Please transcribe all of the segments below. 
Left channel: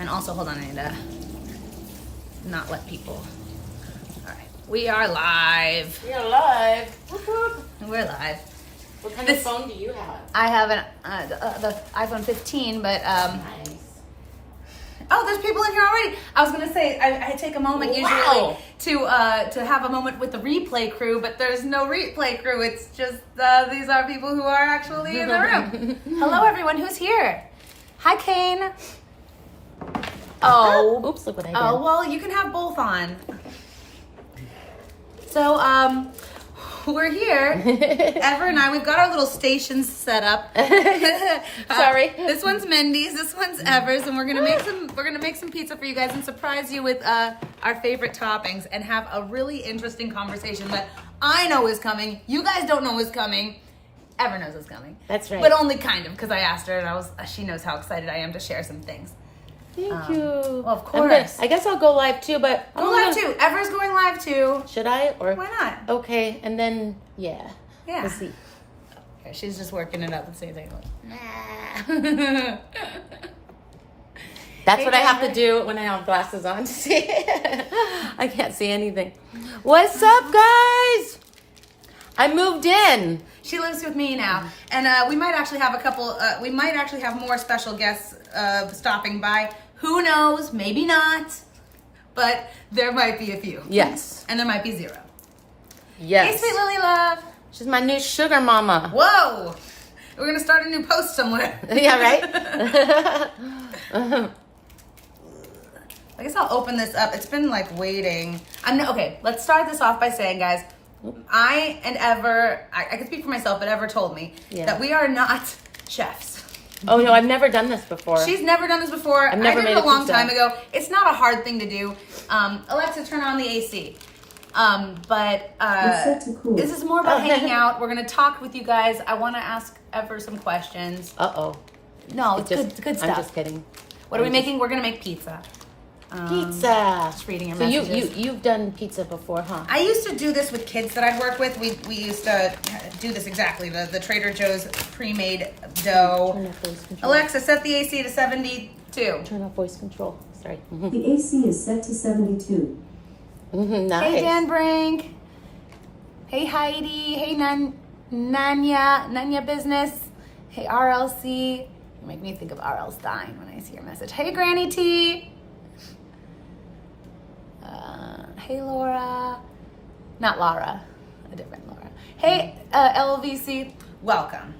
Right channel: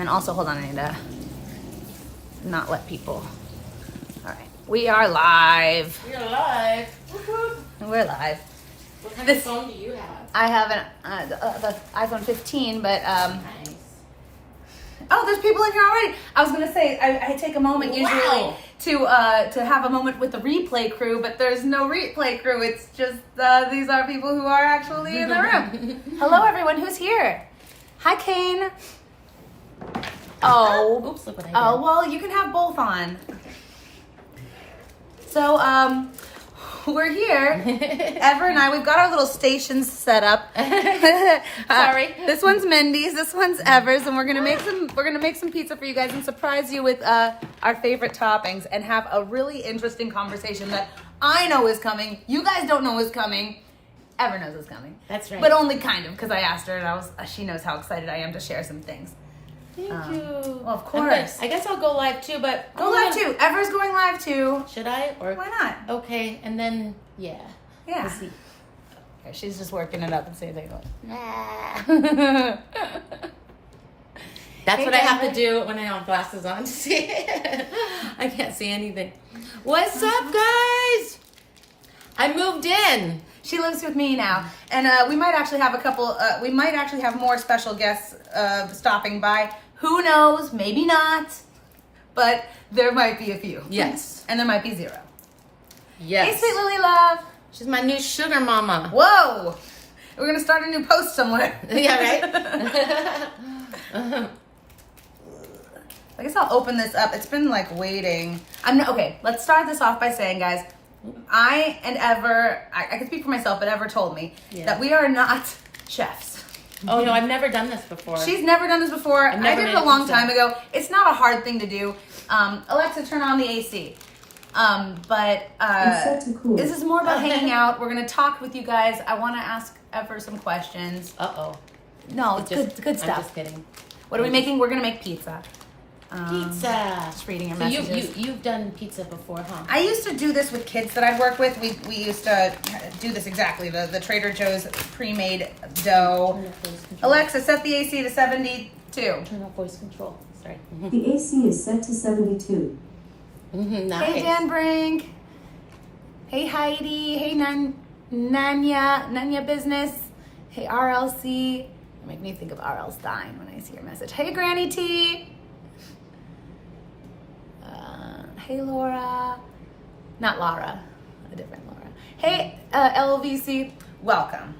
then also, hold on, I need to not let people. All right, we are live. We are live. We're live. What kind of phone do you have? I have the iPhone 15, but Nice. oh, there's people in here already. I was gonna say I take a moment usually to have a moment with the replay crew, but there's no replay crew. It's just these are people who are actually in the room. Hello, everyone who's here. Hi, Kane. Oh, Oops, look what I did. oh, well, you can have both on. So, we're here. Ever and I, we've got our little stations set up. Sorry. This one's Mindy's, this one's Ever's, and we're gonna make some pizza for you guys and surprise you with our favorite toppings and have a really interesting conversation that I know is coming. You guys don't know is coming. Ever knows is coming. That's right. But only kind of, because I asked her and she knows how excited I am to share some things. Thank you. Well, of course. I guess I'll go live too, but Go live too. Ever's going live too. Should I? Or Why not? Okay, and then yeah. Yeah. We'll see. Here, she's just working it up and seeing things. That's Hey, what I have to Denver. do when I have glasses on to see. I can't see anything. What's up, guys? I moved in. She lives with me now, and we might actually have a couple. We might actually have more special guests stopping by. Who knows? Maybe not, but there might be a few. Yes. And there might be zero. Yes. Hey, sweet Lily love. She's my new sugar mama. Whoa, we're gonna start a new post somewhere. Yeah, right? I guess I'll open this up. It's been like waiting. Okay. Let's start this off by saying, guys, I and Ever, I can speak for myself, but Ever told me that we are not chefs. Oh, no, I've never done this before. She's never done this before. I never did made it a a long pizza. time ago. It's not a hard thing to do. Alexa, turn on the AC. This is more about hanging out. We're going to talk with you guys. I want to ask Ever some questions. Uh-oh. No, it's good stuff. I'm just kidding. What are we making? We're going to make pizza. Pizza. Just reading your So messages. you've done pizza before, huh? I used to do this with kids that I'd work with. We used to do this exactly. The Trader Joe's pre-made dough. Turn off voice control. Alexa, set the AC to 72. Turn off voice control. Sorry. The AC is set to 72. Nice. Hey, Dan Brink. Hey, Heidi. Hey, Nanya Business. Hey, RLC. You make me think of R.L. Stein when I see your message. Hey, Granny T. Hey, Laura. Not Laura. A different Laura. Hey, LVC. Welcome.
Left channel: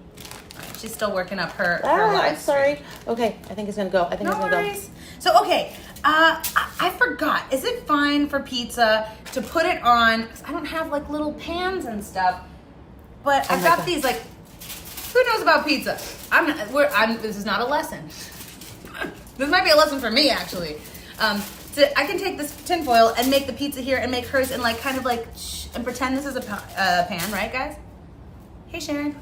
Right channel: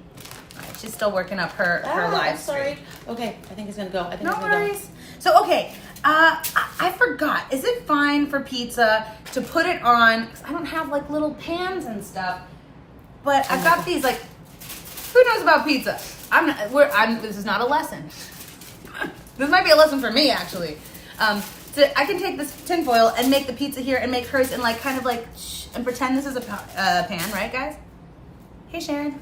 All right, she's still working up her live stream. Sorry. Okay, I think it's gonna go. No worries. So, okay, I forgot. Is it fine for pizza to put it on? 'Cause I don't have like little pans and stuff, but I've got these like. Who knows about pizza? This is not a lesson. This might be a lesson for me actually. So I can take this tinfoil and make the pizza here and make hers and like kind of like and pretend this is a pan, right, guys? Hey, Sharon.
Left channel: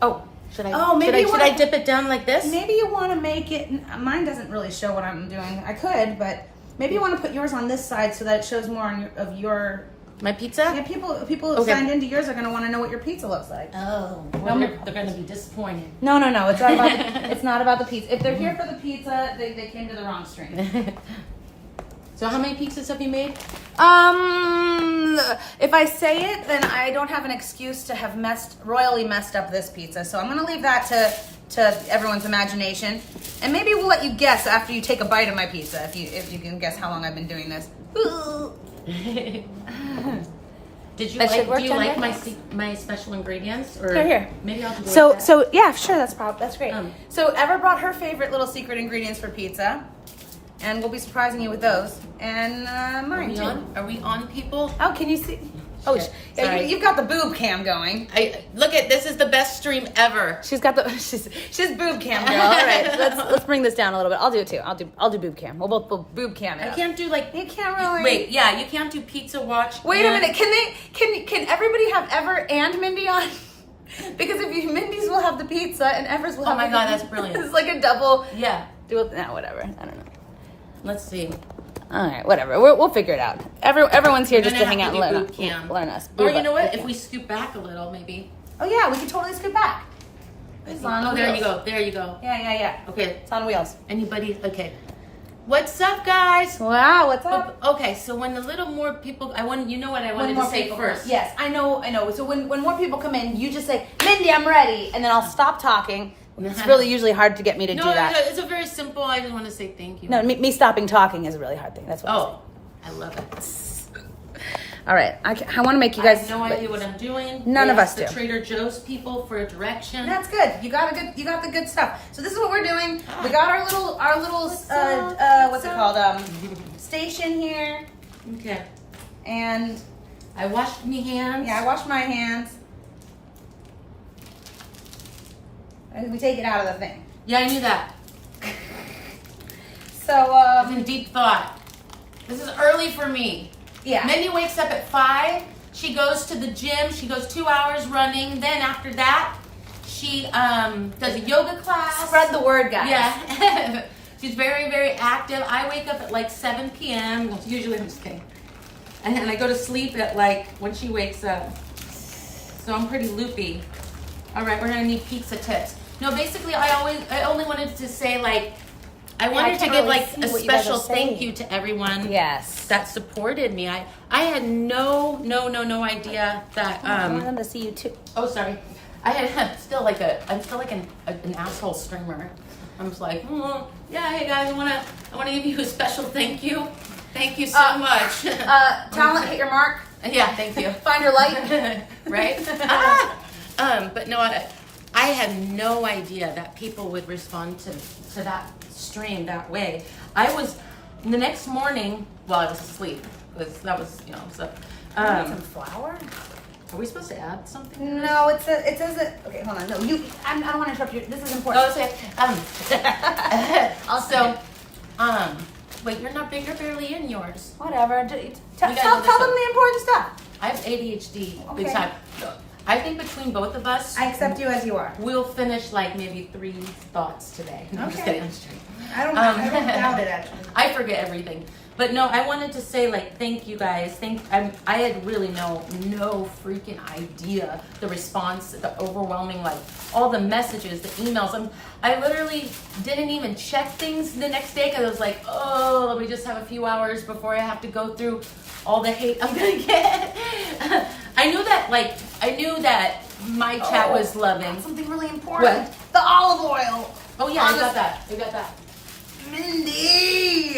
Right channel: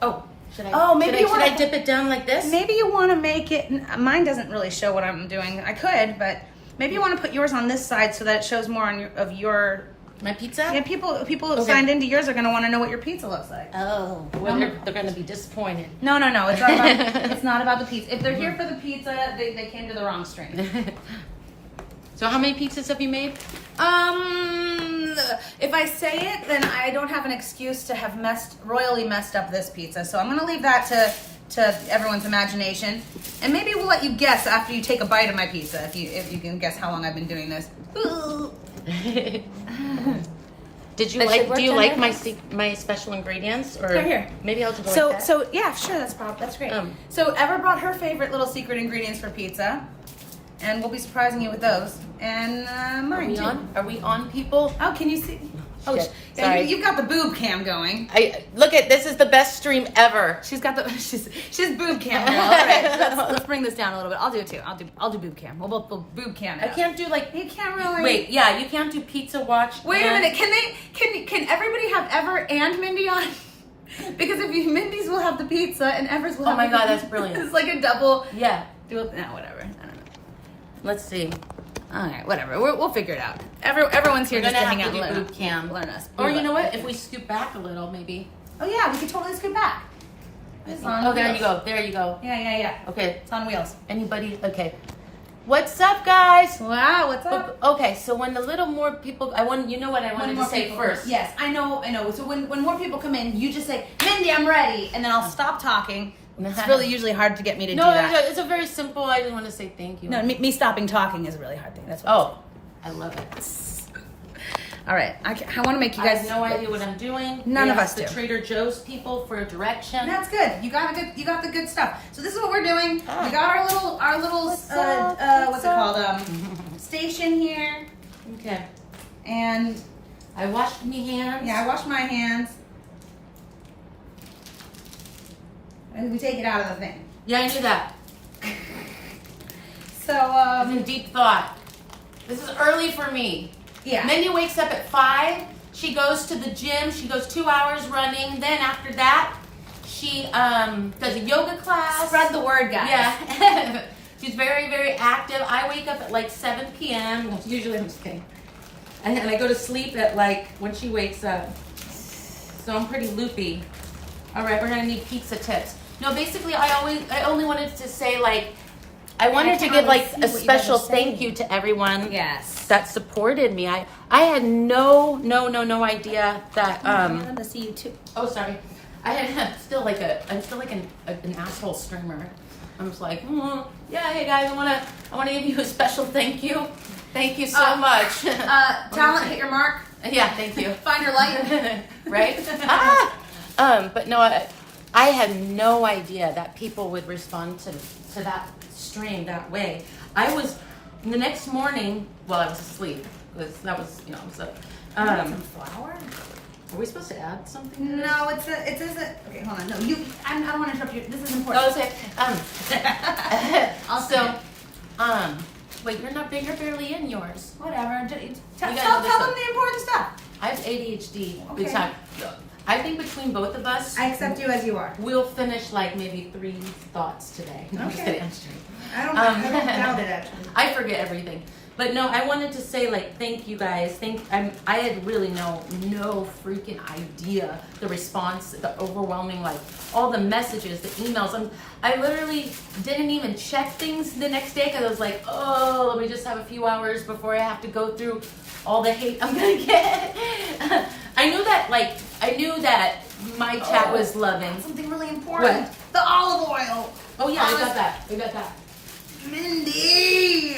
Oh. Should I? Oh, maybe should I dip it down like this? Maybe you want to make it. Mine doesn't really show what I'm doing. I could, but maybe you want to put yours on this side so that it shows more on your. My pizza? Yeah, people who signed into yours are going to want to know what your pizza looks like. Oh, they're gonna be disappointed. No. It's not about. It's not about the pizza. If they're here for the pizza, they came to the wrong stream. So how many pizzas have you made? If I say it, then I don't have an excuse to have royally messed up this pizza. So I'm going to leave that to everyone's imagination, and maybe we'll let you guess after you take a bite of my pizza if you can guess how long I've been doing this. Do you like my special ingredients or Right here. maybe I'll do one like that. So yeah, sure, that's great. So Ever brought her favorite little secret ingredients for pizza, and we'll be surprising you with those, and mine too. Are we on, people? Oh, can you see? Oh, Shit. yeah, Sorry. you've got the boob cam going. Look at this is the best stream ever. She's got the she's boob cam girl. All right, let's bring this down a little bit. I'll do it too. I'll do boob cam. We'll both boob cam. I can't do like You can't really. wait, yeah, you can't do pizza watch. Wait a minute. Can everybody have Ever and Mindy on? Because if you Mindy's will have the pizza and Ever's will have. Oh my the God, pizza. that's brilliant. It's like a double. Yeah. Do it. No, whatever. I don't know. Let's see. All right, whatever. We'll figure it out. Everyone's here We're just to gonna hang have out to and do boot camp. learn us. Or you know what? If we scoot back a little, maybe. Oh yeah, we could totally scoot back. It's on Oh, there wheels. you go. There you go. Yeah. Okay. It's on wheels. Anybody? Okay. What's up, guys? Wow, what's up? Okay, so when a little more people, you know what I wanted to say first. Yes, I know. So when more people come in, you just say, Mindy, I'm ready. And then I'll stop talking. It's really usually hard to get me to do that. No, it's a very simple, I just want to say thank you. No, me stopping talking is a really hard thing. That's what Oh, I love it. All right, I want to make you I guys. have no idea what I'm doing. None We of us asked the do. Trader Joe's people for direction. That's good. You got the good stuff. So this is what we're doing. Ah. We got our little What's up? called? Station here, Okay. and I washed my hands. yeah, I washed my hands. And we take it out of the thing. Yeah, I knew that. So I'm in deep thought. This is early for me. yeah. Mindy wakes up at 5. She goes to the gym. She goes 2 hours running. Then after that, she does a yoga class. Spread the word, guys. Yeah. She's very, very active. I wake up at like 7 p.m. Usually I'm just kidding. And then I go to sleep at like when she wakes up. So I'm pretty loopy. All right, we're gonna need pizza tips. No, basically I only wanted to say like, I wanted to can't give really like see a what you guys special are saying. thank you to everyone Yes. that supported me. I had no idea that I wanted to see you too. oh sorry. I'm still like an asshole streamer. I'm just like, yeah, hey guys, I wanna give you a special thank you. Thank you so much. Talent, hit your mark. Yeah, thank you. Find your light. Right? But no, I had no idea that people would respond to that stream that way. I was the next morning. Well, I was asleep because that was so. Some flour. Are we supposed to add something? To this? No, it says it. Okay, hold on. No, I don't want to interrupt you. This is important. Oh, okay. Also, wait, you're barely in yours. Whatever. Tell know them this one. the important stuff. I have ADHD big Okay. time. I think between both of us, I accept you as you are. we'll finish like maybe 3 thoughts today. No, I'm just Okay. kidding. I'm just kidding. I don't doubt it actually. I forget everything. But no, I wanted to say like thank you guys. I had really no freaking idea the response, the overwhelming like all the messages, the emails. I literally didn't even check things the next day because I was like, oh, let me just have a few hours before I have to go through all the hate I'm gonna get. I knew that my chat was loving. Something really important. What? The olive oil. Oh yeah, I got that. I got that. Mindy.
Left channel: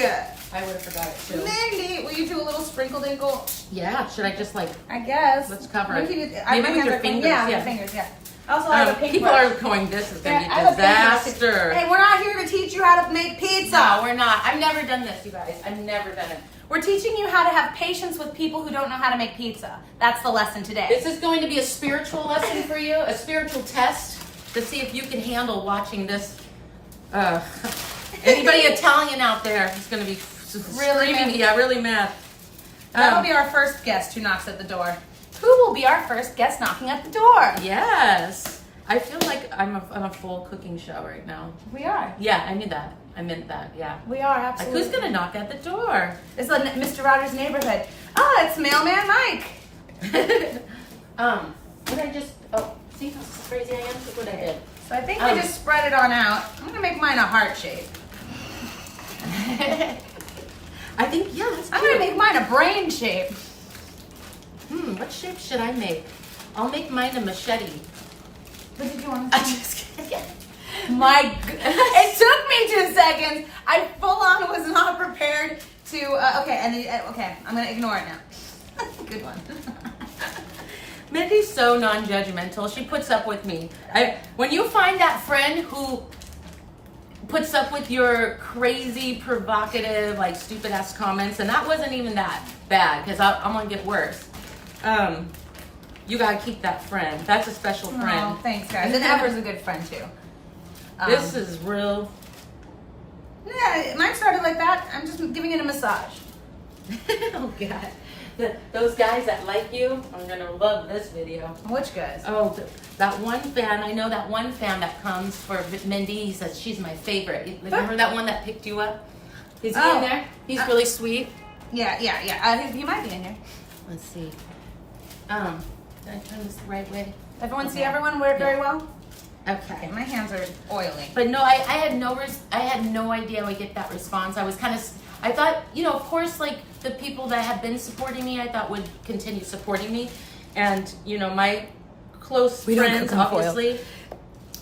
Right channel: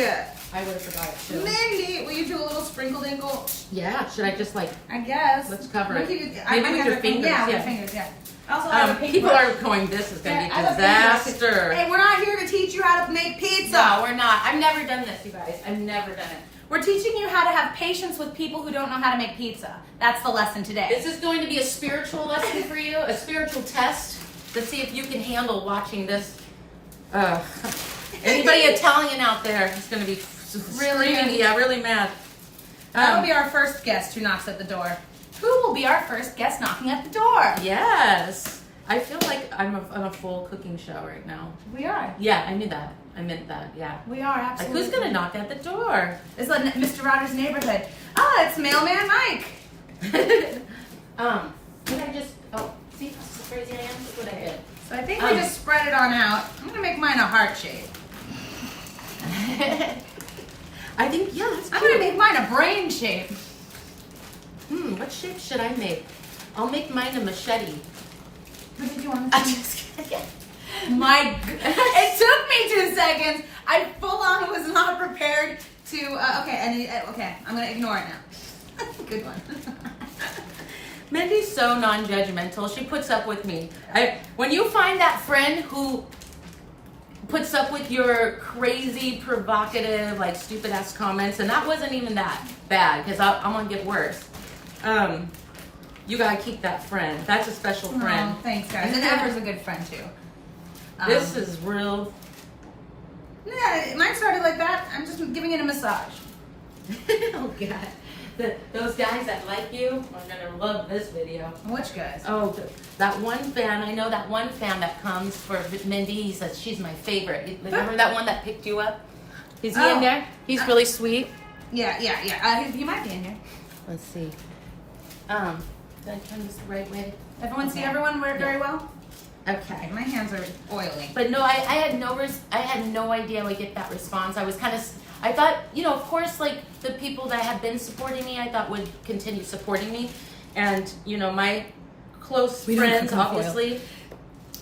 I would have forgot it too. Mindy, will you do a little sprinkle dinkle? Yeah, should I just like I guess. Let's cover it. Maybe Maybe with your fingers, Yeah, yeah. with your fingers. Yeah. Also, I have a paintbrush. people are going, this is gonna be I a have a paintbrush. disaster. Hey, we're not here to teach you how to make pizza. No, we're not. I've never done this, you guys. I've never done it. We're teaching you how to have patience with people who don't know how to make pizza. That's the lesson today. This is going to be a spiritual lesson for you, a spiritual test to see if you can handle watching this. Anybody Italian out there is going to be screaming, mad. yeah, really mad. That'll be our first guest who knocks at the door. Who will be our first guest knocking at the door? Yes. I feel like I'm on a full cooking show right now. We are. Yeah, I knew that. I meant that, yeah. We are, Like, absolutely. who's going to knock at the door? It's like Mr. Rogers' neighborhood. Oh, it's Mailman Mike. Can I just, see how crazy I am? Look what I did. So I think we just spread it on out. I'm going to make mine a heart shape. I think, yeah, that's I'm going to cute. make mine a brain shape. What shape should I make? I'll make mine a machete. What did you want I'm to just kidding. It took me 2 seconds. I full on was not prepared to, okay, I'm going to ignore it now. Good one. Mindy's so non-judgmental. She puts up with me. When you find that friend who puts up with your crazy, provocative, like stupid ass comments, and that wasn't even that bad because I'm gonna get worse. You gotta keep that friend. That's a special friend. Oh, thanks, guys. And Ever's a good friend too. This is real. Yeah, mine started like that. I'm just giving it a massage. Oh God. Those guys that like you are gonna love this video. Which guys? Oh, that one fan. I know that one fan that comes for Mindy. He says she's my favorite. Remember that one that picked you up? Is he in there? He's really sweet. Yeah. He might be in here. Let's see. Did I turn this the right way? Everyone see everyone very well? Okay. My hands are oily. But no, I had no idea I would get that response. I was I thought, of course, like the people that have been supporting me, I thought would continue supporting me. And, my close friends, obviously.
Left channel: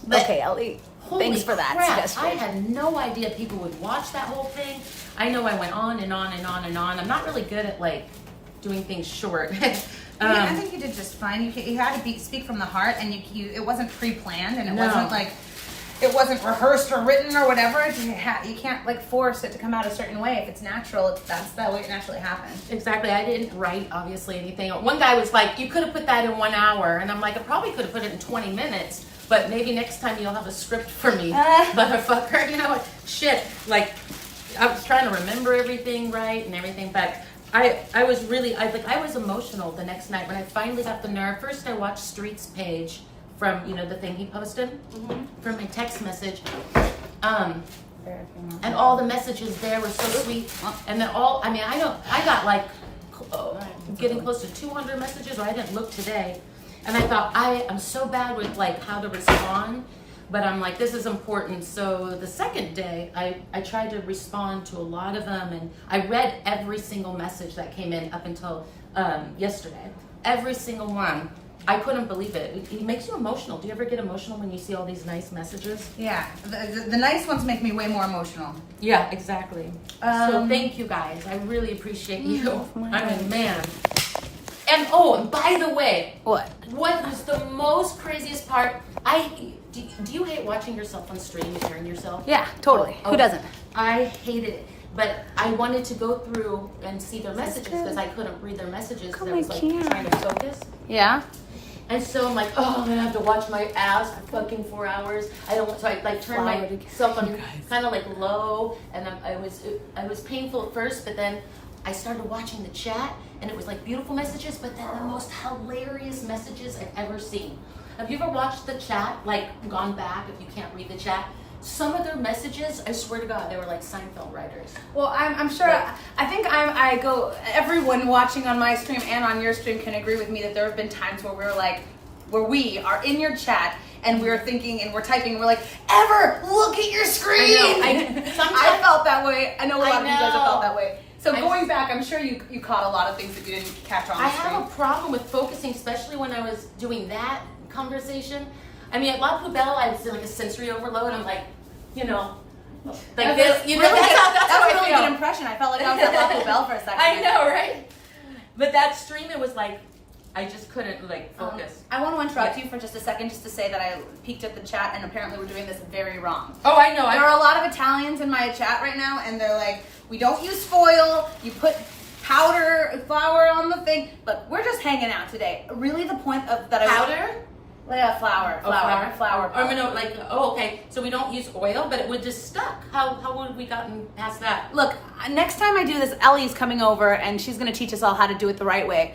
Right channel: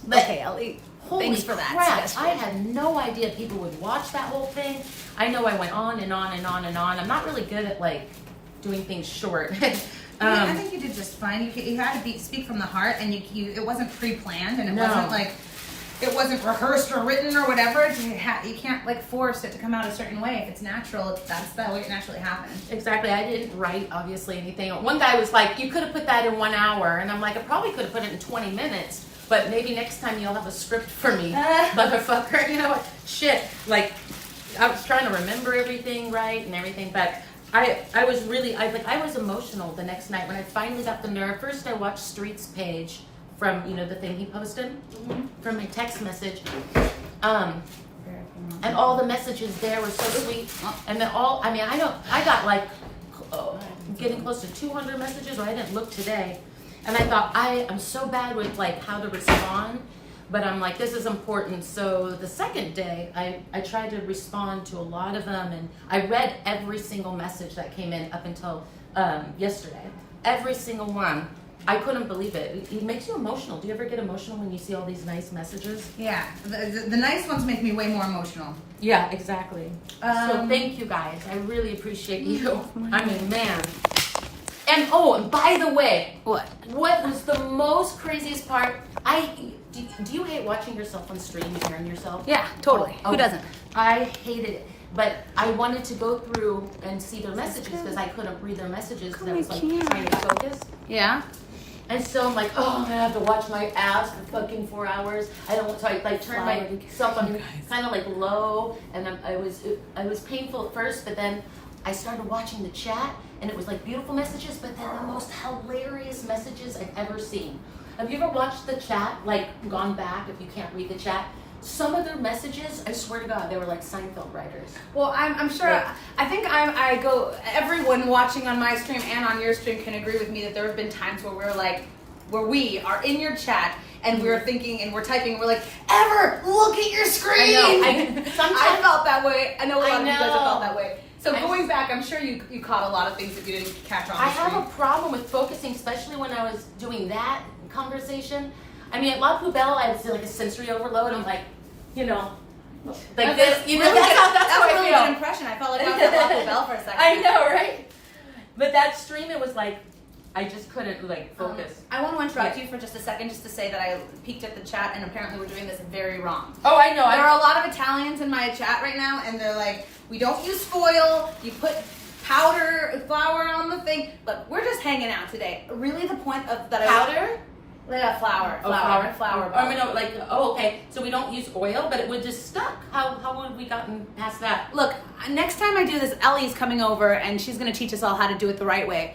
But Okay, Ellie. holy Thanks for that crap, suggestion. I had no idea people would watch that whole thing. I know I went on and on and on and on. I'm not really good at, like, doing things short. I think you did just fine. You had to speak from the heart, and it wasn't pre-planned, and it No. wasn't like it wasn't rehearsed or written or whatever. You can't like force it to come out a certain way. If it's natural, that's the way it naturally happens. Exactly. I didn't write, obviously, anything. One guy was like, you could have put that in 1 hour. And I'm like, I probably could have put it in 20 minutes. But maybe next time you'll have a script for me, motherfucker. You know what? Shit. Like, I was trying to remember everything right and everything. But I was really, I was emotional the next night when I finally got the nerve. First, I watched Street's page from, the thing he posted from my text message. And all the messages there were so sweet. And they're all, I got like getting close to 200 messages, or I didn't look today. And I thought, I'm so bad with like how to respond, but I'm like, this is important. So the second day, I tried to respond to a lot of them, and I read every single message that came in up until yesterday. Every single one. I couldn't believe it. It makes you emotional. Do you ever get emotional when you see all these nice messages? Yeah, the nice ones make me way more emotional. Yeah, exactly. So thank you guys. I really appreciate you. I mean, man. And by the way, what was the most craziest part? Do you hate watching yourself on stream and hearing yourself? Yeah, totally. Who doesn't? I hated it. But I wanted to go through and see their messages because I couldn't read their messages because I was like trying to focus. Yeah. And so I'm like, I'm gonna have to watch my ass for fucking 4 hours. I don't want, so I like turned myself on kind of like low, and it was painful at first, but then I started watching the chat, and it was like beautiful messages, but then the most hilarious messages I've ever seen. Have you ever watched the chat, like gone back if you can't read the chat? Some of their messages, I swear to God, they were like Seinfeld writers. Well, I'm sure. Like, I think everyone watching on my stream and on your stream can agree with me that there have been times where we are in your chat and we're thinking and we're typing and we're like, Ever, look at your screen. I felt that way. I know a lot of you guys have felt that way. So going back, I'm sure you caught a lot of things that you didn't catch on the stream. I have a problem with focusing, especially when I was doing that conversation. I mean, at La Poubelle, I was like a sensory overload. I'm like, like this. Really that's how I really feel. good impression. I felt like I was at La Poubelle for a second. I know, right? But that stream, it was like, I just couldn't like focus. I want to interrupt you for just a second, just to say that I peeked at the chat, and apparently we're doing this very wrong. Oh, I know. There are a lot of Italians in my chat right now, and they're like, we don't use foil. You put flour on the thing, but we're just hanging out today. Really, the point of that Powder? Yeah, flour. Okay. So we don't use oil, but it would just stuck. How would we gotten past that? Look, next time I do this, Ellie's coming over, and she's going to teach us all how to do it the right way.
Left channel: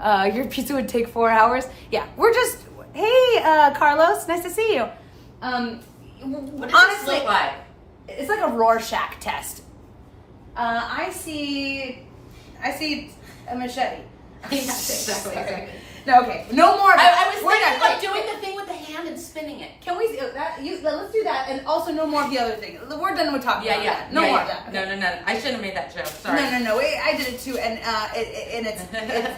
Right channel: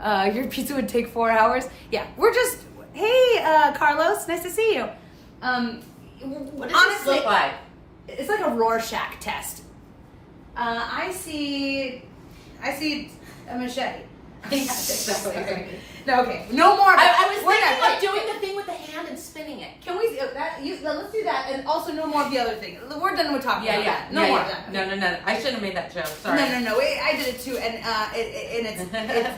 Your pizza would take 4 hours. Yeah, we're just. Hey, Carlos, nice to see you. What does this look like? It's like a Rorschach test. I see a machete. Exactly. No, okay. No more. I was thinking like doing the thing with the hand and spinning it. Can we? Let's do that, and also no more of the other thing. We're done with talking about that. No more of that. Okay. No. I shouldn't have made that joke. Sorry. No. I did it too, and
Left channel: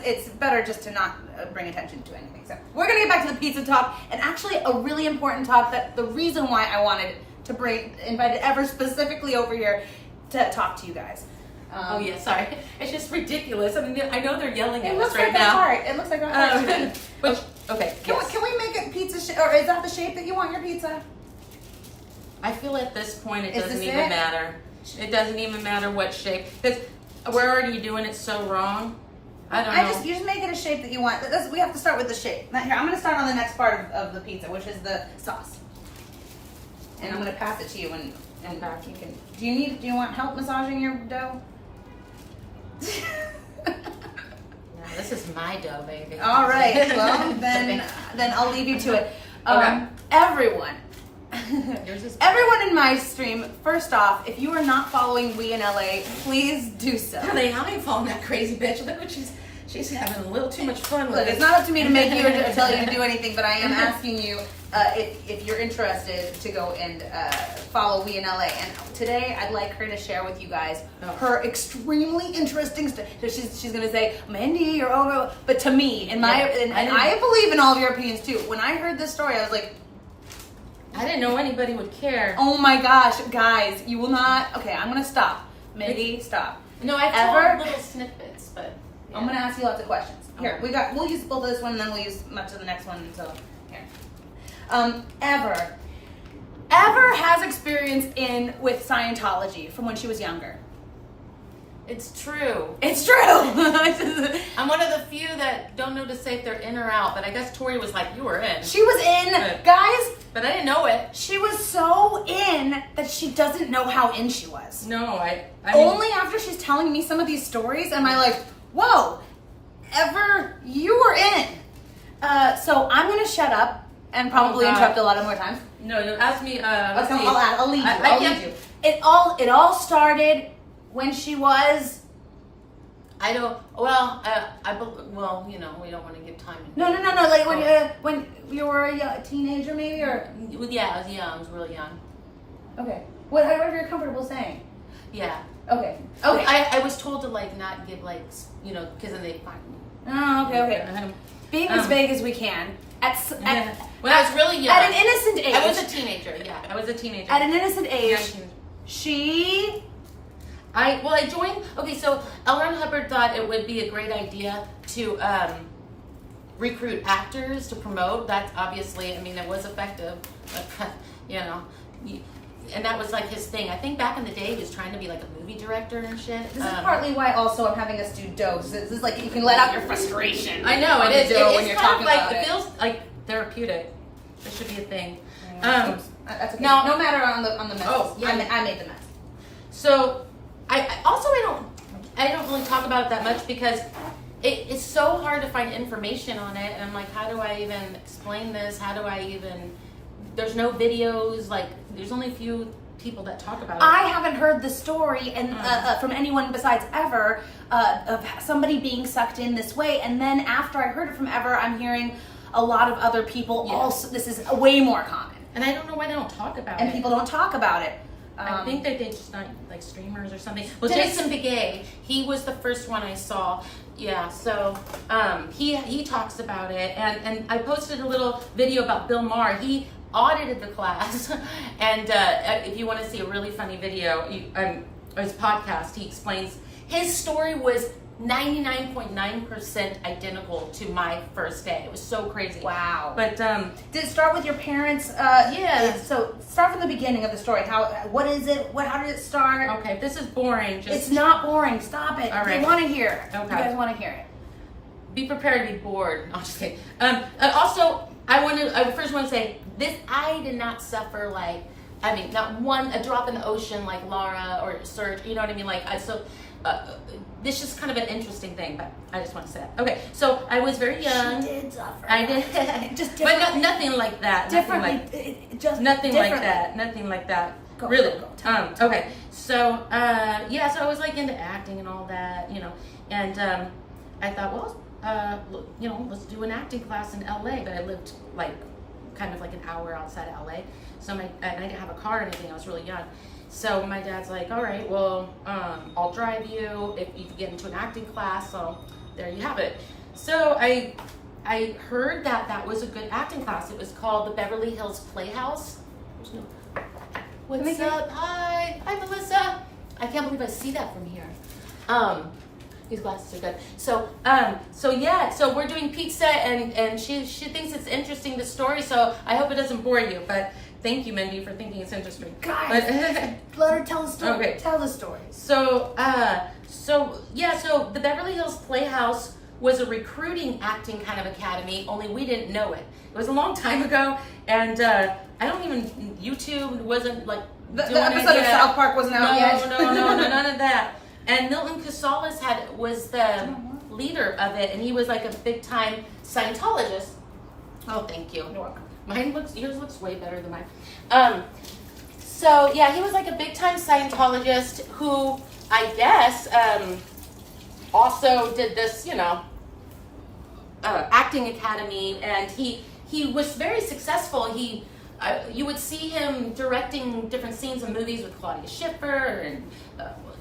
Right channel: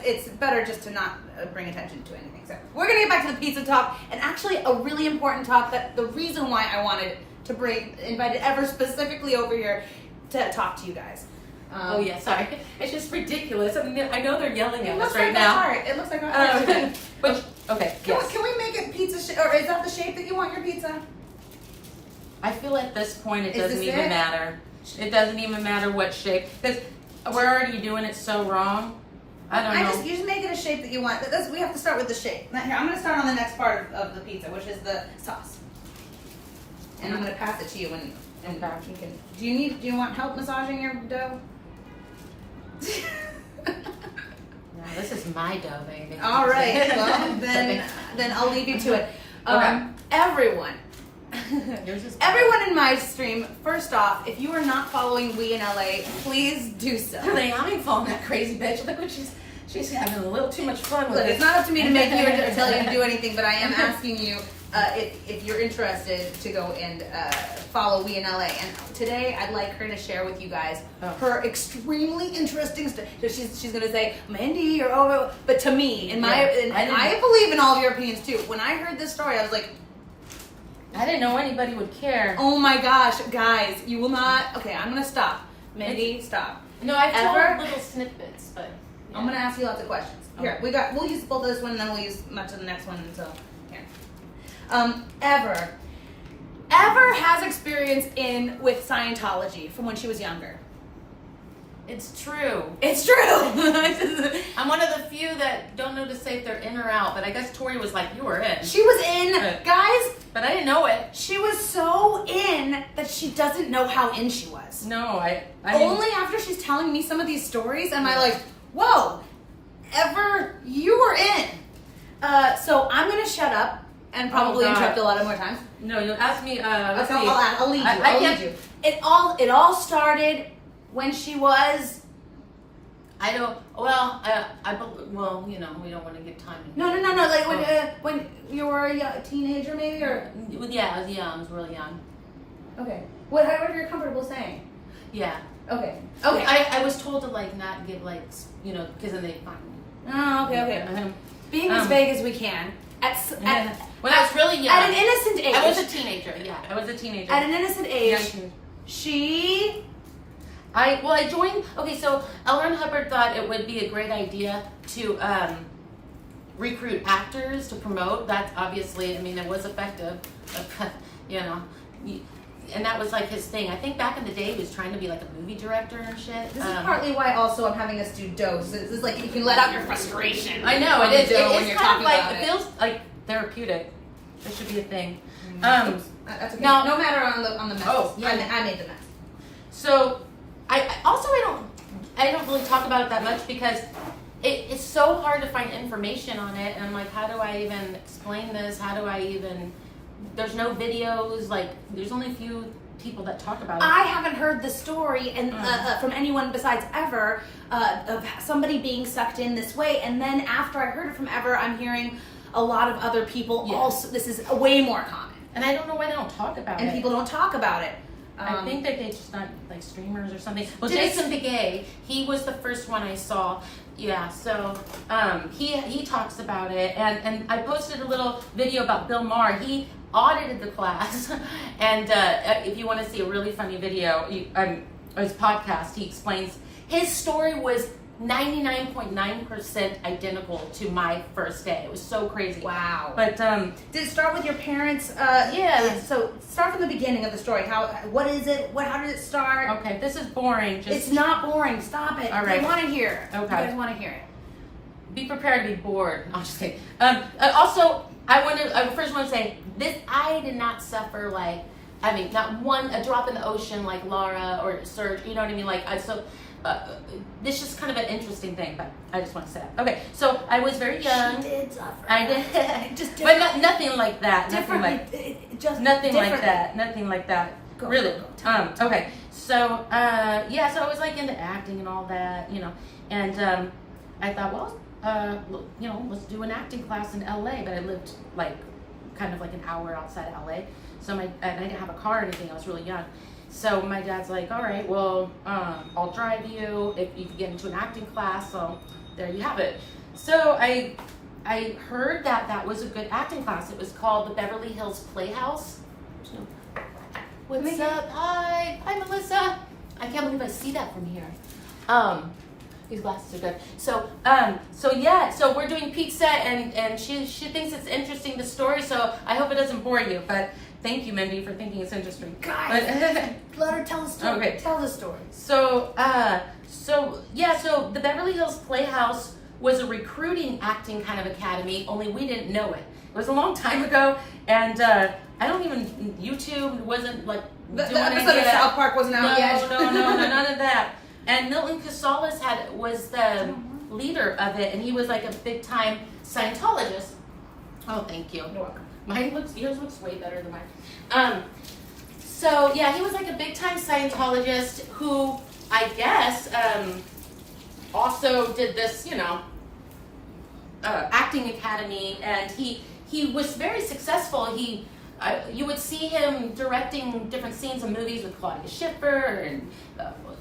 it's better just to not bring attention to anything. So we're gonna get back to the pizza talk, and actually a really important talk. That the reason why I wanted to invite Ever specifically over here to talk to you guys. Sorry. It's just ridiculous. I mean, I know they're yelling at us right now. It looks like our heart. Okay. Can we make it pizza or is that the shape that you want your pizza? I feel at this point it doesn't even matter. It doesn't even matter what shape. Because we're already doing it so wrong. I don't know. You just make it a shape that you want. We have to start with the shape. Now, here, I'm going to start on the next part of the pizza, which is the sauce. And I'm going to pass it to you and you can. Do you want help massaging your dough? No, this is my dough, baby. All right. Well, then I'll leave you to it. Okay. Everyone. Yours is Everyone in my stream, first off, if you are not following We in LA, please do so. I ain't following that crazy bitch. Look what she's having a little too much fun with Look, it. it's not up to me to make you or to tell you to do anything, but I am asking you if you're interested to go and follow We in LA. And today I'd like her to share with you guys her extremely interesting stuff. She's gonna say, Mindy, you're over. But to me, and I believe in all of your opinions too. When I heard this story, I was like, I didn't know anybody would care. oh my gosh, guys, you will not. Okay, I'm gonna stop. Mindy, stop. No, I've told little snippets, but yeah. I'm gonna ask you lots of questions. Here, Okay. we'll use both of this one, and then we'll use much of the next one until here. Ever has experience with Scientology from when she was younger? It's true. It's true. I'm one of the few that don't know to say if they're in or out, but I guess Tori was like, you were in. She was in, guys. But I didn't know it. She was so in that she doesn't know how in she was. No, I mean, only after she's telling me some of these stories am I like, whoa, you were in. So I'm gonna shut up and probably interrupt a lot more times. No, you asked me. I'll lead you. I'll lead you. It all started when she was. I don't. Well, well, you know, we don't want to give time. No. Like when you were a teenager, maybe, or. Yeah, I was young. I was really young. Okay. Whatever you're comfortable saying. Yeah. Okay. I was told to like not give like because then they find me. Oh, okay. Being as vague as we can. When I was really young. At an innocent age. I was a teenager. Yeah, I was a teenager. At an innocent age. 19. I joined. Okay, so Ron Hubbard thought it would be a great idea to recruit actors to promote. That's obviously, I mean, it was effective, and that was like his thing. I think back in the day, he was trying to be like a movie director and shit. This is partly why also I'm having us do dose. This is like you can let out your frustration. I know it is. It's kind of like it feels like therapeutic. This should be a thing. That's okay. No matter on the mess. Oh, yeah. I made the mess. So I don't really talk about it that much because it's so hard to find information on it, and I'm like, how do I even explain this? How do I even? There's no videos. Like, there's only a few people that talk about it. I haven't heard the story and from anyone besides Ever of somebody being sucked in this way. And then after I heard it from Ever, I'm hearing a lot of other people. Yes. Also, this is way more common. And I don't know why they don't talk about it. And people don't talk about it. I think that they just not like streamers or something. Well, Jason Begay, he was the first one I saw. Yeah, so he talks about it, and I posted a little video about Bill Maher. He audited the class, and if you want to see a really funny video, his podcast, he explains his story was 99.9% identical to my first day. It was so crazy. Wow. But did it start with your parents? Yeah. So start from the beginning of the story. What is it? How did it start? Okay, this is boring. It's not boring. Stop it. All right. I want to hear it. Okay. You guys want to hear it. Be prepared to be bored. No, I'm just kidding. Also, I first want to say this. I did not suffer not a drop in the ocean like Laura or Serge. You know what I mean? This is kind of an interesting thing, but I just want to say that. Okay, so I was very young. She did suffer. I did, just but nothing like that. Nothing like that. Nothing like that. Go, really. go. Okay. So so I was like into acting and all that, and I thought, well, let's do an acting class in LA. But I lived like kind of like an hour outside of LA, so I didn't have a car or anything. I was really young. So my dad's like, all right, well, I'll drive you if you can get into an acting class. So there you have it. So I heard that was a good acting class. It was called the Beverly Hills Playhouse. What's up? Hi, Melissa. I can't believe I see that from here. These glasses are good. So we're doing pizza, and she thinks it's interesting, the story. So I hope it doesn't bore you, but. Thank you, Mindy, for thinking it's interesting. Guys, let her tell the story. Okay. Tell the story. So the Beverly Hills Playhouse was a recruiting acting kind of academy, only we didn't know it. It was a long time ago, and YouTube wasn't like the episode of South Park wasn't out yet. No, none of that. And Milton Casalas was the leader of it, and he was like a big time Scientologist. Oh, thank you. You're welcome. Yours looks way better than mine. So yeah, he was like a big time Scientologist who I guess also did this, acting academy, and he he was very successful. You would see him directing different scenes in movies with Claudia Schiffer, and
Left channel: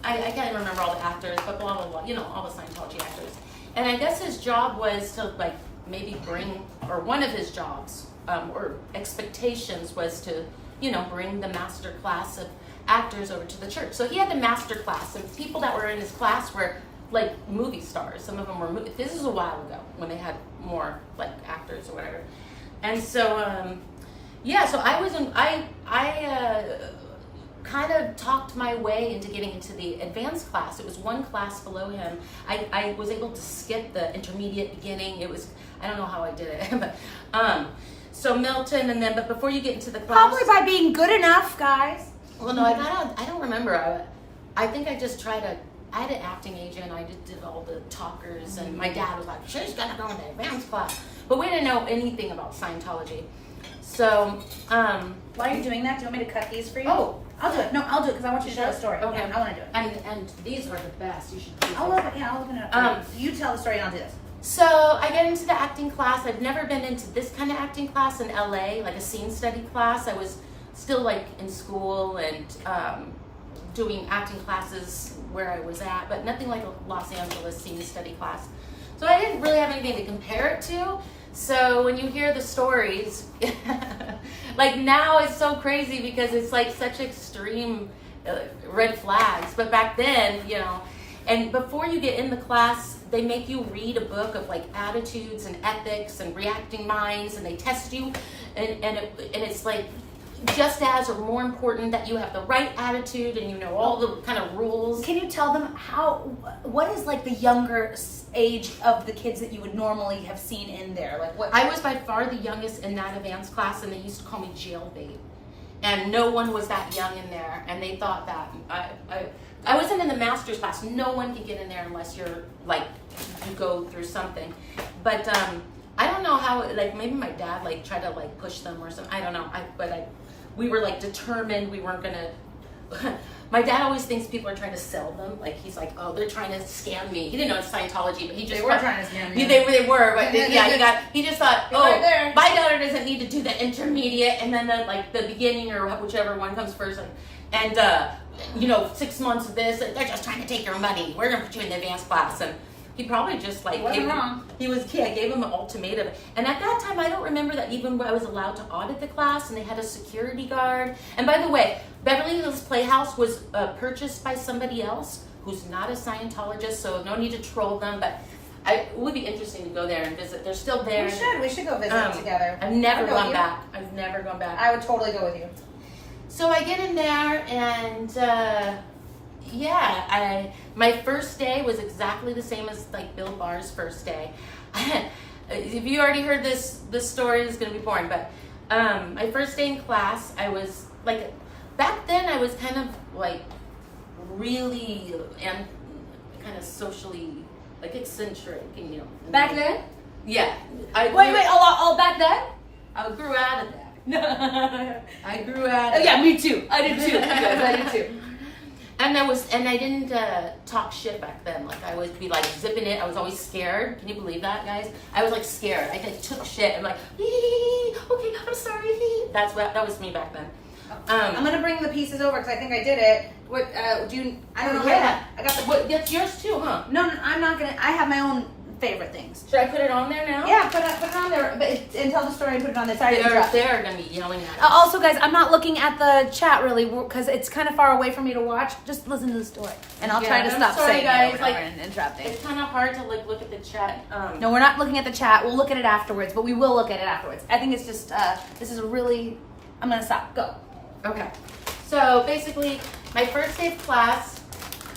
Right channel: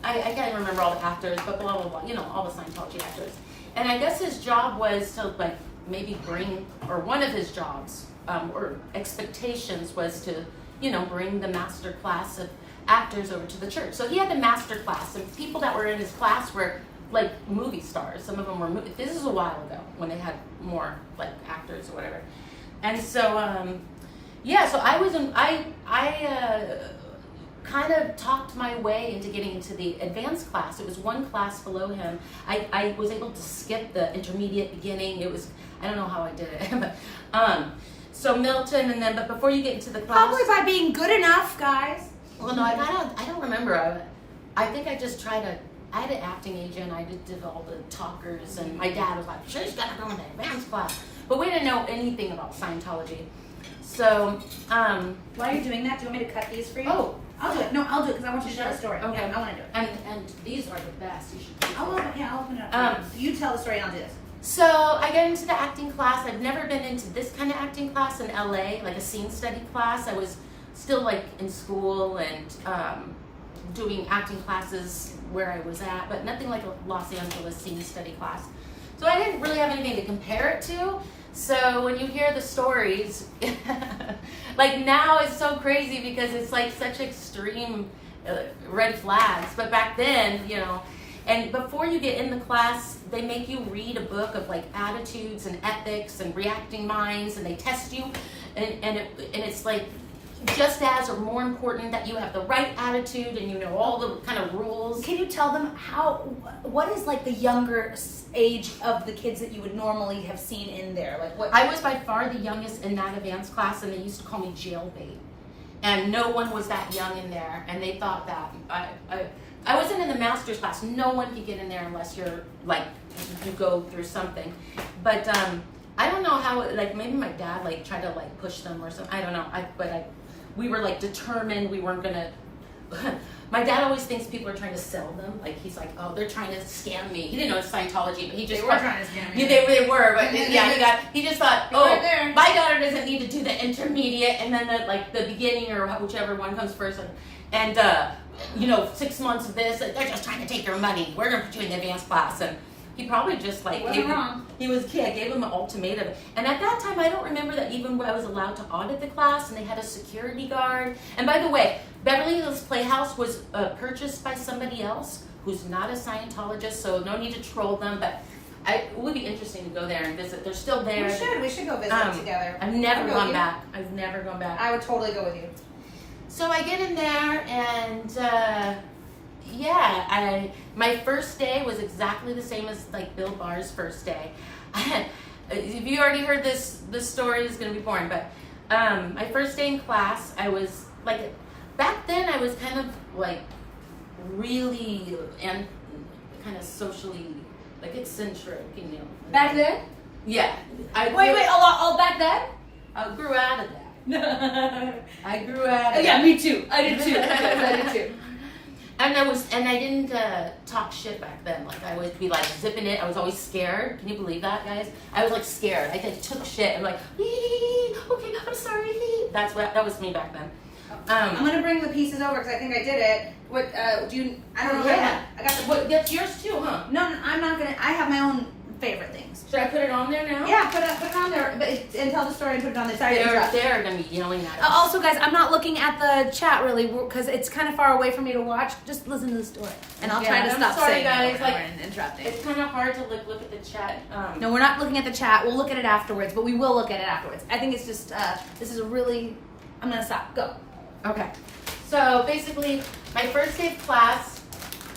I can't remember all the actors, but blah, blah, blah, you know, all the Scientology actors. And I guess his job was to, like, maybe bring, or one of his jobs, or expectations was to, you know, bring the master class of actors over to the church. So he had the master class, and people that were in his class were, like, movie stars. Some of them were, this is a while ago, when they had more, like, actors or whatever. And so, yeah, so I kind of talked my way into getting into the advanced class. It was one class below him. I was able to skip the intermediate beginning. It was, I don't know how I did it, but so Milton, and then, but before you get into the class, Probably by being good enough, guys. well, no, I don't remember. I think I just tried to. I had an acting agent. I did all the talkers, and my dad was like, "She's gonna go into advanced class," but we didn't know anything about Scientology. So, While you're doing that, do you want me to cut these for you? oh, I'll do it. No, I'll do it because I want you to tell the story. Okay. Yeah, I want to do it. and these are the best. You should. I'll open it up. You tell the story and I'll do this. So I got into the acting class. I've never been into this kind of acting class in LA, like a scene study class. I was still like in school and doing acting classes where I was at, but nothing like a Los Angeles scene study class. So I didn't really have anything to compare it to. So when you hear the stories, like now it's so crazy because it's like such extreme red flags. But back then, you know, and before you get in the class, they make you read a book of like attitudes and ethics and reacting minds, and they test you, and it's like just as or more important that you have the right attitude and you know all the kind of rules. Can you tell them what is like the younger age of the kids that you would normally have seen in there? Like what? I was by far the youngest in that advanced class, and they used to call me jailbait. And no one was that young in there, and they thought that I wasn't in the master's class. No one can get in there unless you're like you go through something. But I don't know how. Like maybe my dad like tried to like push them or something. I don't know. We were like determined we weren't gonna. My dad always thinks people are trying to sell them. Like he's like, oh, they're trying to scam me. He didn't know it's Scientology, but he just They were trying to scam you. They were, but he just thought, oh, right there. my daughter doesn't need to do the intermediate and then the beginning or whichever one comes first, and 6 months of this. They're just trying to take your money. We're gonna put you in the advanced class, and he probably just like gave him an ultimatum. And at that time, I don't remember that even I was allowed to audit the class, and they had a security guard. And by the way, Beverly Hills Playhouse was purchased by somebody else who's not a Scientologist, so no need to troll them. But it would be interesting to go there and visit. They're still there. We should go visit together. I've never gone back. I've never gone back. I would totally go with you. So I get in there, and my first day was exactly the same as like Bill Barr's first day. If you already heard this story, it's gonna be boring. But my first day in class, I was like, back then I was kind of like really and kind of socially like eccentric, you know. Back then? Yeah. All back then? I grew out of that. I grew out of Yeah, me too. I did too. I did too. And I didn't talk shit back then. Like I would be like zipping it. I was always scared. Can you believe that, guys? I was like scared. I like, took shit. I'm like, okay, I'm sorry. That was me back then. I'm gonna bring the pieces over because I think I did it. What do you? I don't know. Yeah. I got the. What, that's yours too, huh? No, I'm not gonna. I have my own favorite things. Should I put it on there now? Yeah, put it on there. But and tell the story and put it on the side. They're gonna be yelling at us. Also, guys, I'm not looking at the chat really because it's kind of far away for me to watch. Just listen to the story, and I'll try to stop saying guys. it Like and interrupting. it's kind of hard to look at the chat. No, we're not looking at the chat. We'll look at it afterwards, but we will look at it afterwards. I think it's just this is a really. I'm gonna stop. Go. Okay. So basically, my first day of class,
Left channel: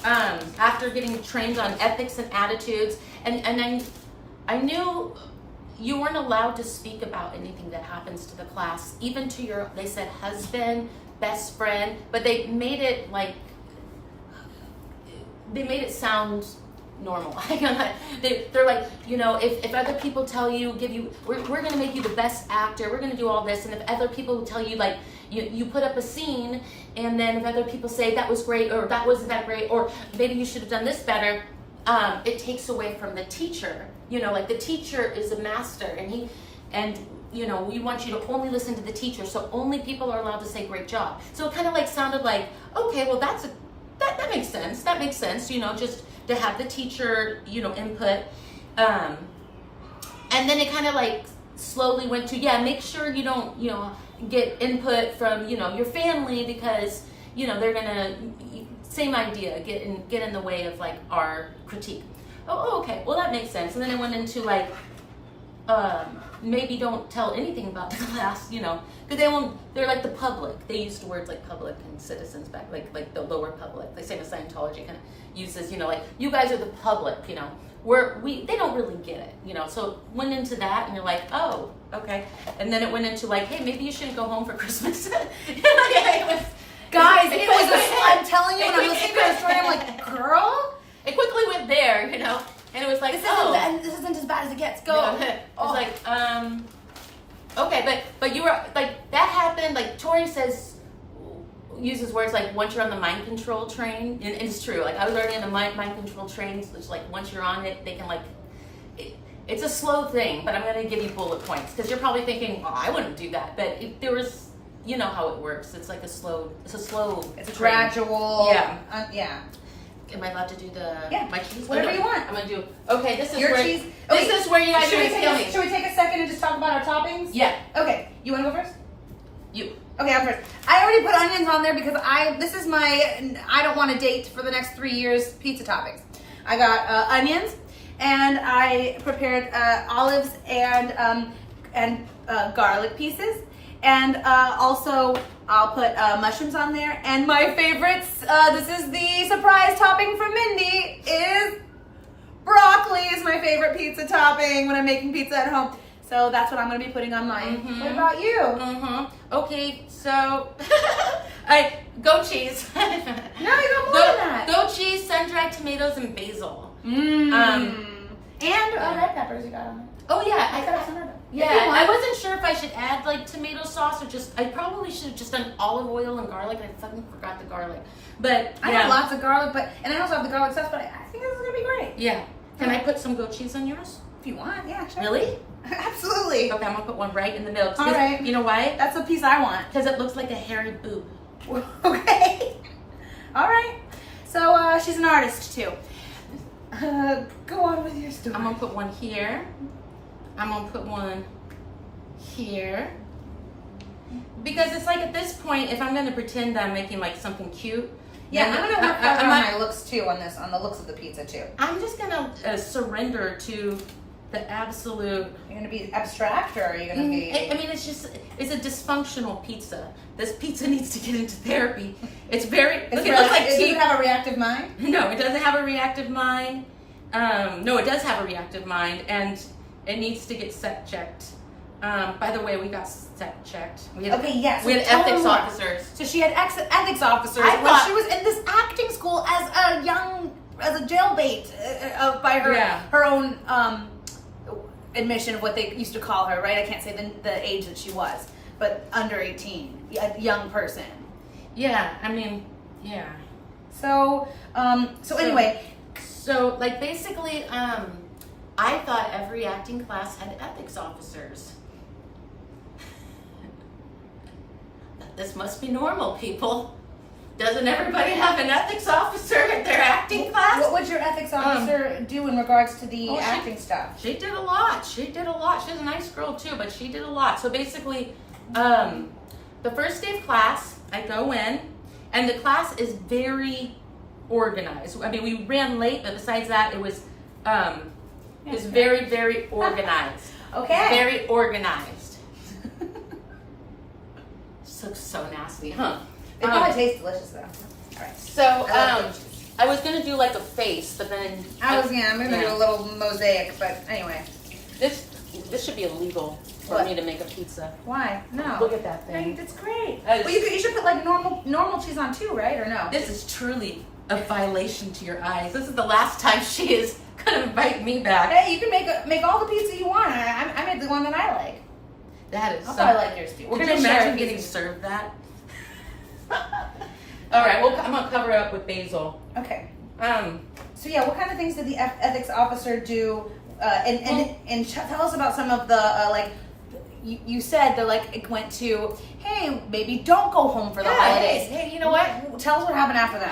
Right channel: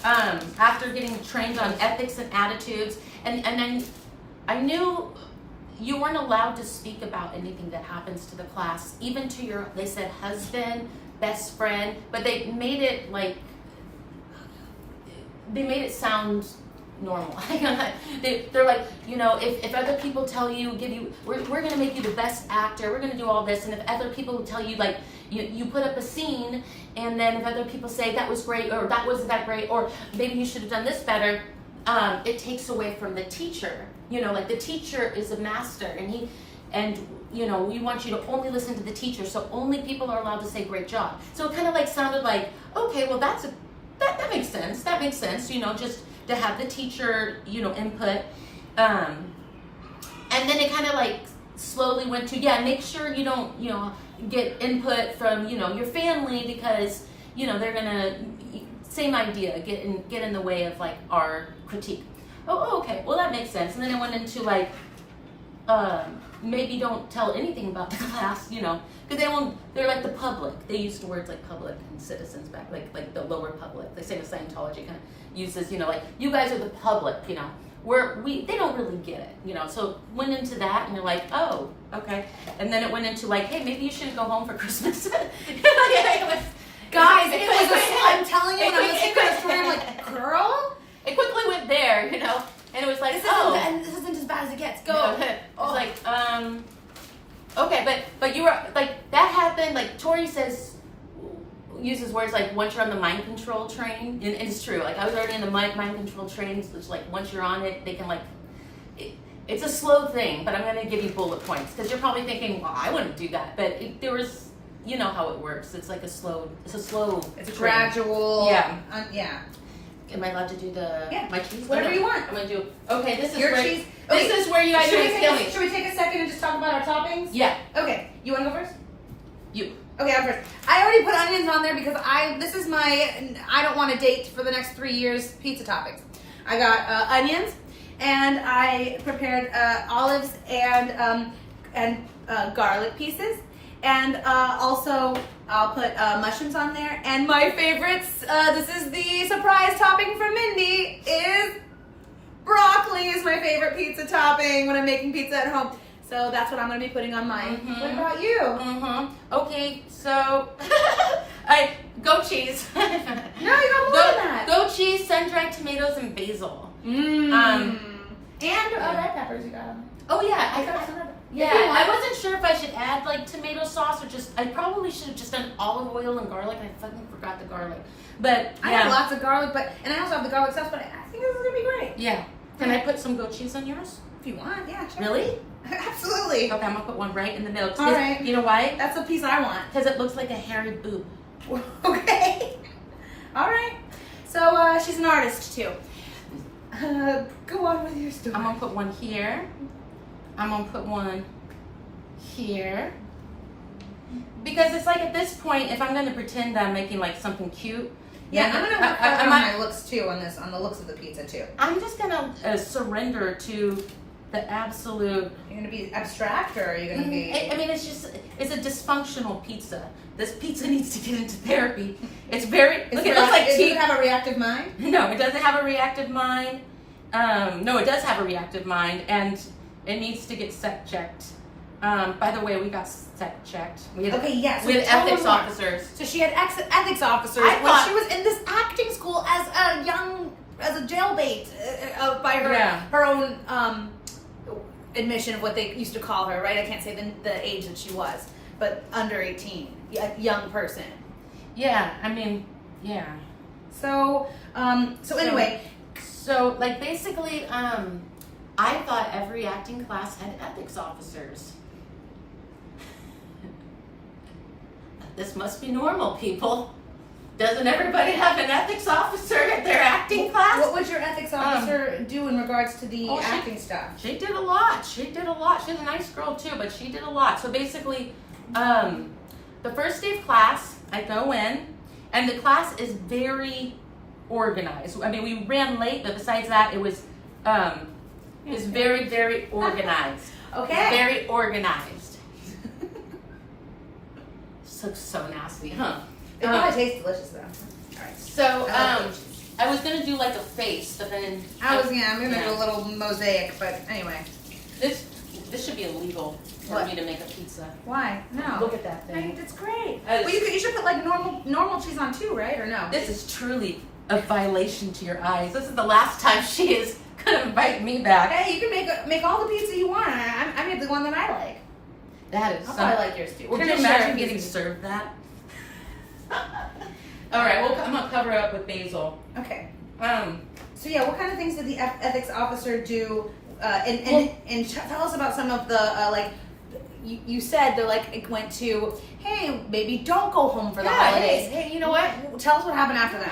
after getting trained on ethics and attitudes, and then I knew you weren't allowed to speak about anything that happens to the class, even to your, they said husband, best friend, but they made it sound normal. They're like, if other people tell you, we're going to make you the best actor, we're going to do all this, and if other people tell you, like, you put up a scene, and then if other people say that was great, or that wasn't that great, or maybe you should have done this better, it takes away from the teacher. Like the teacher is a master, and you know, we want you to only listen to the teacher, so only people are allowed to say great job. So it kind of like sounded like, okay, well that makes sense. That makes sense, you know, just to have the teacher, you know, input. And then it kind of like slowly went to, yeah, make sure you don't, you know, get input from, you know, your family, because, you know, they're gonna, same idea, get in the way of like our critique. Oh, okay, well that makes sense. And then it went into like, maybe don't tell anything about the class, you know, because they're like the public. They used words like public and citizens back, like the lower public. They say the Scientology kind of uses, you know, like, you guys are the public, you know, they don't really get it, you know. So went into that, and you're like, oh, okay. And then it went into like, hey, maybe you shouldn't go home for Christmas. Guys, I'm telling you, when I'm listening to the story, I'm like, girl? It quickly went there, you know, and it was like, this isn't as bad as it gets. Go. No, it was like, okay, but you were, like, that happened, like, Tori uses words like, once you're on the mind control train, and it's true, like, I was already in the mind control train, so it's like, once you're on it, they can, like, it's a slow thing, but I'm going to give you bullet points, because you're probably thinking, well, I wouldn't do that, but there was, you know how it works, it's like a slow train. Gradual. Yeah. Yeah. Am I allowed to do my cheese? Whatever you want. I'm gonna do. Okay, this is Your where cheese. This is where you guys are gonna kill me. Should we take a second and just talk about our toppings? Yeah. Okay. You want to go first? You. Okay, I'm first. I already put onions on there because this is my I don't want to date for the next 3 years pizza toppings. I got onions, and I prepared olives and garlic pieces, and also I'll put mushrooms on there. And my favorites, this is the surprise topping from Mindy, is broccoli is my favorite pizza topping when I'm making pizza at home. So that's what I'm going to be putting on mine. Mm-hmm. What about you? Mm-hmm. Okay, so goat cheese. No, you got more than that. Goat cheese, sun-dried tomatoes, and basil. And red peppers you got on there. Oh yeah, I got some red peppers. Yeah, I wasn't sure if I should add like tomato sauce or I probably should have just done olive oil and garlic. I fucking forgot the garlic. But I have lots of garlic, and I also have the garlic sauce, but I think this is gonna be great. Yeah. Can I put some goat cheese on yours? If you want, yeah, sure. Really? Absolutely. Okay, I'm gonna put one right in the middle. All right. You know why? That's the piece I want. Because it looks like a hairy boob. Okay. All right. So she's an artist too. Go on with your story. I'm gonna put one here. I'm gonna put one here. Because it's like at this point, if I'm gonna pretend that I'm making like something cute. Yeah, I'm gonna work on my looks too on the looks of the pizza too. I'm just gonna surrender to the absolute. You're gonna be abstract, or are you gonna be? I mean, it's a dysfunctional pizza. This pizza needs to get into therapy. It's very. Look, it looks like Does it have a reactive mind? No, it doesn't have a reactive mind. No, it does have a reactive mind, and it needs to get set checked. By the way, we got set checked. We had ethics officers. So she had ethics officers when she was in this acting school as a jailbait by her own admission of what they used to call her, right? I can't say the age that she was, but under 18, a young person. Yeah, I mean, yeah. So anyway. So, like, basically, I thought every acting class had ethics officers. This must be normal, people. Doesn't everybody have an ethics officer at their acting class? What would your ethics officer do in regards to the acting stuff? She did a lot. She's a nice girl, too, but she did a lot. So, basically, the first day of class, I go in, and the class is very organized. I mean, we ran late, but besides that, it was very, very organized. Okay. Very organized. This looks so nasty, huh? It probably tastes delicious though. All right. So I was gonna do like a face, but then I'm gonna do a little mosaic, but anyway. This should be illegal for me to make a pizza. Why? No. Look at that thing. Right, it's great. Well, you should put like normal cheese on too, right? Or no? This is truly a violation to your eyes. This is the last time she is gonna invite me back. Hey, you can make all the pizza you want. I made the one that I like. That is. I'll probably like yours too. Would you imagine getting served that? All right. Well, I'm gonna cover it up with basil. Okay. So yeah, what kind of things did the ethics officer do? And tell us about some of the you said that like it went to, hey, maybe don't go home for the Yeah, holidays. hey, you know what? Tell us what happened after that.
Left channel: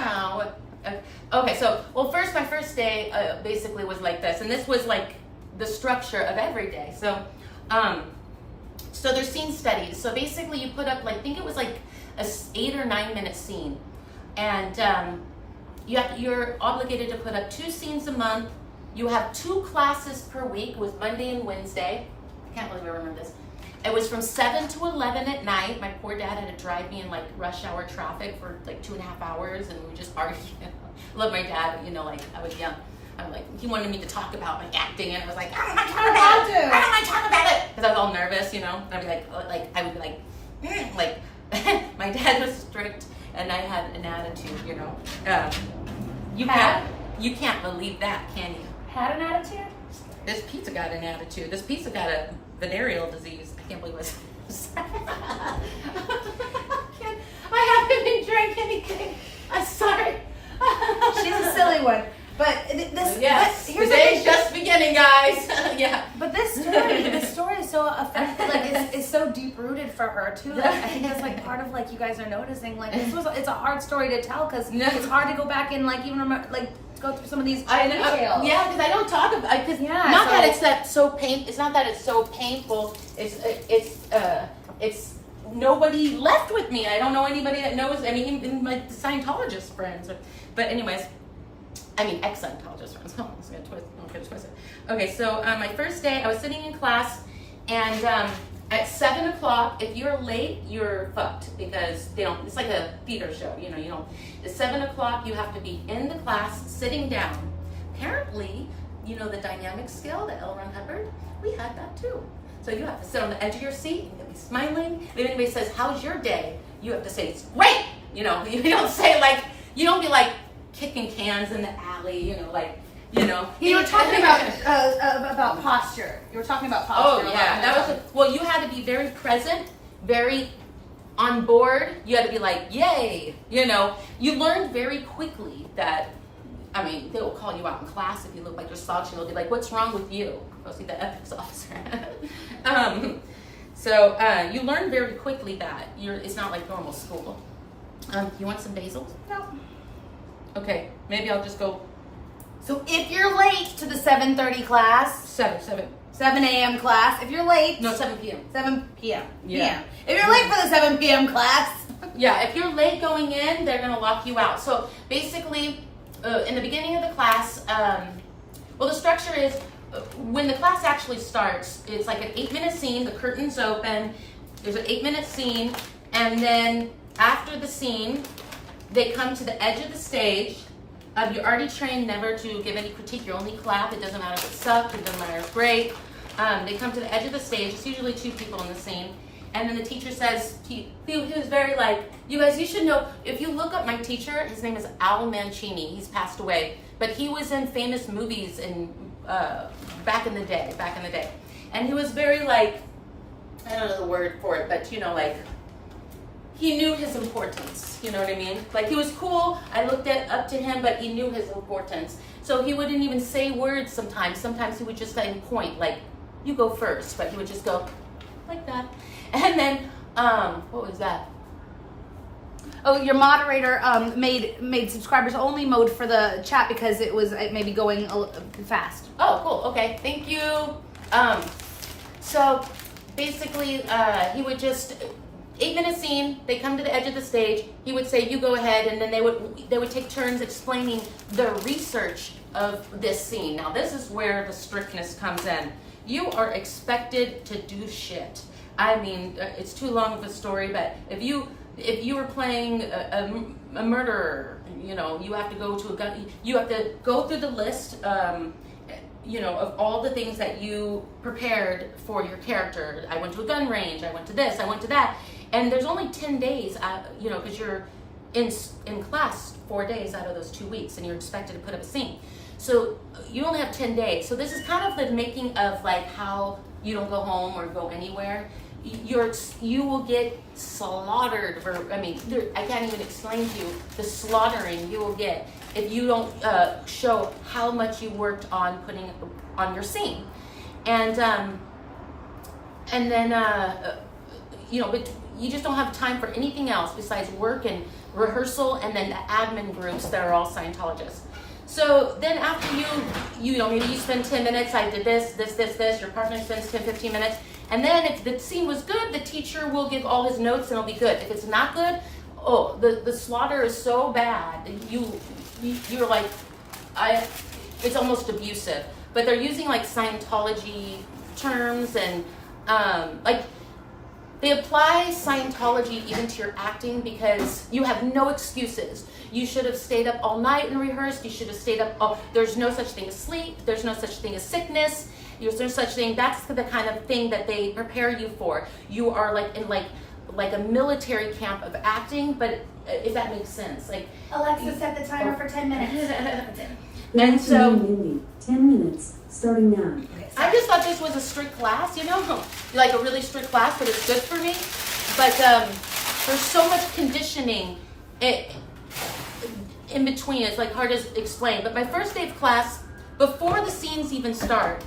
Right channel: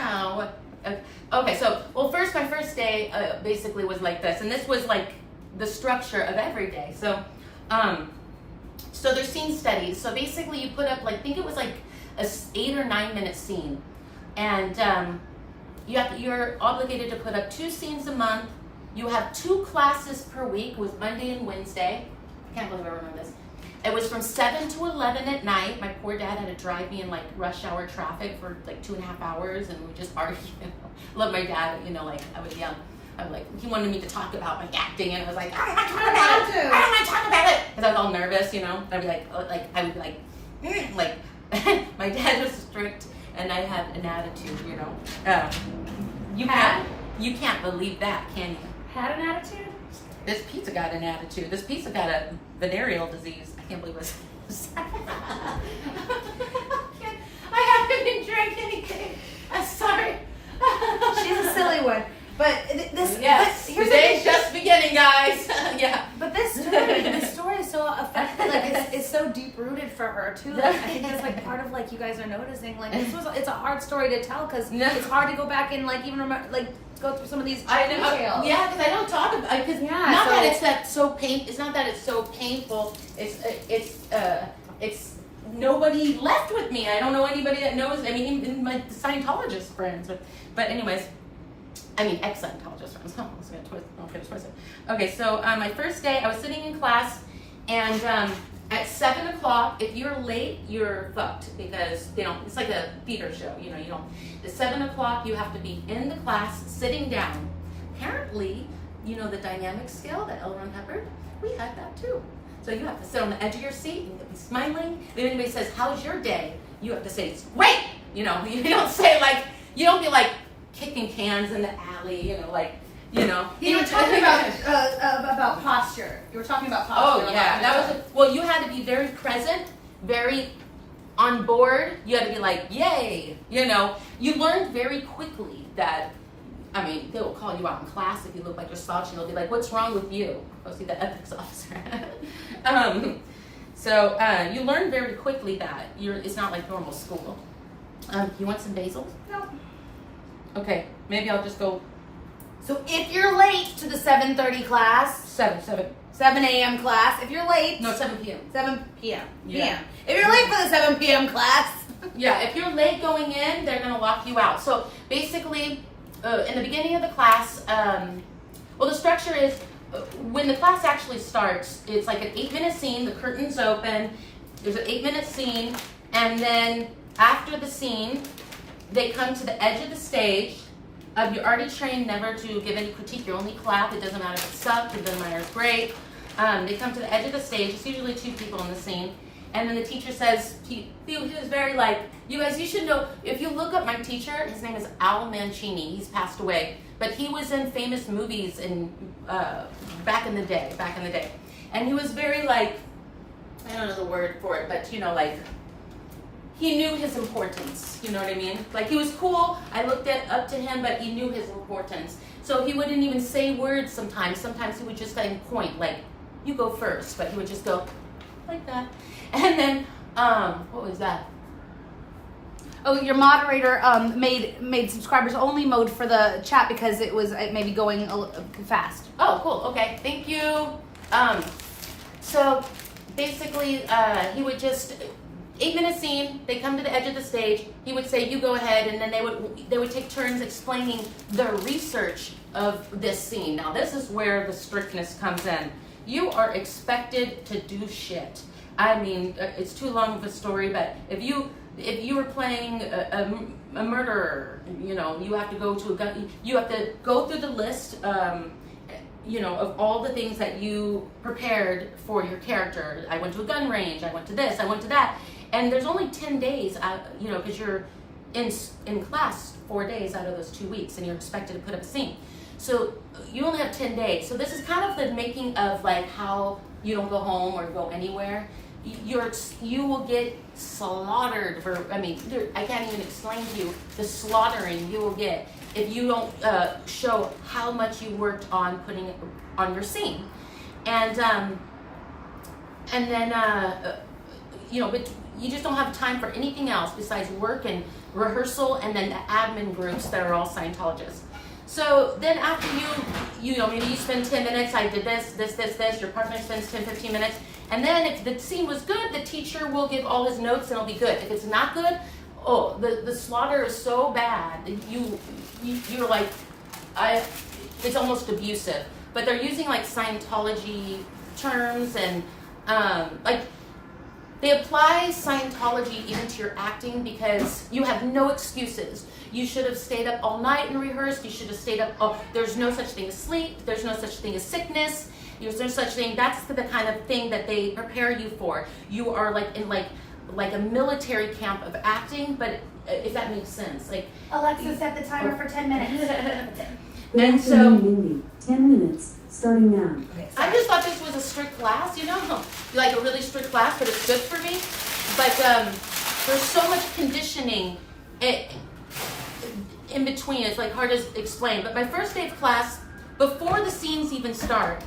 Oh, okay. So, well, my first day basically was like this, and this was like the structure of every day. So, so there's scene studies. So basically, you put up like, I think it was like a 8 or 9 minute scene, and you're obligated to put up 2 scenes a month. You have 2 classes per week, with Monday and Wednesday. I can't believe I remember this. It was from 7 to 11 at night. My poor dad had to drive me in like rush hour traffic for like 2.5 hours, and we just argued. Love my dad, but like I was young. I'm like, he wanted me to talk about my acting, and I was like, I don't want to talk about it. I don't want to talk about it, because I was all nervous, I'd be like, my dad was strict, and I had an attitude, You can't believe that, can you? Had an attitude? This pizza got an attitude. This pizza got a venereal disease. I can't believe it was. I haven't been drinking anything. I'm sorry. She's a silly one. But this, yes, but here's today's just beginning, guys. Yeah. But this story is so effective. Like it's so deep rooted for her too. Like, I think that's like part of like you guys are noticing. Like it's a hard story to tell because it's hard to go back and like even remember like go through some of these details. Yeah, because I don't talk about because it's not that it's so painful. It's nobody left with me. I don't know anybody that knows. I mean, even my Scientologist friends. But anyways. I mean, ex-Scientologist friends. Oh, I don't get it twisted. Okay, so my first day, I was sitting in class, and at 7 o'clock, if you're late, you're fucked because they don't. It's like a theater show, you don't. At 7 o'clock, you have to be in the class, sitting down. Apparently, the dynamic scale, the Ron Hubbard, we had that too. So you have to sit on the edge of your seat and be smiling. If anybody says, "How's your day?" you have to say, "It's great." You don't say like, you don't be like kicking cans in the alley, You were talking about posture. You were talking about posture. Oh yeah, you had to be very present, very on board. You had to be like, yay, You learned very quickly that, they will call you out in class if you look like you're slouching. They'll be like, what's wrong with you? Go see the ethics officer. So you learn very quickly that it's not like normal school. You want some basil? No. Okay, maybe I'll just go. So if you're late to the 7:30 class, 7 a.m. class, if you're late, No, 7 p.m. 7 p.m. Yeah. If you're late for the 7 p.m. class, Yeah, if you're late going in, they're gonna lock you out. So basically, in the beginning of the class, the structure is when the class actually starts, it's like an 8-minute scene. The curtain's open. There's an 8-minute scene, and then after the scene, they come to the edge of the stage. You're already trained never to give any critique. You only clap. It doesn't matter if it sucked. It doesn't matter if it's great. They come to the edge of the stage. It's usually 2 people in the scene. And then the teacher says, he was very like, you guys, you should know, if you look up my teacher, his name is Al Mancini. He's passed away. But he was in famous movies back in the day. And he was very like, I don't know the word for it, but like, he knew his importance, you know what I mean? Like, he was cool, I looked up to him, but he knew his importance. So he wouldn't even say words sometimes. Sometimes he would just like point, like, you go first, but he would just go like that. And then, what was that? Oh, your moderator made subscribers only mode for the chat because it may be going fast. Oh, cool, okay, thank you. So basically, he would just, 8-minute scene, they come to the edge of the stage, he would say, you go ahead, and then they would take turns explaining the research of this scene. Now this is where the strictness comes in. You are expected to do shit. It's too long of a story, but if you were playing a murderer, you have to go to a gun, you have to go through the list, of all the things that you prepared for your character. I went to a gun range, I went to this, I went to that. And there's only 10 days, because you're in class 4 days out of those 2 weeks, and you're expected to put up a scene. So you only have 10 days. So this is kind of the making of like how you don't go home or go anywhere. You will get slaughtered I can't even explain to you the slaughtering you will get if you don't show how much you worked on putting on your scene. And And then, but you just don't have time for anything else besides work and rehearsal, and then the admin groups that are all Scientologists. So then after maybe you spend 10 minutes, I did this, your partner spends 10, 15 minutes, and then if the scene was good, the teacher will give all his notes and it'll be good. If it's not good, the slaughter is so bad that you're like, it's almost abusive. But they're using like Scientology terms and they apply Scientology even to your acting because you have no excuses. You should have stayed up all night and rehearsed. You should have stayed up. There's no such thing as sleep. There's no such thing as sickness. There's no such thing. That's the kind of thing that they prepare you for. You are like in like a military camp of acting, but if that makes sense. Like Alexa, set the timer for 10 minutes. And so Mindy, 10 minutes, starting now. I just thought this was a strict class, like a really strict class, but it's good for me. But there's so much conditioning in between. It's like hard to explain. But my first day of class, before the scenes even start,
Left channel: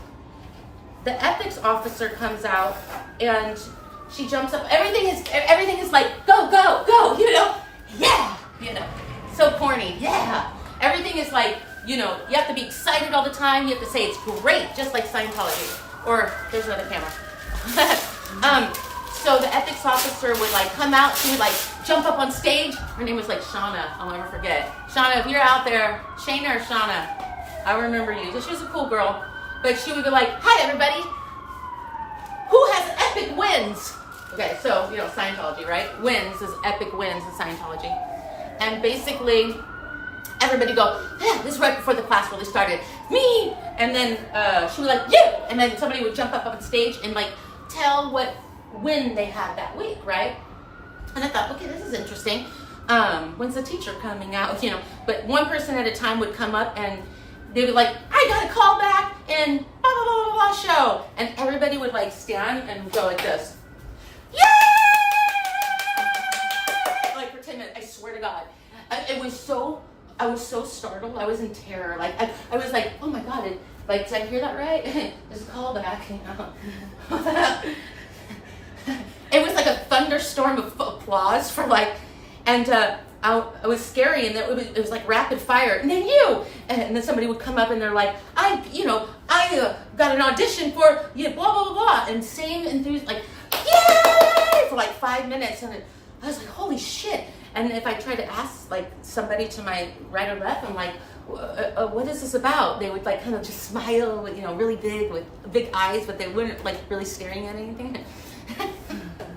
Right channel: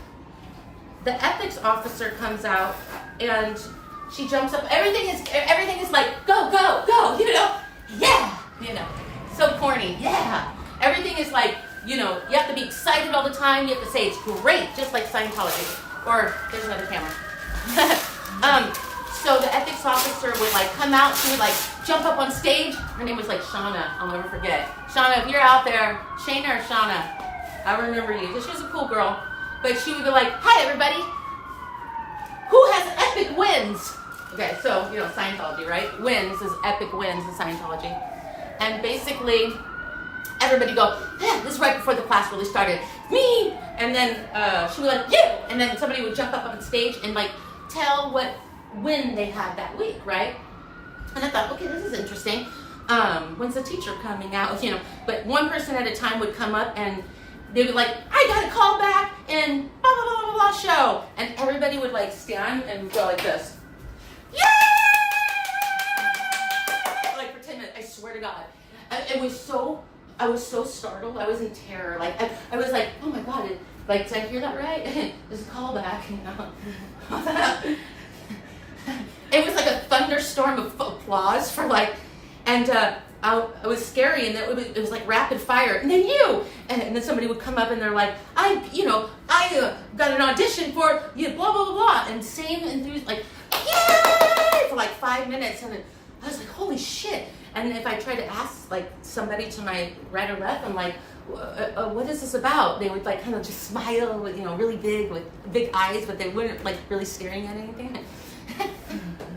the ethics officer comes out and she jumps up. Everything is like go, yeah, so corny, yeah. Everything is like. You have to be excited all the time. You have to say it's great, just like Scientology. Or there's another camera. So the ethics officer would like come out. She would like jump up on stage. Her name was like Shauna. I'll never forget. Shauna, if you're out there, Shayna or Shauna, I remember you. She was a cool girl. But she would be like, "Hi everybody. Who has epic wins?" Okay, so Scientology, right? Wins is epic wins in Scientology, and basically. Everybody go, yeah, this is right before the class really started. Me! And then she would like, yeah! And then somebody would jump up on stage and like tell what win they had that week, right? And I thought, okay, this is interesting. When's the teacher coming out? But one person at a time would come up and they would like, I got a call back and blah, blah, blah, blah, blah show. And everybody would like stand and go like this. Yeah! Like for 10 minutes, I swear to God. I was so startled. I was in terror. Like I was like, oh my God! Did I hear that right? There's a callback. It was like a thunderstorm of applause for like, and I was scary, and it was like rapid fire. And then and then somebody would come up and they're like, I got an audition for blah blah blah blah, and same enthusiasm, like yay for like 5 minutes, and I was like, holy shit. And if I try to ask like somebody to my right or left, I'm like, what is this about? They would like kind of just smile, with, really big with big eyes, but they weren't like really staring at anything. And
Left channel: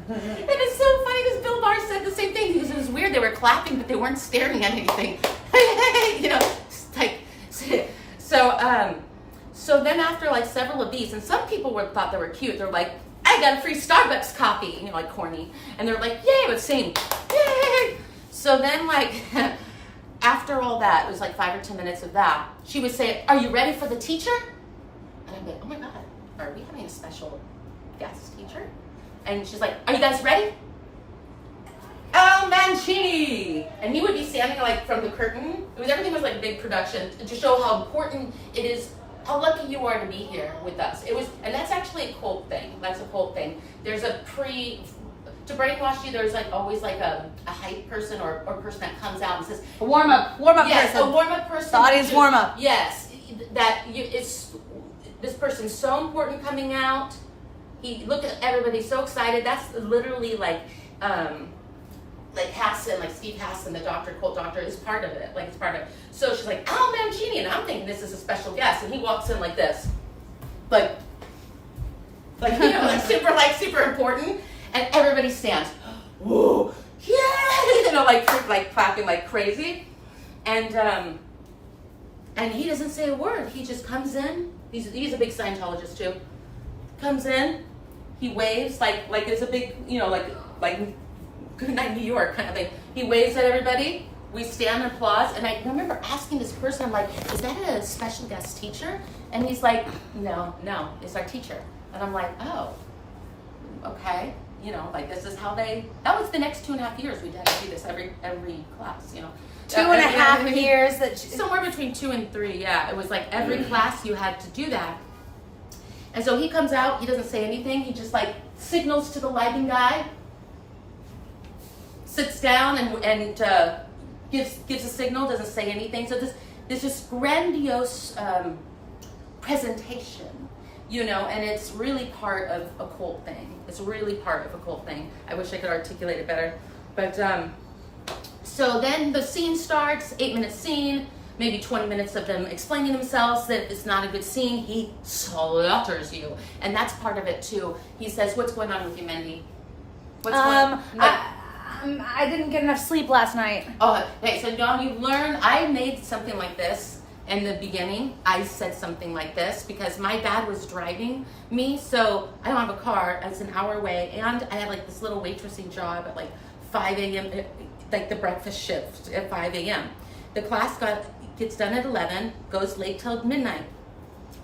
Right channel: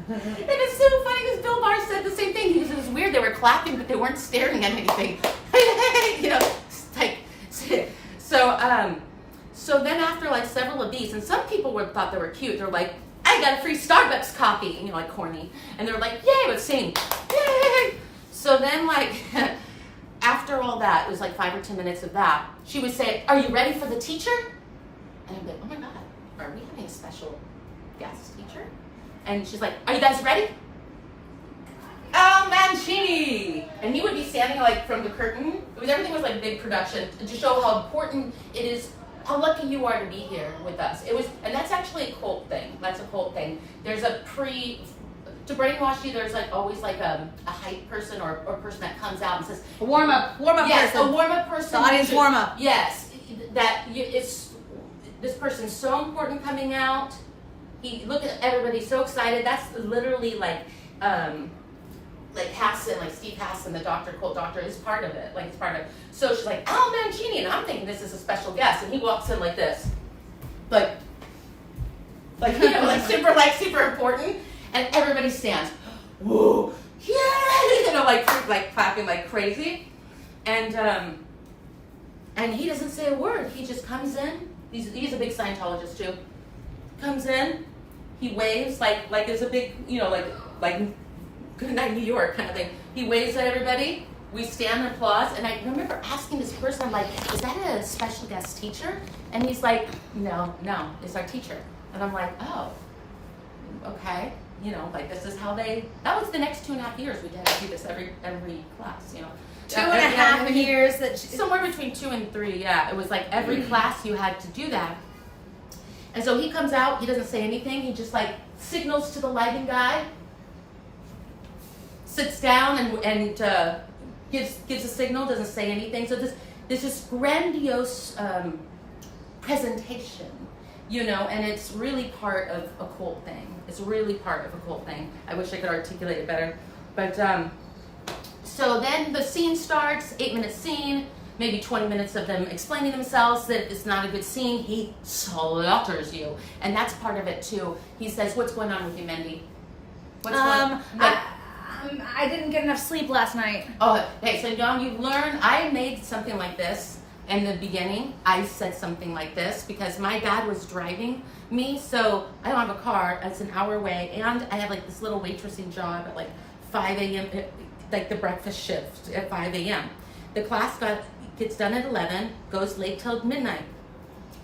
it's so funny because Bill Maher said the same thing. It was weird. They were clapping, but they weren't staring at anything. So then after like several of these, and some people thought they were cute. They're like, I got a free Starbucks coffee, like corny. And they're like, yay, but same, yay. So then like, after all that, it was like 5 or 10 minutes of that, she would say, are you ready for the teacher? And I'm like, oh my God, are we having a special guest teacher? And she's like, are you guys ready? Al Mancini! And he would be standing like from the curtain. Everything was like big production to show how important it is, how lucky you are to be here with us. And that's actually a cult thing. That's a cult thing. There's to brainwash you, there's like always like a hype person or person that comes out and says, A warm up yes, person. A warm up person. The audience warm up. Yes, this person's so important coming out. Look at everybody so excited. That's literally like Hassan, like Steve Hassan, the cult doctor, is part of it. Like it's part of it. So she's like, Al Mancini, and I'm thinking this is a special guest, and he walks in like this, like super important, and everybody stands. Whoa, yeah, like clapping like crazy, and he doesn't say a word. He just comes in. He's a big Scientologist too. Comes in, he waves like there's a big like good night New York kind of thing. He waves at everybody. We stand and applause. And I remember asking this person, I'm like, is that a special guest teacher? And he's like, no, it's our teacher. And I'm like, oh, okay. Like this is how that was the next 2.5 years we had to do this every class, 2.5 years. Somewhere between 2 and 3, yeah. It was like every class you had to do that. And so he comes out, he doesn't say anything, he just like signals to the lighting guy, sits down and gives a signal, doesn't say anything. So there's this grandiose presentation, you know, and it's really part of a cult thing. It's really part of a cult thing. I wish I could articulate it better. But so then the scene starts, 8-minute scene, maybe 20 minutes of them explaining themselves that it's not a good scene. He slaughters you. And that's part of it too. He says, what's going on with you, Mindy? What's going on? I didn't get enough sleep last night. Oh, okay, so now you learn, I made something like this in the beginning. I said something like this because my dad was driving me, so I don't have a car, it's an hour away, and I have like this little waitressing job at like 5 a.m., like the breakfast shift at 5 a.m. The class gets done at 11, goes late till midnight.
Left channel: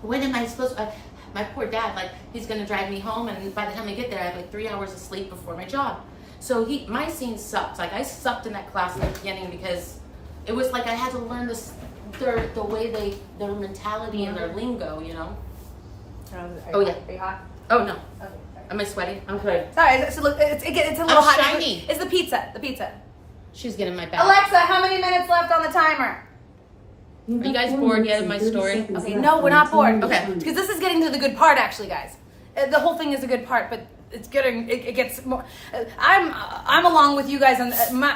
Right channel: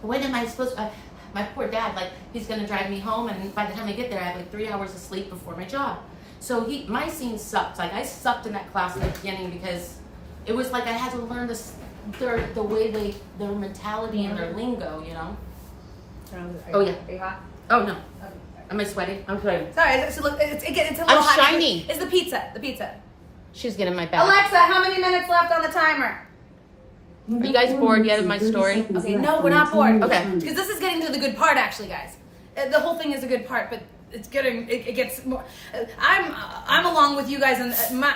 When am I supposed to, my poor dad, like he's gonna drive me home, and by the time I get there, I have like 3 hours of sleep before my job. So my scene sucked. Like I sucked in that class in the beginning because it was like I had to learn the way their mentality and their lingo, you know. Are you hot? Oh no. Okay. Am I sweating? I'm sweating. Sorry, it's a little I'm hot. shiny. It's the pizza. She's getting my back. Alexa, how many minutes left on the timer? Are you guys bored yet of my story? Okay, no, we're not bored. Okay, because this is getting to the good part, actually, guys. The whole thing is a good part, but it's getting it gets more. I'm along with you guys and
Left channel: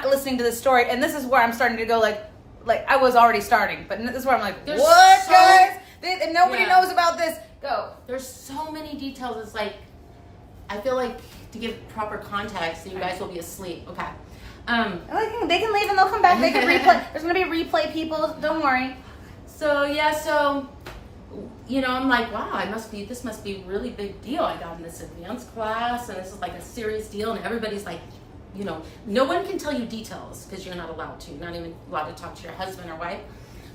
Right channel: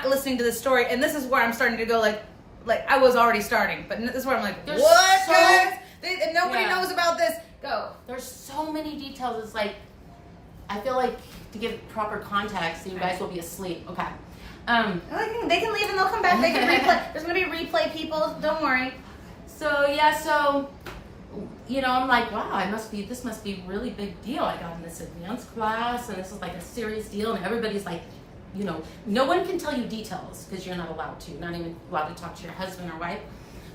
listening to this story, and this is where I'm starting to go like I was already starting, but this is where I'm like, There's what, so- guys? And nobody Yeah. knows about this. Go. There's so many details. It's like I feel like to give proper context, you guys will be asleep. Okay. They can leave and they'll come back. They can replay. There's gonna be replay people. Don't worry. So yeah, so you know, I'm like, wow, this must be a really big deal. I got in this advanced class, and this is like a serious deal, and everybody's like, you know, no one can tell you details because you're not allowed to, not even allowed to talk to your husband or wife,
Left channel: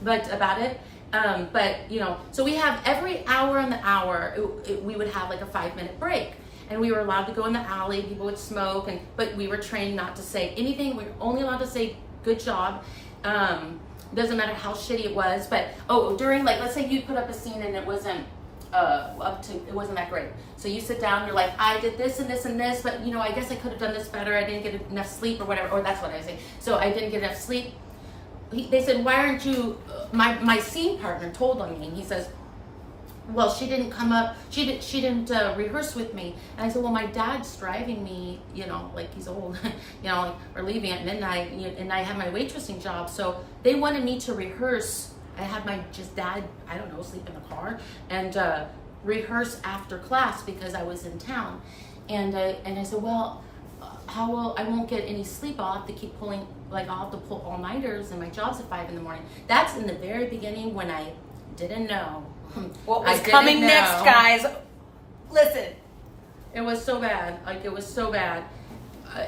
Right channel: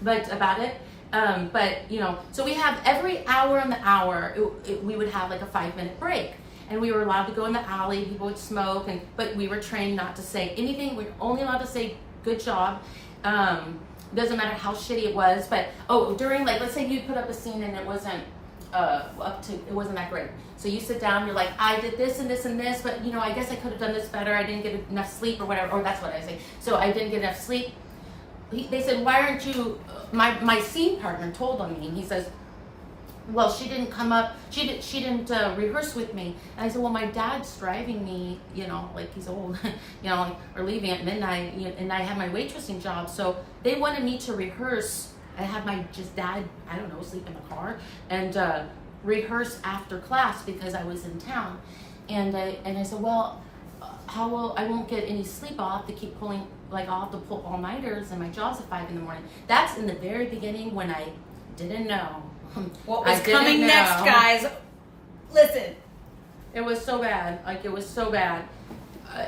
but about it. But you know, so we have every hour on the hour, we would have like a 5-minute break. And we were allowed to go in the alley, people would smoke, but we were trained not to say anything. We were only allowed to say, good job. Doesn't matter how shitty it was, but, during, like, let's say you put up a scene and it wasn't it wasn't that great. So you sit down, you're like, I did this and this and this, but, you know, I guess I could have done this better. I didn't get enough sleep or whatever, or that's what I say. So I didn't get enough sleep. They said, why aren't you, my scene partner told on me, and he says, well, she didn't come up, she didn't rehearse with me. And I said, well, my dad's driving me, you know, like he's old, you know, like we're leaving at midnight, and I have my waitressing job. So they wanted me to rehearse. I had my dad, I don't know, sleep in the car and rehearse after class because I was in town. And I said, well, I won't get any sleep. I'll have to keep pulling, like I'll have to pull all-nighters, and my job's at 5 a.m. That's in the very beginning when I didn't know. What was coming next, guys? Listen. It was so bad. Like, it was so bad.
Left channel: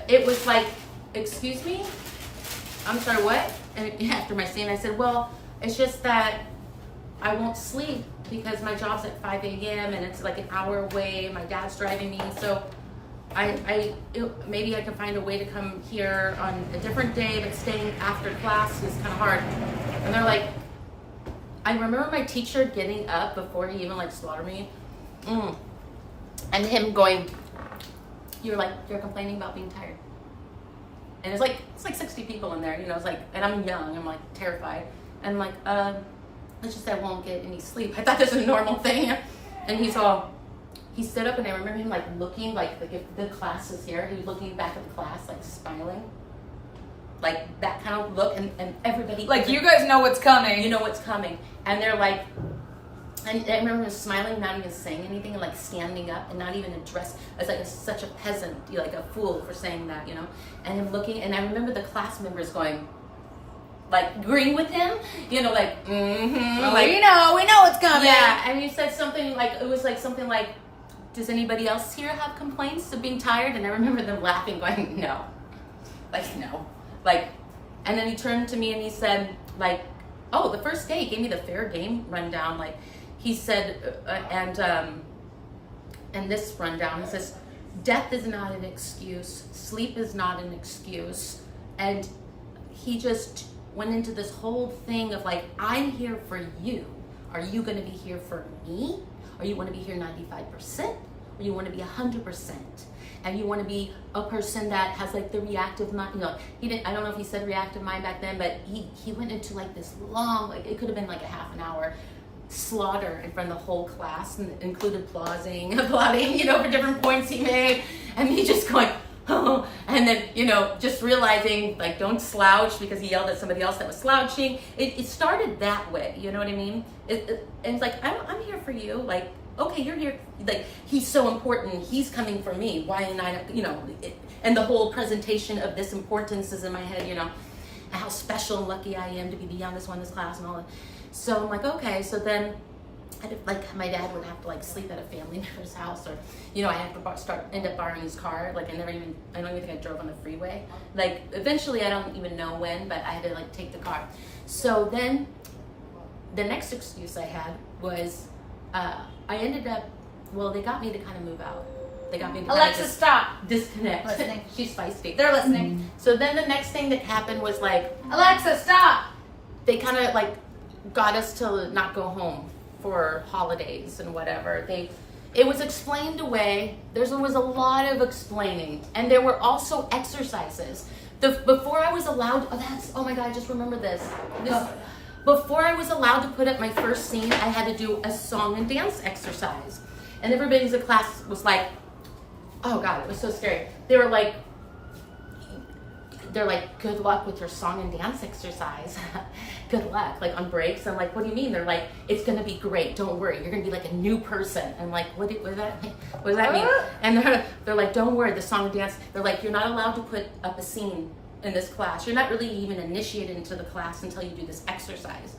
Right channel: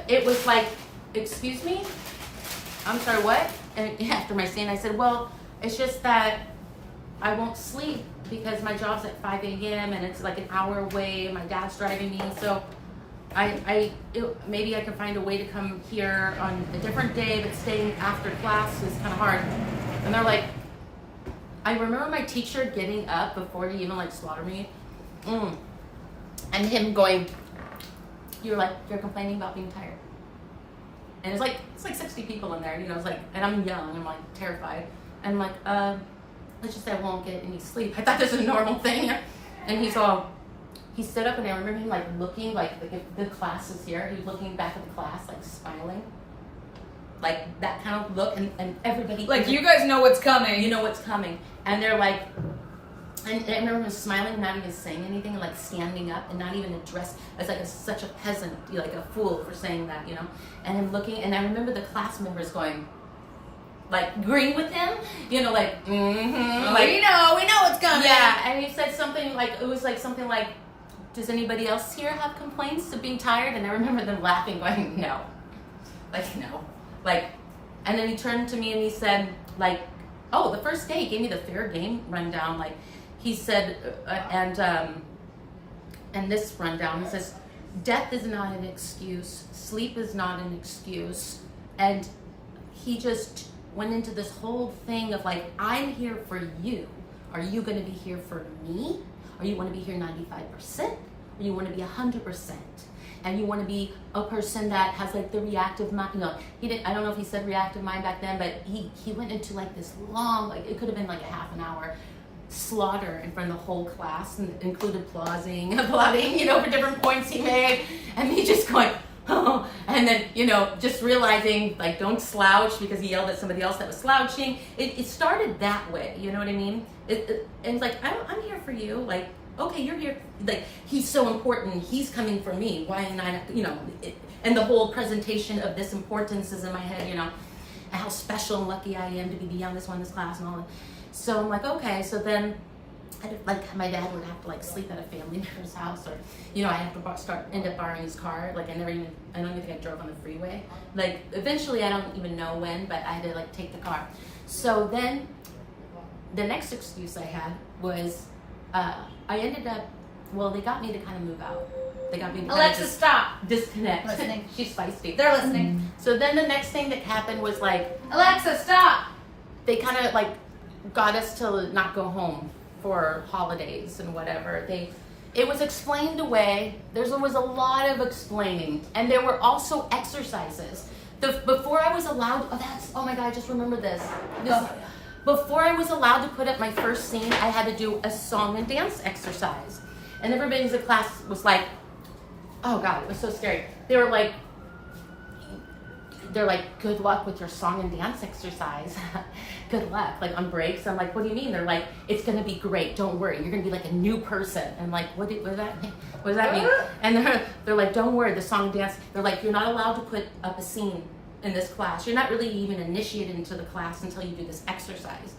It was like, excuse me? I'm sorry, what? And after my scene, I said, well, it's just that I won't sleep because my job's at 5 a.m. and it's like an hour away. My dad's driving me. So maybe I can find a way to come here on a different day, but staying after class is kind of hard. And they're like, I remember my teacher getting up before he even like slaughtered me, and him going, you're complaining about being tired. And it's like 60 people in there, you know, it's like, and I'm young, I'm like terrified. And I'm like, let's just say I won't get any sleep. I thought this was a normal thing. And he stood up, and I remember him like looking like if the class was here, he was looking back at the class, like smiling. Like that kind of look, and everybody like, you guys know what's coming. You know what's coming. And they're like, and I remember him smiling, not even saying anything, and like standing up and not even addressed as like such a peasant, like a fool for saying that, you know. And him looking, and I remember the class members going, like agreeing with him, you know, like, Well, like we know what's coming. Yeah, and he said something like, it was like something like, does anybody else here have complaints of being tired? And I remember them laughing, going, no, like no. Like, and then he turned to me and he said, like, oh, the first day he gave me the fair game rundown. Like, he said, and this rundown, he says, death is not an excuse. Sleep is not an excuse. And he just went into this whole thing of like, I'm here for you. Are you going to be here for me? Or you want to be here 95%? Or you want to be 100%? And you want to be a person that has like the reactive mind, he didn't, I don't know if he said reactive mind back then, but he went into like this long, like it could have been like a half an hour slaughter in front of the whole class, and included applauding, for different points he made, and me just going, oh, and then, just realizing, like, don't slouch, because he yelled at somebody else that was slouching. It started that way, you know what I mean? And it's like, I'm here for you, like, okay, you're here, like, he's so important, he's coming for me, why am I not, and the whole presentation of this importance is in my head, and how special and lucky I am to be beyond this class and all that. So I'm like, okay, so then my dad would have to like sleep at a family member's house, or I have to end up borrowing his car. Like I don't even think I drove on the freeway. Like eventually, I don't even know when, but I had to like take the car. So then the next excuse I had was I ended up, they got me to kind of move out. They got me to Alexa, stop. Disconnect. Listening. She's feisty. They're listening. So then the next thing that happened was like, Alexa, stop. they kind of like got us to not go home for holidays and whatever. It was explained away. There was a lot of explaining, and there were also exercises. Before I was allowed, oh my God, I just remember this. Before I was allowed to put up my first scene, I had to do a song and dance exercise. And everybody in the class was like, oh God, it was so scary. They're like, good luck with your song and dance exercise. Good luck, like on breaks. I'm like, what do you mean? They're like, it's gonna be great. Don't worry, you're gonna be like a new person. I'm like, what does that mean? What does that mean? And they're like, don't worry, the song and dance. They're like, you're not allowed to put up a scene in this class. You're not really even initiated into the class until you do this exercise.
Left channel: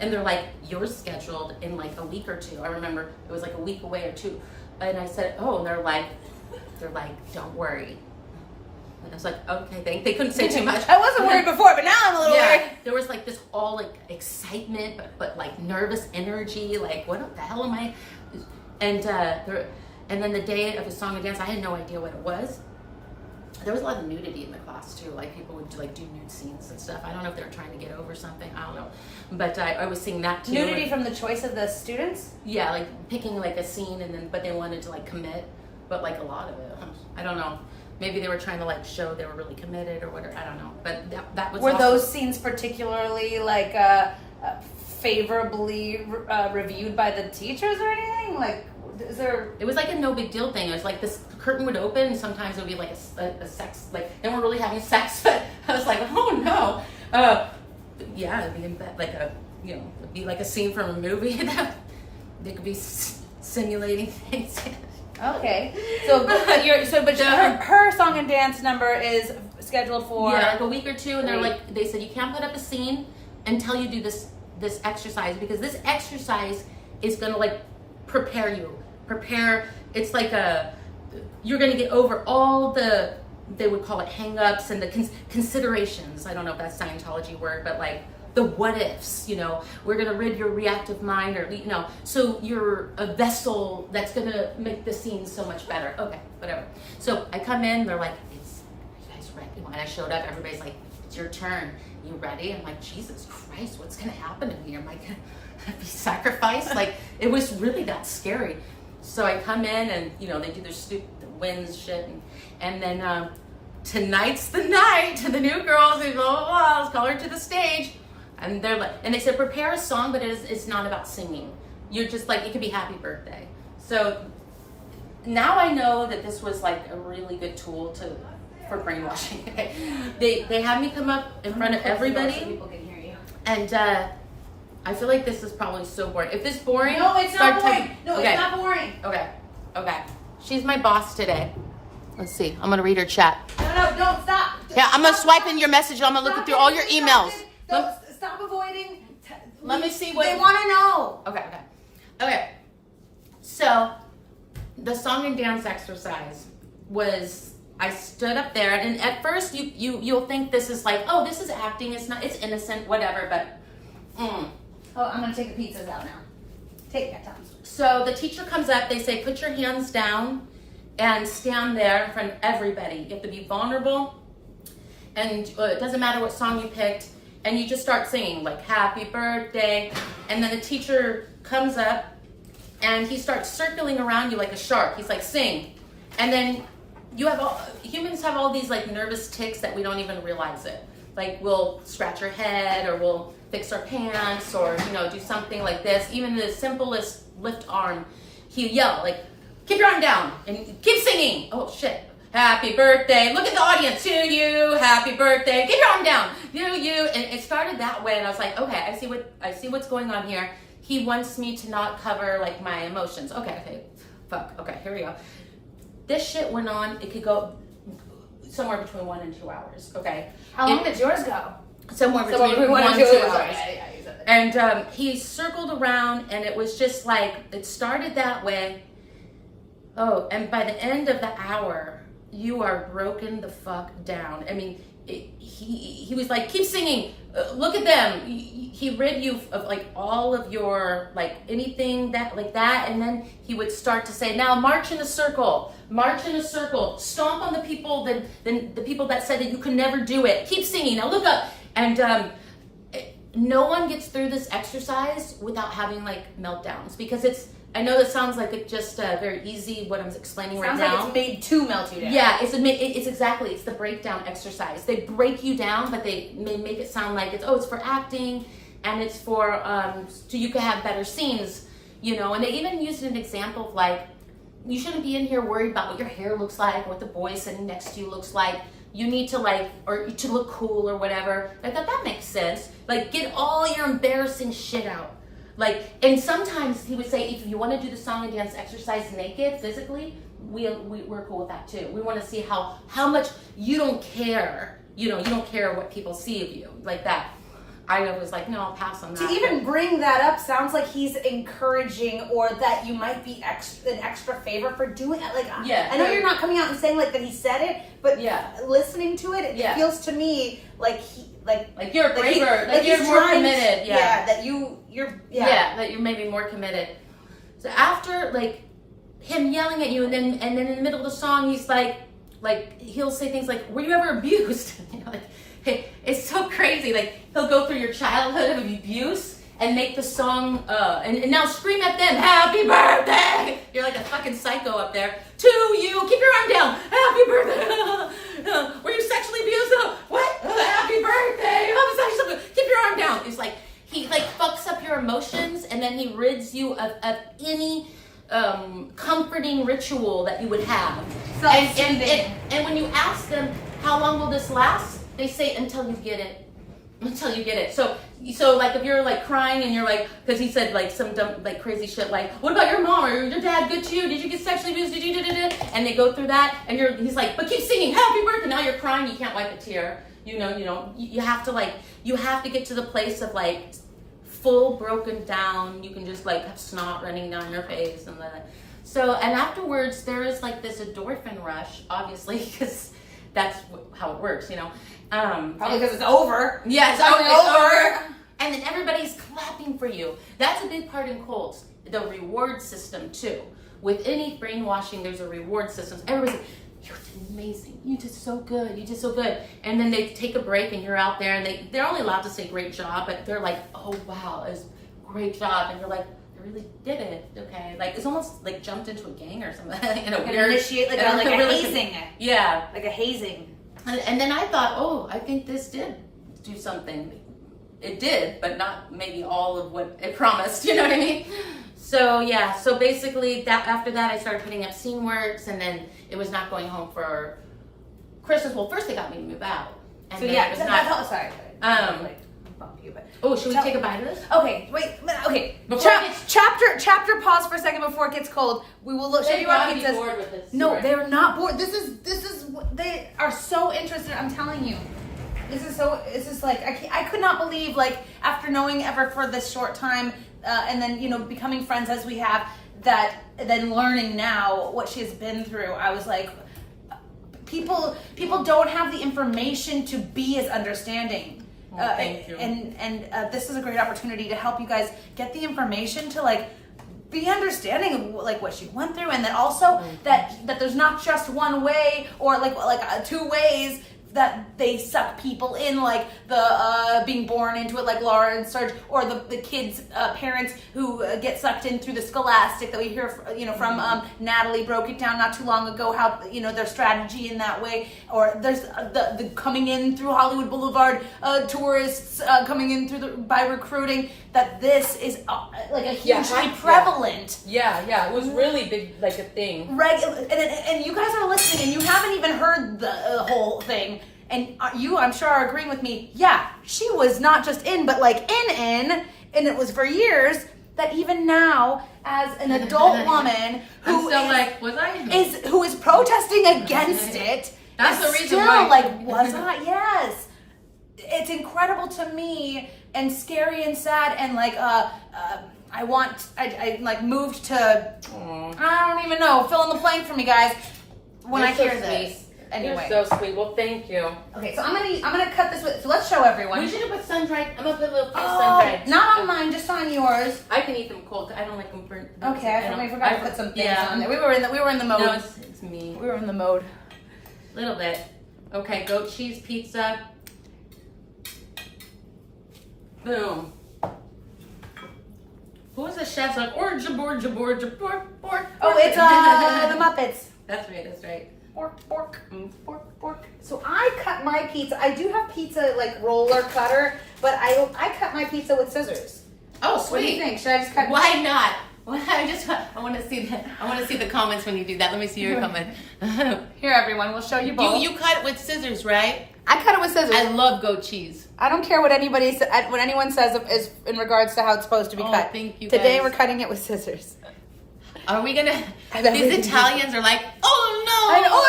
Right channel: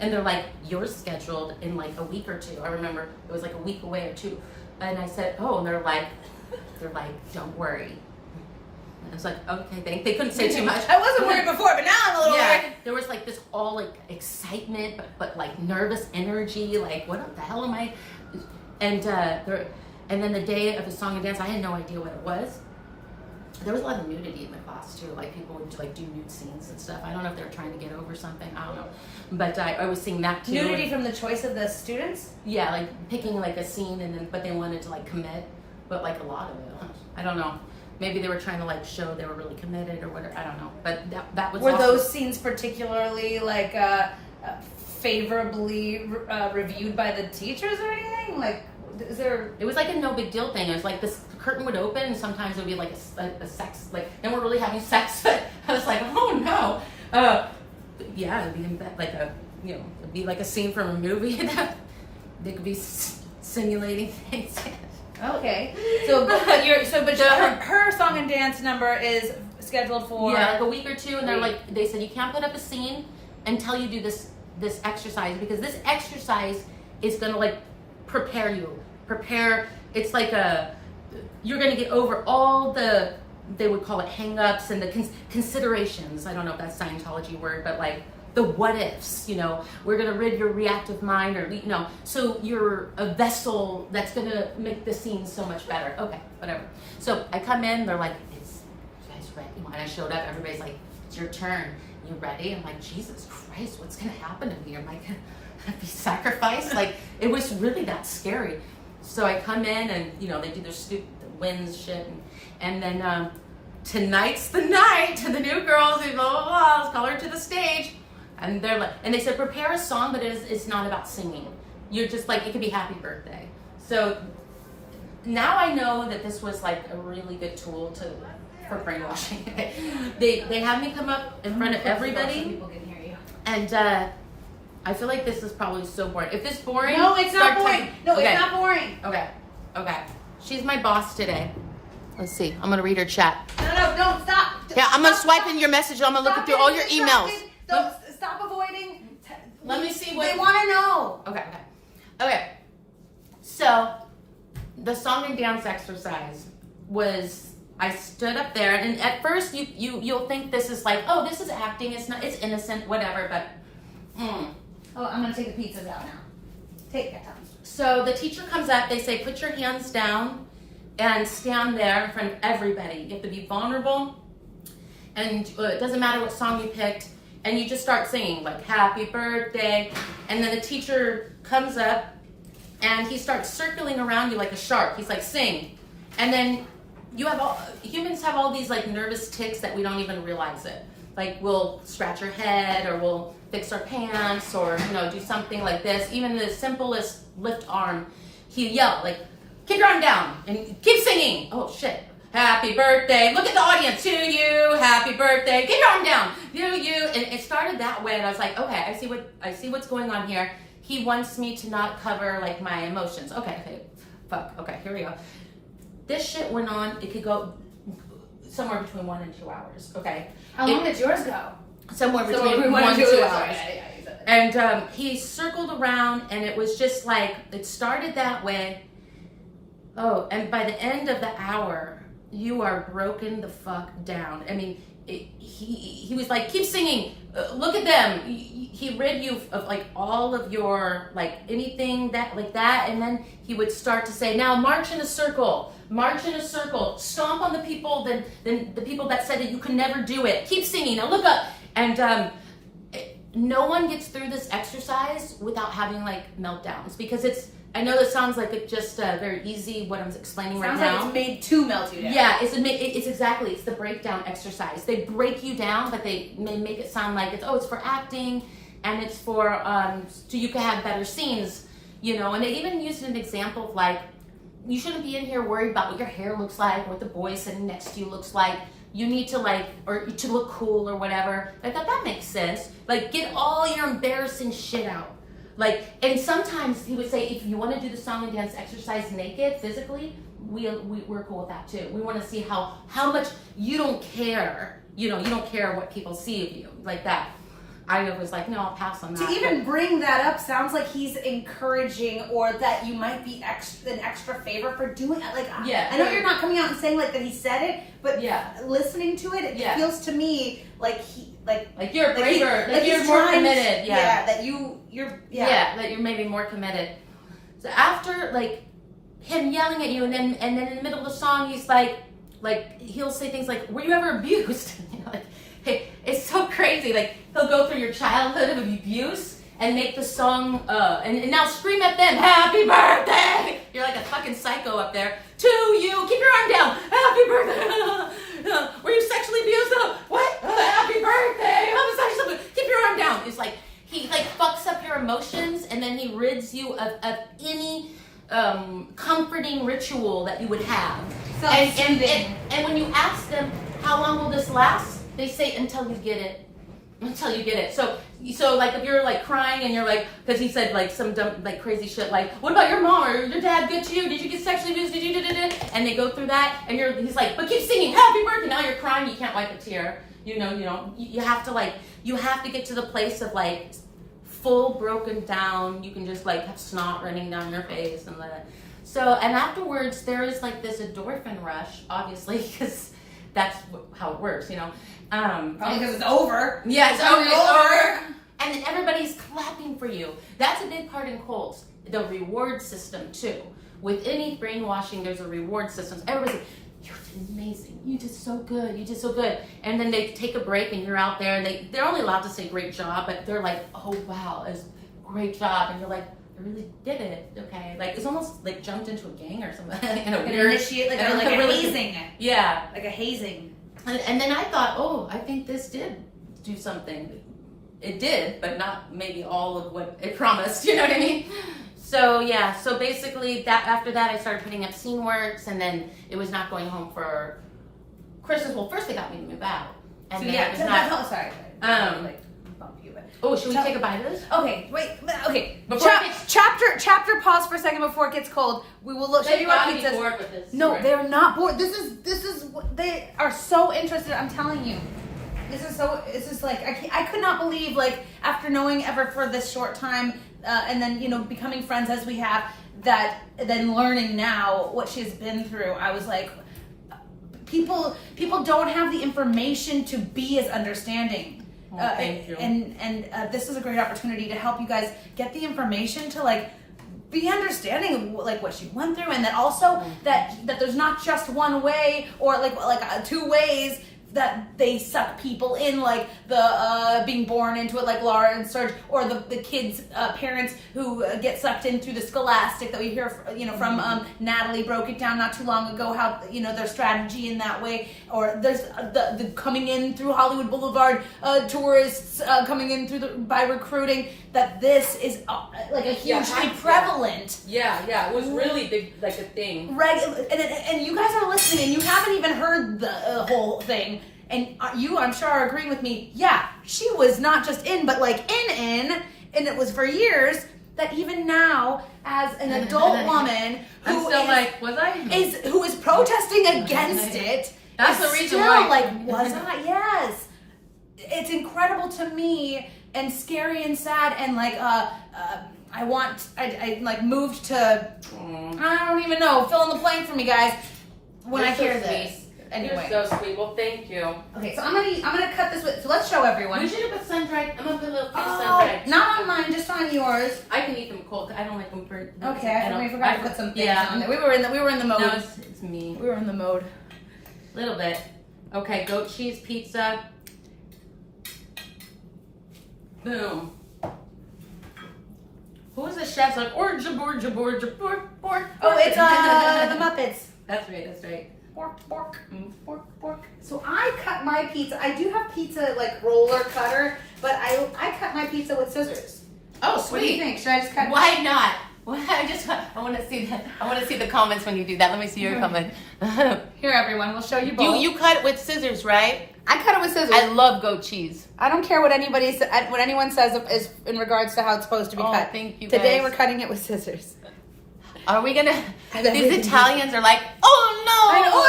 And they're like, you're scheduled in like a week or two. I remember it was like a week away or two. And I said, oh, and they're like, don't worry. And I was like, okay, they couldn't say too much. I wasn't worried before, but now I'm a little worried. There was like this all like excitement, but like nervous energy. Like, what the hell am I? And then the day of the song and dance, I had no idea what it was. There was a lot of nudity in the class too. Like people would do nude scenes and stuff. I don't know if they were trying to get over something. I don't know. But I was seeing that too. Nudity from the choice of the students? Yeah, like picking like a scene but they wanted to like commit. But like a lot of it, I don't know. Maybe they were trying to like show they were really committed or whatever. I don't know. But that was. Were those scenes particularly like favorably reviewed by the teachers or anything? Like, is there? It was like a no big deal thing. It was like this curtain would open, and sometimes it would be like a sex, like they weren't really having sex. But I was like, oh no. Yeah, it'd be it'd be like a scene from a movie that they could be simulating things. Okay, her song and dance number is scheduled for like a week or two, and they said you can't put up a scene until you do this exercise, because this exercise is gonna like prepare. It's like you're gonna get over all the, they would call it hang-ups and the considerations. I don't know if that's Scientology word, but like the what ifs, we're gonna rid your reactive mind, or so you're a vessel that's gonna make the scene so much better. Okay, whatever. So I come in, they're like, you guys ready? And I showed up, everybody's like, it's your turn. You ready? I'm like, Jesus Christ, what's gonna happen to me? Am I gonna be sacrificed? Like, it was really that scary. So I come in and they do their stupid wins shit, and then tonight's the night to the new girls, and blah blah blah. Let's call her to the stage. And they're like, and they said, prepare a song, but it's not about singing. You're just like, it could be happy birthday. So now I know that this was like a really good tool for brainwashing. They had me come up in front of everybody. So people can hear you. And I feel like this is probably so boring. If this is boring, no, it's not boring. It's not boring. Okay. She's my boss today. Let's see. I'm gonna read her chat. No, don't stop. Yeah, I'm gonna swipe in your message. I'm gonna look through all your emails. Stop avoiding. Let me see what they want to know. Okay. So the song and dance exercise was, I stood up there, and at first you'll think this is like, oh, this is acting. It's not. It's innocent, whatever. But Oh, I'm gonna take the pizzas out now. Take that time. So the teacher comes up. They say, put your hands down and stand there in front of everybody. You have to be vulnerable, and it doesn't matter what song you picked. and you just start singing like happy birthday, and then the teacher comes up and he starts circling around you like a shark. He's like, sing. And then humans have all these like nervous tics that we don't even realize it. Like we'll scratch our head, or we'll fix our pants, or do something like this. Even the simplest lift arm, he'll yell like, keep your arm down and keep singing. Oh shit. Happy birthday. Look at the audience. To you. Happy birthday. Keep your arm down. You. And it started that way, and I was like, okay, I see what's going on here. He wants me to not cover like my emotions. Okay. Fuck. Okay, here we go. This shit went on. It could go somewhere between 1 and 2 hours. Okay. How long did yours go? Somewhere between 1 and 2 hours. And he circled around, and it was just like, it started that way. Oh, and by the end of the hour, you are broken the fuck down. I mean, he was like, keep singing. Look at them. He rid you of like all of your like anything that like that, and then he would start to say, now march in a circle. March in a circle. Stomp on the people the people that said that you could never do it. Keep singing. Now look up. And no one gets through this exercise without having like meltdowns, because I know that sounds like it's just very easy what I'm explaining right now. Sounds like it's made to melt you down. Yeah, it's the breakdown exercise. They break you down, but they make it sound like it's for acting, and it's for so you can have better scenes, And they even used an example of like, you shouldn't be in here worried about what your hair looks like, or what the boy sitting next to you looks like. You need to or to look cool or whatever. I thought that makes sense. Like, get all your embarrassing shit out. Like, and sometimes he would say, if you want to do the song and dance exercise naked, physically, we're cool with that too. We want to see how much you don't care. You don't care what people see of you, like that. I was like, no, I'll pass on that. To even bring that up sounds like he's encouraging, or that you might be an extra favor for doing it. Like, yeah, I know you're not coming out and saying like that he said it, but listening to it, it feels to me like you're braver, like you're more committed. Yeah, that you're that you're maybe more committed. So after like him yelling at you, and then in the middle of the song, he's like he'll say things like, "Were you ever abused?" Hey, it's so crazy. Like, he'll go through your childhood of abuse and make the song, and now scream at them, happy birthday! You're like a fucking psycho up there. To you, keep your arm down, happy birthday! Were you sexually abused? What? Happy birthday! Homosexual, keep your arm down. It's like, he like fucks up your emotions, and then he rids you of any comforting ritual that you would have. And when you ask them, how long will this last? They say, until you get it. Until you get it. So like, if you're like crying and you're like, because he said like some dumb, like crazy shit, like, what about your mom or your dad good to you? Did you get sexually abused? Did you And they go through that, and he's like, but keep singing happy birthday. Now you're crying, you can't wipe a tear. You have to get to the place of like full broken down. You can just like have snot running down your face and that. So, and afterwards there is like this endorphin rush, obviously, because that's how it works, Probably because it's over. Yeah, it's over. And then everybody's clapping for you. That's a big part in cults. The reward system too. With any brainwashing, there's a reward system. Everybody's like, you're amazing. You did so good. You did so good. And then they take a break, and you're out there, and they're only allowed to say great job, but they're like, oh wow, it's great job. And you're like, I really did it. Okay. Like, it's almost like jumped into a gang or something. In a weird, initiate, like a really hazing. Yeah. Like a hazing. And then I thought, oh, I think this did do something. It did, but not maybe all of what it promised. You know what I mean? So yeah. So basically, after that, I started putting up scene works, and then it was not going home for Christmas. Well, first they got me to move out, and So then yeah, it was that not. sorry. Oh, should we take a bite of this? Okay, wait. Okay. Before it gets- Chapter. Pause for a second before it gets cold. We will show you our gotta be pizzas. bored with this. No, Right. they're not bored. This is they are so interested. I'm telling you. This is like I could not believe, like, after knowing Ever for this short time, and then becoming friends as we have, that then learning now what she has been through. I was like, people don't have the information to be as understanding. Thank you. And this is a great opportunity to help you guys get the information to like be understanding of like what she went through, and that also that there's not just one way or like two ways that they suck people in, like the being born into it, like Laura and Serge, or the kids' parents who get sucked in through the Scholastic that we hear, from Natalie broke it down not too long ago, how their strategy in that way, or there's the coming in through Hollywood Boulevard, tourists coming in by recruiting. That this is like a hugely prevalent. Yeah, it was really big, like a thing. Right, and you guys are listening, and you haven't even heard the whole thing, and you, I'm sure, are agreeing with me. Yeah, she was not just in, but like in, and it was for years. That even now, as an adult woman who who is protesting against it, that's is the reason still why. Like, was I? Yes, it's incredible to me, and scary and sad, and like I like moved to, I don't even know, fill in the blank for me, guys, when I hear this. Anyway. You're so sweet. Well, thank you. Okay, so I'm gonna cut this. So let's show everyone. We should do put sun-dried. I'm gonna put a little sun-dried. Not on mine, just on yours. I can eat them cold. I don't like them burnt. Okay, we forgot to put some things on there. We were in the mode. No, it's me. We were in the mode. Little bit. Okay, goat cheese pizza. Boom. Who was the chef's like, orja. Oh, it's the Muppets. That's right. Pork. So I cut my pizza. I do have pizza like roller cutter, but I cut my pizza with scissors. Oh, What do you sweet. think? Should I just cut? Why not? I want to see that. I want to see the comments when you do that. Let me see your comment. Here, everyone, we'll show you both. You cut with scissors, right? I cut it with scissors. I love goat cheese. I don't care what anyone says is in regards to how it's supposed to be cut. Thank you, Today guys. we're cutting it with scissors. Are we gonna? These Italians are like, oh no! I know.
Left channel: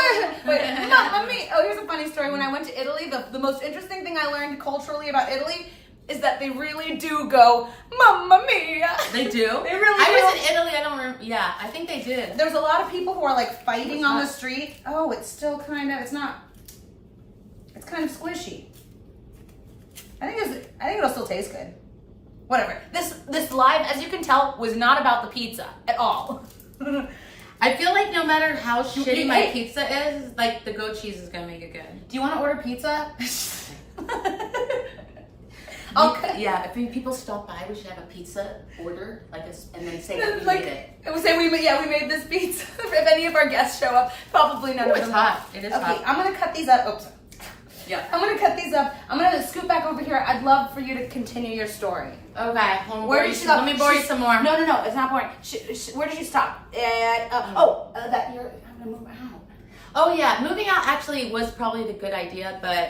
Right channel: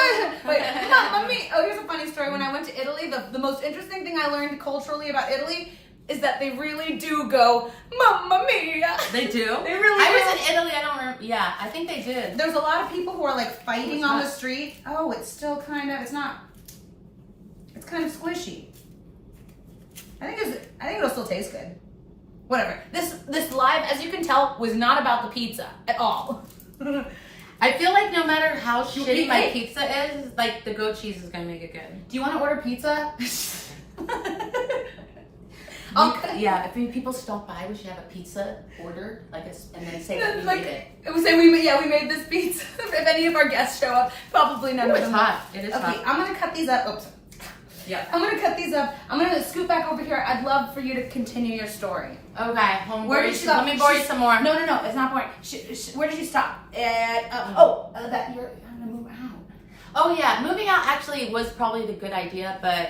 Wait, Mamma Mia. Oh, here's a funny story. When I went to Italy, the most interesting thing I learned culturally about Italy is that they really do go, Mamma Mia. They do? They really I do. was in Italy, I don't remember. Yeah, I think they did. There's a lot of people who are like fighting What's on that? the street. Oh, it's still kind of, it's kind of squishy. I think it'll still taste good. Whatever. This live, as you can tell, was not about the pizza at all. I feel like no matter how shitty my Hey. pizza is, like the goat cheese is gonna make it good. Do you want to order pizza? Yeah, if people stop by, we should have a pizza order, and then say that we made it. We say we made this pizza. If any of our guests show up, probably none of It's them. hot. It is Okay, hot. I'm gonna cut these up. Oops. Yeah. I'm gonna cut these up. I'm gonna scoot back over here. I'd love for you to continue your story. Okay, Where did you let me borrow you some more. No, it's not boring. Where did you stop? At that you're. I'm gonna move out. Oh yeah, moving out actually was probably the good idea, but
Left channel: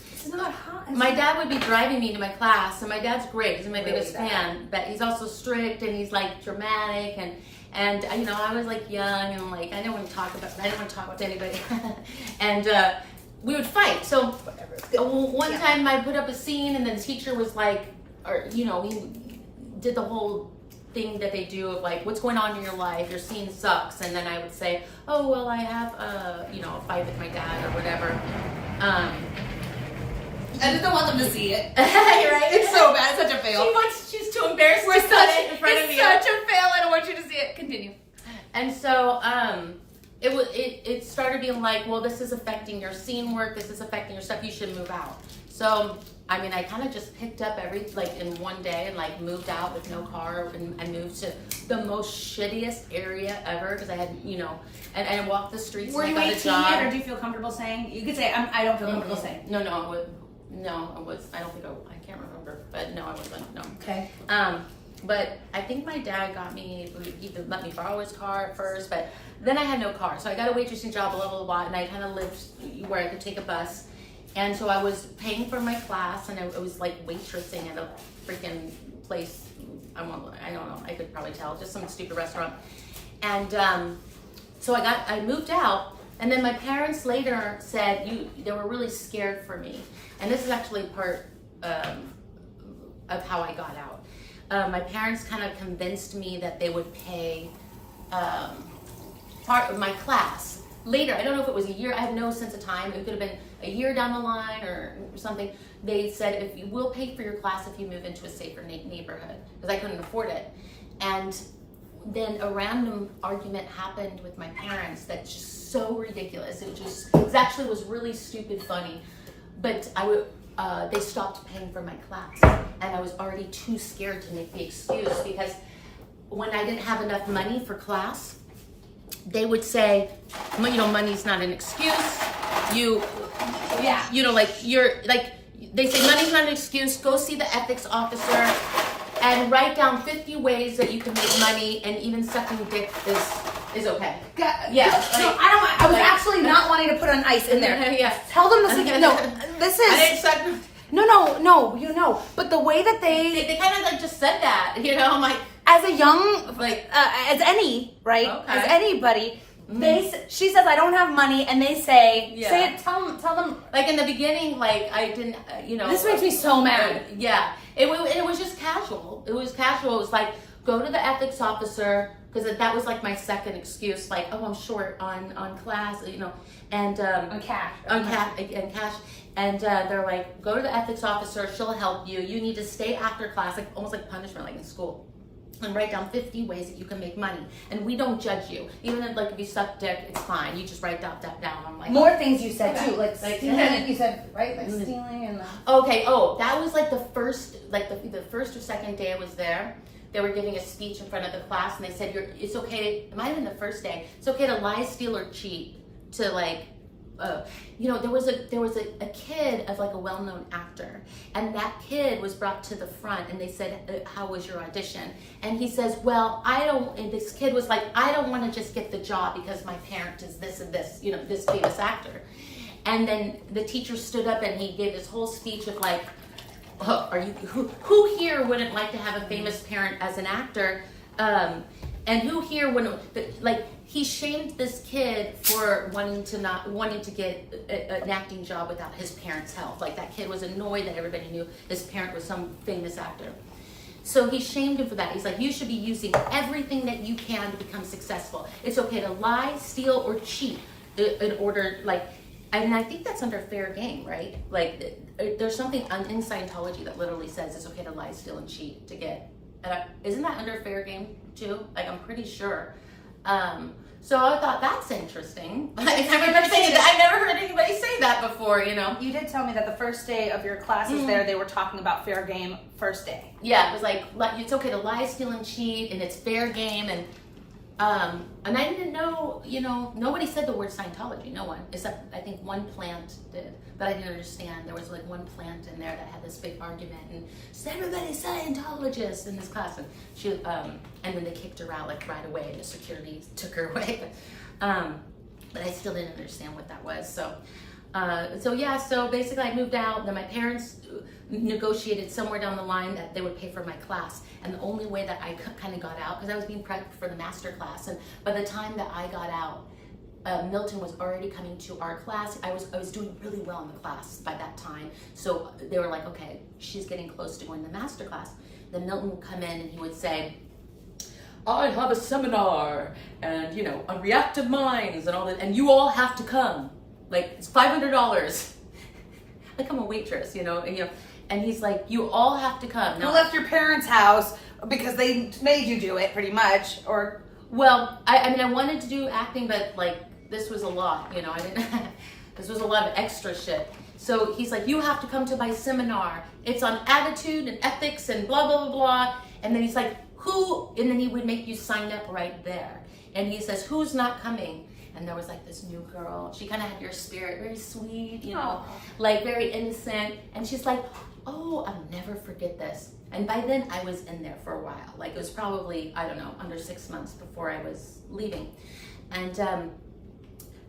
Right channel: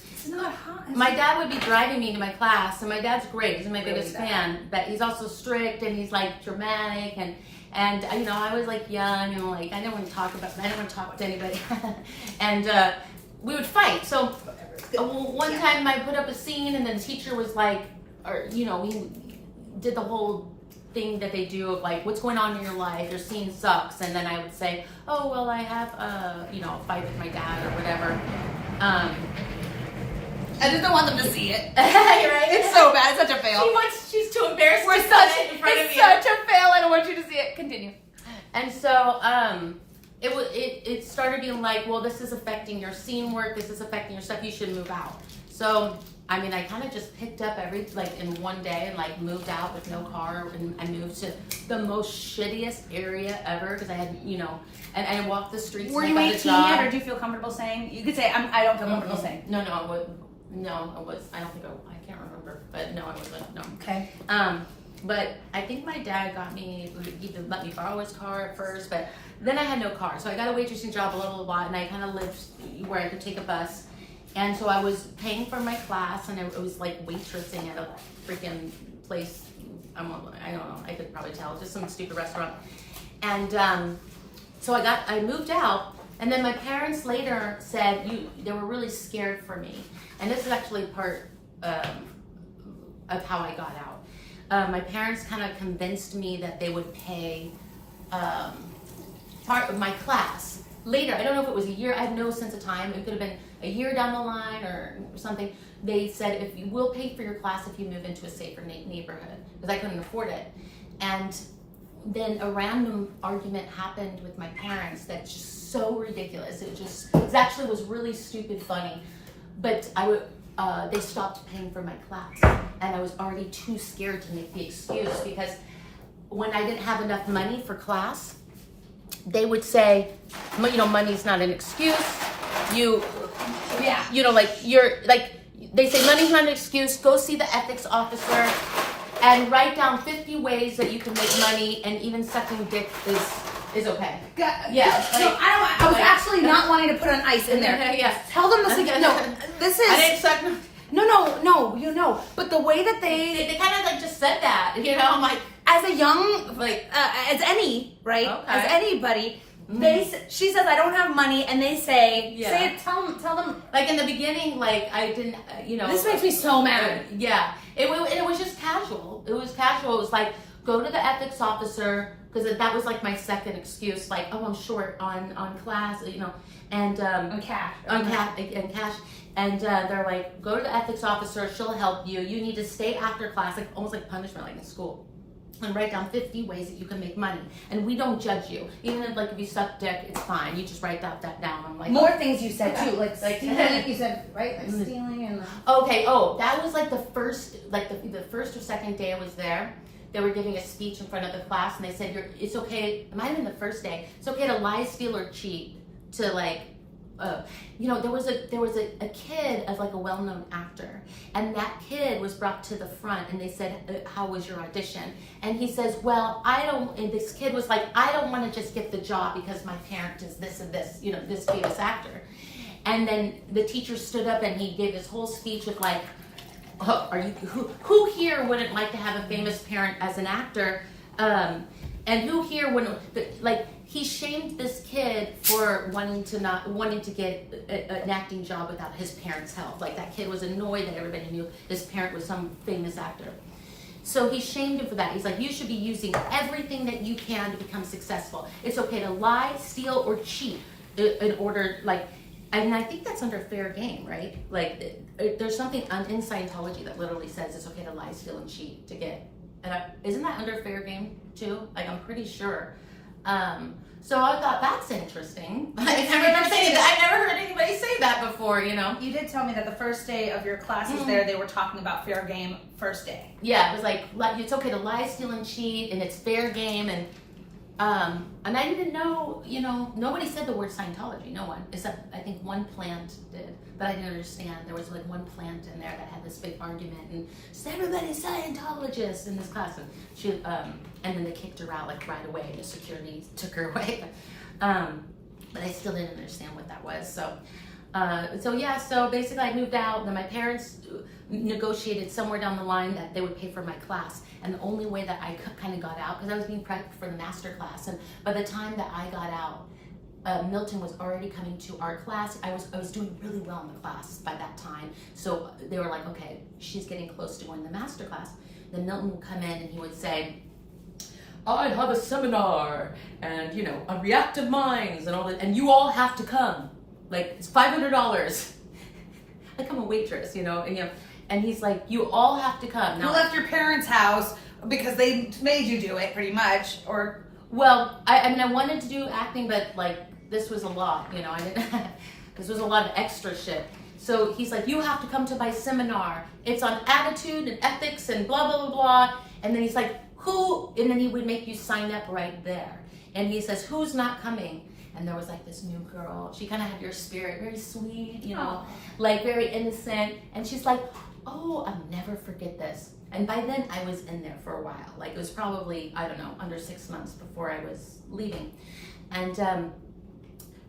It's not hot. my dad would be driving me to my class, and my dad's great. He's my biggest bad. fan, but he's also strict and he's like dramatic and I was like young and like I didn't want to talk to anybody, and we would fight. So one time I put up a scene, and then the teacher was like, we did the whole thing that they do of like, what's going on in your life? Your scene sucks, and then I would say, oh well, I have a fight with my dad or whatever. I just don't want them to see it. Right? It's so bad. It's such a fail. She's too embarrassed to cut it in front of you. It's such a fail. I don't want you to see it. Continue. And so it started being like, well, this is affecting your scene work. This is affecting your stuff. You should move out. So I kind of just picked up in one day and like moved out with no car, and I moved to the most shittiest area ever because I had and I walked the streets Were and you I got a job. 18, or do you feel comfortable saying? You could say I don't feel comfortable saying. No, I would. No, I was. I don't think I can't remember, but no, I wasn't. No. Okay. But I think my dad got me. He let me borrow his car at first, but then I had no car, so I got a waitressing job a little while, and I kind of lived where I could take a bus, and so I was paying for my class, and I was like waitressing at a freaking place. I don't know. I could probably tell, just some stupid restaurant, and so I moved out. And then my parents later said they were really scared for me. And this is actually part of how I got out. My parents kind of convinced me that they would pay part of my class later. I don't know if it was a year. I have no sense of time. It could have been a year down the line or something. They said, if you will pay for your class if you move into a safer neighborhood, because I couldn't afford it. And then a random argument happened with my parents that's just so ridiculous. It actually was really stupid funny. But they stopped paying for my class, and I was already too scared to make the excuse, because when I didn't have enough money for class, they would say, money's not an excuse. They say money's not an excuse. Go see the ethics officer and write down 50 ways that you can make money, and even sucking dick is okay. Yeah. I was actually not wanting to put on ice in there. Yeah. Tell them this again. No, this is. I didn't suck. No. But the way that They kind of like just said that, I'm like, as a young, like, as any, right? Okay. As anybody, she says, I don't have money, and they say, Yeah. say it, tell them. like in the beginning, like I didn't, This makes me so mad. Yeah, it was just casual. It was casual. It was like, go to the ethics officer, because that was like my second excuse. Like, oh, I'm short on class, and On cash. and cash. And they're like, go to the ethics officer. She'll help you. You need to stay after class, like almost like punishment, like in school, and write down 50 ways that you can make money. And we don't judge you. Even if you suck dick, it's fine. You just write that down. I'm like, More things you said too, like Like- stealing. You said right, like stealing and. okay. Oh, that was like the first or second day I was there. They were giving a speech in front of the class, and they said, it's okay. It might have been the first day. It's okay to lie, steal, or cheat. To like, there was a kid of like a well-known actor, and that kid was brought to the front, and they said, how was your audition? And he says, well, and this kid was like, I don't want to just get the job because my parent is this and this, this famous actor. And then the teacher stood up, and he gave this whole speech of like, who here wouldn't like to have a famous parent as an actor? And who here wouldn't, like, he shamed this kid for wanting to get an acting job without his parents' help. Like, that kid was annoyed that everybody knew his parent was some famous actor. So he shamed him for that. He's like, you should be using everything that you can to become successful. It's okay to lie, steal, or cheat in order, like, and I think that's under fair game, right? Like, there's something in Scientology that literally says it's okay to lie, steal, and cheat to get. Isn't that under fair game too? Like, I'm pretty sure. So I thought that's interesting. Like, I remember saying that. I've never heard anybody say that before. You did tell me that the first day of your classes there, they were talking about fair game first day. Yeah, it was like, it's okay to lie, steal, and cheat, and it's fair game, and I didn't know, nobody said the word Scientology, no one, except I think one plant did, but I didn't understand. There was like one plant in there that had this big argument, and said, everybody's Scientologist in this class, and she, and then they kicked her out like right away, and the security took her away, but I still didn't understand what that was, so basically I moved out, then my parents negotiated somewhere down the line that they would pay for my class, and the only way that I kind of got out, because I was being prepped for the master class, and by the time that I got out, Milton was already coming to our class. I was doing really well in the class by that time, so they were like, okay, she's getting close to going to the master class. Then Milton would come in and he would say, I have a seminar, and on reactive minds and all that, and you all have to come. Like, it's $500. Like, I'm a waitress, and he's like, you all have to come. You left your parents' house because they made you do it, pretty much, or... Well, I wanted to do acting, but, like, this was a lot, I didn't... This was a lot of extra shit. So he's like, you have to come to my seminar. It's on attitude and ethics and blah, blah, blah, blah. And then he's like, who? And then he would make you sign up right there. And he says, who's not coming? And there was like this new girl. She kind of had your spirit, very sweet, like very innocent. And she's like, oh, I'll never forget this. And by then I was in there for a while. Like, it was probably, I don't know, under 6 months before I was leaving. And,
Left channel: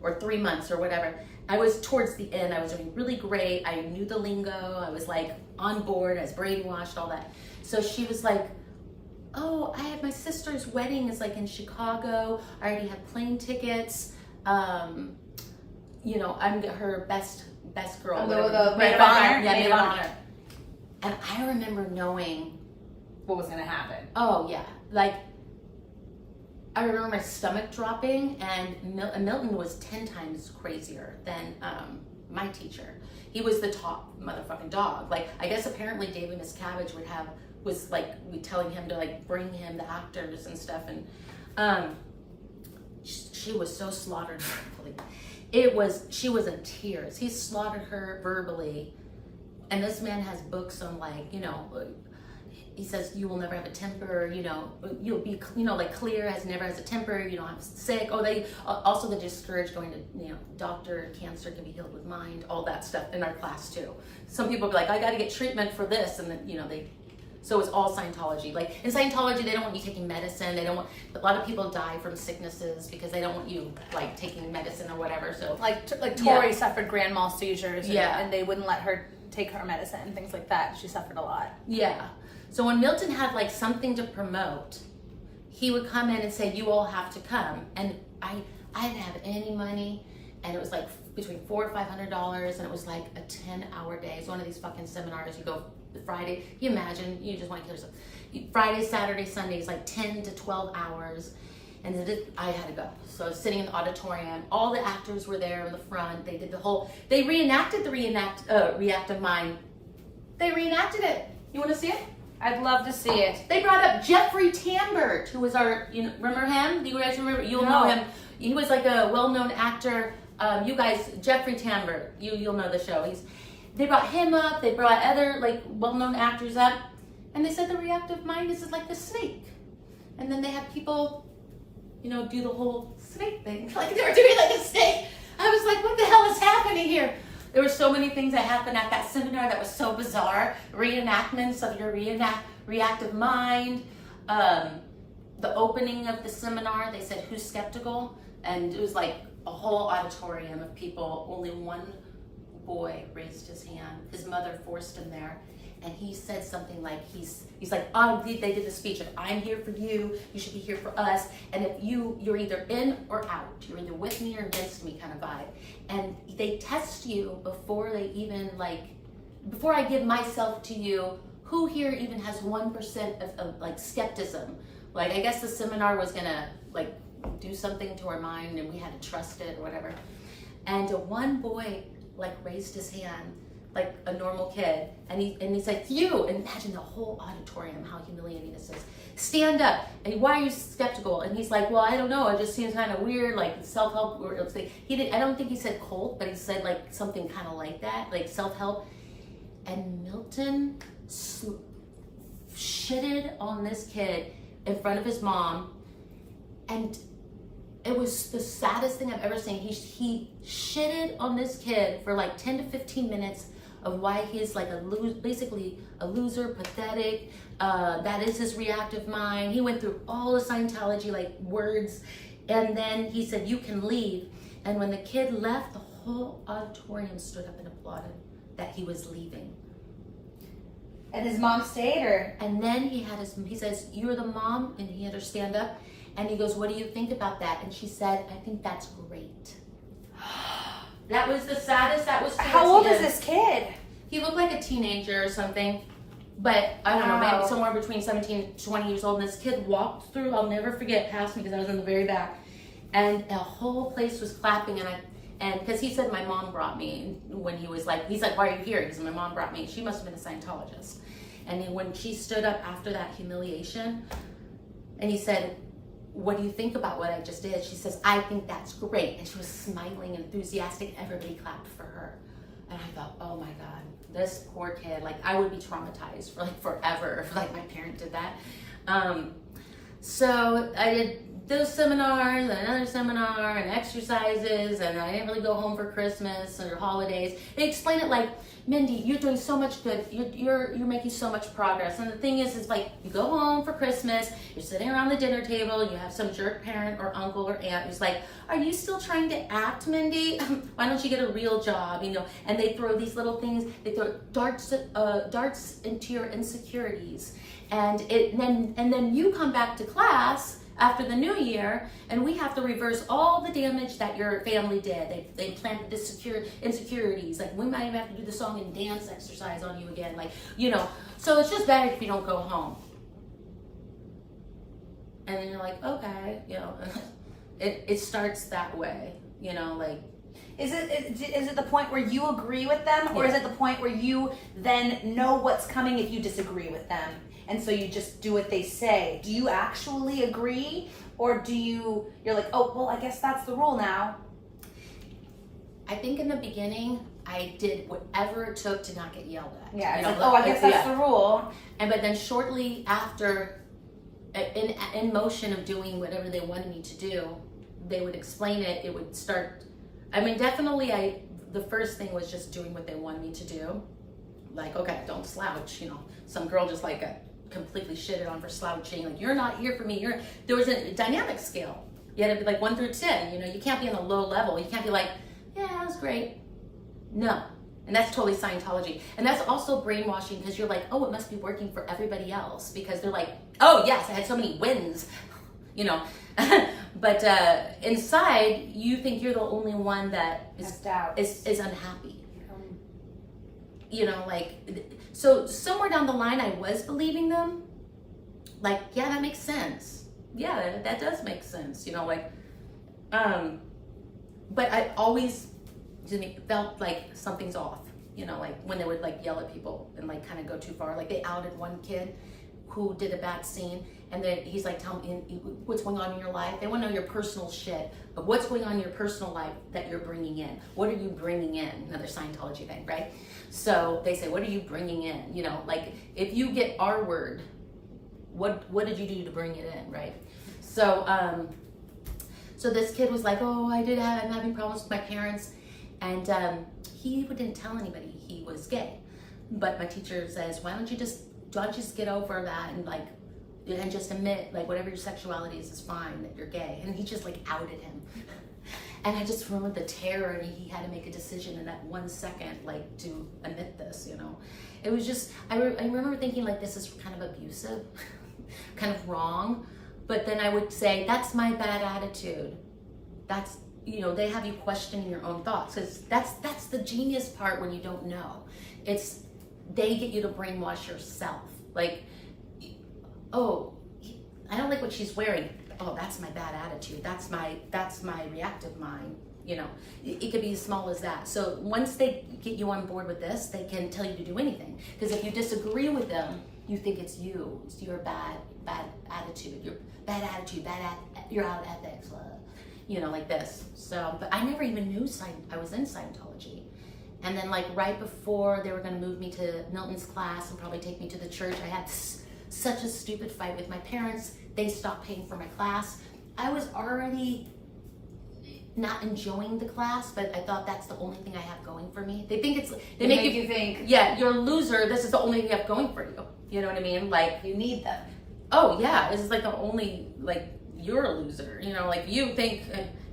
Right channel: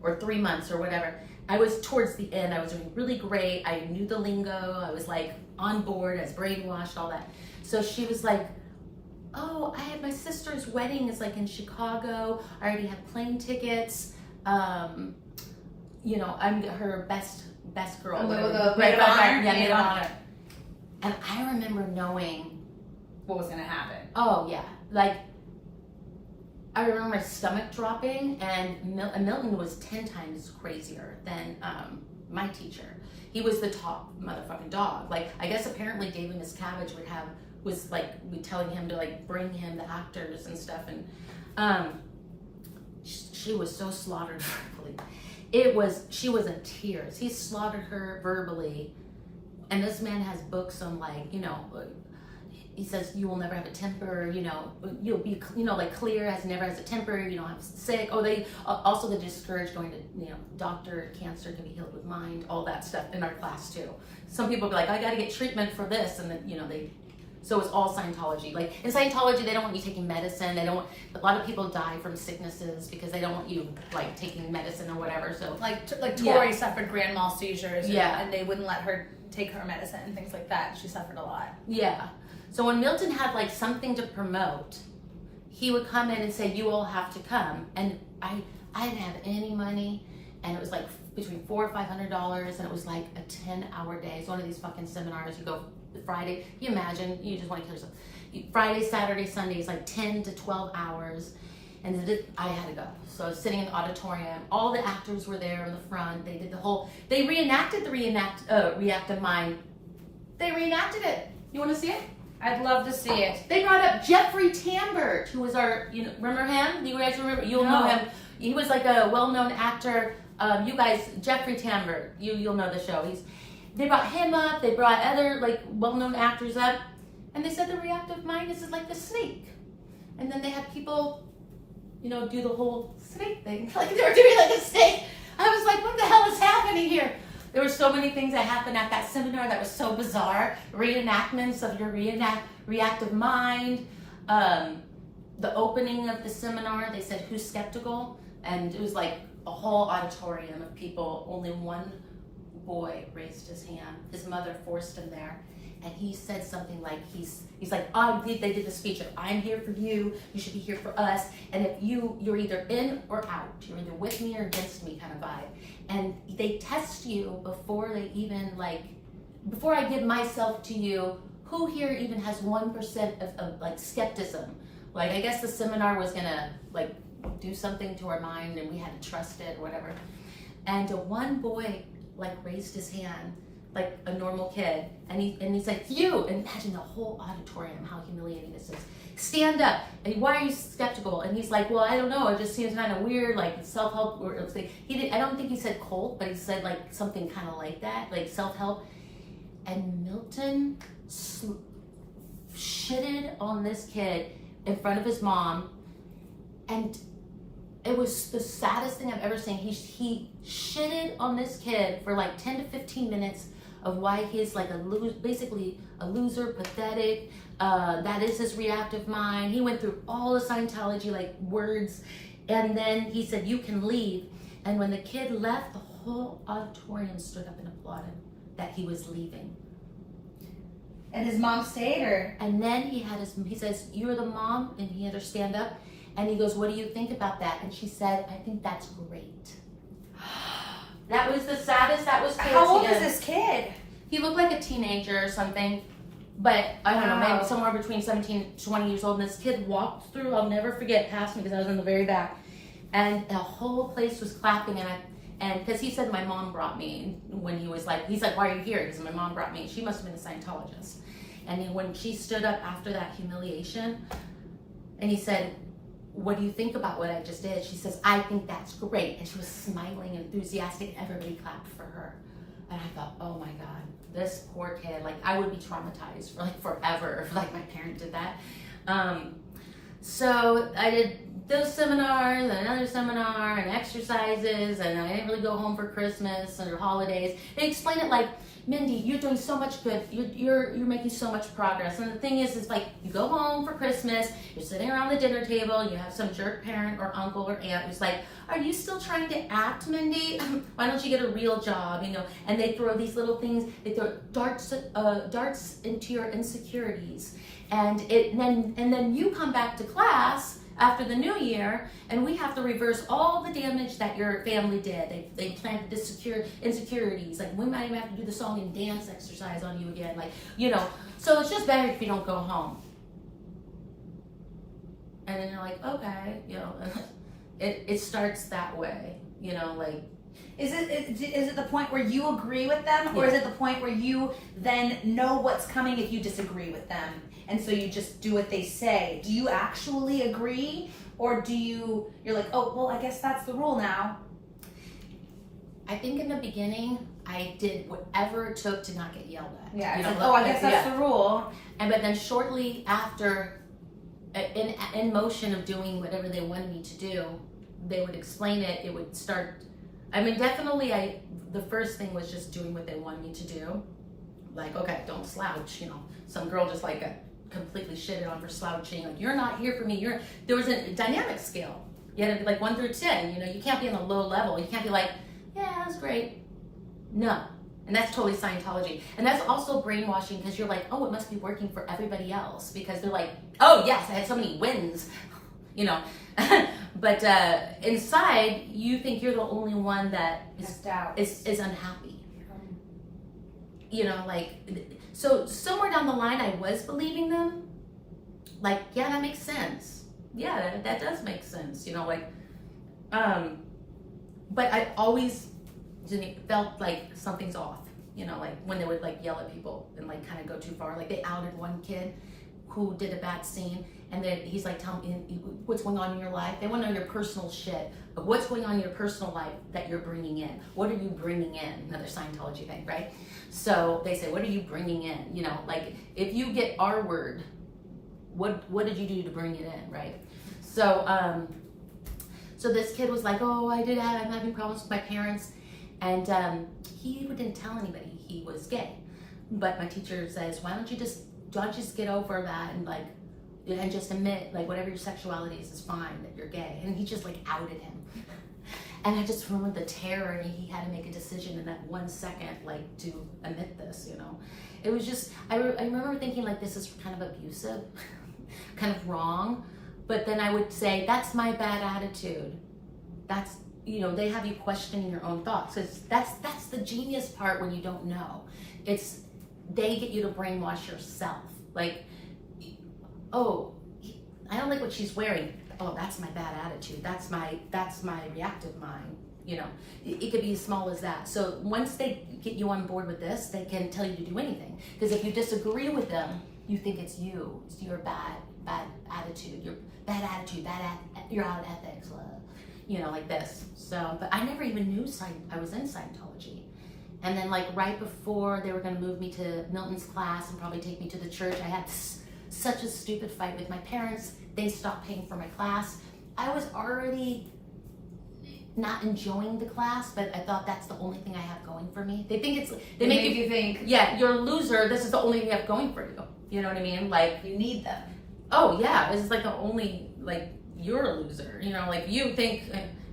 or 3 months or whatever. I was towards the end. I was doing really great. I knew the lingo. I was like on board. I was brainwashed, all that. So she was like, oh, I had my sister's wedding is like in Chicago. I already have plane tickets. I'm her best girl. Oh, whatever. maid of honor? Yeah, maid of honor. And I remember knowing what was going to happen. Oh yeah, like I remember my stomach dropping, and Milton was 10 times crazier than my teacher. He was the top motherfucking dog. Like, I guess apparently David Miscavige would have was like telling him to like bring him the actors and stuff, and she was so slaughtered verbally. She was in tears. He slaughtered her verbally, and this man has books on like, you know, he says you will never have a temper, you know, you'll be, you know, like clear never has a temper, you don't have sick. Oh, they also they discourage going to, you know, doctor. Cancer can be healed with mind, all that stuff in our class too. Some people be like, I got to get treatment for this, and then, you know, so it's all Scientology. Like in Scientology, they don't want you taking medicine. They don't want, a lot of people die from sicknesses because they don't want you like taking medicine or whatever. So like Tori suffered grand mal seizures, Yeah. and they wouldn't let her take her medicine and things like that. She suffered a lot. Yeah. So when Milton had like something to promote, he would come in and say, you all have to come. And I didn't have any money, and it was like between $400 or $500, and it was like a 10-hour day. It's one of these fucking seminars. You go Friday, you imagine, you just want to kill yourself. Friday, Saturday, Sunday is like 10 to 12 hours. And I had to go. So I was sitting in the auditorium. All the actors were there in the front. They did they reenacted the reactive mind. They reenacted it. You want to see it? I'd love to see it. They brought up Jeffrey Tambert, who was our, you know, remember him? Do you guys remember? You'll know him. He was like a well-known actor. You guys, Jeffrey Tambert, you'll know the show. They brought him up. They brought other like well-known actors up, and they said the reactive mind is like the snake. And then they had people, you know, do the whole snake thing, like they were doing like a snake. I was like, what the hell is happening here? There were so many things that happened at that seminar that was so bizarre. Reenactments of your reactive mind. The opening of the seminar, they said, who's skeptical? And it was like a whole auditorium of people. Only one boy raised his hand. His mother forced him there. And he said something like, he's like, they did the speech of, I'm here for you, you should be here for us, and if you're either in or out, you're either with me or against me kind of vibe. And they test you before they even before I give myself to you, who here even has 1% of like skepticism? Like, I guess the seminar was gonna like do something to our mind and we had to trust it or whatever. And one boy like raised his hand, like a normal kid, and he's like, you, and imagine the whole auditorium, how humiliating this is. Stand up, and why are you skeptical? And he's like, well, I don't know, it just seems kind of weird, like self-help, or I don't think he said cult, but he said like something kind of like that, like self-help. And Milton shitted on this kid in front of his mom, and it was the saddest thing I've ever seen. He shitted on this kid for like 10 to 15 minutes of why he's like basically a loser, pathetic. That is his reactive mind. He went through all the Scientology like words, and then he said, you can leave. And when the kid left, the whole auditorium stood up and applauded that he was leaving. And his mom stayed, or? And then he says, you're the mom, and he had her stand up. And he goes, what do you think about that? And she said, I think that's great. That was the saddest. That was How old is this kid? He looked like a teenager or something. But I don't know, maybe somewhere between 17 and 20 years old. And this kid walked through, I'll never forget, past me because I was in the very back. And the whole place was clapping. And because he said, my mom brought me. When he's like, why are you here? He said, my mom brought me. She must have been a Scientologist. And then when she stood up after that humiliation, and he said, what do you think about what I just did? She says, I think that's great. And she was smiling and enthusiastic. Everybody clapped for her. And I thought, oh my God, this poor kid, like I would be traumatized for like forever if like my parent did that. So I did those seminars and another seminar and exercises, and I didn't really go home for Christmas or holidays. They explain it like, Mindy, you're doing so much good. You're making so much progress. And the thing is like you go home for Christmas, you're sitting around the dinner table, you have some jerk parent or uncle or aunt who's like, are you still trying to act, Mindy? Why don't you get a real job? You know, and they throw these little things, they throw darts into your insecurities. And then you come back to class after the new year, and we have to reverse all the damage that your family did. They planted the insecurities. Like we might even have to do the song and dance exercise on you again. Like, you know, so it's just better if you don't go home. And then you're like, okay, you know, it starts that way, you know, like. Is it the point where you agree with them, or is it the point where you then know what's coming if you disagree with them? and so you just do what they say. Do you actually agree, or you're like, oh, well, I guess that's the rule now? I think in the beginning, I did whatever it took to not get yelled at. Yeah, you it's know, like, oh, I guess that's the rule. But then shortly after, in motion of doing whatever they wanted me to do, they would explain it. It would start. I mean, definitely, the first thing was just doing what they wanted me to do. Like, okay, don't slouch. You know, some girl just like got completely shitted on for slouching. Like, you're not here for me. There was a dynamic scale. You had to be like 1 through 10. You know, you can't be on the low level. You can't be like, yeah, that was great. No. And that's totally Scientology. And that's also brainwashing, because you're like, oh, it must be working for everybody else, because they're like, oh yes, I had so many wins, you know. But inside, you think you're the only one that is unhappy. You know, like, so somewhere down the line, I was believing them. Like, yeah, that makes sense. Yeah, that does make sense. You know, like, but I always felt like something's off, you know, like when they would like yell at people and like kind of go too far. Like they outed one kid who did a bad scene, and then he's like, tell me what's going on in your life. They want to know your personal shit, but what's going on in your personal life that you're bringing in? What are you bringing in? Another Scientology thing, right? So they say, what are you bringing in? You know, like if you get our word, what did you do to bring it in, right? So so this kid was like, oh, I'm having problems with my parents. And he didn't tell anybody he was gay. But my teacher says, why don't you just get over that and just admit, like, whatever your sexuality is fine, that you're gay. And he just like outed him. And I just remember the terror, and he had to make a decision in that 1 second, like, to admit this, you know. It was just, I remember thinking, like, this is kind of abusive, kind of wrong. But then I would say, that's my bad attitude. That's, you know, they have you questioning your own thoughts, because that's the genius part when you don't know. It's, they get you to brainwash yourself. Like, oh, I don't like what she's wearing. Oh, that's my bad attitude. That's my reactive mind. You know, it could be as small as that. So once they get you on board with this, they can tell you to do anything. Because if you disagree with them, you think it's you. It's your bad attitude. Your bad attitude. You're out of ethics. You know, like this. So, but I never even knew I was in Scientology. And then, like, right before they were going to move me to Milton's class and probably take me to the church, I had such a stupid fight with my parents. They stopped paying for my class. I was already not enjoying the class, but I thought that's the only thing I have going for me. They think they make you think, yeah, you're a loser. This is the only thing you have going for you. You know what I mean? Like, you need them. Oh yeah, it's like the only, like, you're a loser. You know, like, you think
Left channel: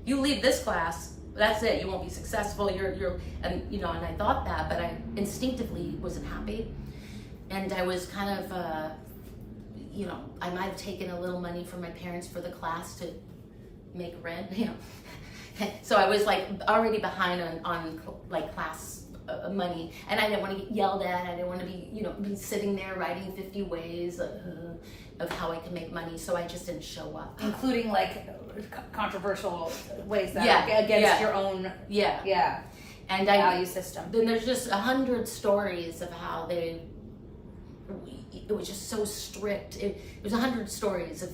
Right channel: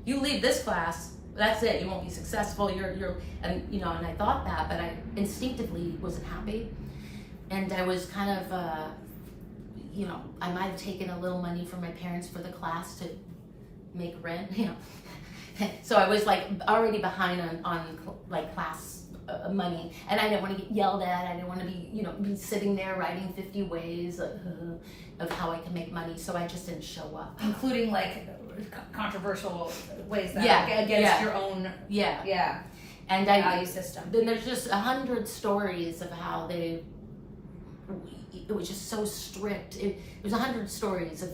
you leave this class, that's it. You won't be successful. And you know, and I thought that, but I instinctively wasn't happy, and I was kind of, you know, I might have taken a little money from my parents for the class to make rent. You know, so I was like already behind on like class money, and I didn't want to get yelled at. I didn't want to be sitting there writing 50 ways of how I can make money. So I just didn't show up, including like controversial ways that against your own and value system. Then there's just 100 stories of how it was just so strict. It was 100 stories of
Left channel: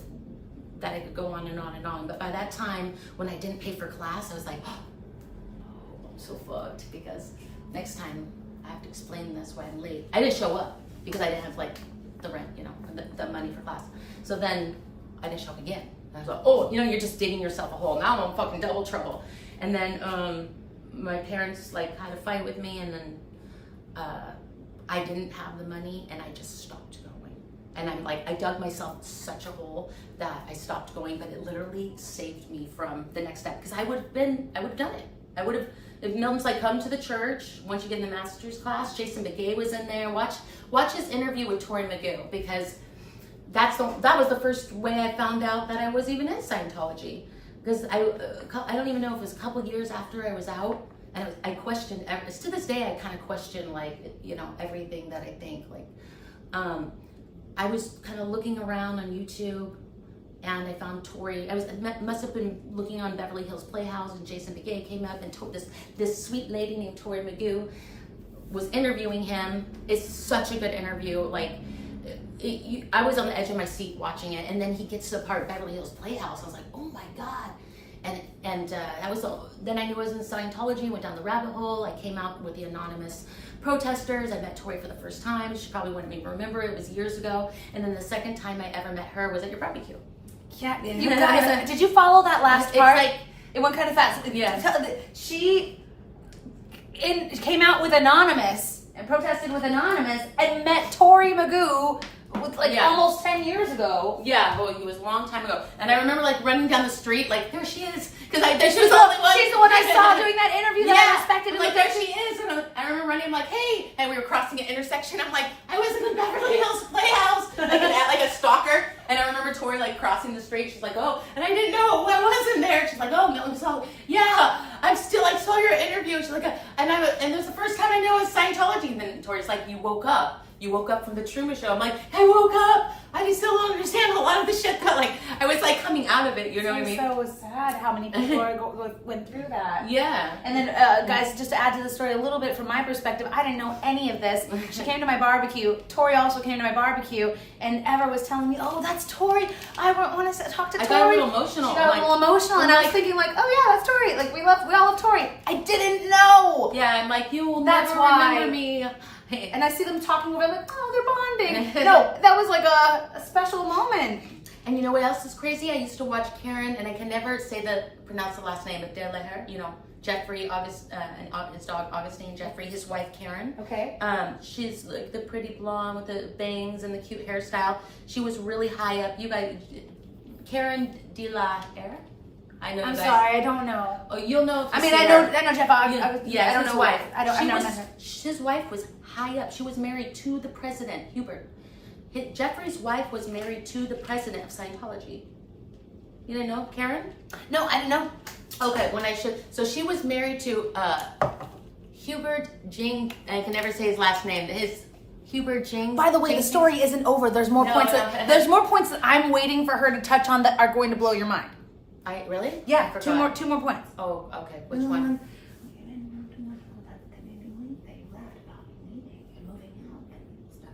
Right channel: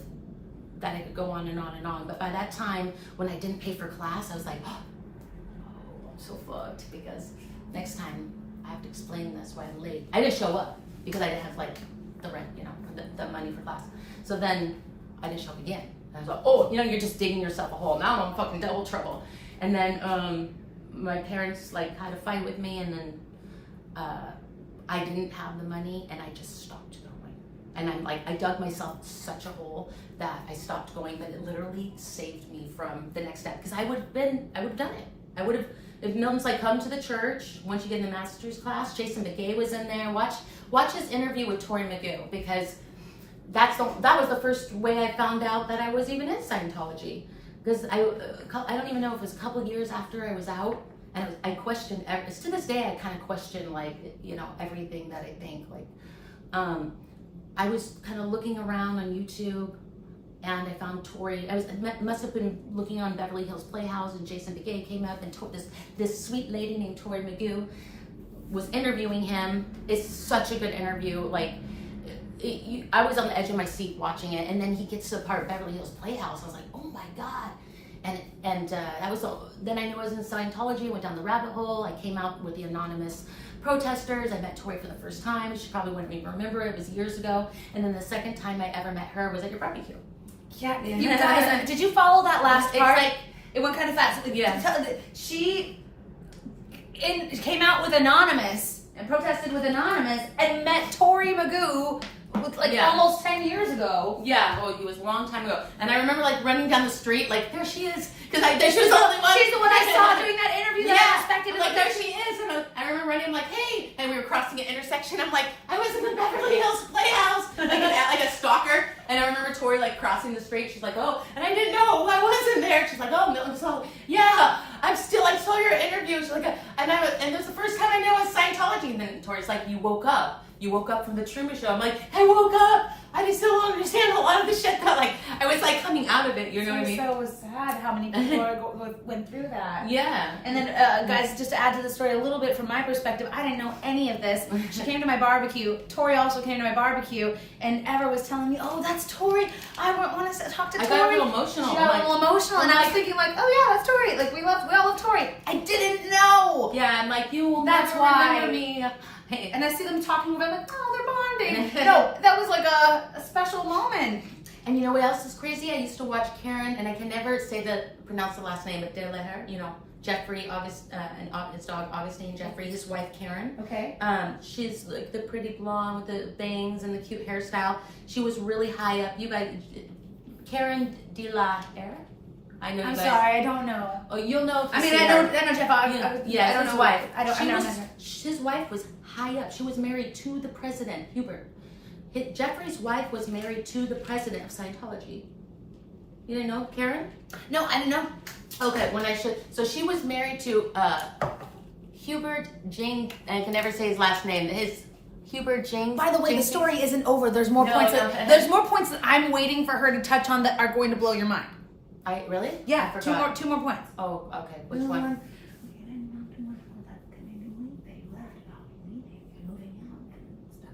that I could go on and on and on. But by that time, when I didn't pay for class, I was like, oh, I'm so fucked, because next time I have to explain this why I'm late. I didn't show up because I didn't have like the rent, you know, the money for class. So then I didn't show up again. I was like, oh, you know, you're just digging yourself a hole. Now I'm in fucking double trouble. And then my parents like had a fight with me, and then I didn't have the money, and I just stopped going. And I'm like, I dug myself such a hole that I stopped going, but it literally saved me from the next step. Because I would have done it. I would have, if Milton's like, come to the church, once you get in the master's class, Jason Begay was in there. Watch his interview with Tori Magoo, because that was the first way I found out that I was even in Scientology. Because I don't even know if it was a couple of years after I was out, and I questioned, to this day I kind of question, like, you know, everything that I think. Like, I was kind of looking around on YouTube, and I found Tori. Must have been looking on Beverly Hills Playhouse, and Jason Begay came up, and this sweet lady named Tori Magoo was interviewing him. It's such a good interview. Like, I was on the edge of my seat watching it, and then he gets to the part Beverly Hills Playhouse. I was like, oh my god. And that was then I knew I was in Scientology, went down the rabbit hole. I came out with the anonymous protesters. I met Tori for the first time. She probably wouldn't even remember. It was years ago. And then the second time I ever met her was at your barbecue. Yeah, you guys, did you follow that last It's part? like, it went kind of fast. Yeah. She came out with Anonymous and protested with Anonymous and met Tori Magoo with almost 10 years ago. yeah, well, it was a long time ago. And I remember like running down the street, like, there she is. Because she was the only one. She's the one I saw doing that interview that I respected. I'm like, there she is. And I remember running, I'm like, hey. And we were crossing an intersection. I'm like, I was in the Beverly Hills Playhouse. Like a stalker. And I remember Tori like crossing the street. She's like, oh, and I didn't know I wasn't there. She's like, oh, Milton, so yeah, I saw your interview. She's like, and it was the first time I knew it was Scientology. And then Tori's like, you woke up. You woke up from the Truman Show. I'm like, I woke up. I still don't understand a lot of the shit that like I was like coming out of it. You know what I mean? So sad how many people went through that. Yeah. And then, guys, just to add to the story a little bit from my perspective, I didn't know any of this. She came to my barbecue. Tori also came to my barbecue, and Ever was telling me, "Oh, that's Tori. I want to talk to Tori." I got a little emotional. She got a little emotional, and I was thinking, like, "Oh yeah, that's Tori. Like we all love Tori." I didn't know. Yeah, I'm like, you will That's never why. remember me. Hey. And I see them talking about, like, oh, they're bonding. No, that was like a special moment. And you know what else is crazy? I used to watch Karen, and I can never pronounce the last name, but Deleher, you know, Jeffrey, and his dog Augustine Jeffrey, his wife Karen. Okay. She's like the pretty blonde with the bangs and the cute hairstyle. She was really high up. You guys, Karen Deleher? I know you I'm guys. sorry, I don't know. Oh, you'll know if you see I her. know Jeff. Yeah, I don't his know wife. I don't know. His wife was high up. She was married to the president, Hubert. Jeffrey's wife was married to the president of Scientology. You didn't know, Karen? No, I didn't know. Okay, so she was married to Hubert Jing. I can never say his last name. Hubert Jing. By the way, the story isn't over. There's more points. There's more points that I'm waiting for her to touch on that are going to blow your mind. Really? Yeah, I forgot. two more points. Oh, okay. Which one?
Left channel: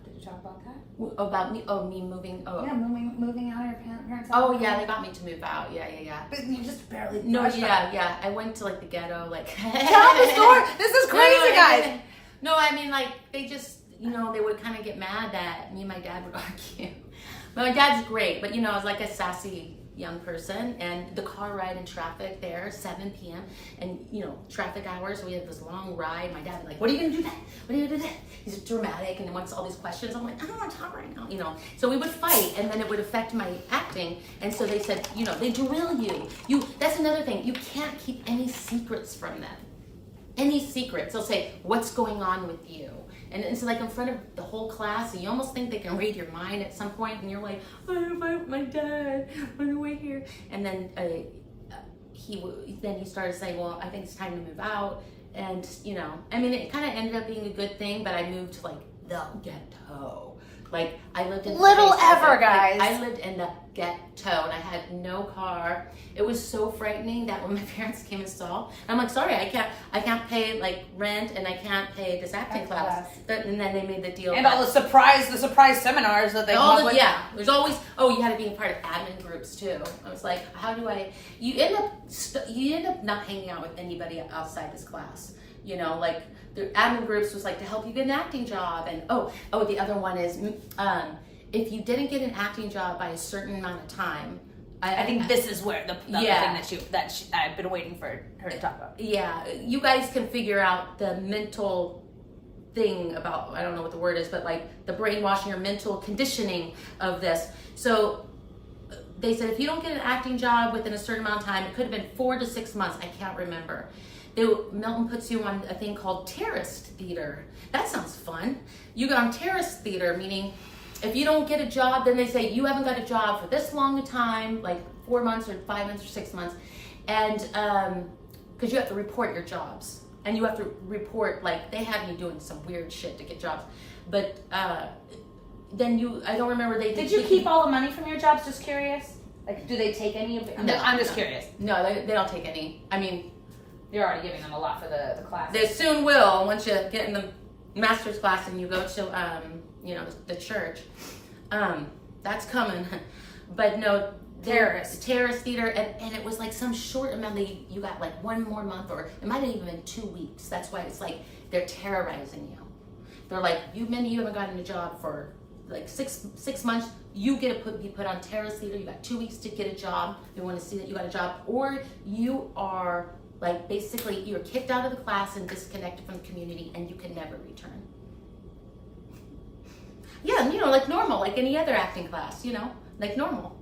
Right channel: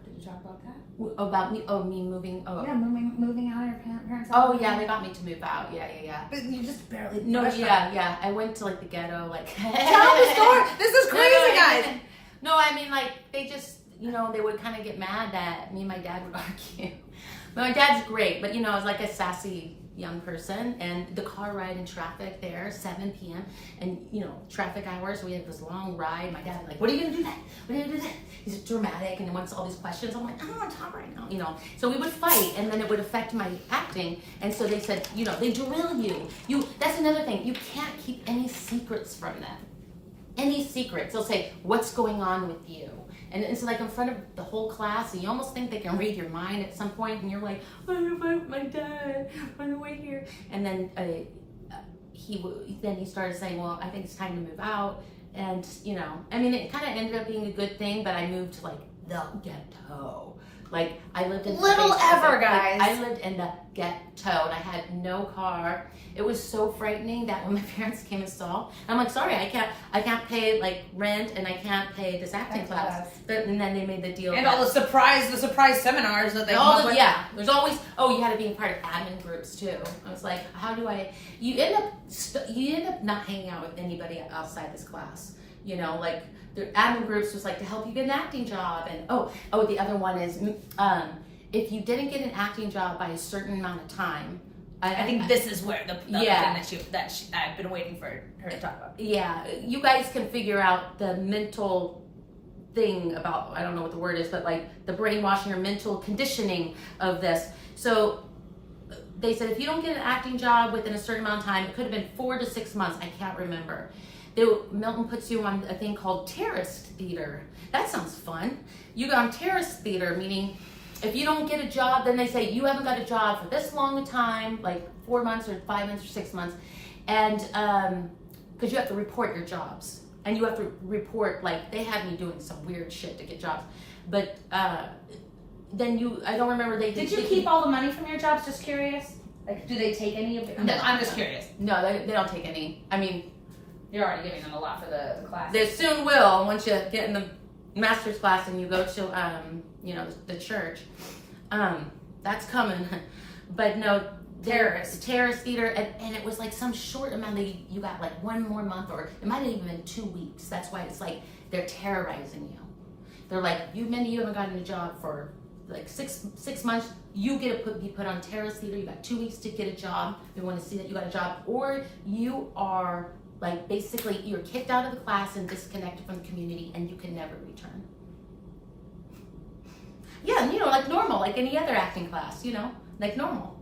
Did you talk about that? About me? Oh, me moving. Oh, Yeah, moving out of your parents' house. oh yeah, they got me to move out. Yeah. But you just barely. No, touched on it. yeah. I went to like the ghetto, like. Tell the story. This is crazy, guys. No, I mean like they just, they would kind of get mad that me and my dad would argue. But my dad's great, but I was like a sassy young person, and the car ride in traffic there, 7 p.m. and traffic hours. So we had this long ride. My dad would be like, "What are you gonna do that? What are you gonna do that?" He's dramatic and he wants all these questions. I'm like, "I don't want to talk right now," So we would fight, and then it would affect my acting. And so they said, they drill you. That's another thing. You can't keep any secrets from them. Any secrets. They'll say, "What's going on with you?" And it's like in front of the whole class, and you almost think they can read your mind at some point, and you're like, my dad, run away here. And then he started saying, well, I think it's time to move out. And, it kind of ended up being a good thing, but I moved to like the ghetto. Like I lived in Little Ever, guys. I lived in the ghetto, and I had no car. It was so frightening that when my parents came and saw, I'm like, sorry, I can't pay like rent, and I can't pay this acting class. And then they made the deal. And all the surprise seminars that they there's always, you had to be a part of admin groups too. I was like, how do you end up not hanging out with anybody outside this class. Like the admin groups was like to help you get an acting job, and the other one is if you didn't get an acting job by a certain amount of time. I think this is where the thing that I've been waiting for her to talk about. Yeah, you guys can figure out the mental thing about, I don't know what the word is, but like the brainwashing or mental conditioning of this. So they said if you don't get an acting job within a certain amount of time, it could have been 4 to 6 months, I can't remember. Milton puts you on a thing called terrorist theater. That sounds fun. You go on terrorist theater, meaning if you don't get a job, then they say you haven't got a job for this long a time, like 4 months or 5 months or 6 months. And because you have to report your jobs. And you have to report, like, they had me doing some weird shit to get jobs. But then I don't remember Did you keep all the money from your jobs? Just curious. Like, do they take any of it? No, I'm just curious. No, they don't take any. I mean, you're already giving them a lot for the class. They soon will once you get in the master's class and you go to the church. That's coming. But no, Terrorist theater, and it was like some short amount. You got like 1 more month, or it might have even been 2 weeks. That's why it's like they're terrorizing you. They're like, Mindy, you haven't gotten a job for like six months. You get to be put on terrorist theater. You got 2 weeks to get a job. They want to see that you got a job, or you are like basically you're kicked out of the class and disconnected from the community, and you can never return. Yeah, you know, like normal, like any other acting class, you know, like normal.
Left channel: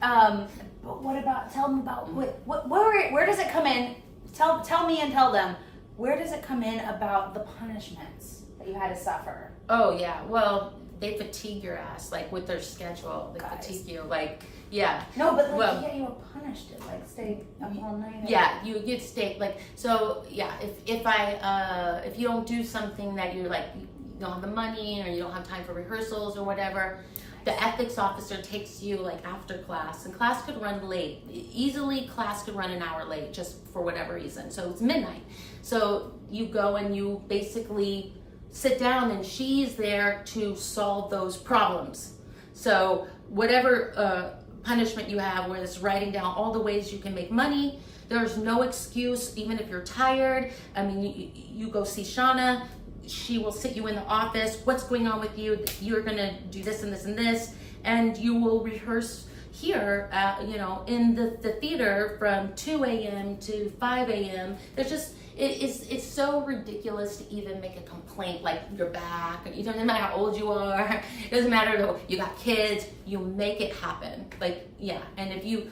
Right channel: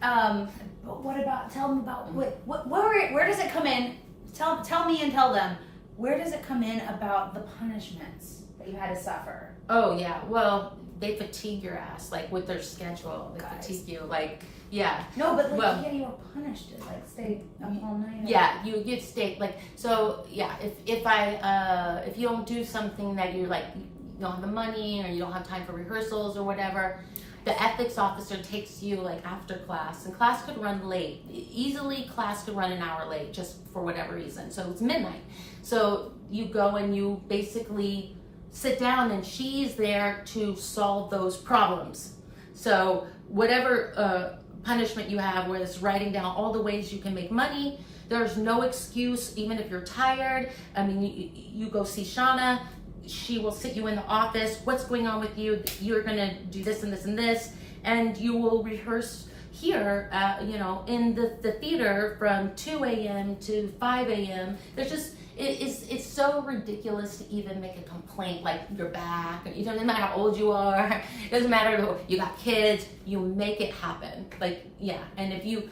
But what about? Tell them about where does it come in? Tell me and tell them, where does it come in about the punishments that you had to suffer? Oh yeah, well they fatigue your ass like with their schedule. They fatigue you, like yeah. No, but like you were punished to like stay up all night. Yeah, you get stayed like so. Yeah, if you don't do something that you're like. You don't have the money or you don't have time for rehearsals or whatever, the ethics officer takes you like after class, and class could run late. Easily class could run an hour late just for whatever reason. So it's midnight. So you go and you basically sit down and she's there to solve those problems. So whatever punishment you have, where it's writing down all the ways you can make money, there's no excuse, even if you're tired. I mean, you go see Shauna, she will sit you in the office. What's going on with you? You're gonna do this and this and this, and you will rehearse here, you know, in the theater from 2 a.m. to 5 a.m. There's just it's so ridiculous to even make a complaint like you're back. It doesn't matter how old you are. It doesn't matter you got kids. You make it happen. Like yeah, and if you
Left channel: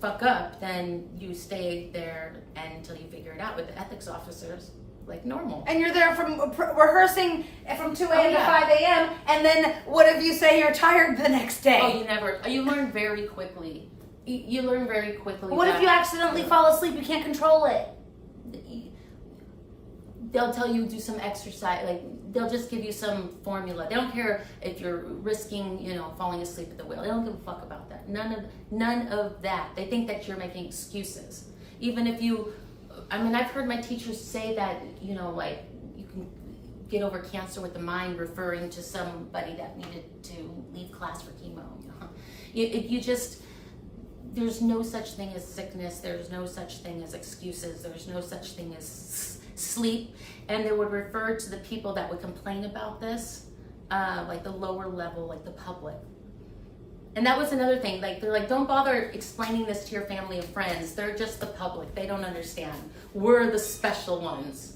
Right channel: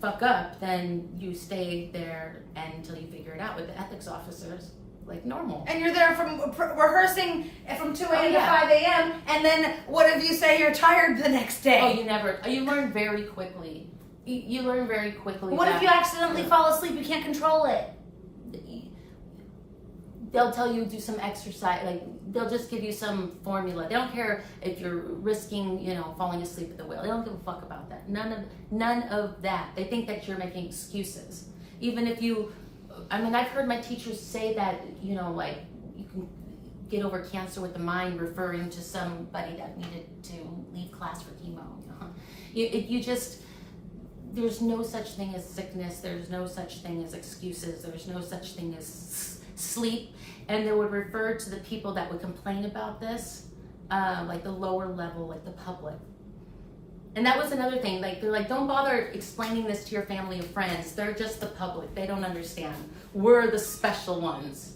fuck up, then you stay there until you figure it out with the ethics officers. Like normal. And you're there from rehearsing from 2 a.m. to 5 a.m. And then what if you say you're tired the next day? Oh, you learn very quickly. You learn very quickly. What if you accidentally fall asleep? You can't control it. They'll tell you do some exercise. Like they'll just give you some formula. They don't care if you're risking, you know, falling asleep at the wheel. They don't give a fuck about that. None of that. They think that you're making excuses. Even if you. I mean, I've heard my teachers say that, you know, like, you can get over cancer with the mind, referring to somebody that needed to leave class for chemo. You know? You just, there's no such thing as sickness. There's no such thing as excuses. There's no such thing as sleep. And they would refer to the people that would complain about this, like the lower level, like the public. And that was another thing, like they're like, don't bother explaining this to your family and friends. They're just the public. They don't understand. We're the special ones.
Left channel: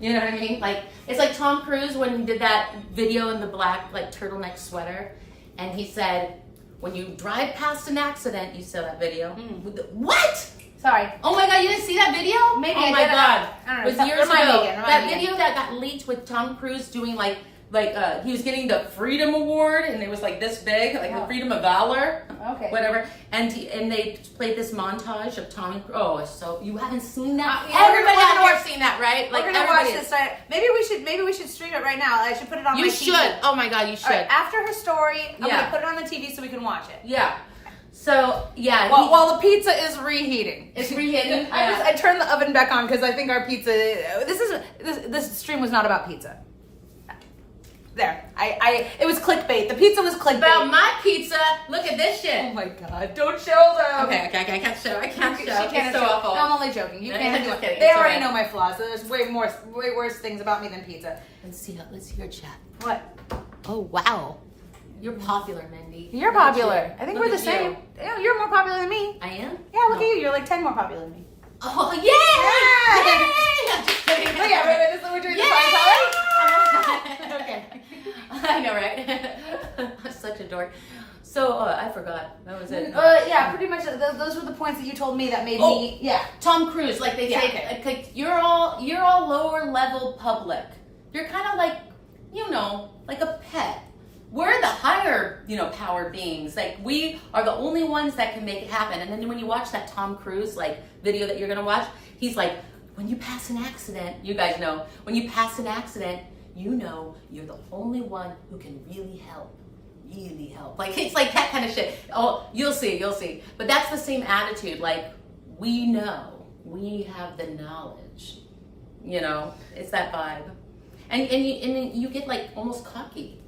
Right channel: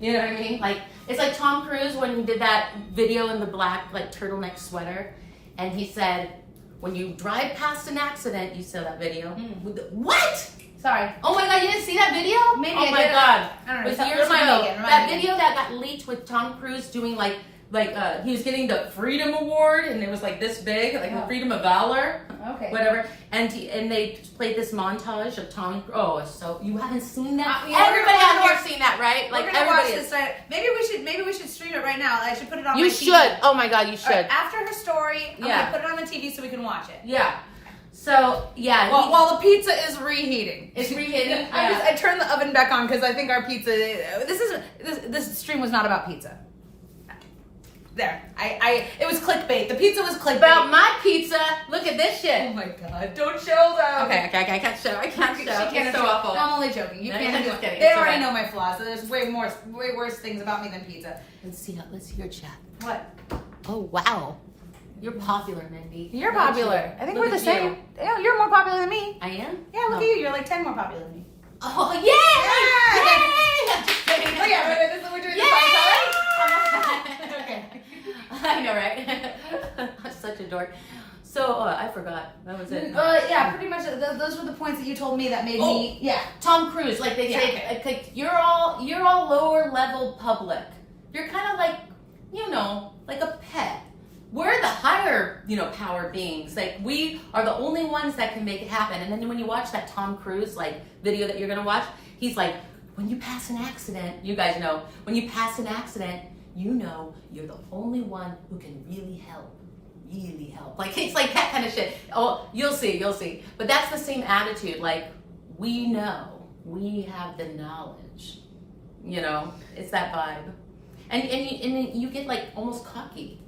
You know what I mean? Like it's like Tom Cruise when he did that video in the black like turtleneck sweater, and he said, when you drive past an accident, you saw that video. What? Sorry. Oh my God, you didn't see that video? Maybe. Oh my God. I It was years ago. That video that got leaked with Tom Cruise doing like he was getting the Freedom Award, and it was like this big, like the Freedom of Valor, whatever. And they played this montage of Tom. Oh, so you haven't seen that? Everybody out here have seen that, right? Like everybody. Maybe we should stream it right now. I should put it on. You should. TV. Oh my God, you should. Right, after her story, I'm gonna put it on the TV so we can watch it. Yeah. So yeah. While the pizza is reheating. It's reheating. I turned the oven back on because I think our pizza. This stream was not about pizza. There. It was clickbait. The pizza was clickbait. About my pizza. Look at this shit. Oh my God. Don't show them. Okay, I can't show. I can't show. It's so awful. No, I'm only joking. You No, can't I'm do just it. kidding. They It's already alright. know my flaws. There's way worse things about me than pizza. Let's see your chat. What? Oh wow. You're popular, Mindy. You're Look at popular. you. I think Look we're the at same. you. Yeah, you're more popular than me. I am? Yeah, look at you. You're like 10 more popular than me. Oh, yay! Yeah! Yay! I'm just kidding. Look at it. We're doing this Yay! Okay. I know, right? I'm such a dork. So, I forgot. That was it. Yeah, pretty much. Those were the points that you told me that made me. Yeah. Tom Cruise, like they say, okay. like, you're all lower level public. You're kind of like, you know, like a pet. We're the higher, you know, power beings. Like we are the only ones that can make it happen. And then when you watch that Tom Cruise like video that you're gonna watch, he's like, when you pass an accident, you guys know, when you pass an accident, you know you're the only one who can really help. Really help. Like it's like that kind of shit. Oh, you'll see. But that's the same attitude. Like we know, we have the knowledge. You know, it's that vibe. And you get like almost cocky.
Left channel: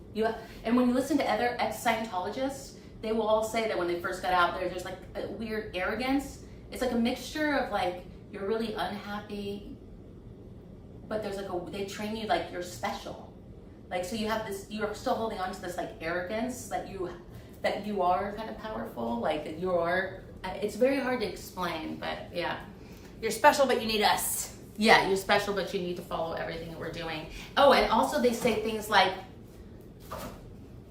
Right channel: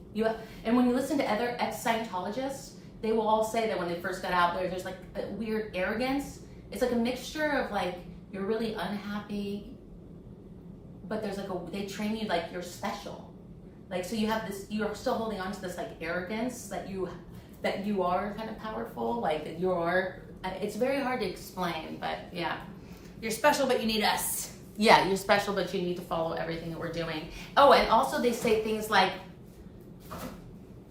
And when you listen to other ex-Scientologists, they will all say that when they first got out there, there's like a weird arrogance. It's like a mixture of like, you're really unhappy, but there's like they train you like you're special. Like, so you have this, you're still holding on to this like arrogance that you are kind of powerful, like you are, it's very hard to explain, but yeah. You're special, but you need us. Yeah, you're special, but you need to follow everything that we're doing. Oh, and also they say things like,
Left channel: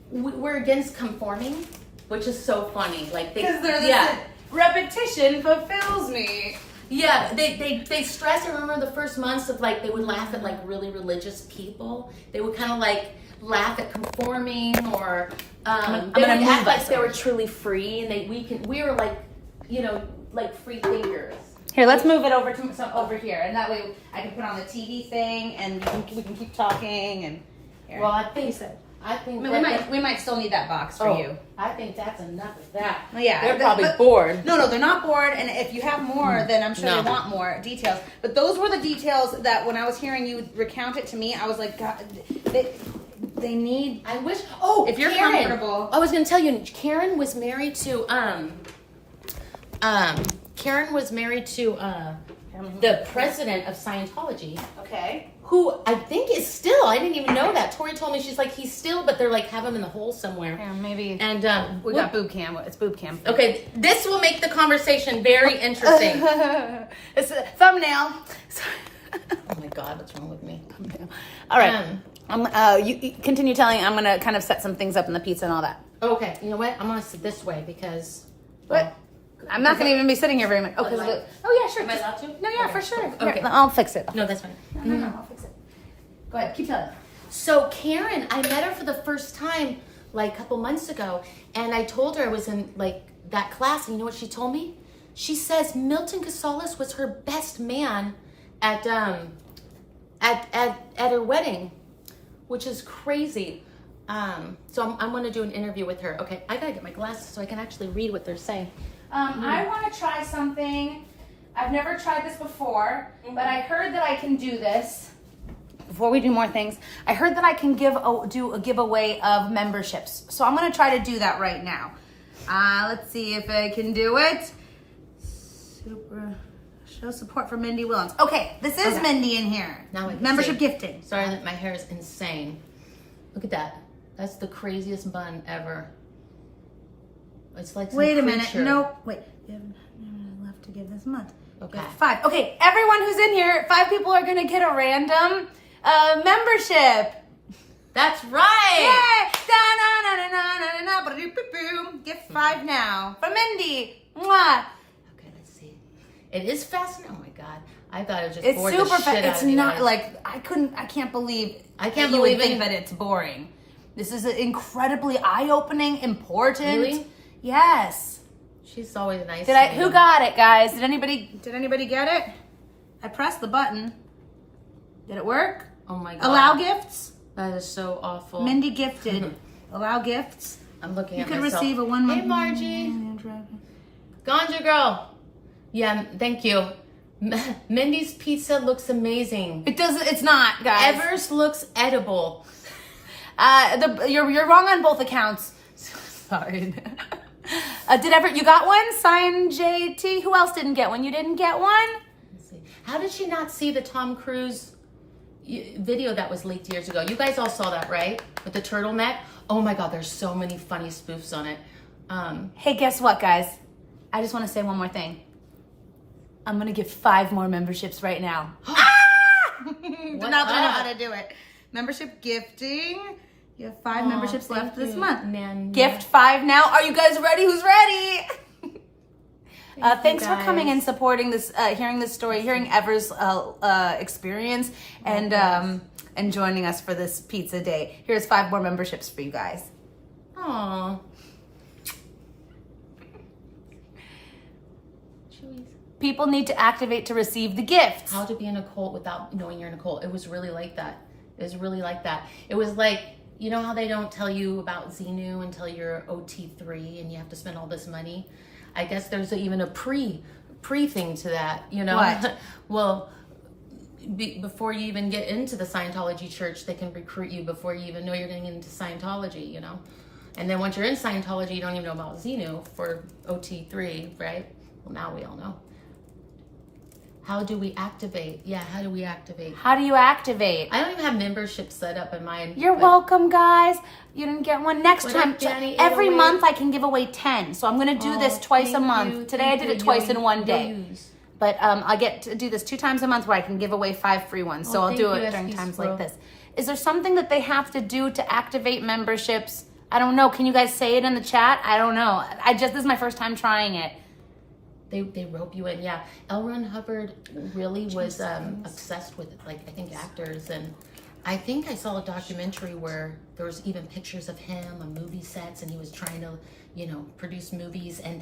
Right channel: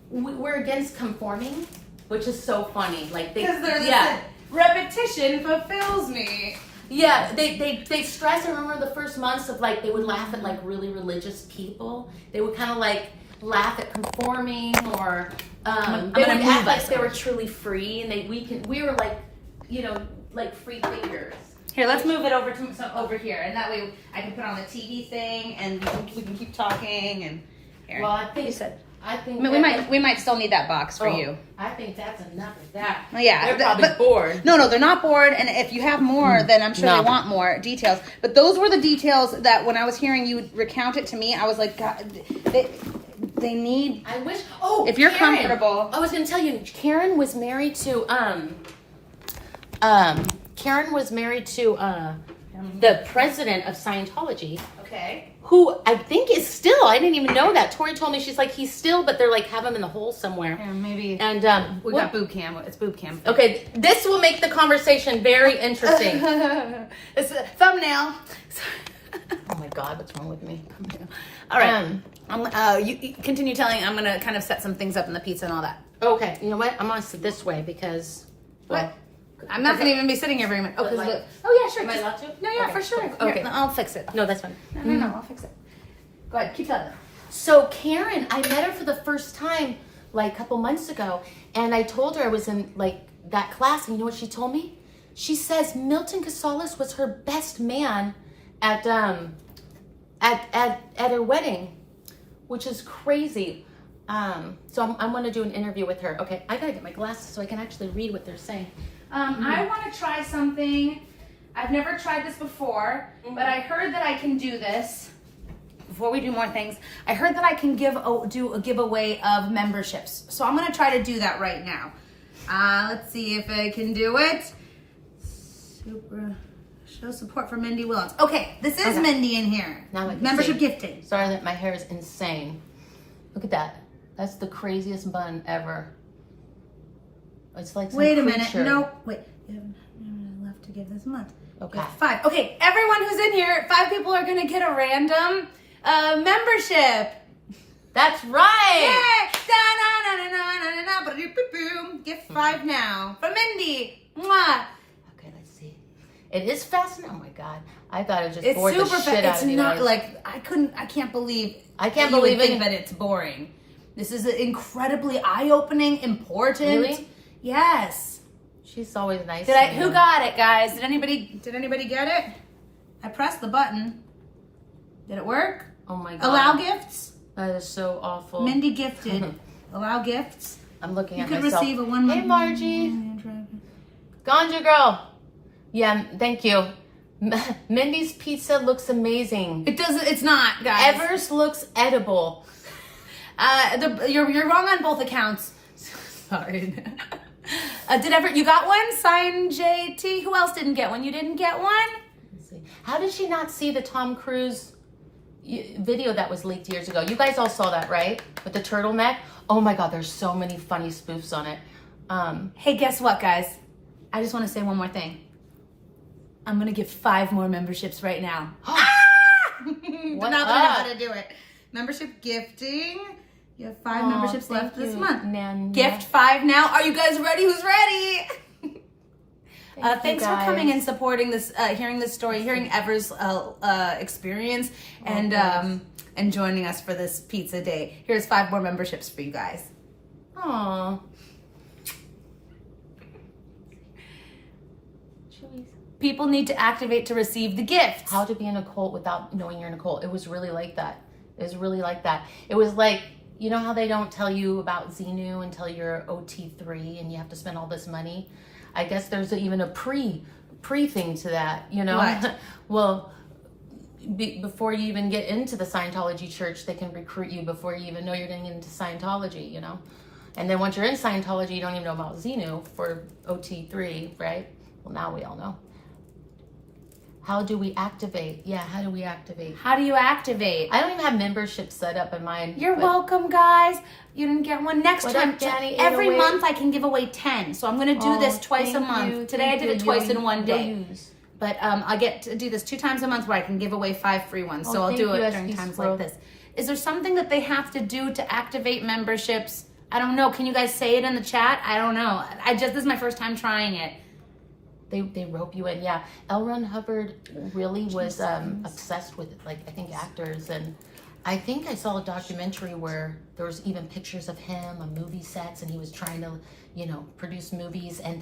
we're against conforming, which is so funny. Like Because they're repetition fulfills me. Yeah, they stress. I remember the first months of like, they would laugh at like really religious people. They would kind of like laugh at conforming, or they would act like they were truly free, and we were like, you know, like free thinkers. Here, let's move it over here, and that way I can put on the TV thing, and we can keep talking. And here. Well, I think we might still need that box for you. I think that's enough of that. Well, yeah, they're probably bored. No, they're not bored. And if you have more, then I'm sure they want more details. But those were the details that when I was hearing you recount it to me, I was like, God, they need. I wish. Oh, if you're Karen, comfortable. I was going to tell you, Karen was married to the president of Scientology. Okay. Who I think is still, I didn't even know that. Tori told me, she's like, he's still, but they're like, have him in the hole somewhere. Yeah, maybe. And we got boob cam. It's boob cam. Okay, this will make the conversation very interesting. It's a thumbnail. Oh my God, what's wrong with me? All right. You continue telling. I'm going to kind of set some things up in the pizza and all that. Okay, you know what? I'm going to sit this way because... What? I'm not going to even be sitting here very much. Oh, yeah, sure. Am I allowed to? No, yeah, Okay. for sure. Okay. Here, I'll fix it. No, that's fine. No, I'll fix it. Go ahead, keep telling them. So Karen, I met her for the first time like a couple months ago, and I told her I was in like that class, and you know what she told me? She says Milton Casales was her best man at her wedding, which is crazy. So I'm going to do an interview with her. Okay, I got to get my glasses so I can actually read what they're saying. I want to try something. I've never tried this before, but I heard that I can do this. Before we do more things, I heard that I can do a giveaway of memberships. So I'm going to try to do that right now. Let's see if I can do it. Show support for Mindy Willens. Okay, this is Mindy in here. Now I can membership see. gifting. Sorry that my hair is insane. Look at that. That's the craziest bun ever. It's like some Wait a creature. minute. No, wait. Left to give this month. Okay. 5. Okay, everyone who's in here, 5 people are going to get a random membership. That's right. Yay! Da-na-na-na-na-na-na. Gift 5 now. For Mindy. Mwah. Okay, let's see. It is fascinating. Oh my God. I thought it just It's bored super the shit out It's of you not guys. like, I can't believe can't you would believe think it. that it's boring. This is incredibly eye-opening, important. Really? Yes. She's always nice. Who got it, guys? Did anybody get it? I pressed the button. Did it work? Oh my God. Allow gifts? That is so awful. Mindy gifted. Allow gifts. I'm looking You at could myself. receive a 1 month. Hey, Margie. Ganja girl. Yeah, thank you. Mindy's pizza looks amazing. It doesn't. It's not, guys. Evers looks edible. You're wrong on both accounts. Sorry. You got one? Sign JT. Who else didn't get one? You didn't get one? Let's see. How did she not see the Tom Cruise video that was leaked years ago? You guys all saw that, right? With the turtleneck. Oh my God, there's so many funny spoofs on it. Hey, guess what, guys? I just want to say one more thing. I'm gonna give 5 more memberships right now. Did not know how to do it. Membership gifting. You have 5 memberships left this month. Man, Gift 5 now. Are you guys ready? Who's ready? Thanks for coming and supporting this, hearing this story, hearing Ever's experience, and joining us for this pizza day. Here's 5 more memberships for you guys. Aww. People need to activate to receive the gifts. How to be in a cult without knowing you're in a cult. It was really like that. It was really like that. It was like, you know how they don't tell you about Xenu until you're OT3 and you have to spend all this money? I guess there's even a pre thing to that, you know? What? Well, before you even get into the Scientology church, they can recruit you before you even know you're getting into Scientology, you know? And then once you're in Scientology, you don't even know about Xenu for OT3, right? Well, now we all know. How do we activate? Yeah, how do we activate? How do you activate? I don't even have membership set up in mine. You're welcome, guys. You didn't get one. Next What time, up, Danny? every 808? month I can give away 10. So I'm going to do this twice a thank month. you, Today I thank did you. it twice in one You'll day. use. But I get to do this 2 times a month where I can give away 5 free ones. So I'll thank do you, it during SQ times Squirrel. like this. Is there something that they have to do to activate memberships? I don't know. Can you guys say it in the chat? I don't know. This is my first time trying it. They rope you in, yeah. Ron Hubbard really was obsessed with, like, I think actors, and I think I saw a documentary where there was even pictures of him on movie sets, and he was trying to, you know, produce movies, and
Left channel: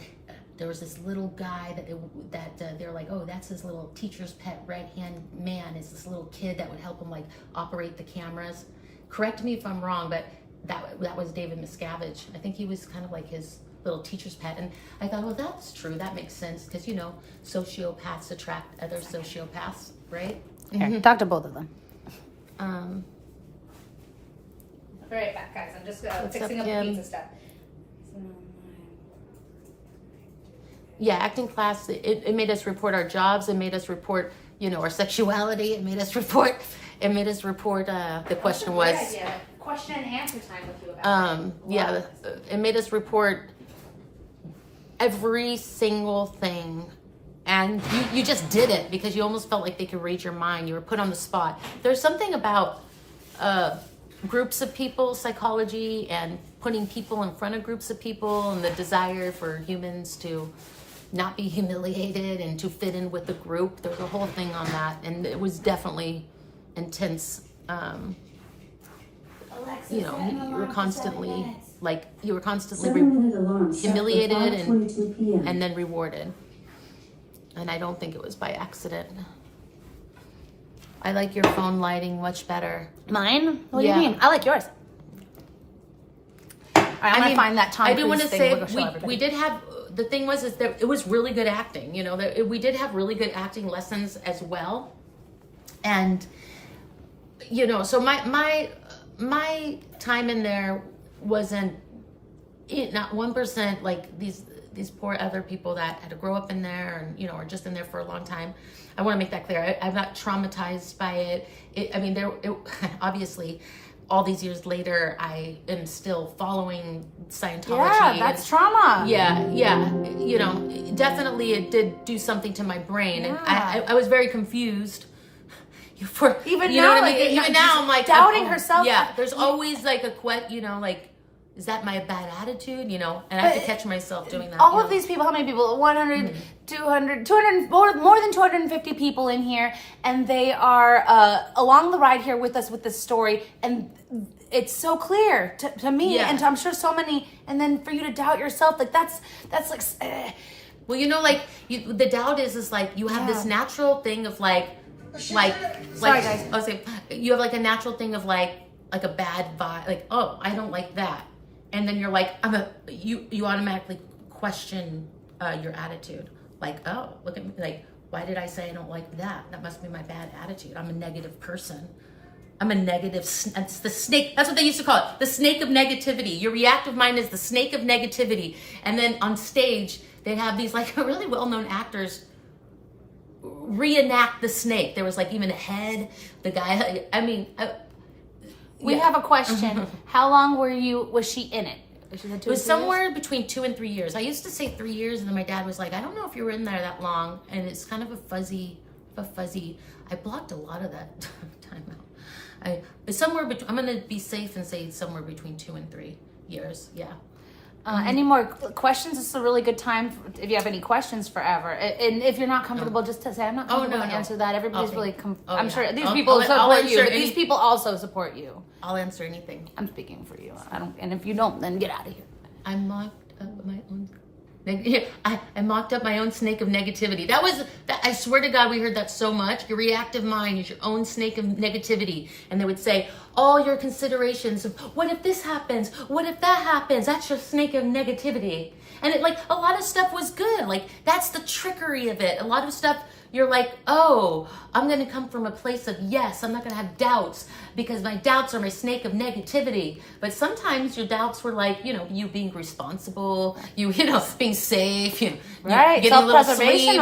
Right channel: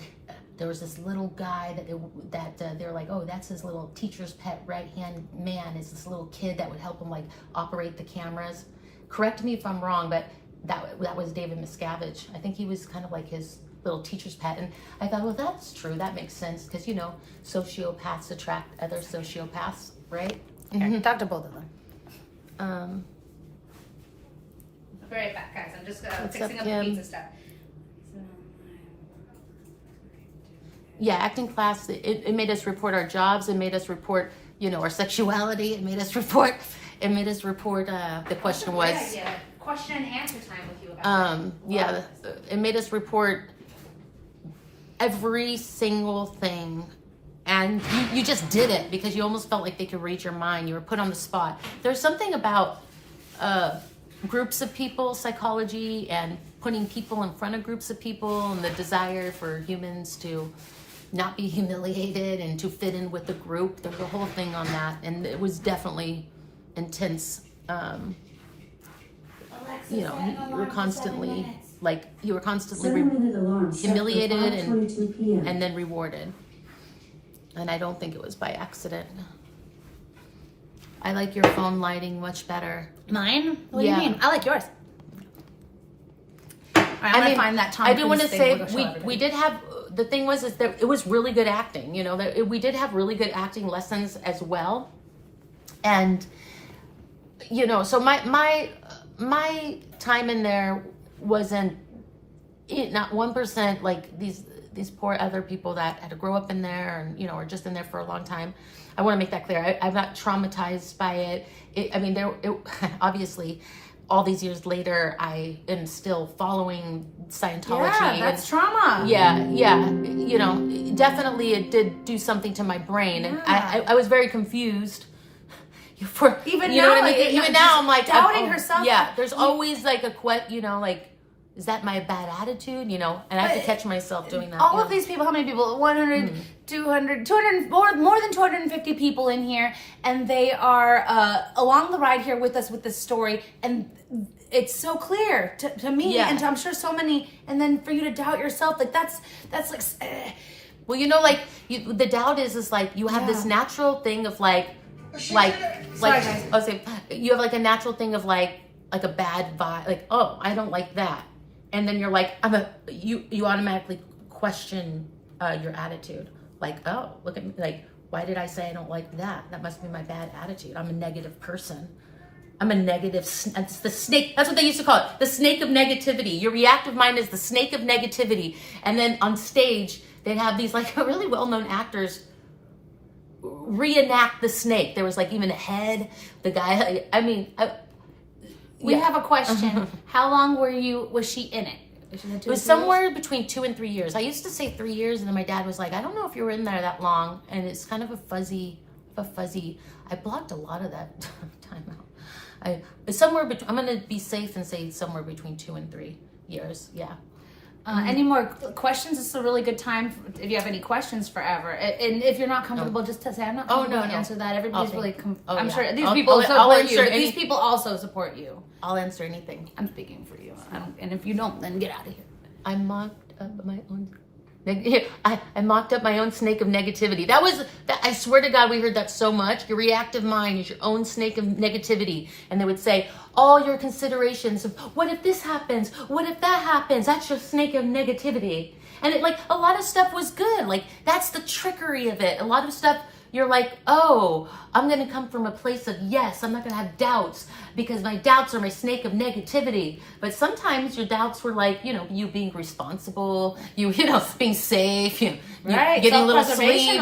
there was this little guy that they're like, oh, that's his little teacher's pet right-hand man, is this little kid that would help him, like, operate the cameras. Correct me if I'm wrong, but that was David Miscavige. I think he was kind of like his little teacher's pet, and I thought, well, that's true, that makes sense, because, you know, sociopaths attract other sociopaths, right? Here, talk to both of them. I'll be right back, guys. I'm just What's fixing up, up Kim? the pizza stuff. Yeah, acting class, it made us report our jobs, it made us report, you know, our sexuality, it made us report, the question was, Question and answer time with you about it made us report every single thing, and you just did it because you almost felt like they could read your mind. You were put on the spot. There's something about groups of people psychology and putting people in front of groups of people and the desire for humans to not be humiliated and to fit in with the group. There's a whole thing on that, and it was definitely intense. You know, you were constantly 7-minute alarm set for humiliated 5:22 p.m. and then rewarded. And I don't think it was by accident. I like your phone lighting much better. Mine? What Yeah. do you mean? I like yours. All right, I'm gonna find that Tom I do want to Cruise say thing. We'll show everybody. we did have, the thing was is that it was really good acting. You know, we did have really good acting lessons as well. And, you know, so my time in there wasn't not 1% like these poor other people that had to grow up in there and, you know, are just in there for a long time. I want to make that clear. I'm not traumatized by it. Obviously, all these years later, I am still following Scientology. Yeah, that's trauma. Yeah. You know, definitely it did do something to my brain. And I was very confused. Even you now, know what I like, mean? Even now, I'm like doubting herself. Yeah, there's always like you know, like, is that my bad attitude? You know, and I have to catch myself doing that. All of these people, how many people? 100, 200, more than 250 people in here, and they are along the ride here with us with this story, and it's so clear to me, and to, I'm sure so many. And then for you to doubt yourself, like that's like. Well, you know, like the doubt is like you have this natural thing of like Sorry, guys. I was saying, you have like a natural thing of like a bad vibe, like, oh, I don't like that, and then you're like, you automatically question your attitude, like, oh, look at me, like, why did I say I don't like that? That must be my bad attitude. I'm a negative person. I'm a negative. It's the snake. That's what they used to call it, the snake of negativity. Your reactive mind is the snake of negativity, and then on stage they have these like really well-known actors reenact the snake. There was like even a head. The guy. I mean, We have a question. How long was she in it? It was somewhere between 2 and 3 years. I used to say 3 years, and then my dad was like, I don't know if you were in there that long, and it's kind of a fuzzy. I blocked a lot of that time out. I'm gonna be safe and say somewhere between 2 and 3 years. Yeah. Any more questions? This is a really good time if you have any questions forever. And if you're not comfortable, just to say I'm not comfortable to answer that. Everybody's Okay. really. Oh, I'm yeah. sure these I'll people support answer you. But any- these people also support you. I'll answer anything. I'm speaking for you. I don't. And if you don't, then get out of here. I mocked up my own. I mocked up my own snake of negativity. I swear to God, we heard that so much. Your reactive mind is your own snake of negativity. And they would say, all your considerations of what if this happens? What if that happens? That's your snake of negativity. And a lot of stuff was good. Like, that's the trickery of it. A lot of stuff you're like, oh, I'm going to come from a place of yes, I'm not going to have doubts because my doubts are my snake of negativity. But sometimes your doubts were like, you know, you being responsible, you know, being safe, you getting a little sleep,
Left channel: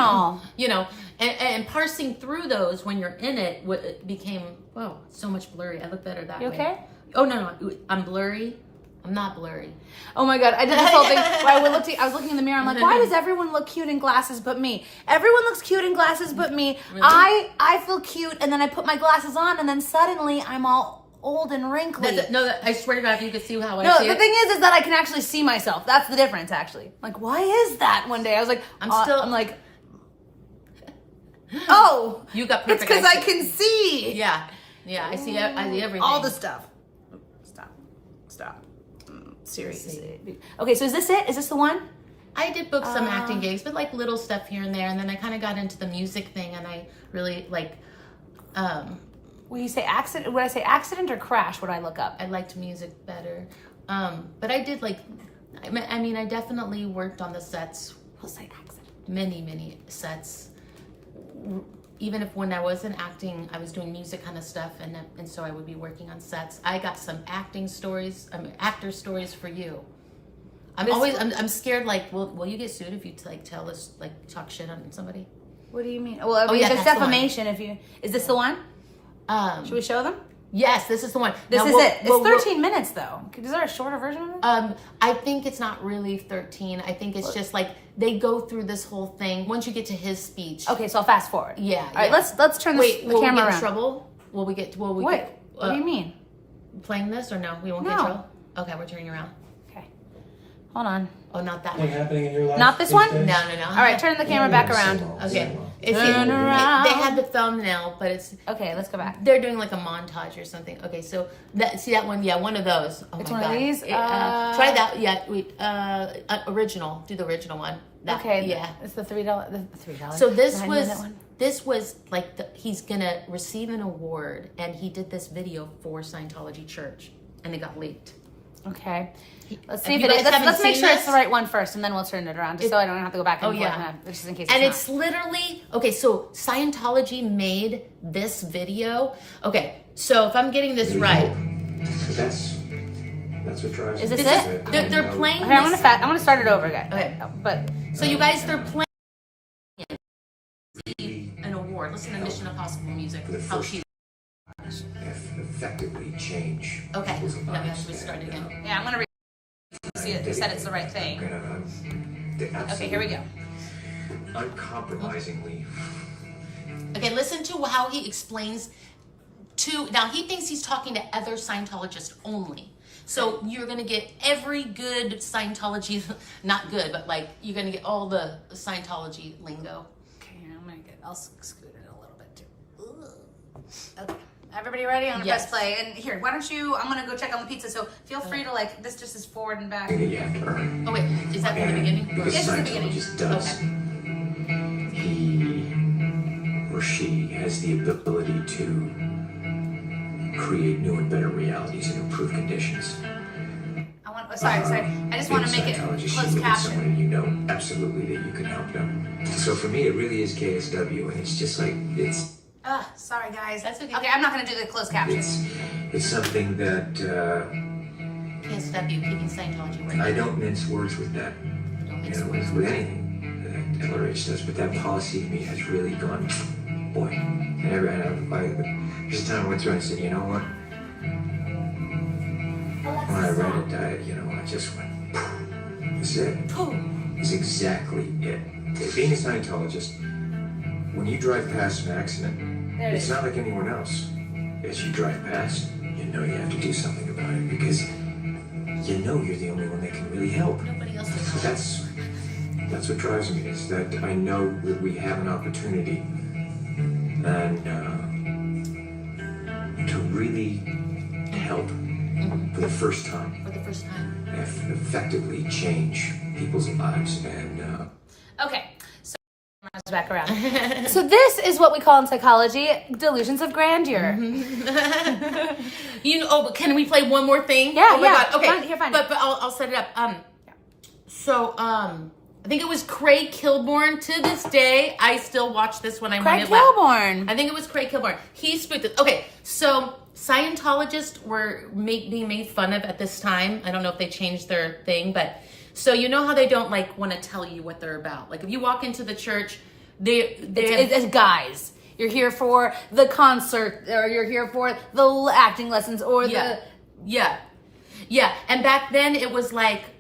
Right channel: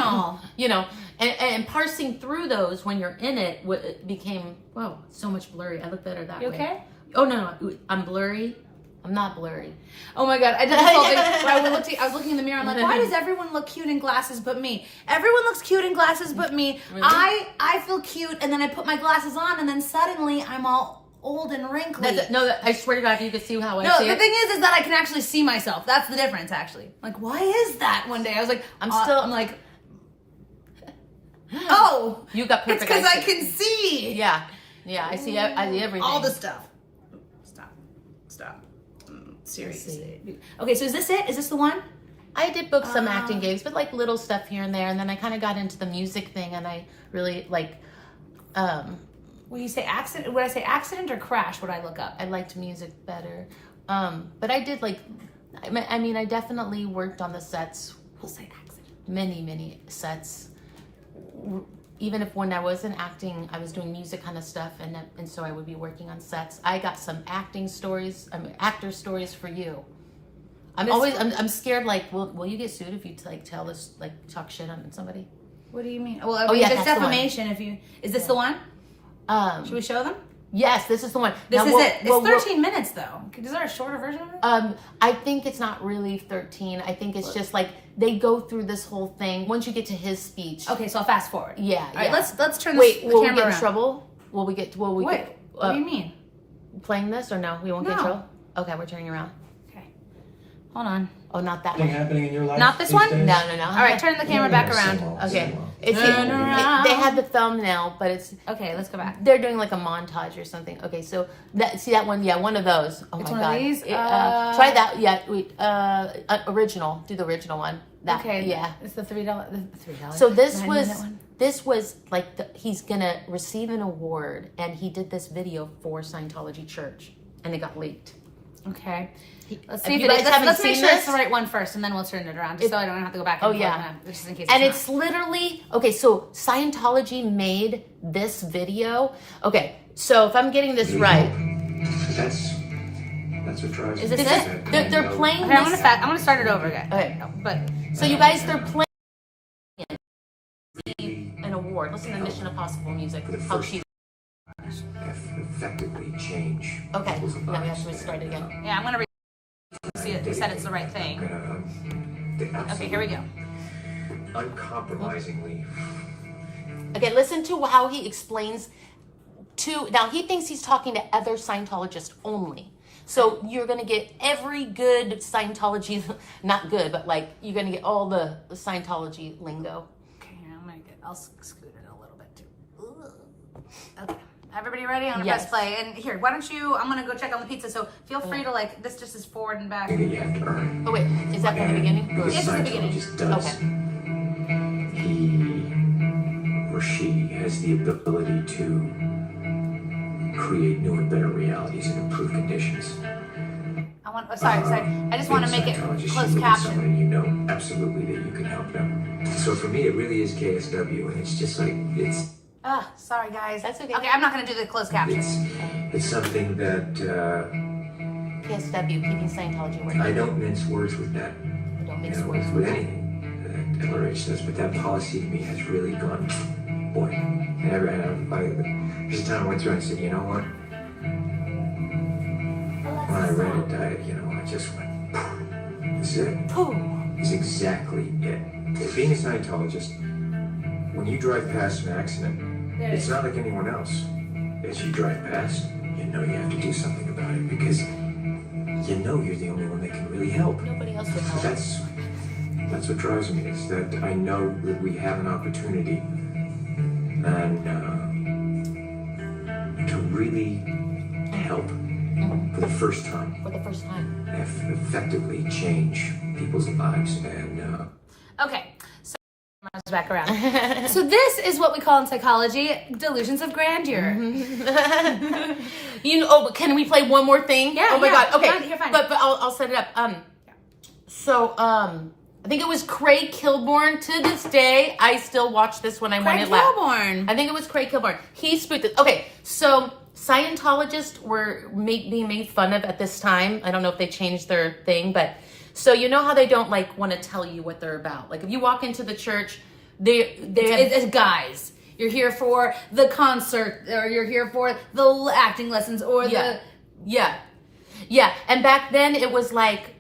you know, and parsing through those when you're in it, it became, whoa, so much blurry. I look better that way. Okay. Oh, no, I'm blurry. I'm not blurry. Oh my God, I did this whole thing where I was looking in the mirror, I'm like, why does everyone look cute in glasses but me? Everyone looks cute in glasses but me. Really? I feel cute, and then I put my glasses on, and then suddenly I'm all old and wrinkly. I swear to God, if you could see how I see the it. thing is that I can actually see myself. That's the difference, actually. Like, why is that? One day I was like, I'm like, oh, you got perfect. It's because I can see. Yeah, I see everything. All the stuff. Stop. Seriously. Okay, so is this it? Is this the one? I did book some acting gigs, but like little stuff here and there, and then I kind of got into the music thing, and I really like. Will you say accident? Would I say accident or crash? Would I look up? I liked music better, but I did like. I mean, I definitely worked on the sets. We'll say accident. Many sets. Even if when I wasn't acting, I was doing music kind of stuff, and so I would be working on sets. I got some actor stories for you. I'm scared. Like, will you get sued if you like tell this, like talk shit on somebody? What do you mean? Well, I mean, that's defamation. Is this the one? Should we show them? Yes, this is the one. This is it. It's 13 minutes though. Is there a shorter version of it? I think it's not really 13. I think it's just like they go through this whole thing. Once you get to his speech. Okay, so I'll fast forward. Yeah. All right, let's turn the camera we get around. in trouble? Will we get? What do you mean? Playing this or no? We won't get in trouble. Okay, we're turning around. Okay. Hold on. Oh, not that What one. happening in your life? Not this one? No. All right, turn the camera back around. Okay. Turn around. They had the thumbnail, but it's Okay, let's go back. they're doing like a montage or something. Okay, so see that one? Yeah, one of those. Oh It's my one God. of these? Try that. Yeah, original. Do the original one. That, Okay. Yeah. It's the $3. So this 9-minute one? was like he's gonna receive an award, and he did this video for Scientology Church, and it got leaked. Okay. Let's If see if you it guys is. Let's haven't make seen sure this- it's the right one first, and then we'll turn it around, just so I don't have to go back and forth. yeah. Just in case. And not. it's literally okay. So Scientology made this video. Okay, so if I'm getting this right, That's what drives Is me. this it? they're playing. Okay, I'm gonna start it over again. Okay. But So you guys, they're playing an award. Listen to Mission Impossible music. How cheap. Effectively change. Okay. people's Yeah, we lives. have to restart again. yeah, I'm gonna see it. Said it's the right thing. Okay, here we go. Uncompromisingly. Okay, listen to how he explains now he thinks he's talking to other Scientologists only. So you're going to get every good Scientology, not good, but like you're going to get all the Scientology lingo. Okay, I'll scoot it a little bit too. Okay. Everybody ready? I'm gonna Yes. press play. And here, why don't you, I'm gonna go check on the pizza, so feel free to like, this just is forward and back. You have to earn. Oh wait, is that from the beginning? Because Yes, it's the beginning. Scientologist does. Okay. He or she has the ability to create new and better realities and improve conditions. Sorry. I just want to make it Scientologist, closed you look at caption. someone and you know absolutely that you can help them. So for me, it really is KSW, and it's just like Sorry guys. That's okay. Okay, I'm not gonna do the closed caption. it's something that KSW, keeping Scientology working. I don't mince words with that. Don't You mix know, words. with anything that LRH does, but that policy to me has really gone, boy. There's a time I went through and I said, you know what? When I read it, I just went, this is it. This is exactly it. Being a Scientologist, when you drive past an accident, it's not like anyone else. As you drive past, you know you have to do something about it because you know you're the only one that can really help. Nobody else would help. That's what drives me, is that I know that we have an opportunity and to really help for the first time. For the first time. Effectively change people's lives and Okay, so back around. So this is what we call in psychology delusions of grandeur. But can we play one more thing? Yeah, Oh my yeah. God. Okay. Fine. But I'll set it up. I think it was Craig Kilborn. To this day, I still watch this when I'm on Craig it loud. Kilborn. I think it was Craig Kilborn. He spoofed it. Okay, so Scientologists were being made fun of at this time. I don't know if they changed their thing, but so you know how they don't like want to tell you what they're about. Like if you walk into the church, It's guys. You're here for the concert, or you're here for the acting lessons, or yeah. And back then it was like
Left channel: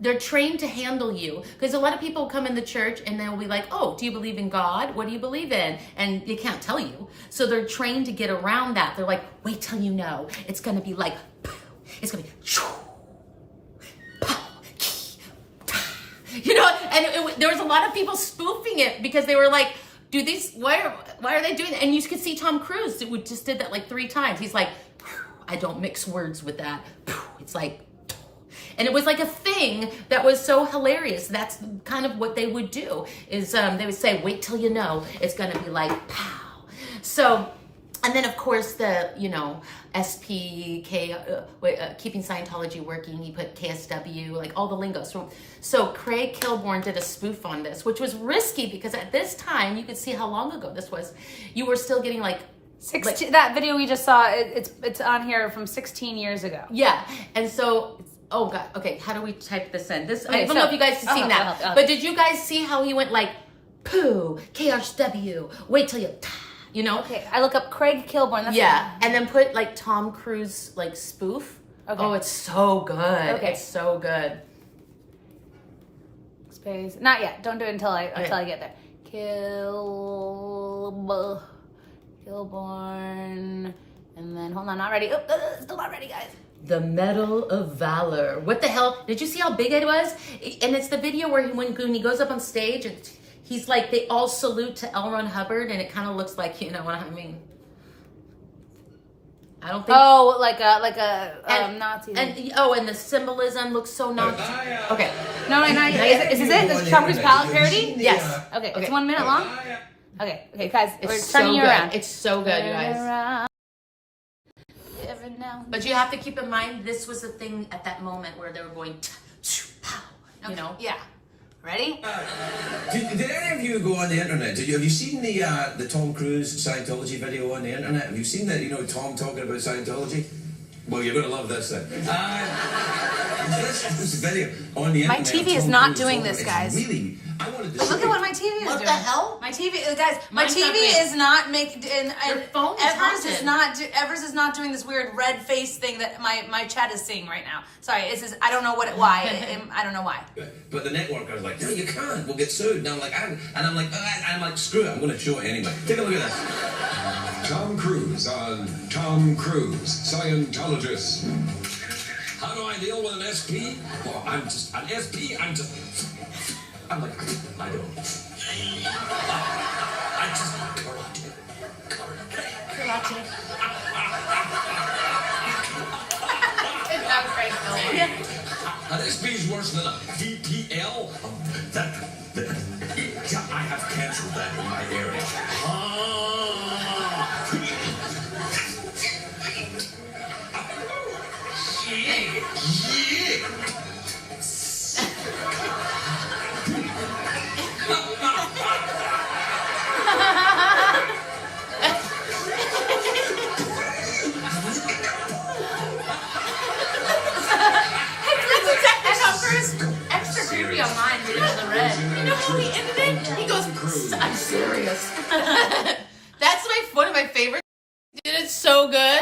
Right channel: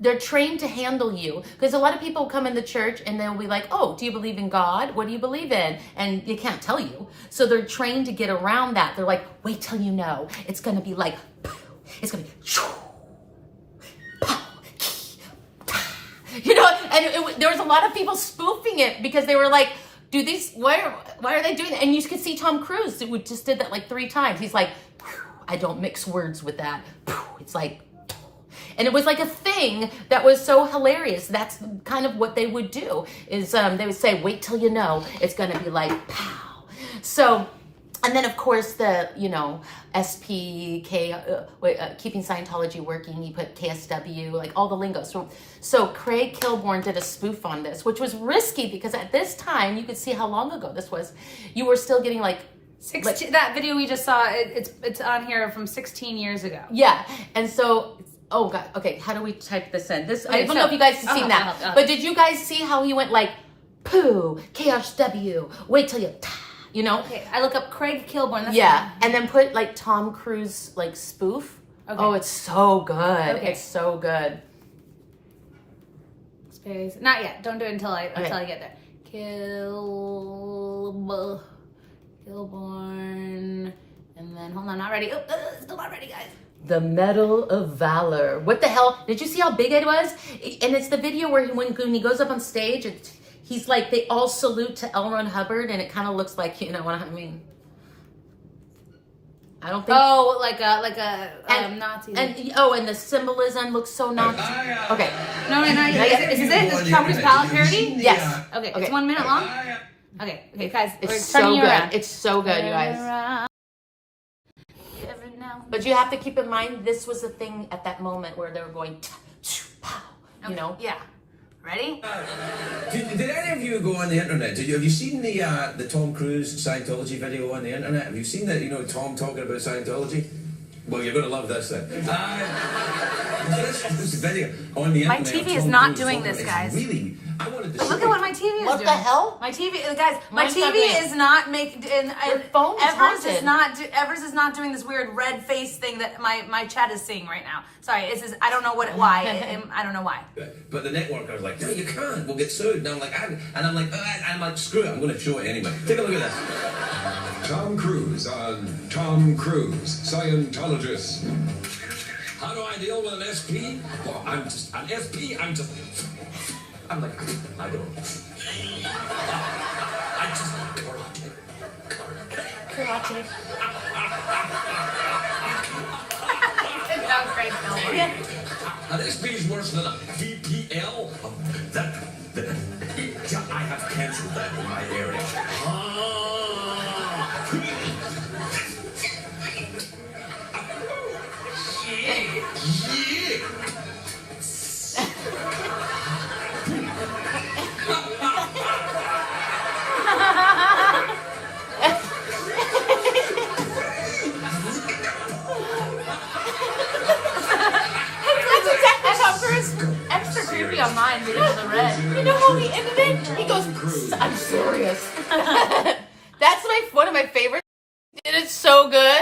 they're trained to handle you, because a lot of people come in the church and they'll be like, oh, do you believe in God? What do you believe in? And they can't tell you. So they're trained to get around that. They're like, wait till you know. It's going to be like, it's going to be, you know, and there was a lot of people spoofing it because they were like, why are they doing that? And you could see Tom Cruise who just did that like 3 times. He's like, I don't mix words with that. It's like, and it was like a thing that was so hilarious. That's kind of what they would do is they would say, wait till you know, it's going to be like, pow. So, and then of course the, you know, SPK, keeping Scientology working, he put KSW, like all the lingo. So Craig Kilborn did a spoof on this, which was risky because at this time, you could see how long ago this was. You were still getting like, 16, that video we just saw, it's on here from 16 years ago. Yeah, and so, oh God, okay, how do we type this in? This I Okay, don't so- know if you guys have seen that, but did you guys see how he went like, poo, KSW, wait till you know? Okay, I look up Craig Kilborn. That's Yeah, and then put like Tom Cruise like spoof. Okay. Oh, it's so good. Okay. It's so good. Space. Not yet. Don't do it until I Okay. get there. Kilborn. And then, hold on, not ready. Oh, still not ready, guys. The Medal of Valor. What the hell? Did you see how big it was? And it's the video where when he goes up on stage and he's like, they all salute to Ron Hubbard, and it kind of looks like, you know what I mean? I don't think. Oh, like a Nazi. And the symbolism looks so Nazi. Okay. No, is this it? This is Tom Cruise parody? Yes. Okay, it's 1 minute long? Okay, guys, we're It's turning so you good. around. It's so good, you guys. Every now. But you have to keep in mind, this was a thing at that moment where they were going, pow, you know? Yeah. Ready? Did any of you go on the internet? Have you seen the Tom Cruise Scientology video on the internet? Have you seen that? You know, Tom talking about Scientology. Well, you're going to love this then. This video on the My internet. TV is Tom not Cruise doing talking- this, it's guys. Really, I wanted to. But look show at what you. my TV is What doing. the hell? My TV, guys. My Mine's TV not doing- is not making. Your phone is Evers is haunted. not. Evers is not doing this weird red face thing that my chat is seeing right now. Sorry, it's just, I don't know why. I don't know why. But the network was like, no, you can't. We'll get sued. And I'm like, screw it. I'm going to show it anyway. Take a look at this. Tom Cruise on Tom Cruise, Scientologist. How do I deal with an SP? Well, I'm just an SP. I'm like, I don't. I just An SP is worse than a VPL. I have canceled that in my area. Extra creepy on mine because of the red. You know how the internet, he goes, I'm serious. That's one of my favorites. It is so good.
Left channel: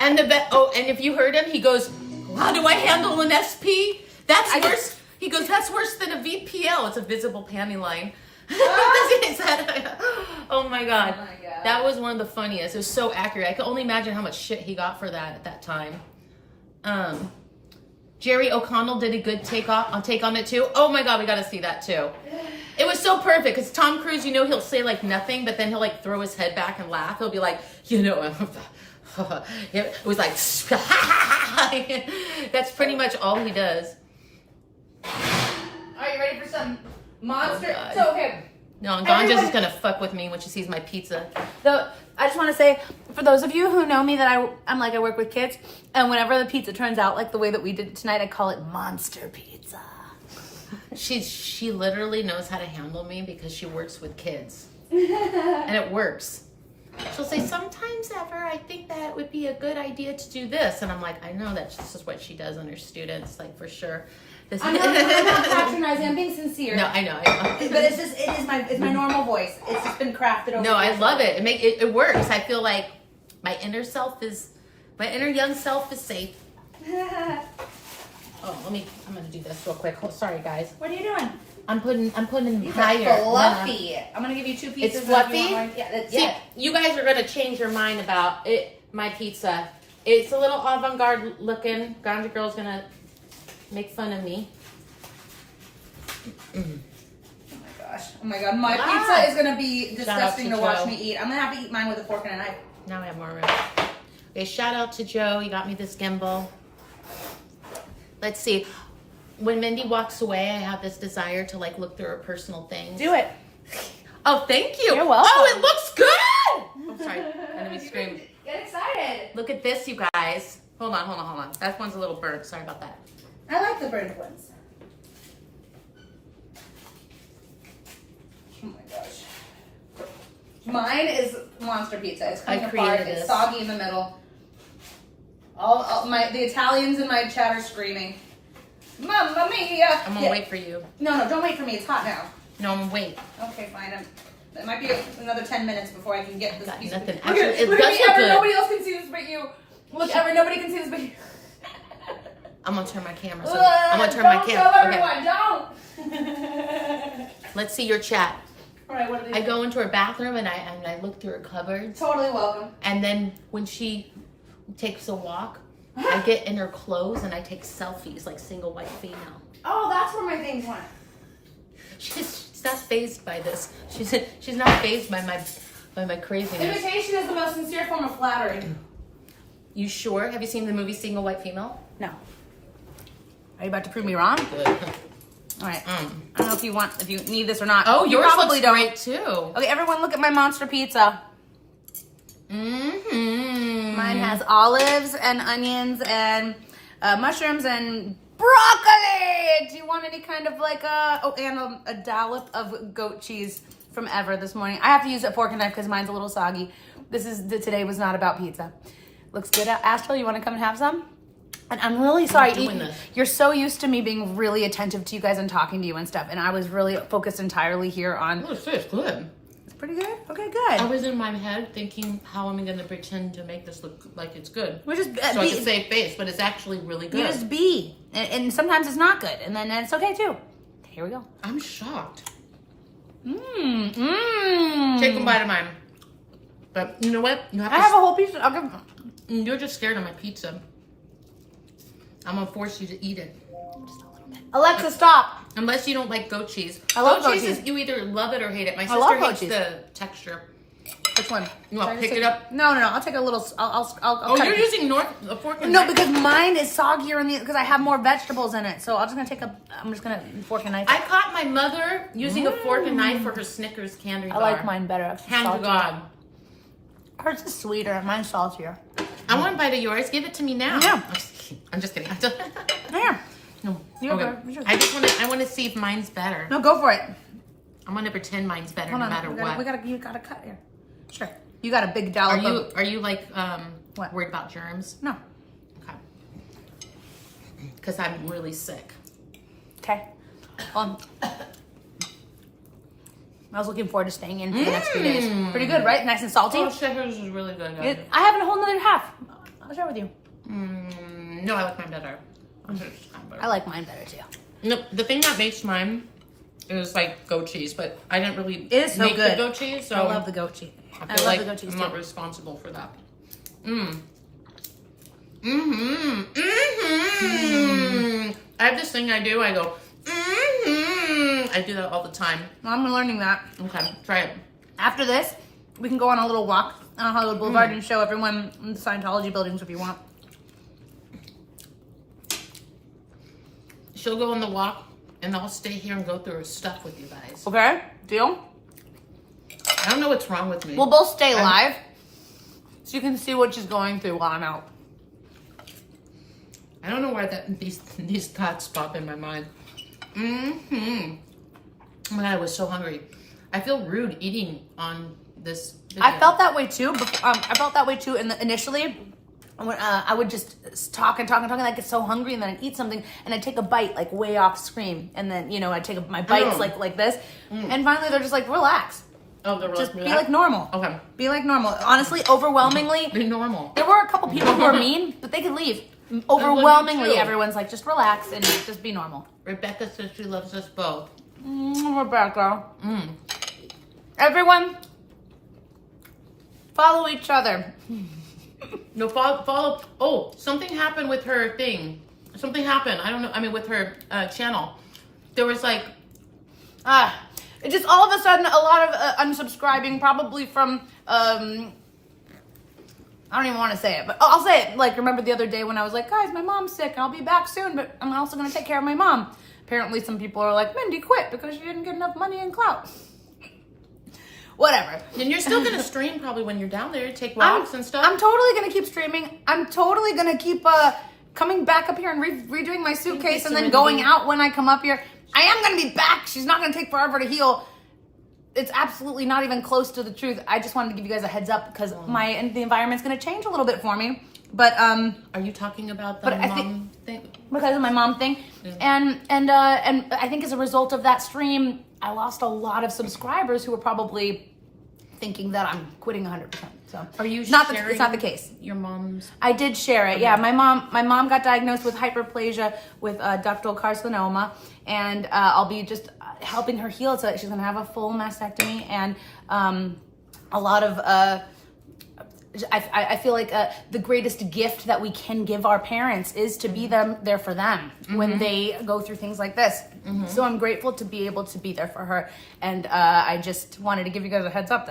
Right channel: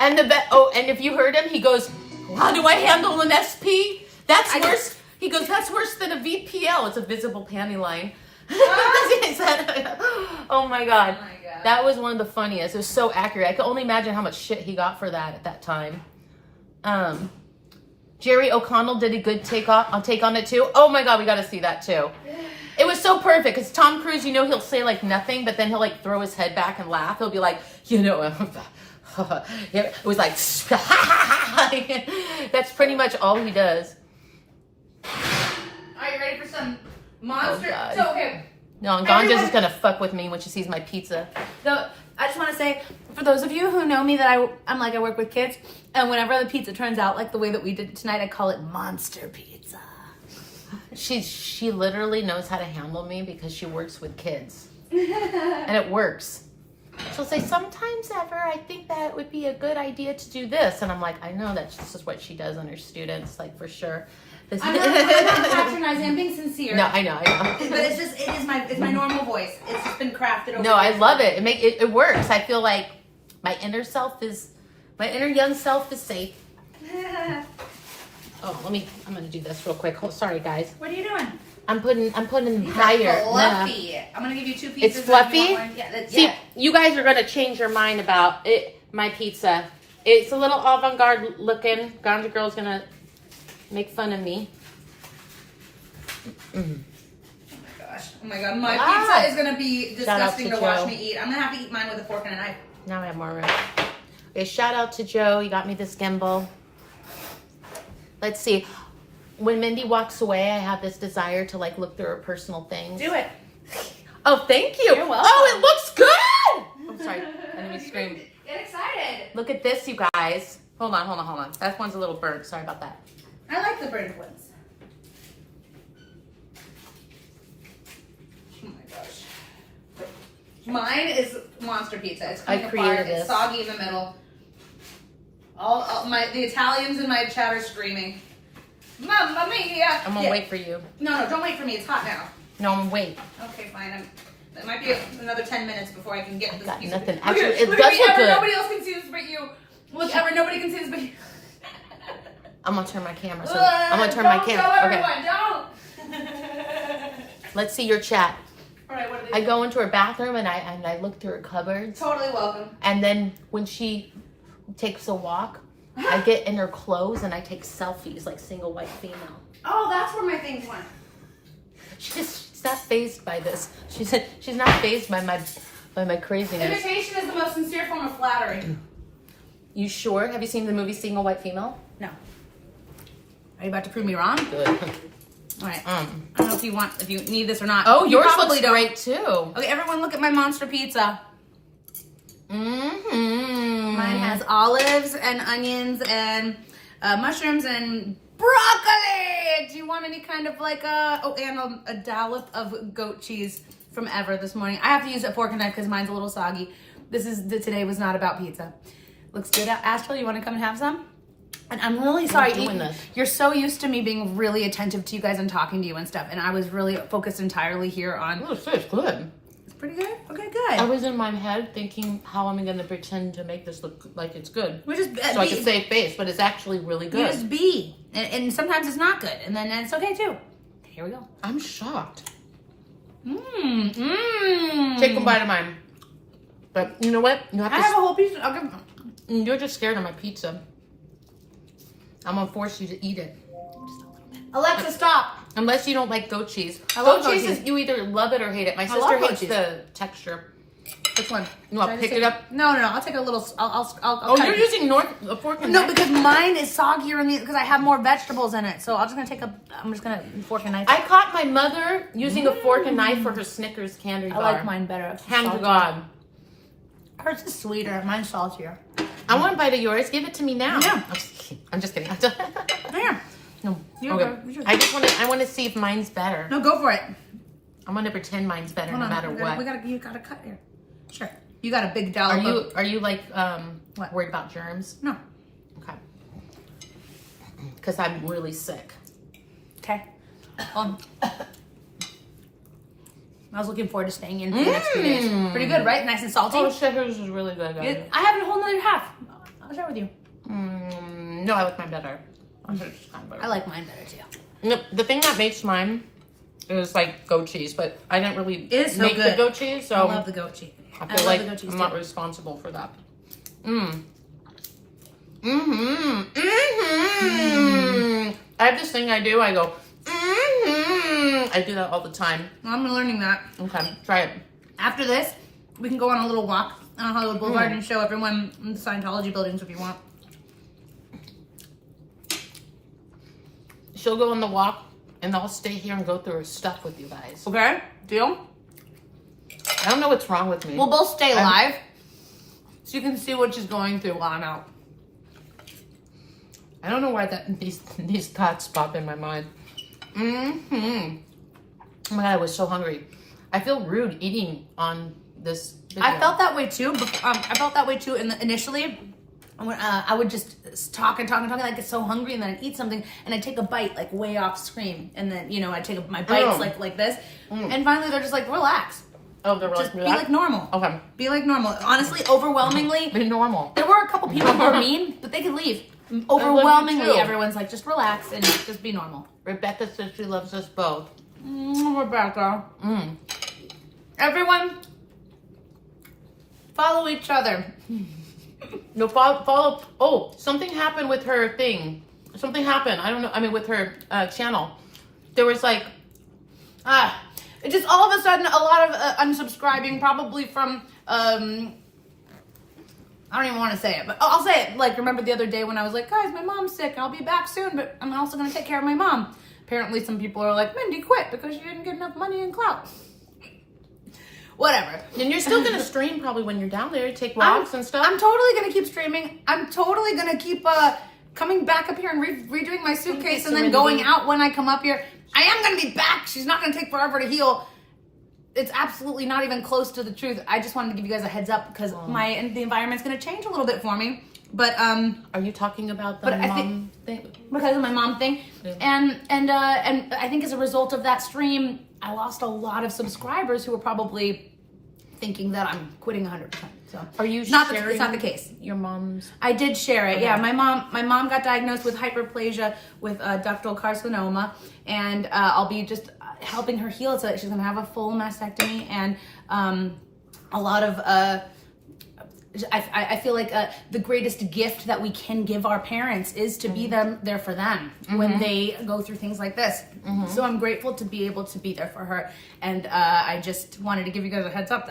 And and if you heard him, he goes, how do I handle an SP? That's worse. He goes, that's worse than a VPL. It's a visible panty line. Oh my God. That was one of the funniest. It was so accurate. I could only imagine how much shit he got for that at that time. Jerry O'Connell did a good take on it too. Oh my God, we got to see that too. It was so perfect because Tom Cruise, you know, he'll say like nothing, but then he'll like throw his head back and laugh. He'll be like, you know, it was like, that's pretty much all he does. Are you ready for some monster? Oh, God. So okay. No, and Ganja's just gonna fuck with me when she sees my pizza. I just want to say, for those of you who know me, that I'm like, I work with kids, and whenever the pizza turns out like the way that we did it tonight, I call it monster pizza. She literally knows how to handle me because she works with kids. And it works. She'll say, sometimes ever, I think that it would be a good idea to do this. And I'm like, I know that's just what she does on her students, like for sure. I'm not patronizing. I'm being sincere. No, I know. But it's my normal voice. It's just been crafted over. No, I love it. It works. I feel like my inner young self is safe. Oh, I'm gonna do this real quick. Oh, sorry guys. What are you doing? I'm putting It's higher. fluffy. I'm gonna give you 2 pieces. It's fluffy? See, Yeah. you guys are gonna change your mind about it. My pizza. It's a little avant-garde looking. Ganja Girl's gonna make fun of me. Oh my god, my pizza is gonna be disgusting to watch me eat. I'm gonna have to eat mine with a fork and a knife. Now I have more room. Okay, shout out to Joe. You got me this gimbal. Let's see. When Mindy walks away, I have this desire to like look through her personal things. Do it. Oh, thank you. You're welcome. Oh, it looks good. I'm sorry. I know we screamed. Get excited. Look at this, you guys. Hold on. That one's a little burnt. Sorry about that. I like the burnt ones. Oh my gosh. Mine is monster pizza. It's kind of created hard. It's this. soggy in the middle. The Italians in my chat are screaming, "Mamma mia!" I'm gonna wait for you. No, don't wait for me. It's hot now. No, I'm gonna wait. Okay, fine. It might be another 10 minutes before I can get this Got piece. nothing. Look at- Actually, it look at does me, look Ever. good. Nobody else can see this but you. Look, Ever. Nobody can see this but you. I'm gonna turn my camera. So I'm gonna turn my Don't show camera. Okay. everyone. Don't. Let's see your chat. All right, what are I go into her bathroom and I look through her cupboards. Totally welcome. And then when she takes a walk, I get in her clothes and I take selfies like single white female. Oh, that's where my things went. She's not fazed by this. She's not fazed by my craziness. Imitation is the most sincere form of flattery. You sure? Have you seen the movie Single White Female? No. Are you about to prove me wrong? Good. All right. I don't know if you need this or not. Oh, you yours probably looks don't. great too. Okay, everyone, look at my monster pizza. Mm-hmm. Mine has olives and onions and mushrooms and broccoli. Do you want any kind of like and a dollop of goat cheese from Ever this morning? I have to use a fork and knife because mine's a little soggy. Today was not about pizza. Looks good. Astro, you want to come and have some? And I'm really sorry. You're so used to me being really attentive to you guys and talking to you and stuff, and I was really focused entirely here on. Oh, it's good. It's pretty good. Okay, good. I was in my head thinking, how am I going to pretend to make this look like it's good? We're just So I can save face, but it's actually really good. You just be, and sometimes it's not good, and then it's okay too. Here we go. I'm shocked. Mmm. Take a bite of mine. But you know what? You have I to. have a whole piece. You're just scared of my pizza. I'm gonna force you to eat it. Alexa, stop. Unless you don't like goat cheese. I love goat cheese. cheese. Is, you either love it or hate it. My love sister goat hates cheese. the texture. Which one? You want to pick it up? No. I'll take a little. I'll Oh, cut you're it. using a fork and No, knife? because mine is soggier because I have more vegetables in it. So I'm just gonna fork and knife. I caught my mother using a fork and knife for her Snickers candy bar. I like mine better. It's Hand to saltier. God. Hers is sweeter. Mine's saltier. I want a bite of yours. Give it to me now. Yeah. I'm just kidding. There. No. You're Okay. good. I want to see if mine's better. No, go for it. I'm gonna pretend mine's better Hold no on. matter what. You gotta cut here. Sure. You got a big dollop. Are you like What? worried about germs? No. Okay. Because I'm really sick. Okay. I was looking forward to staying in for the next 2 days. Pretty good, right? Nice and salty. Oh, Snickers is really good. I have a whole nother half. I'll share with you. No, I like mine better. I like mine better too. No, the thing that makes mine is like goat cheese, but I didn't really It is so make good. the goat cheese, so I love the goat cheese. I I feel love like the goat cheese I'm not too. responsible for that. I have this thing I do. I go. I do that all the time. I'm learning that. Okay, try it. After this, we can go on a little walk on Hollywood Boulevard and show everyone the Scientology buildings if you want. She'll go on the walk, and I'll stay here and go through her stuff with you guys. Okay? Deal? I don't know what's wrong with me. We'll both stay live so you can see what she's going through while I'm out. I don't know why these thoughts pop in my mind. Mm-hmm. Oh my God, I was so hungry. I feel rude eating on this video. I felt that way too. I felt that way too initially. When, I would just talk and talk and talk, and I'd get so hungry, and then I'd eat something, and I'd take a bite like way off screen, and then I'd take my bites like this, and finally they're just like, relax. Oh, they're Just like, be like normal. Okay. Be like normal. Honestly, overwhelmingly, Be normal. there were a couple people who were mean, but they could leave. Overwhelmingly, too. everyone's like, just relax and just be normal. Rebecca says she loves us both. Rebecca. Everyone, follow each other. No, follow. Oh, something happened with her thing. Something happened. I don't know. I mean, with her channel. There was like, it just all of a sudden a lot of unsubscribing, probably from I don't even want to say it, but I'll say it. Like, remember the other day when I was like, guys, my mom's sick and I'll be back soon, but I'm also going to take care of my mom. Apparently some people are like, Mindy quit because she didn't get enough money and clout. Whatever. and you're still gonna stream probably when you're down there, take walks and stuff. I'm totally going to keep streaming. I'm totally going to keep coming back up here and redoing my suitcase and then going out when I come up here. I am going to be back. She's not going to take forever to heal. It's absolutely not even close to the truth. I just wanted to give you guys a heads up because the environment's going to change a little bit for me. But are you talking about the mom thing? Because of my mom thing, Yeah. and I think as a result of that stream, I lost a lot of subscribers who were probably thinking that I'm quitting 100%. So Are you it's not sharing the case. Your mom's? I did share it. Yeah, my mom got diagnosed with hyperplasia with ductal carcinoma, and I'll be just helping her heal so that she's gonna have a full mastectomy and a lot of. I feel like the greatest gift that we can give our parents is to be there for them when they go through things like this. So I'm grateful to be able to be there for her, and I just wanted to give you guys a heads up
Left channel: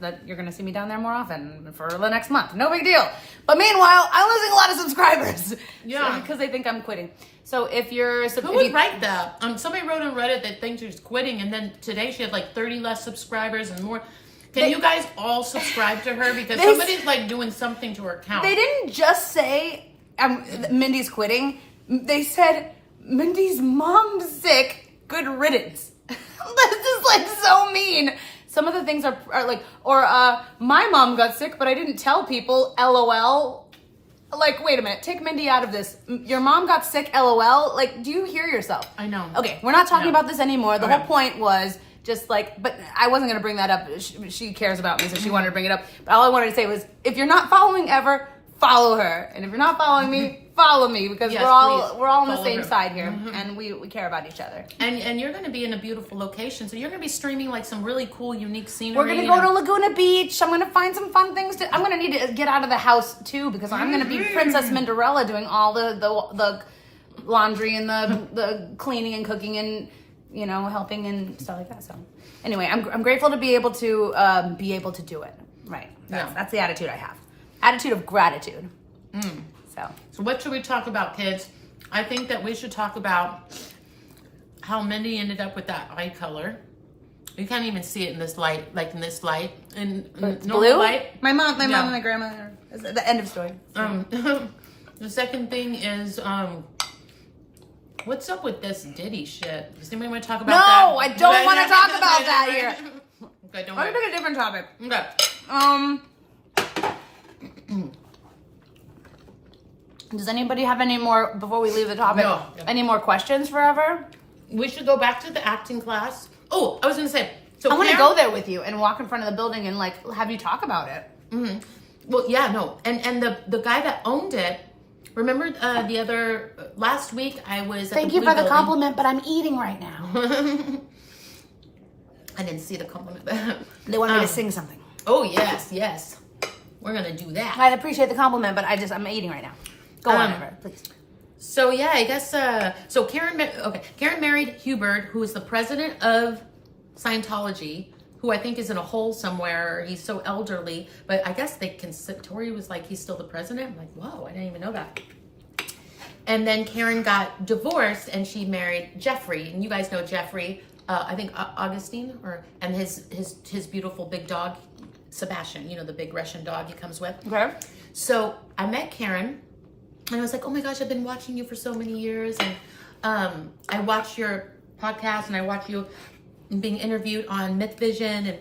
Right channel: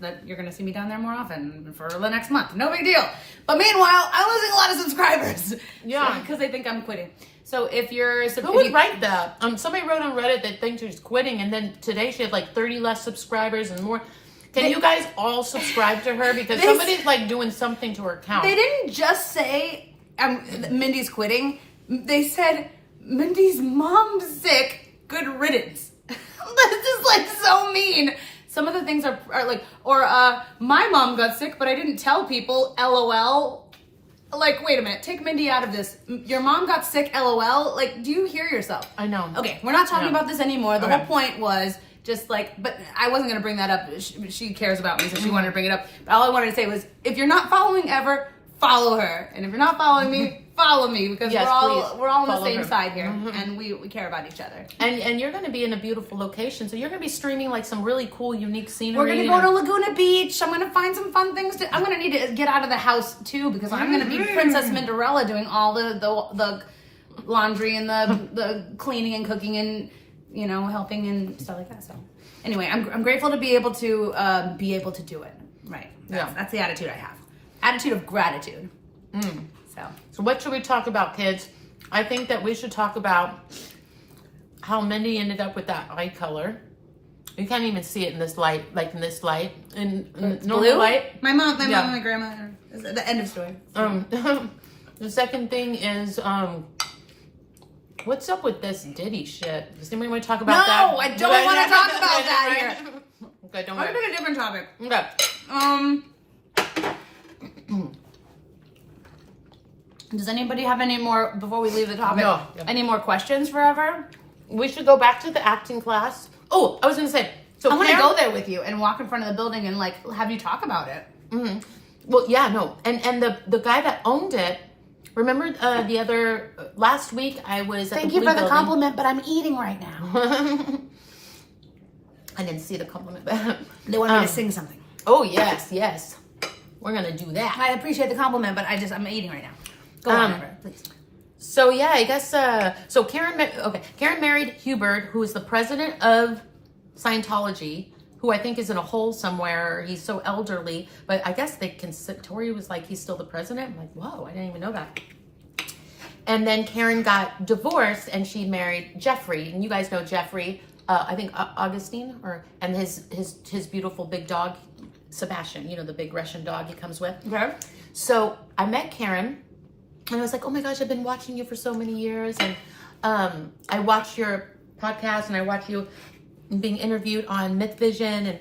that you're going to see me down there more often for the next month. No big deal. But meanwhile, I'm losing a lot of subscribers. Yeah. Because they think I'm quitting. So if you're... Who would write that? Somebody wrote on Reddit that thinks she's quitting, and then today she had like 30 less subscribers and more. Can you guys all subscribe to her? Because somebody's like doing something to her account. They didn't just say Mindy's quitting. They said Mindy's mom's sick. Good riddance. This is like so mean. Some of the things are like, or my mom got sick, but I didn't tell people. LOL. Like, wait a minute. Take Mindy out of this. Your mom got sick. LOL. Like, do you hear yourself? I know. Okay, we're not talking about this anymore. The whole point was just like, but I wasn't going to bring that up. She cares about me, so she wanted to bring it up. But all I wanted to say was, if you're not following ever, follow her. And if you're not following me, follow me, because we're all on the same side here, and we care about each other. And you're going to be in a beautiful location, so you're going to be streaming like some really cool, unique scenery. We're going to go to Laguna Beach. I'm going to find some fun things to. I'm going to need to get out of the house too, because I'm going to be Princess Minderella doing all the laundry and the cleaning and cooking and helping and stuff like that. So anyway, I'm grateful to be able to do it. Right. That's the attitude I have. Attitude of gratitude. So what should we talk about, kids? I think that we should talk about how Mindy ended up with that eye color. You can't even see it in this light, like in this light. In normal blue? light. My mom and my grandma. The end of story. The second thing is, what's up with this Diddy shit? Does anybody want to talk about that? No, I don't want to talk about that here. Okay, don't I'm worry. gonna pick a different topic. Okay. Does anybody have any more before we leave the topic? No. Any more questions forever? We should go back to the acting class. Oh, I was gonna say. So I want to go there with you and walk in front of the building and like have you talk about it. Well, yeah, no, and the guy that owned it. Remember the other last week I was. Thank you for the compliment, but I'm eating right now. I didn't see the compliment. They wanted me to sing something. Oh yes, we're gonna do that. I appreciate the compliment, but I'm eating right now. Go on, Amber, please. So yeah, I guess so. Karen married Hubbard, who is the president of Scientology, who I think is in a hole somewhere. He's so elderly, but I guess Tori was like, he's still the president. I'm like, whoa, I didn't even know that. And then Karen got divorced, and she married Jeffrey, and you guys know Jeffrey. I think Augustine, and his beautiful big dog, Sebastian. You know, the big Russian dog he comes with. Okay. So I met Karen. And I was like, oh my gosh, I've been watching you for so many years. And I watched your podcast and I watch you being interviewed on Myth Vision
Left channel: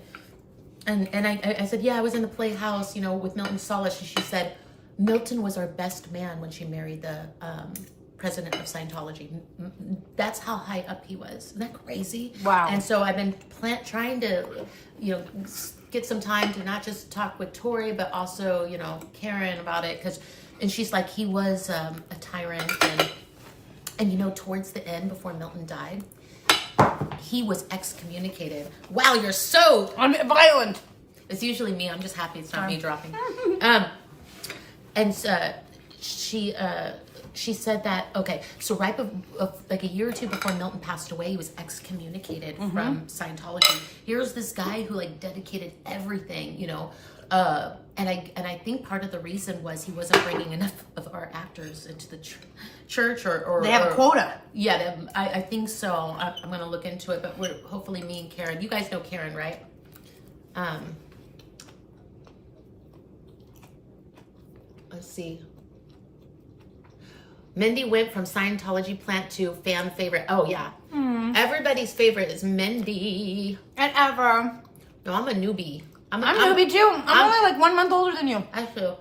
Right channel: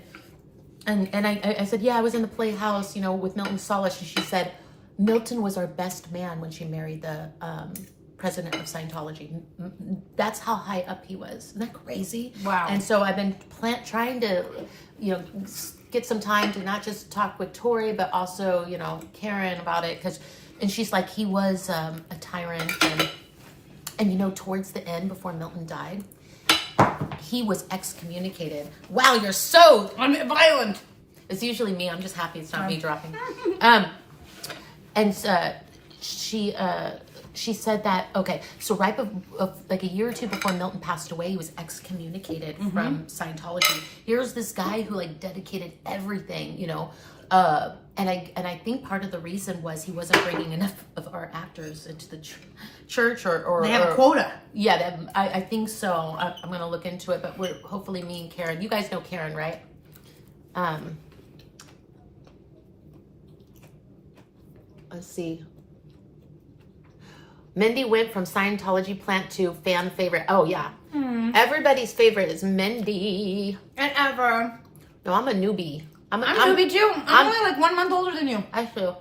and I said, yeah, I was in the Playhouse, with Milton Solis, and she said Milton was our best man when she married the president of Scientology. That's how high up he was. Isn't that crazy? Wow. And so I've been trying to, get some time to not just talk with Tori, but also, Karen about it. And she's like, he was a tyrant. And towards the end, before Milton died, he was excommunicated. Wow, you're so violent. It's usually me. I'm just happy it's not me dropping. She said that, okay, so right like a year or two before Milton passed away, he was excommunicated from Scientology. Here's this guy who dedicated everything, and I think part of the reason was he wasn't bringing enough of our actors into the church or they have a quota. Yeah, I think so. I'm going to look into it, but we're hopefully me and Karen. You guys know Karen, right? Let's see. Mindy went from Scientology plant to fan favorite. Oh, yeah. Everybody's favorite is Mindy. And ever. No, I'm a newbie. I'm a newbie too. I'm only like 1 month older than you. I feel.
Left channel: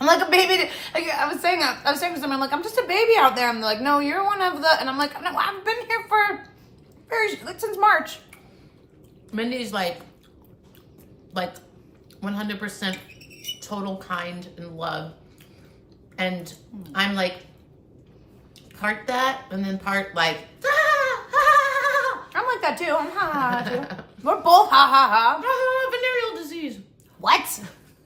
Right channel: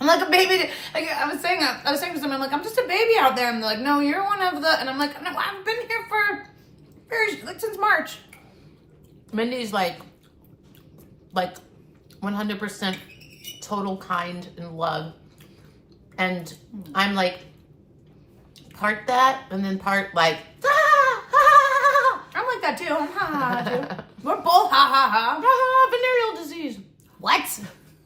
I'm like a baby. Like, I was saying to someone, I'm like, I'm just a baby out there. And they're like, no, you're one of the. And I'm like, no, I've been here since March. Mindy's like 100% total kind and love. And I'm like, part that, and then part like, I'm like that too. I'm ha ha too. We're both ha ha ha. Venereal disease. What?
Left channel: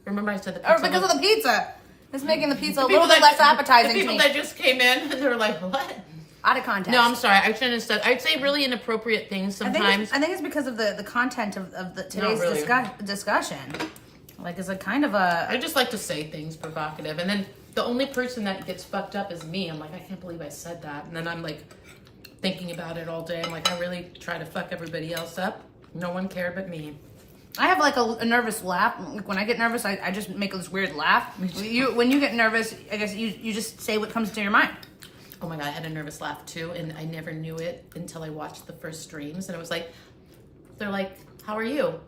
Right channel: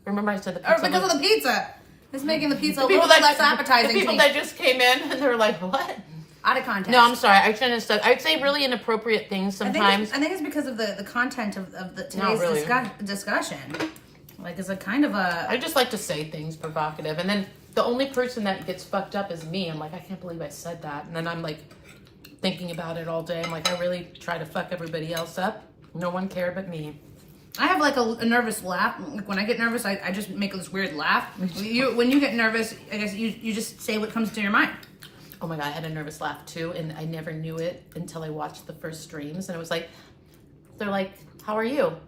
Remember I said the Or pizza because of the pizza. It's making the pizza a the little people bit less appetizing The to people me. that just came in, and they were like, what? Out of context. No, I'm sorry. I'd say really inappropriate things sometimes. I think it's because of the content of today's really. discussion. Like, it's a kind of a... I just like to say things provocative, and then the only person that gets fucked up is me. I'm like, I can't believe I said that. And then I'm like thinking about it all day. I'm like, I really try to fuck everybody else up. No one cared but me. I have like a nervous laugh. Like, when I get nervous, I just make this weird laugh. When you get nervous, I guess you just say what comes to your mind. Oh my God, I had a nervous laugh too, and I never knew it until I watched the first streams, and it was like, they're like, how are you?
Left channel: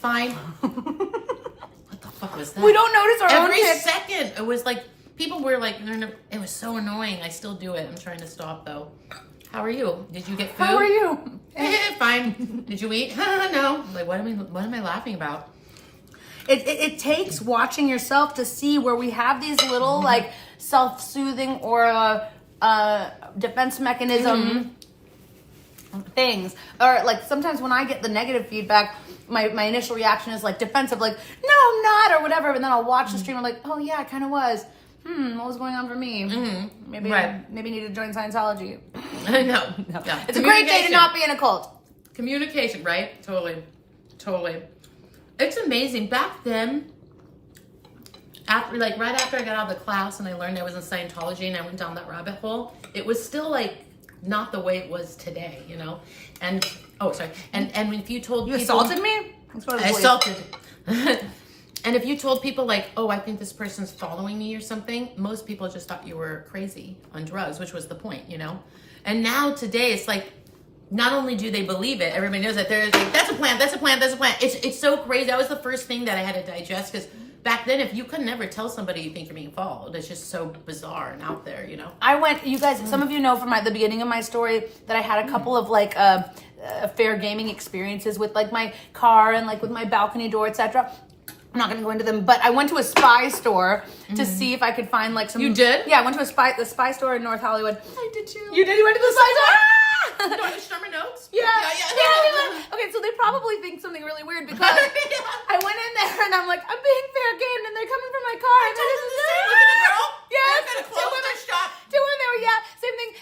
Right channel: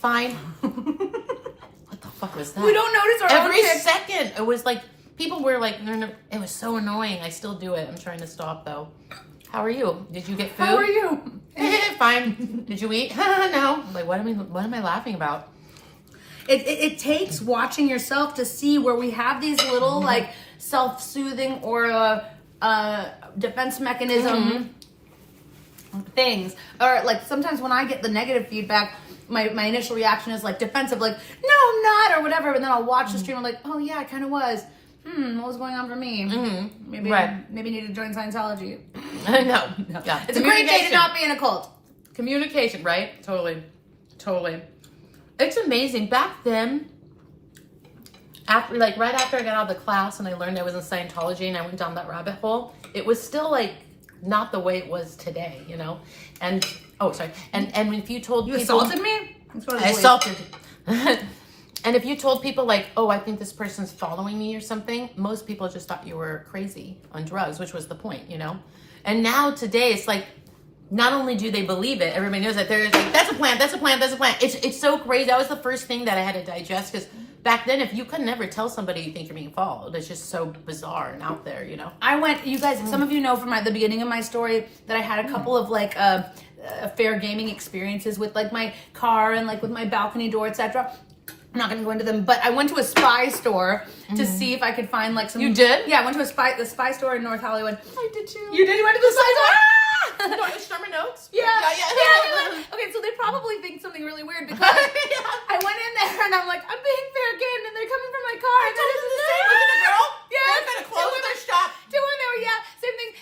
Fine. What the fuck was that? We don't notice our Every own shit. second. It was like, people were like, no, it was so annoying. I still do it. I'm trying to stop though. How are you? Did you get food? How are you? Fine. Did you eat? No. I'm like, what am I laughing about? It takes watching yourself to see where we have these little like self-soothing or defense mechanism things. Or like sometimes when I get the negative feedback, my initial reaction is like defensive, like, no, I'm not, or whatever. And then I'll watch the stream. I'm like, oh yeah, I kind of was. What was going on for me? Maybe need to join Scientology. No. It's a great day to not be in a cult. Communication, right? Totally. It's amazing. Back then, right after I got out of the class and I learned I was in Scientology and I went down that rabbit hole, it was still like not the way it was today, And and if you told You people, assaulted me? I assaulted. And if you told people like, oh, I think this person's following me or something, most people just thought you were crazy on drugs, which was the point, And now today it's like, not only do they believe it, everybody knows that there's like, that's a plant. It's so crazy. That was the first thing that I had to digest, because back then, if you could never tell somebody you think you're being followed, it's just so bizarre and out there, I went, you guys, some of you know from the beginning of my story that I had a couple of like fair gaming experiences with like my car and like with my balcony door, etc. I'm not going to go into them, but I went to a spy store to see if I could find like some... You did? Yeah, I went to the spy store in North Hollywood. I did too. You did? You went to the spy store? Going to Sherman Oaks? Yeah. Okay, so they probably think something really weird because I went in there and I'm like, I'm being fair game, and they're coming from my car. I told them the same. Look at the girl. Yeah. We're going to close the shop. Two in there, yeah, same thing.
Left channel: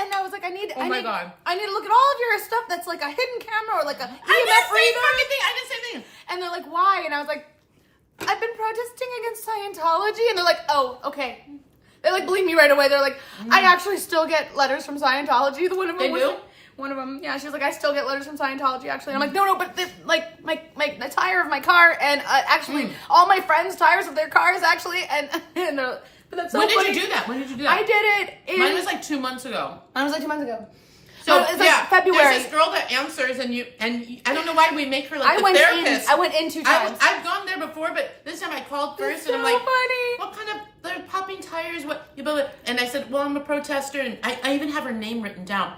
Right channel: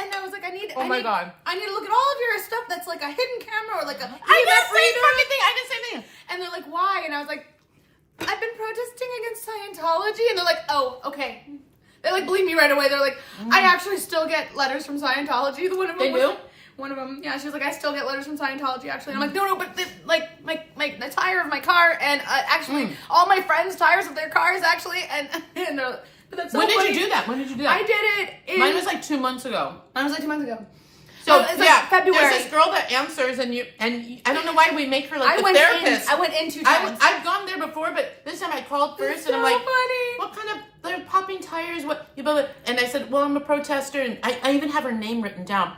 And I was like, I need to look at all of your stuff that's like a hidden camera or like a EMF reader. I did the same thing. And they're like, why? And I was like, I've been protesting against Scientology. And they're like, oh, okay. They like believe me right away. They're like, I actually still get letters from Scientology. One of them They do? One of them, yeah. She was like, I still get letters from Scientology, actually. And I'm like, no, but the tire of my car and actually all my friends' tires of their cars, actually. And they're, but that's so When funny. did you do that? I did it. Mine was like 2 months ago. Mine was like 2 months ago. So it's like February. There's this girl that answers, and I don't know why we make her like the therapist. I went in 2 times. I've gone there before, but this time I called first, and I'm like, what kind of, they're popping tires, what? And I said, well, I'm a protester, and I even have her name written down.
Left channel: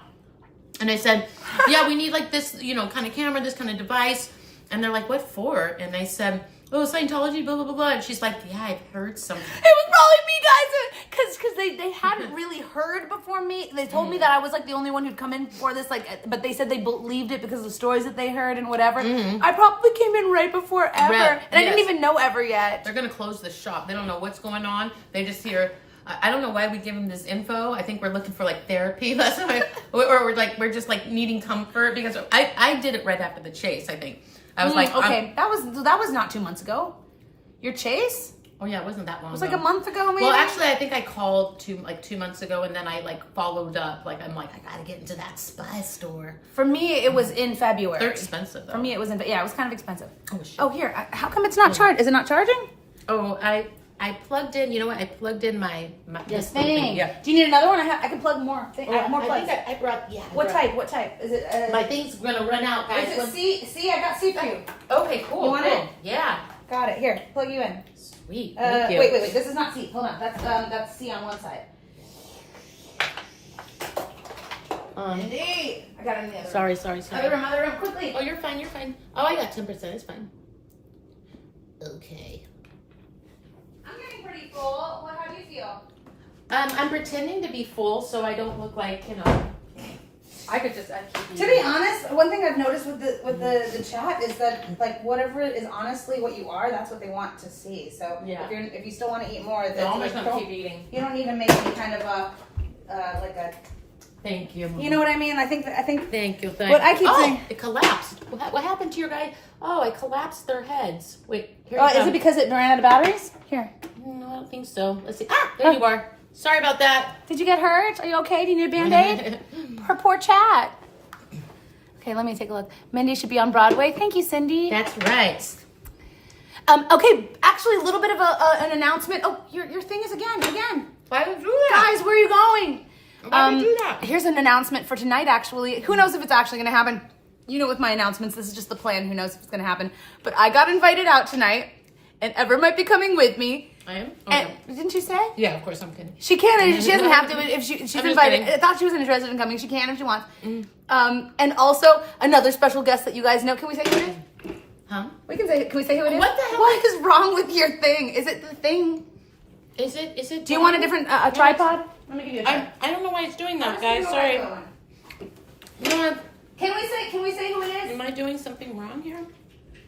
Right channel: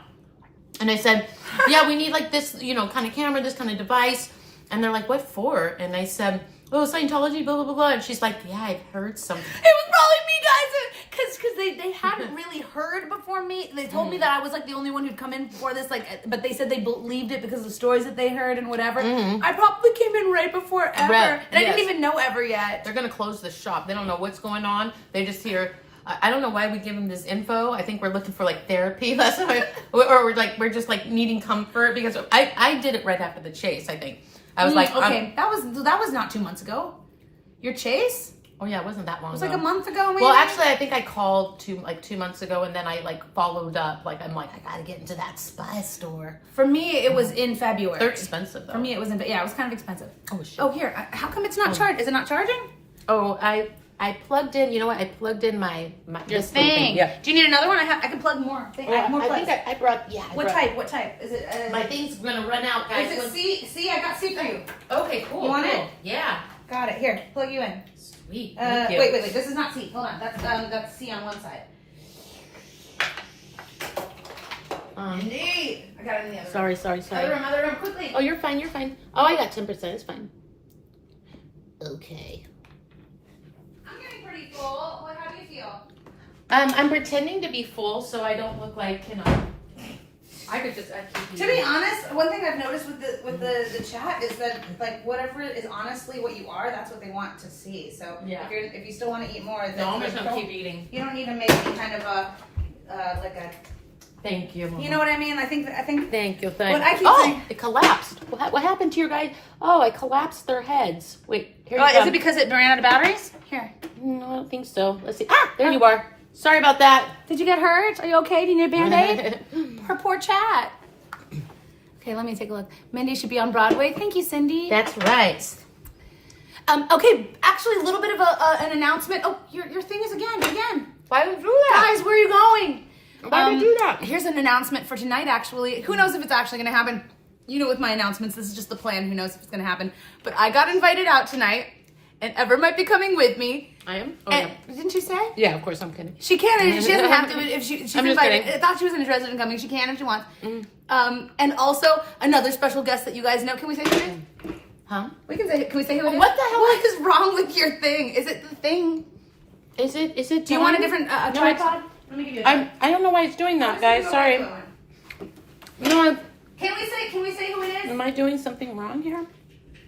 And I said, yeah, we need like this, kind of camera, this kind of device. And they're like, what for? And I said, oh, Scientology, blah, blah, blah, blah. And she's like, yeah, I've heard something. It was probably me, guys, because they hadn't really heard before me. They told me that I was like the only one who'd come in before this, but they said they believed it because of the stories that they heard and whatever. I probably came in right before Ever. And I didn't even know Ever yet. They're going to close the shop. They don't know what's going on. They just hear... I don't know why we give them this info. I think we're looking for like therapy. That's why, or we're just like needing comfort because I did it right after the chase. I think I was like, okay, that was not 2 months ago. Your chase? Oh yeah, it wasn't that long. It was ago. like a month ago, maybe. Well, actually, I think I called 2 months ago, and then I like followed up. Like I'm like, I gotta get into that spy store. For me, it was in February. They're expensive though. For me, it was it was kind of expensive. Oh shit. Oh here, how come it's not charged? Is it not charging? Oh, I plugged in. You know what? I plugged in my this thing. Yeah. Do you need another one? I can plug more. I have more plugs. I brought. Yeah. What type? Is it? My thing's gonna run out, guys. Is it C? See, I got C for you. Okay, cool. You want cool. it? Yeah. Got it. Here, plug you in. Sweet. Thank you. Wait. This is not C. Hold on. That's C on one side. Mindy, I got it in the other. Sorry. Other room, quickly. Oh, you're fine. Oh, I got 10%. It's fine. Okay. I'm getting pretty full. How do you feel? I'm pretending to be full so I don't look like, I could just actually. To be honest, one thing I've noticed with the chat is that like whatever is honestly what you are, that's what they want to see. So Yeah. if you still want to eat more, then I'm just gonna keep eating. You don't need to make any kind of like a. Thank you. You know what I mean? I think. Thank you. What I keep saying. It collapsed. What happened to your guy? Oh, it collapsed their heads. Wait. Here Is it because it ran out of batteries? Here. No, I don't think so. Let's see. There you are. Sorry about that. Did you get hurt? Are you okay? Do you need a Band-Aid? Her poor chat. Okay, let me take a look. Mindy should be on Broadway. Thank you, Cindy. That's right. Okay, actually, a little bit of an announcement. Oh, your thing is again. Why would you do that? Guys, where are you going? Why would you do that? Here's an announcement for tonight, actually. Who knows if it's actually going to happen? You know, with my announcements, this is just the plan. Who knows if it's going to happen? But I got invited out tonight, and Ever might be coming with me. I am? Oh, And, didn't she say? yeah, of course, I'm kidding. She can. She doesn't have to. If she's I'm invited. just kidding. I thought she was interested in coming. She can if she wants. And also another special guest that you guys know. Can we say who it is? Huh? We can say. Can we say who it is? What the hell? What is wrong with your thing? Is it the thing? Is it? Do you want a different tripod? Let me give you a tripod. I don't know why it's doing that, guys. Sorry. You know what? Can we say who it is? Am I doing something wrong here?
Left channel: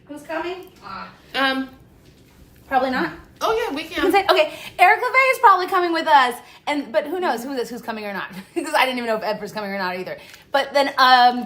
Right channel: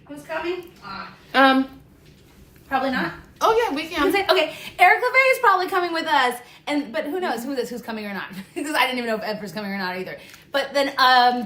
Who's coming? Probably not. Oh yeah, we can. Okay, Eric LeVay is probably coming with us, but who knows who's coming or not? Because I didn't even know if Edward's coming or not either. But then,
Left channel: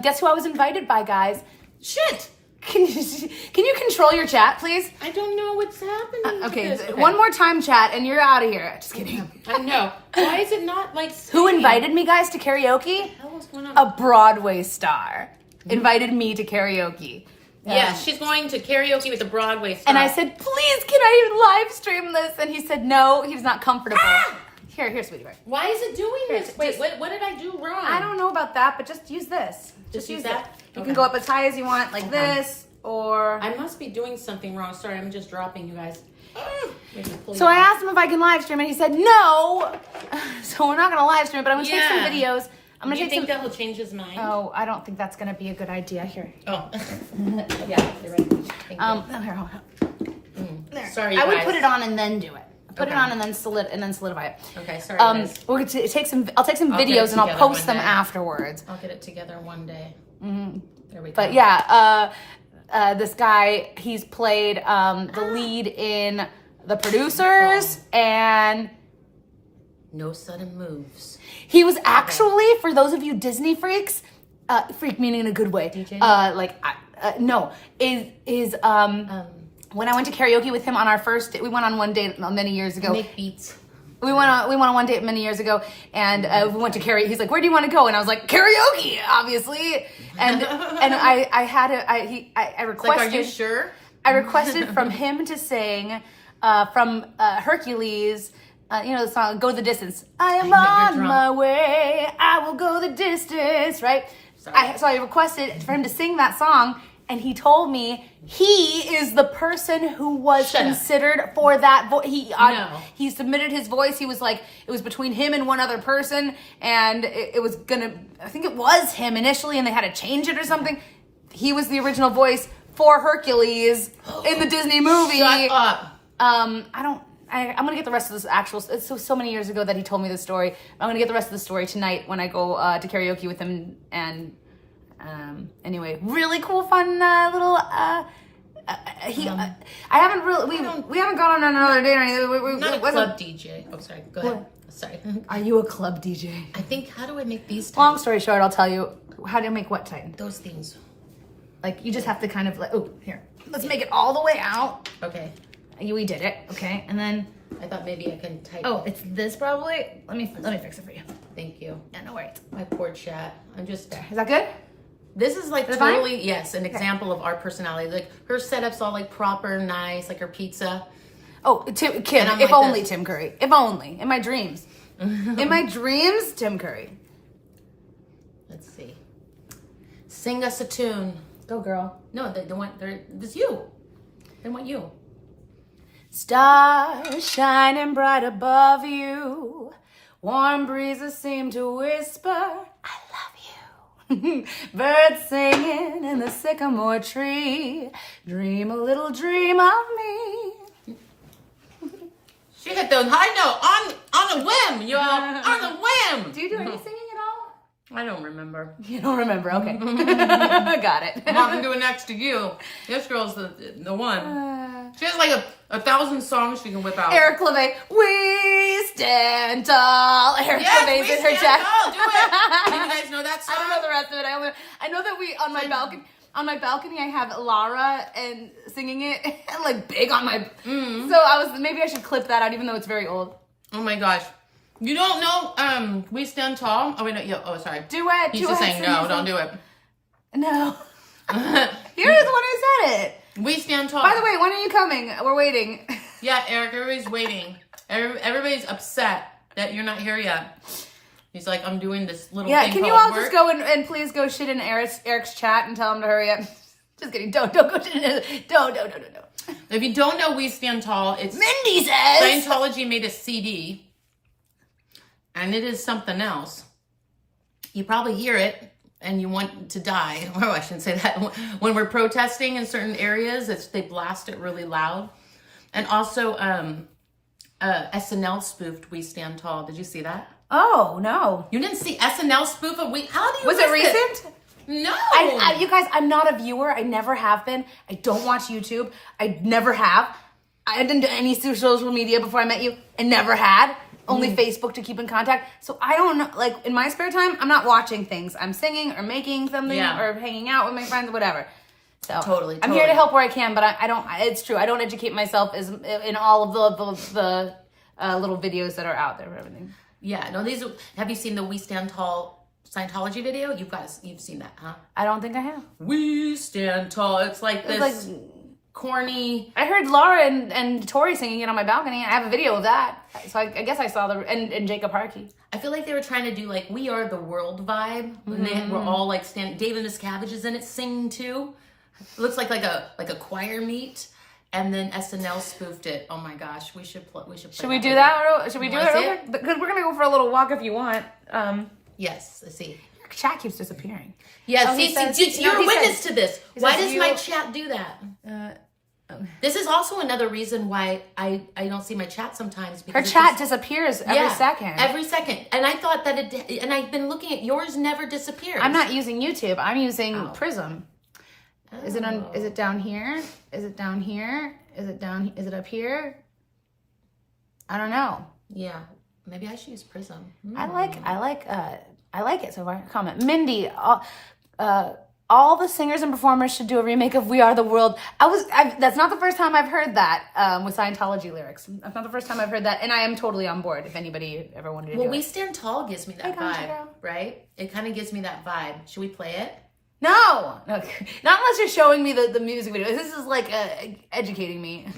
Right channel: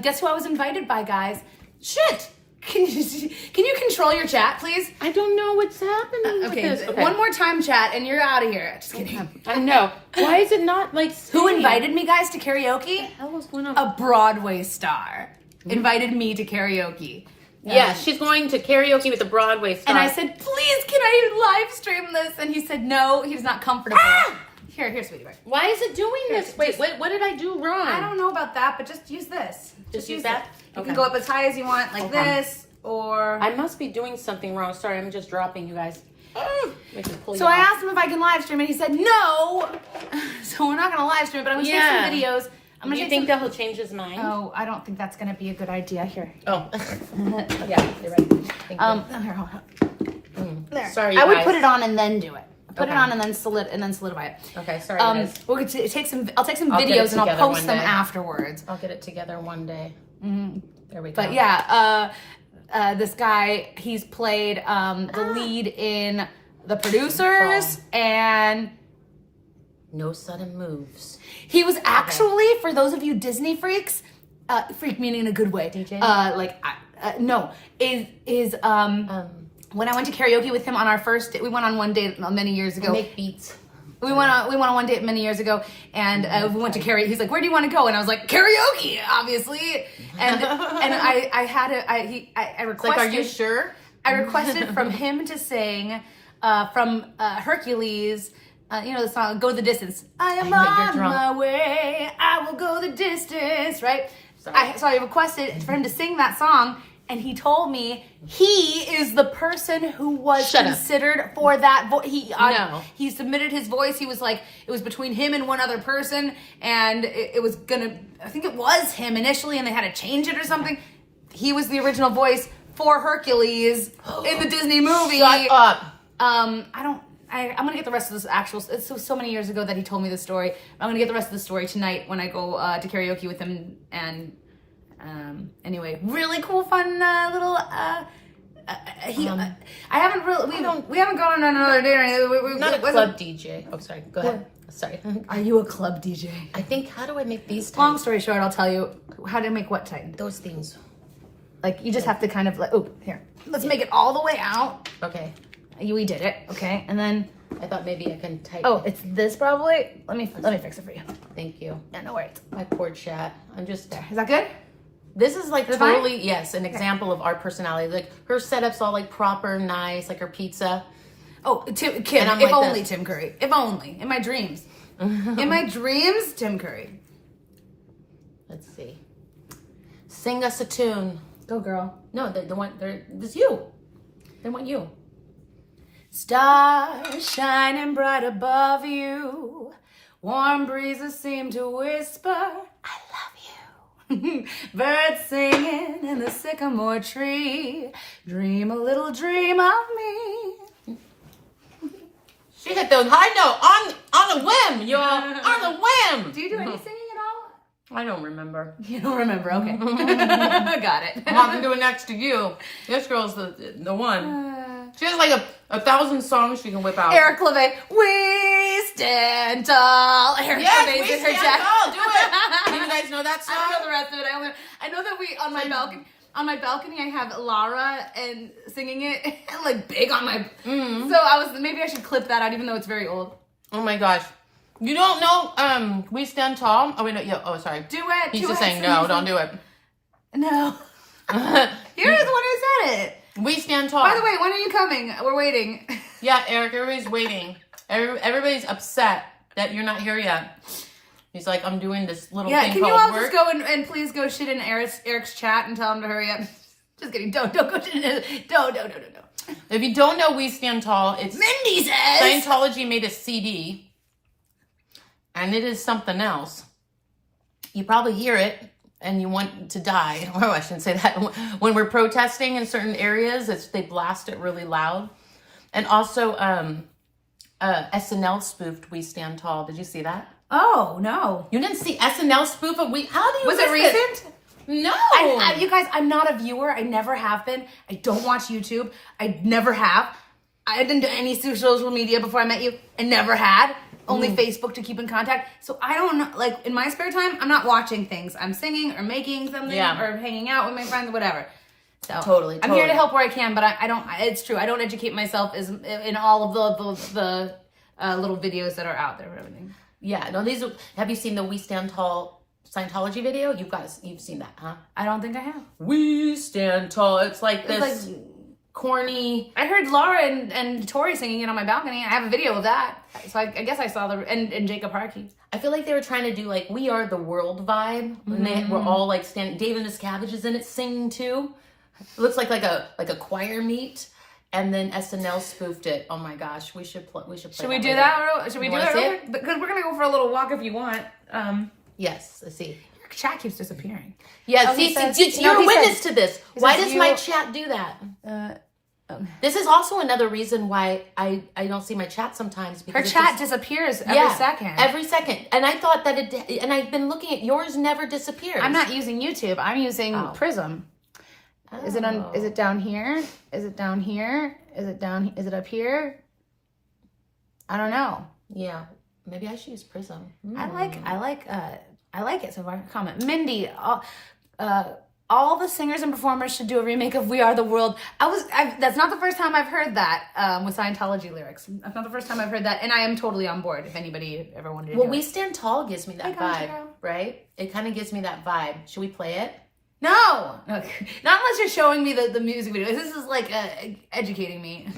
guess who I was invited by, guys? Shit! Can you control your chat, please? I don't know what's happening. Okay, one more time, chat, and you're out of here. Just kidding. I know. Why is it not like? Who invited me, guys, to karaoke? What's going on? A Broadway star invited me to karaoke. Yeah, she's going to karaoke with the Broadway star. And I said, please, can I live stream this? And he said, no, he's not comfortable. Here, sweetie. Right. Why is it doing this? Wait, what did I do wrong? I don't know about that, but just use this. Just use that? You Okay. can go up as high as you want, like this, or... I must be doing something wrong. Sorry, I'm just dropping you guys. So I asked him if I can live stream, and he said, no. So we're not going to live stream, but I'm going to take some videos. I'm Do gonna you think that will change his mind? Oh, I don't think that's going to be a good idea. Here. Oh. Yeah, you're right. Thank you. Here, hold on. There. Sorry, I would guys. put it on and then do it. Put it Okay. on and then solidify it. Okay, sorry guys. We're going to take some. I'll take some I'll get videos it and I'll together post one them day. afterwards. I'll get it together one day. There we go. But yeah, this guy, he's played the lead in The Producers, and No sudden moves. he was actually, for those of you Disney freaks, freak meaning in a good way. DJ? When I went to karaoke with him on our first date, we went on one date many years ago. Make beats. We went on one date many years ago, and we went to karaoke. He's like, "Where do you want to go?" And I was like, "Karaoke, obviously." And I requested. Like, are you sure? I requested from him to sing from Hercules. you know the song "Go the Distance." I am You're on drunk. my way. I will go the distance. Right. Sorry. So I requested for him to sing that song, and he told me he is the person who was Shut up. considered for that. No. He submitted his voice. He was like, it was between him and one other person, and it was gonna. I think it was him initially, and they had to change it or something. He was the original voice for Hercules in the Disney movie. Shut up. I'm gonna get the rest of this actual. It's so many years ago that he told me this story. I'm gonna get the rest of the story tonight when I go to karaoke with him. And anyway, really cool, fun little. I haven't really. We haven't gone on another day or anything. Not a club DJ. Oh, sorry. Go ahead. Sorry. Are you a club DJ? I think, how do I make these tight? Long story short, I'll tell you how to make what tighten. Those things. Like you just have to kind of like. Oh, here. Let's make it all the way out. Okay. We did it. Okay, and then. I thought maybe I can tighten. Oh, it's this probably. Let me fix it for you. Thank you. Yeah, no worries. My poor chat. I'm just there. Is that good? This is like Is it fine? totally, yes, an example of our personality. Like her setup's all like proper, nice, like her pizza. Oh, Kim, And I'm if like only this. Tim Curry. If only. In my dreams. In my dreams, Tim Curry. Let's see. Sing us a tune. Go, girl. No, they want, this you. They want you. Stars shining bright above you. Warm breezes seem to whisper, I love you. Birds singing in the sycamore tree. Dream a little dream of me. She hit the high note on a whim, y'all. On a whim. Do you do any singing at all? I don't remember. You don't remember, okay. Got it. I'm not doing next to you. This girl's the one. She has like a 1,000 songs she can whip out. Eric LeVay, we stand tall. Eric Yes, LeVay we did her stand jacket. tall. Do it. Do you guys know that song? I don't know the rest of it. I know that we on my balcony I have Lara and singing it and like big on my. So maybe I should clip that out even though it's very old. Oh my gosh. You don't know We Stand Tall? Oh wait, no, oh sorry. Duet. He's just saying no, don't do it. No. You're the one who said it. We Stand Tall. By the way, when are you coming? We're waiting. Yeah, Eric, everybody's waiting. Everybody's upset that you're not here yet. He's like, I'm doing this little thing can called you all work. just go and please go shit in Eric's chat and tell him to hurry up? Just kidding. Don't go. Don't. If you don't know We Stand Tall, it's Mindy says Scientology made a CD, and it is something else. You probably hear it, and you want to die. Oh, I shouldn't say that. When we're protesting in certain areas, they blast it really loud. And also, SNL spoofed We Stand Tall. Did you see that? Oh no. You didn't see SNL spoof of We? How do you Was it miss this? recent? No. You guys, I'm not a viewer. I never have been. I don't watch YouTube. I never have. I didn't do any social media before I met you. I never had. Only Facebook to keep in contact. So I don't know. Like in my spare time, I'm not watching things. I'm singing or making something or hanging out with my friends or whatever. So Totally. I'm here to help where I can, but I don't. It's true. I don't educate myself as in all of the little videos that are out there for everything. Yeah. No. Have you seen the We Stand Tall Scientology video? You've seen that, huh? I don't think I have. We Stand Tall. It's like this like corny. I heard Laura and Tori singing it on my balcony. I have a video of that. So I guess I saw and Jacob Harkey. I feel like they were trying to do like We Are the World vibe. And they were all like standing. David Miscavige is in it singing too. It looks like a choir meet. And then SNL spoofed it. Oh my gosh, we should play. Should we do that? Should we do wanna that? see Real it? quick? Because we're gonna go for a little walk if you want. Yes, let's see. Your chat keeps disappearing. Yes, Oh, he says- you're a he witness says- to this. he Why says does you- my chat do that? This is also another reason why I don't see my chat sometimes. Her chat disappears every second. Every second. And I thought that and I've been looking at yours never disappears. I'm not using YouTube. I'm using Prism. Is it on? Is it down here? Is it down here? Is it up here? I don't know. Yeah. Maybe I should use Prism. I like it so far. Comment. Mindy, all the singers and performers should do a remake of We Are the World. That's not the first time I've heard that with Scientology lyrics. That's not the first time I've heard that, and I am totally on board if anybody ever wanted to do We it. Stand Tall gives me that Hey, Concha vibe, girl. right? It kind of gives me that vibe. Should we play it? No, not unless you're showing me the music video. This is like educating me.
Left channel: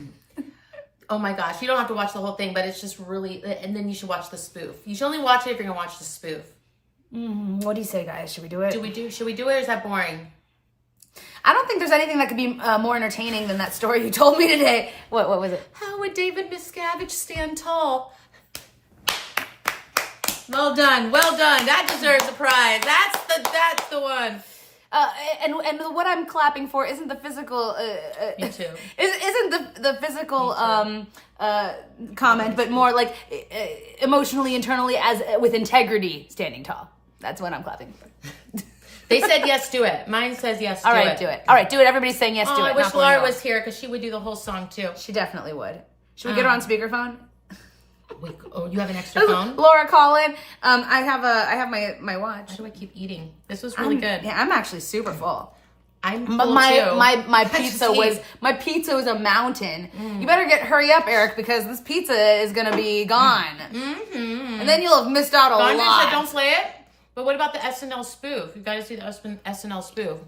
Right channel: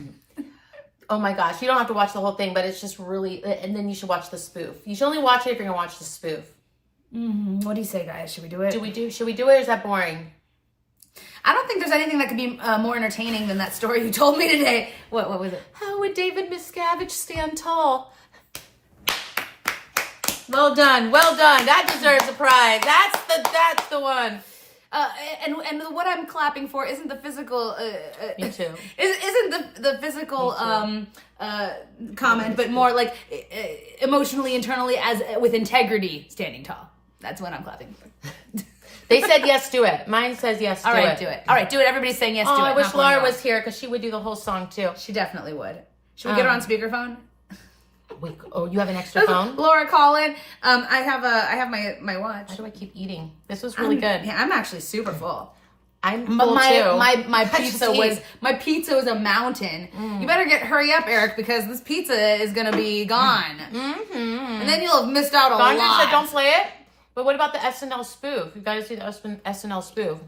Oh my gosh, you don't have to watch the whole thing, but it's just really, and then you should watch the spoof. You should only watch it if you're gonna watch the spoof. What do you say, guys? Should we do it? Should we do it, or is that boring? I don't think there's anything that could be more entertaining than that story you told me today. What was it? How would David Miscavige stand tall? Well done. That deserves a prize. That's the one. And what I'm clapping for isn't the physical. You too. Isn't the physical comment, but more like emotionally, internally, as with integrity, standing tall. That's what I'm clapping for. They said yes to it. Mine says yes to it. All right, do it. All right, do it. Everybody's saying yes to it. I wish Laura was here because she would do the whole song too. She definitely would. Should we get her on speakerphone? Wait, you have an extra phone? Laura, call in. I have my watch. Why do I keep eating? This was really good. Yeah, I'm actually super full. I'm full too. My pizza was a mountain. You better hurry up, Eric, because this pizza is gonna be gone, and then you'll have missed out a Gandhi lot. said don't play it. But what about the SNL spoof? You got to see the SNL spoof.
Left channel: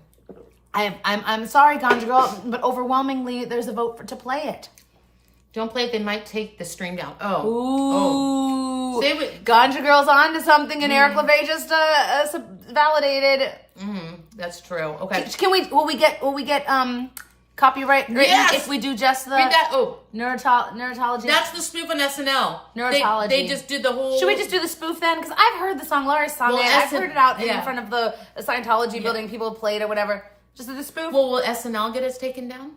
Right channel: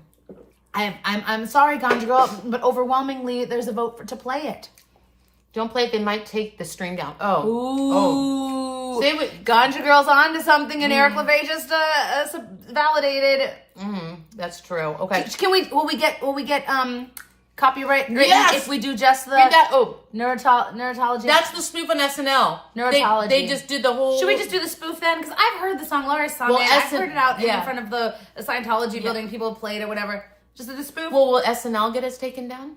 I'm sorry, Ganja Girl, but overwhelmingly there's a vote to play it. Don't play it. They might take the stream down. Ooh. Say what? Ganja Girl's on to something, and Eric LeVay just validated. That's true. Okay. Will we get copyright Yes. if we do just the neurotology? That's the spoof on SNL. Neurotology. They just did the whole. Should we just do the spoof then? Because I've heard the song. Laura's sung it. I've heard it out in front of the Scientology building. People have played it, whatever. Just do the spoof. Well, will SNL get us taken down?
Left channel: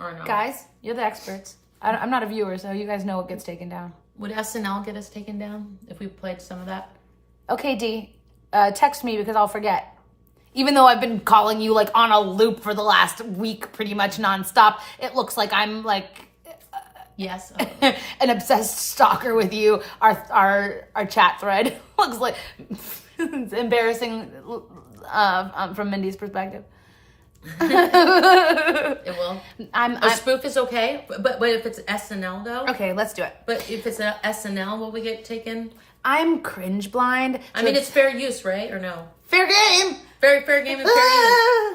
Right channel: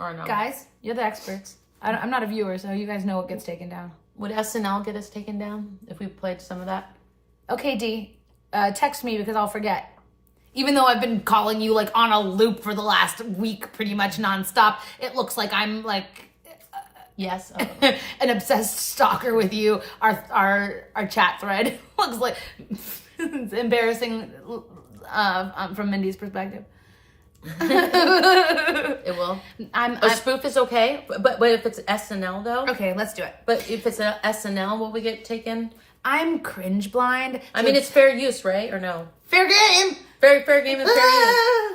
Or no? Guys, you're the experts. I'm not a viewer, so you guys know what gets taken down. Would SNL get us taken down if we played some of that? Okay, D. Text me because I'll forget. Even though I've been calling you like on a loop for the last week, pretty much nonstop, it looks like I'm like yes, an obsessed stalker with you. Our chat thread looks like it's embarrassing from Mindy's perspective. It will. A spoof is okay, but if it's SNL though, okay, let's do it. But if it's a SNL, will we get taken? I'm cringe blind. I mean, it's fair use, right? Or no? Fair game. Very fair game and fair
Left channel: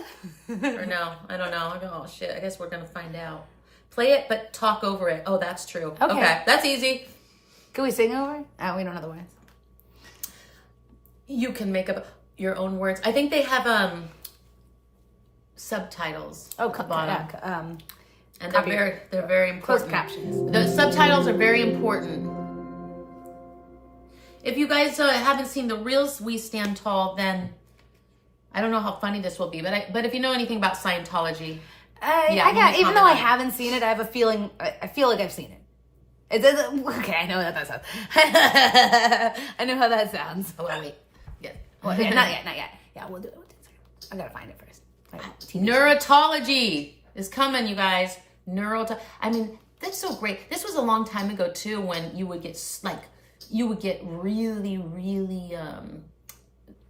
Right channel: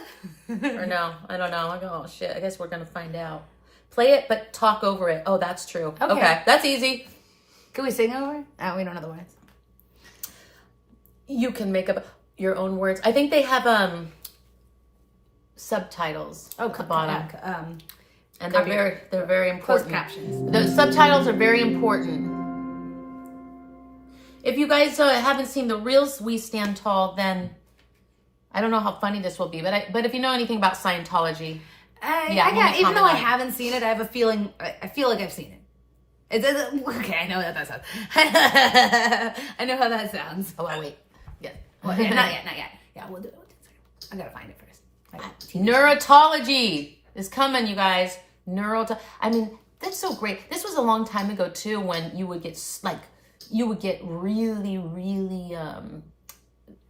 use. Or no? I don't know. I go, oh shit. I guess we're gonna find out. Play it, but talk over it. Oh, that's true. Okay, that's easy. Can we sing over? Oh, we don't know the words. You can make up your own words. I think they have subtitles at the bottom. And they're very important. Closed captions. The subtitles are very important. If you guys haven't seen the real We Stand Tall, then I don't know how funny this will be. But if you know anything about Scientology, even though I haven't seen it, I have a feeling. I feel like I've seen it. Okay, I know that sounds. I know how that sounds. Oh wait, yeah. Well, yeah, not yet. Yeah, we'll do it. I gotta find it first. Neurotology is coming, you guys. I mean, that's so great. This was a long time ago too, when you would get really, really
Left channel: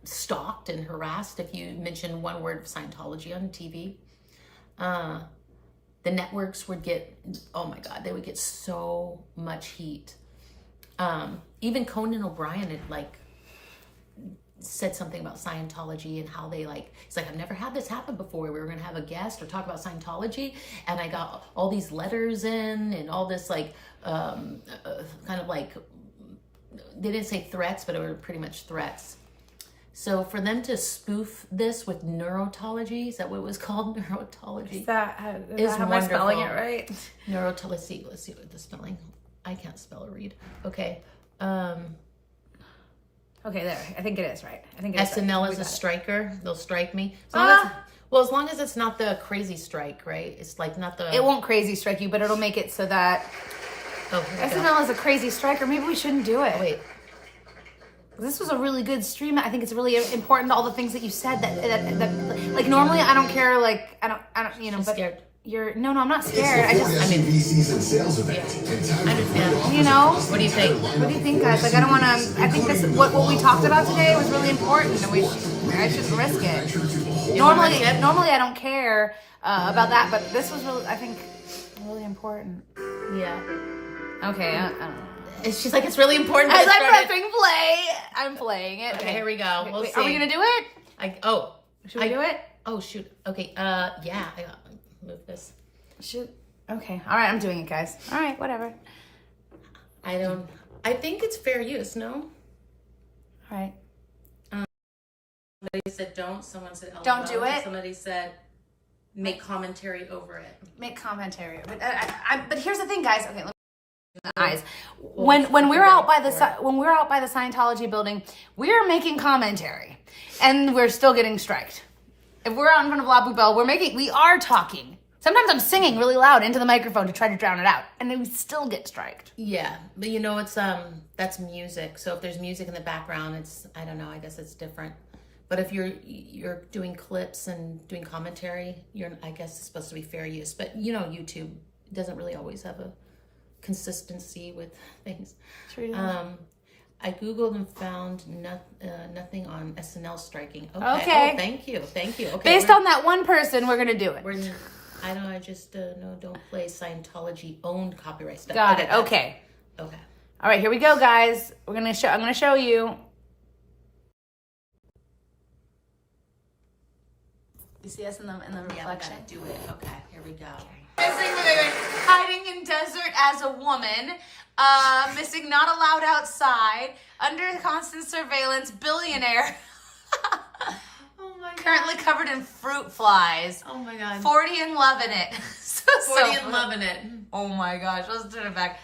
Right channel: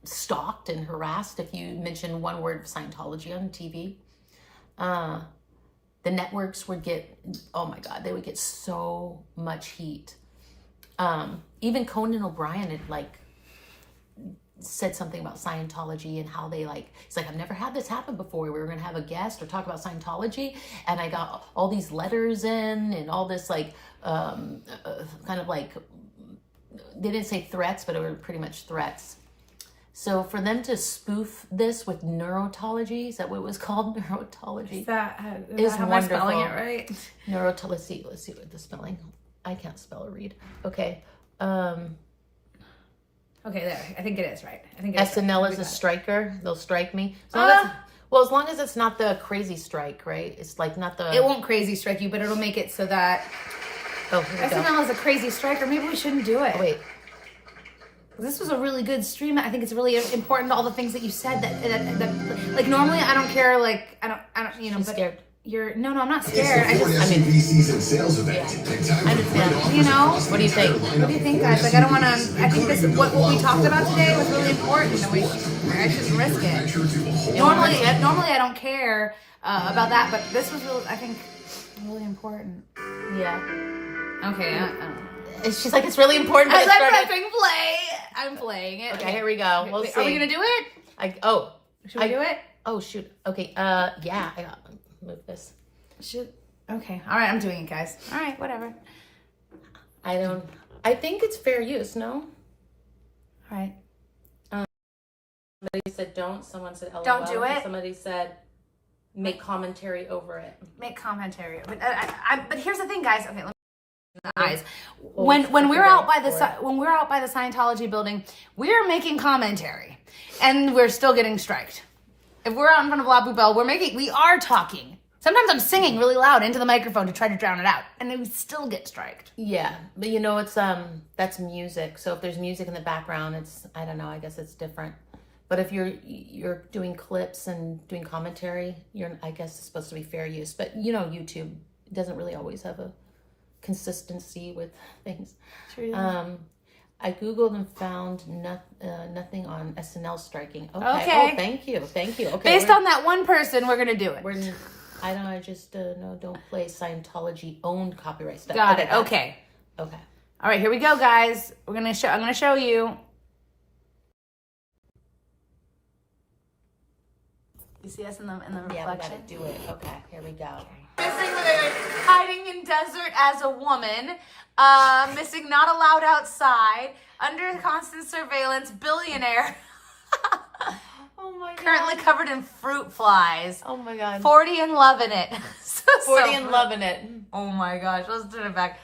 stalked and harassed if you mentioned one word of Scientology on TV. The networks would get, oh my God, they would get so much heat. Even Conan O'Brien had said something about Scientology and how they he's like, I've never had this happen before. We were going to have a guest or talk about Scientology, and I got all these letters in and all this kind of they didn't say threats, but it were pretty much threats. So for them to spoof this with neurotology, is that what it was called? Neurotology. Is that how am spelling it right? Let's see what the spelling. I can't spell or read. Okay. Okay, there. I think it is right. I think it is SNL right. is a striker. They'll strike me. As long as it's not the crazy strike, right? It's not the. It won't crazy strike you, but it'll make it so that. Oh, SNL is a crazy striker. Maybe we shouldn't do it. Oh, wait. This was a really good stream. I think it's really important. All the things that you said that normally I don't care. I don't. But scared. No, I'm not scared. It's the SUV season sales event. I understand. What do you think? What do you think, guys? I don't want to. I think this what we talked about today was really important, and I shouldn't risk it. Normally I don't care about that, but this was really, I think, really important. Yeah. Okay. She's like, it's really important. As I'm pressing play, I'm playing it. Okay, here we go. We'll see. Are we gonna do it? Should we do it? Oh shoot. Okay. Yeah. I got move this. Okay. All right. I'm doing it, guys. All right. Whatever. I think it's fair use, no? All right. Somebody said don't. Someone said LOL. Don't do it. Somebody said make commentary over it. Make commentary. But here's the thing, guys. Okay. Let me the eyes. When we're out by the Scientology building, we're making commentary, and we're still getting striked. If we're out in front of La Poubelle, we are talking. Sometimes I'm singing really loud into the microphone to try to drown it out, and then we still get striked. Yeah, but you know, it's that's music. So if there's music in the background, I don't know. I guess it's different. But if you're doing clips and doing commentary, I guess it's supposed to be fair use. But you know, YouTube doesn't really always have a consistency with things. True. I googled and found nothing on SNL striking. Okay. Okay. Oh, thank you. Okay. Based on that one person, we're gonna do it. I just no, don't play Scientology owned copyright stuff. Got it. Okay. Okay. All right, here we go, guys. I'm gonna show you. You see us in the reflection? Do it. Okay. Here we go. Hiding in desert as a woman, missing, not allowed outside, under constant surveillance, billionaire. Oh my God. Currently covered in fruit flies. Oh my God. 40 and loving it. 40 and loving it. Oh my gosh, let's turn it back.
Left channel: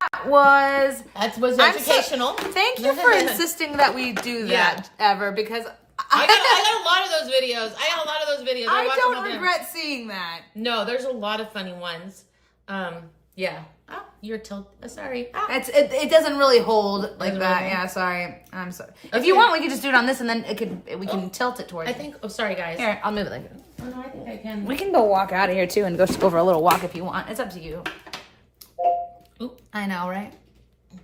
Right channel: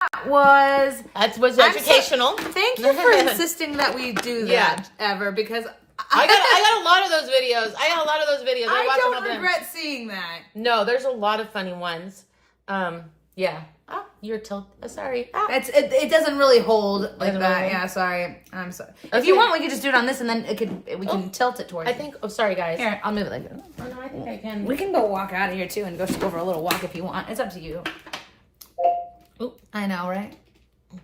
That was educational. Thank you for insisting that we do that ever, because I got a lot of those videos. I don't regret seeing that. No, there's a lot of funny ones. Yeah. Oh, you're sorry. It doesn't really hold like that. Really? Yeah, sorry. I'm sorry. If you want, we could just do it on this, and then we can tilt it towards. I think. Oh, sorry, guys. Here, I'll move it like this. Oh no, I think I can. We can go walk out of here too, and go for a little walk if you want. It's up to you. Ooh. I know, right?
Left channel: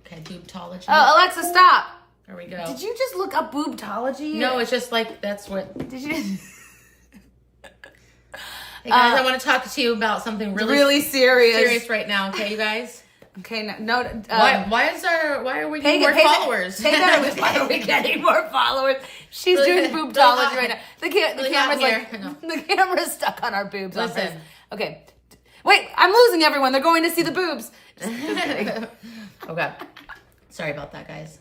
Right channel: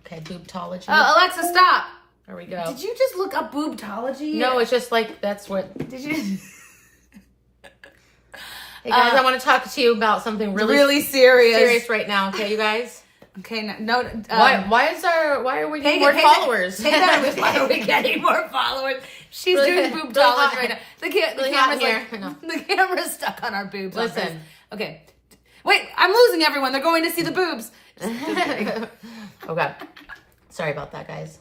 Okay, boobtology. Oh, Alexa, stop. There we go. Did you just look up boobtology? No, it's just like that's what. Did you? Hey guys, I want to talk to you about something really serious right now. Okay, you guys. Okay, no. Why are we getting more followers? Why are we getting more followers? She's doing boobtology right now. The camera's stuck on our boobs. Listen. Okay. Wait, I'm losing everyone. They're going to see the boobs. Just kidding. Okay. Sorry about that, guys.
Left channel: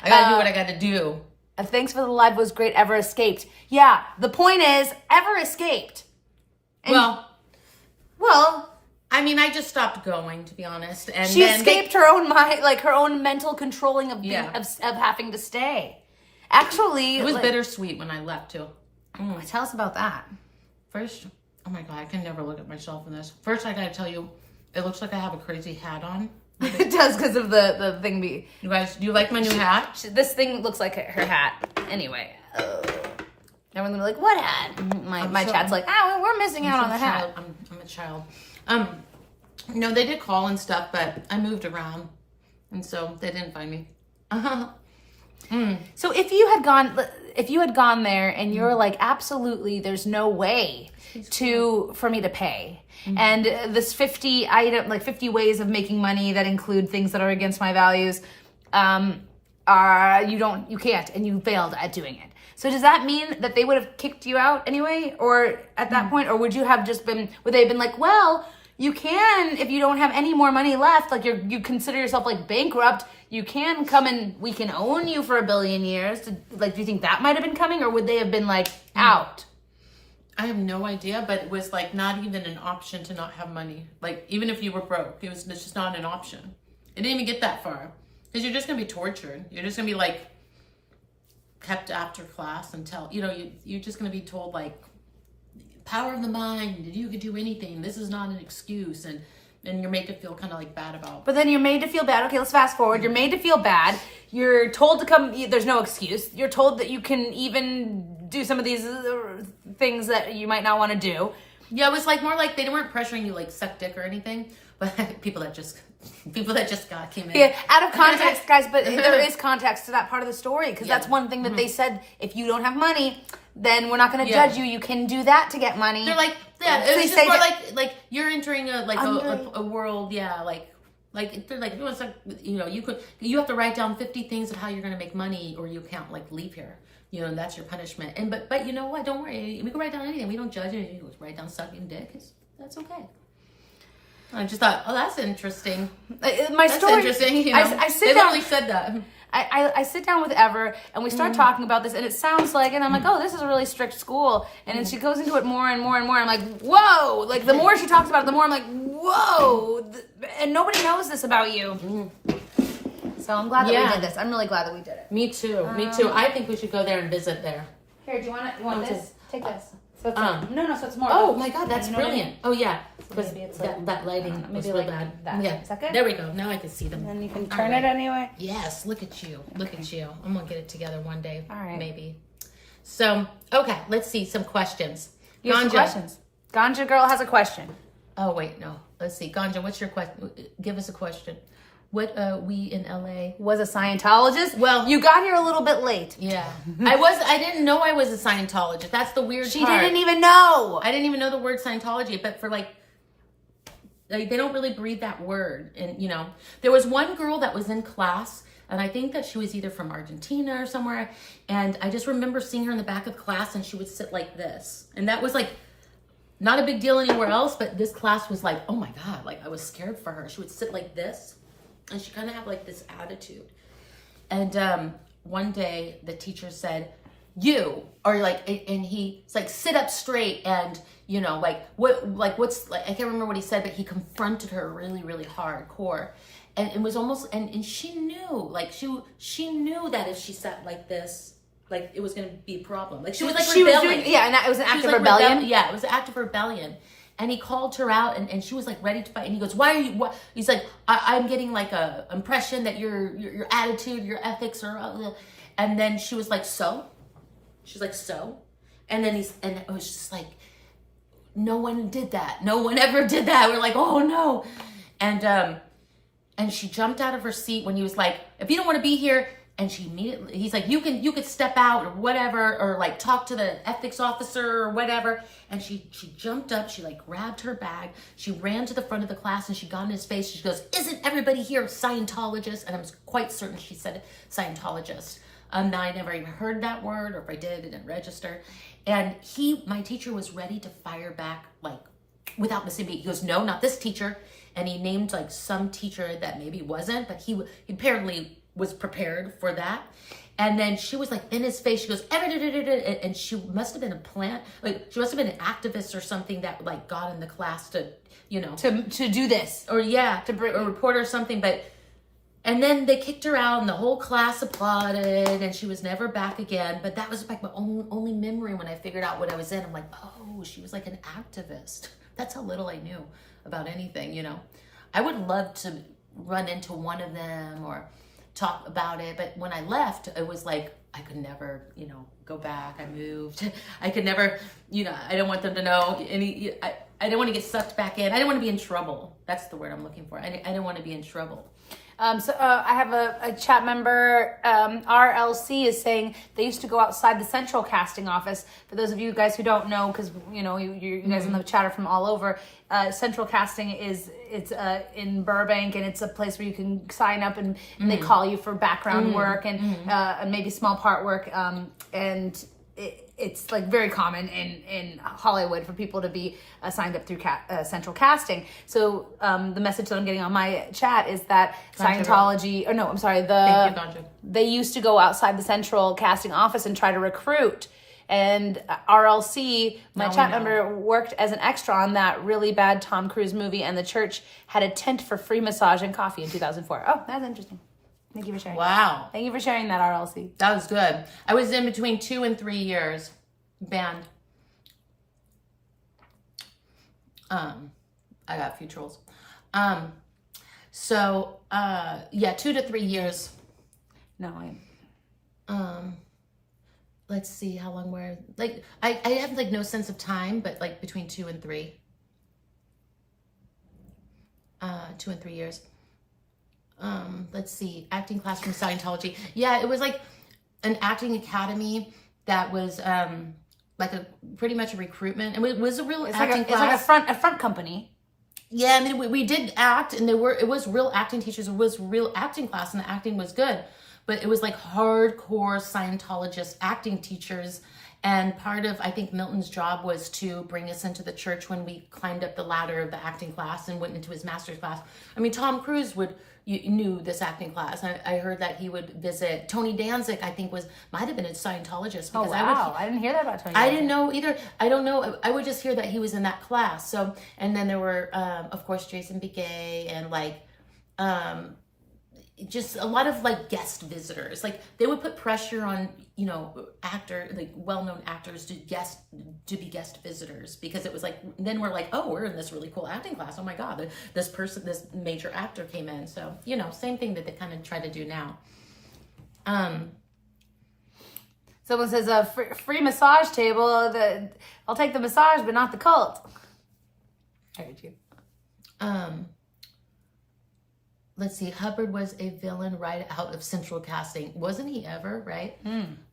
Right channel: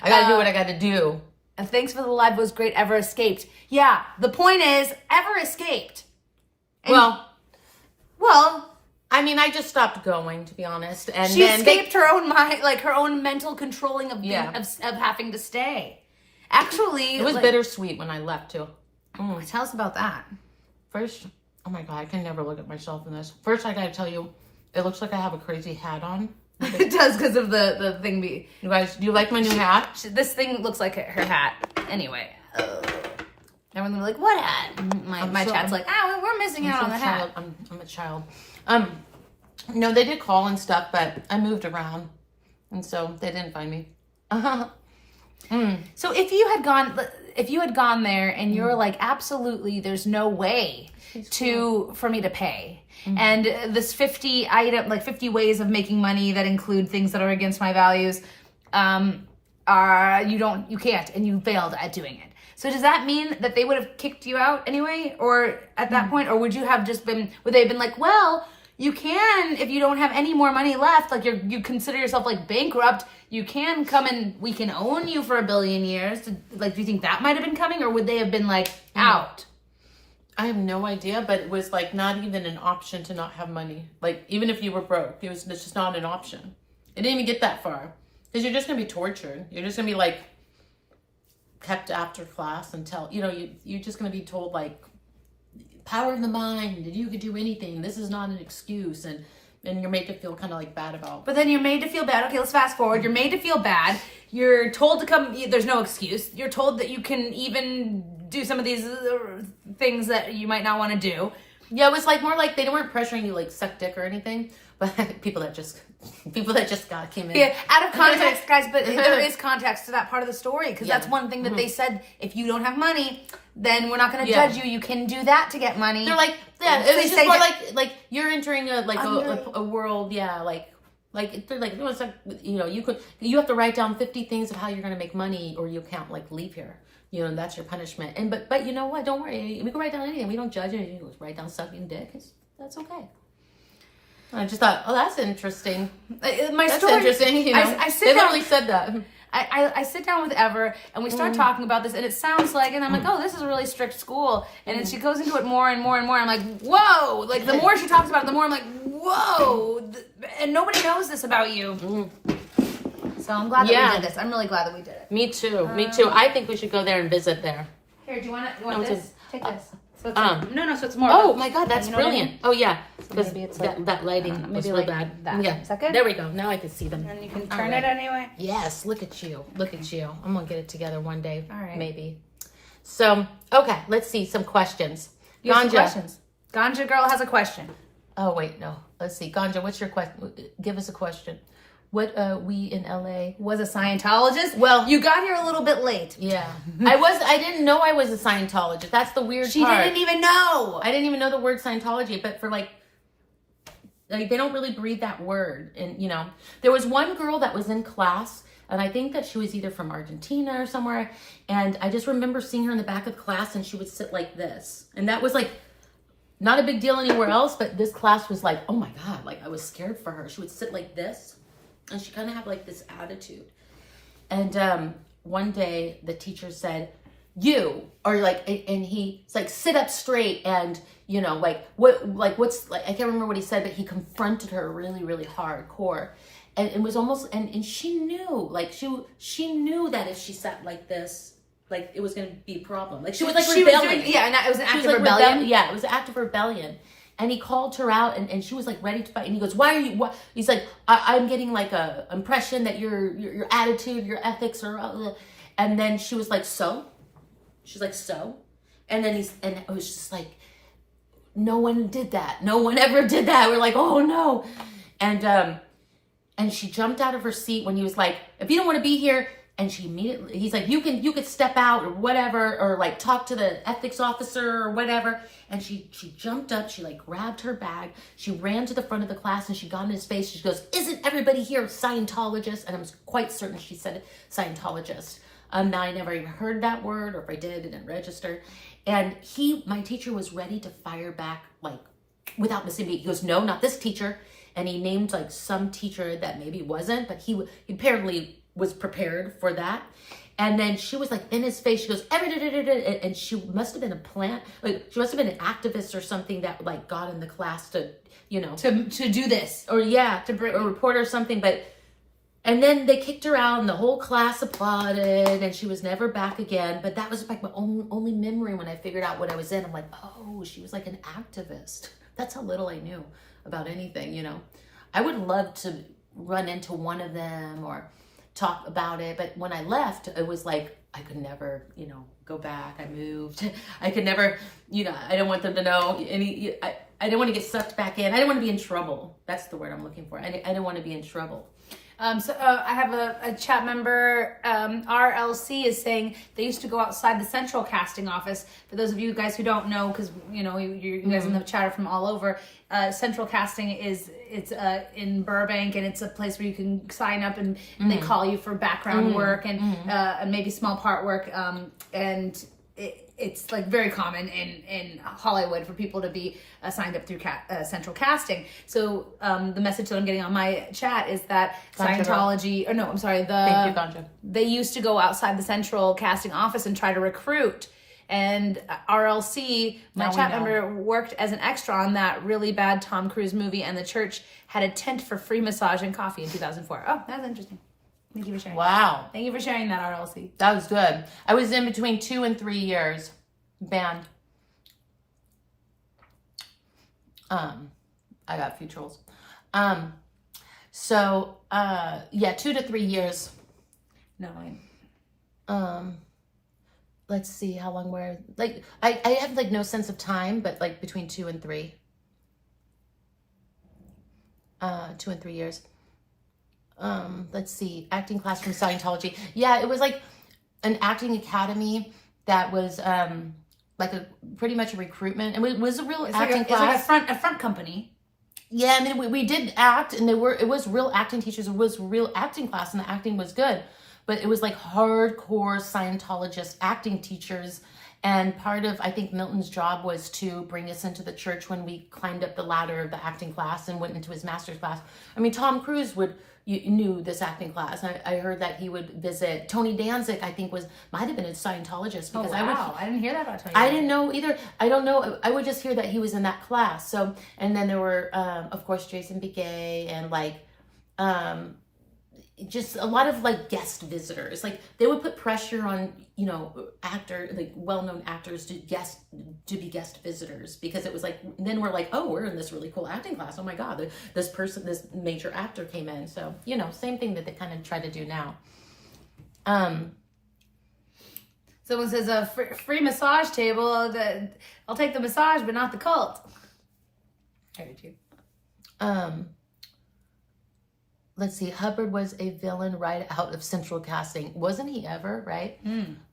I gotta do what I gotta do. And thanks for the live. Was great. Ever escaped? Yeah. The point is, ever escaped. And well. I mean, I just stopped going, to be honest. And she escaped her own mind, like her own mental controlling of having to stay. Actually, it was bittersweet when I left too. Tell us about that. First, oh my God, I can never look at myself in this. First, I gotta tell you, it looks like I have a crazy hat on. It does because of the thing. You guys, do you like my new hat? This thing looks like her hat. Anyway. Everyone's gonna be like, what hat? My chat's like, we're missing out on the hat. I'm a child. No, they did call and stuff, but I moved around, and so they didn't find me. So if you had gone there and you're like, absolutely, there's no way for me to pay. And this 50 ways of making money that include things that are against my values, you can't, and you failed at doing it. So does that mean that they would have kicked you out anyway, or at that point, or would they have been like, well, you can, if you don't have any more money left, like you consider yourself like bankrupt, you can come and we can own you for 1 billion years. Like, do you think that might have been coming, or would they have been like out? I have no idea, but it was like not even an option to not have money. Like, even if you were broke, it's just not an option. It didn't even get that far, because you're just gonna be tortured. You're just gonna be like kept after class until you're just gonna be told like, power of the mind, you could do anything, this is not an excuse, and you're made to feel kind of like bad about. But then you're made to feel bad. Okay, let's fast forward. You're made to feel bad. You're told to come. There's no excuse. You're told that you can even do some of these things that you might not want to do. Yeah, it was like more like they weren't pressuring you like suck dick or anything, but people that just came in. Yeah, out of context, guys. But there is context to that part of the story, because that's one thing that they said. If you don't have money, then we're not going to judge you. You can do that to get money. They're like, it was just more like you're entering a world. Yeah, like they're like, it's like, you have to write down 50 things of how you're going to make money, or you can't like leave here. And that's your punishment. And but you know what? Don't worry. We can write down anything. We don't judge anything. Write down sucking dick. That's okay. I just thought, oh, that's interesting. My That's story. interesting. You know, I sit they down. literally said that. I sit down with Ever and we start talking about this, and it sounds like, and I'm like, oh, this is a really strict school. And then she goes into it more and more and more. I'm like, whoa! Like the more she talks about it, the more I'm like, whoa! And nobody knows this about you. So I'm glad that we did this. I'm really glad that we did it. Me too. Me too. I think we should go there and visit there. Here, do you want this? Take this. So it's No, so it's more. Oh my God, that's You know what I brilliant. mean? Oh yeah, because maybe it's that lighting was maybe really like bad. that. Yeah, Is that good? there we go. Now I can see them. And you can All turn right. it anyway. Yes, look at you. Look at you. I'm gonna get it together one day. All right. Maybe. So okay, let's see some questions. You have some Ganja. questions. Ganja girl has a question. Oh wait, no. Let's see. Ganja, what's your question? Give us a question. What we in LA? Was a Scientologist? Well, You got here a little bit late. Yeah. I didn't know I was a Scientologist. That's the weird She part. didn't even know. I didn't even know the word Scientology, but for like they don't really breathe that word. And you know, there was one girl that was in class, and I think that she was either from Argentina or somewhere, and I just remember seeing her in the back of the class, and she would sit like this. And that was like not a big deal anywhere else, but this class was like, oh my God, like I was scared for her. She would sit like this, and she kind of had like this attitude. And one day the teacher said, you are like, and he's like, sit up straight, and you know, what's like, I can't remember what he said, but he confronted her really, really hardcore. And it was almost, and she knew, like she knew that if she sat like this, like it was going to be a problem. Like she was like rebelling. And it was an act She of was like rebellion. Yeah, it was an act of rebellion. And he called her out, and she was like ready to fight. And he goes, "Why are you?" What? He's like, "I'm getting like a impression that your attitude, your ethics are." And then she was like, "So?" She's like, "So?" And then and it was just like, no one did that. No one ever did that. We're like, "Oh no!" And she jumped out of her seat when he was like, "If you don't want to be here." And she immediately, he's like, you could step out or whatever, or like talk to the ethics officer or whatever. And she jumped up, she like grabbed her bag, she ran to the front of the class, and she got in his face. She goes, "Isn't everybody here Scientologist?" And I was quite certain she said Scientologist. Now I never even heard that word, or if I did, it didn't register. And my teacher was ready to fire back, like without missing a beat. He goes, "No, not this teacher." And he named like some teacher that maybe wasn't, but he apparently was prepared for that. And then she was like in his face, she goes, and she must have been a plant, like she must have been an activist or something that like got in the class to, you know, to do this. or yeah, to a reporter or something. But, and then they kicked her out, and the whole class applauded, and she was never back again. But that was like my only memory when I figured out what I was in. I'm like, oh, she was like an activist. That's how little I knew about anything, you know. I would love to run into one of them or talk about it, but when I left, it was like I could never, you know, go back. I moved. I could never, you know, I don't want them to know any. I didn't want to get sucked back in. I didn't want to be in trouble. That's the word I'm looking for. I didn't want to be in trouble. I have a chat member, RLC, is saying they used to go outside the central casting office. For those of you guys who don't know, because you know you guys in the chat are from all over. Central casting it's in Burbank, and it's a place where you can sign up, and they call you for background work and maybe small part work, and it's like very common in Hollywood for people to be signed up through Central Casting. So the message that I'm getting on my chat is that Scientology, they used to go outside the Central Casting office and try to recruit. And RLC, my chat member, worked as an extra on that really bad Tom Cruise movie, and the church had a tent for free massage and coffee in 2004. Oh, that's interesting. Thank you for sharing. Wow. Thank you for sharing that, RLC. That was good. I was in between 2 and 3 years banned. I got a few trolls. 2 to 3 years. Let's see how long we're like. I have like no sense of time, but like between 2 and 3. 2 and 3 years. Let's see, acting class from Scientology. Yeah, it was like an acting academy that was like pretty much a recruitment, and it was a real acting class. It's like a front company. Yeah, I mean we did act, and it was real acting teachers. It was real acting class, and the acting was good, but it was like hardcore Scientologist acting teachers, And part of, I think, Milton's job was to bring us into the church when we climbed up the ladder of the acting class and went into his master's class. I mean, Tom Cruise knew this acting class. I heard that he would visit. Tony Danzig, I think, might have been a Scientologist. Because I didn't hear that about Tony. I didn't know either. I don't know. I would just hear that he was in that class. So, and then there were, of course, Jason Begay and like, just a lot of like guest visitors. Like they would put pressure on, you know, well-known actors to be guest visitors, because it was like, then we're like, oh, we're in this really cool acting class. Oh my God, this major actor came in. So, you know, same thing that they kind of try to do now. Someone says a free massage table. I'll take the massage, but not the cult. I heard you. Let's see. Hubbard was a villain right out of Central Casting. Wasn't he ever, right?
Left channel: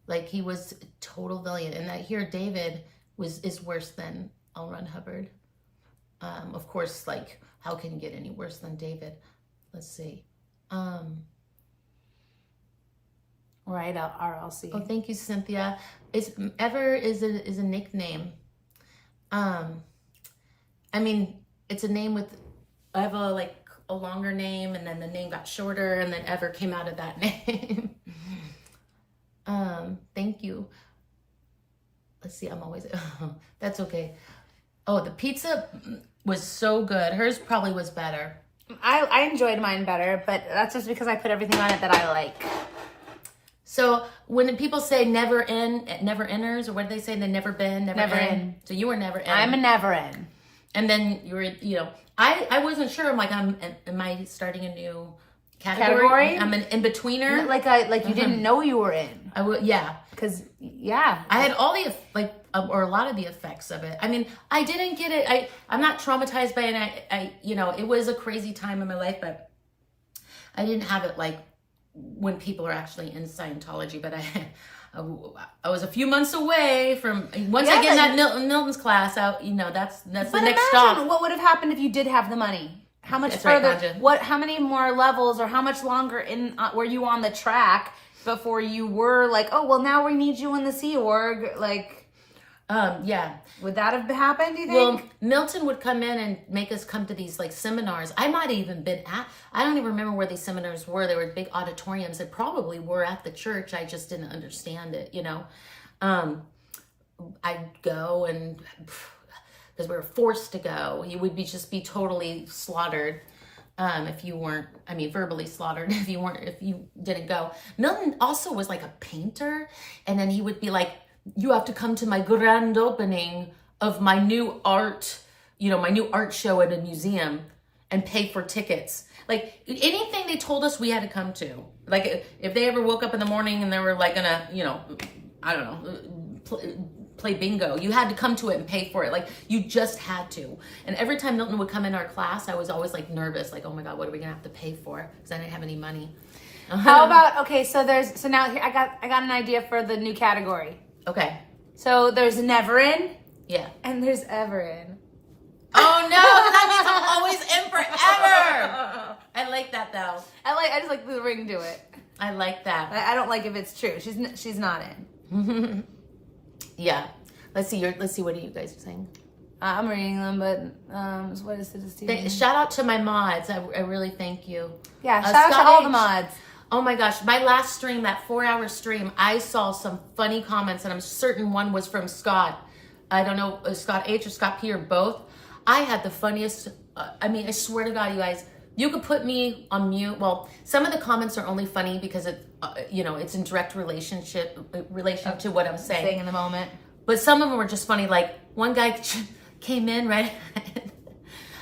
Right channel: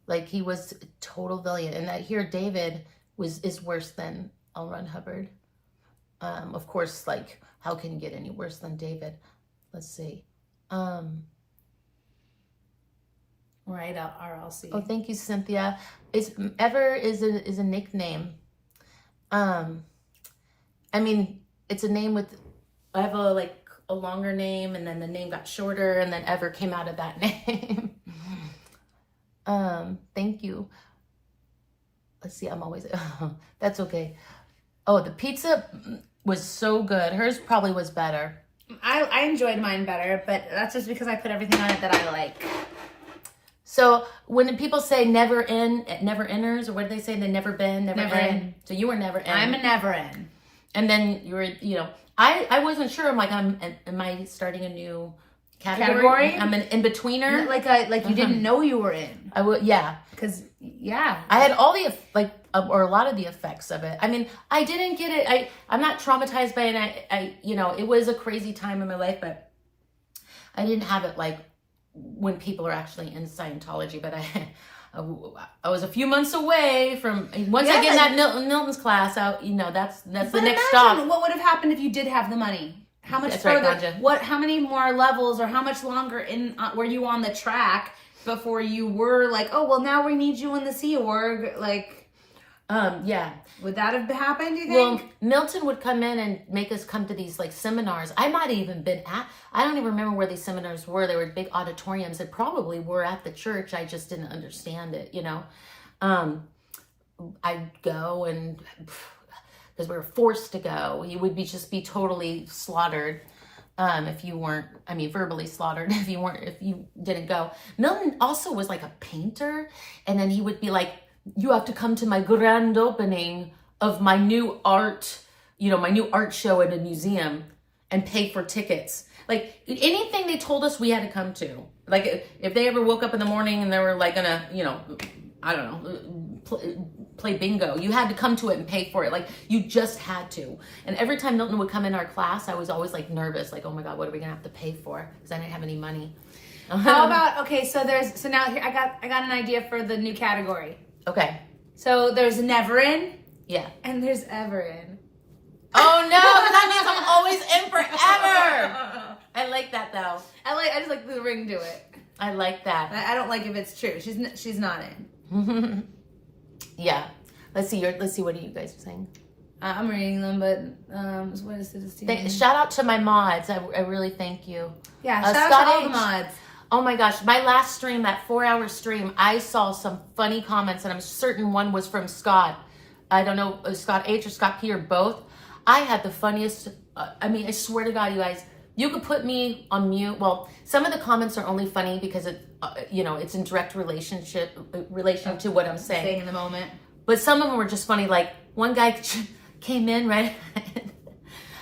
Like he was a total villain. And that here, David is worse than L. Ron Hubbard. Of course, like, how can you get any worse than David? Let's see. Right, RLC. Oh, thank you, Cynthia. Ever is a nickname. I mean, it's a name with, I have a longer name, and then the name got shorter, and then Ever came out of that name. Thank you. Let's see, I'm always, that's okay. Oh, the pizza was so good. Hers probably was better. I enjoyed mine better, but that's just because I put everything on it that I like. So when people say never inners, or what do they say? They never been, never in. So you were never in. I'm a never in. And then you were, you know, I wasn't sure. I'm like, am I starting a new category? I'm an in-betweener. Like you didn't know you were in. Yeah. Because, yeah. I had all the, or a lot of the effects of it. I mean, I didn't get it. I'm not traumatized by it. I you know, it was a crazy time in my life, but I didn't have it like when people are actually in Scientology. But I was a few months away from, once I get in that Milton's class out, you know, that's the next stop. What would have happened if you did have the money? How much That's further, right, Ganja. how many more levels, or how much longer were you on the track before you were like, oh, well, now we need you in the Sea Org? Like, yeah. Would that have happened, do you think? Well, Milton would come in and make us come to these like seminars. I might have even been I don't even remember where these seminars were. They were big auditoriums that probably were at the church. I just didn't understand it, you know. I'd go, and because we were forced to go, you would just be totally slaughtered. If you weren't, I mean, verbally slaughtered if you didn't go. Milton also was like a painter, and then he would be like, you have to come to my grand opening of my new art, you know, my new art show at a museum, and pay for tickets. Like anything they told us we had to come to. Like if they ever woke up in the morning and they were like gonna, you know, I don't know, play bingo, you had to come to it and pay for it. Like you just had to. And every time Milton would come in our class, I was always like nervous, like, oh my God, what are we gonna have to pay for? Because I didn't have any money. How about, okay, so now I got an idea for the new category. Okay. So there's never in. Yeah. And there's ever in. Oh no, that means I'm always in forever. I like that though. I just like the ring to it. I like that. I don't like if it's true. She's not in. Yeah. Let's see. What are you guys saying? I'm reading them, but what is the Shout out to my mods. I really thank you. Yeah. Shout out to all the mods. Oh my gosh, my last stream, that 4-hour stream, I saw some funny comments, and I'm certain one was from Scott. I don't know, Scott H or Scott P or both. I had the funniest, I mean, I swear to God, you guys, you could put me on mute. Well, some of the comments are only funny because it, you know, it's in direct relation to what I'm saying in the moment. But some of them were just funny. Like one guy came in, right?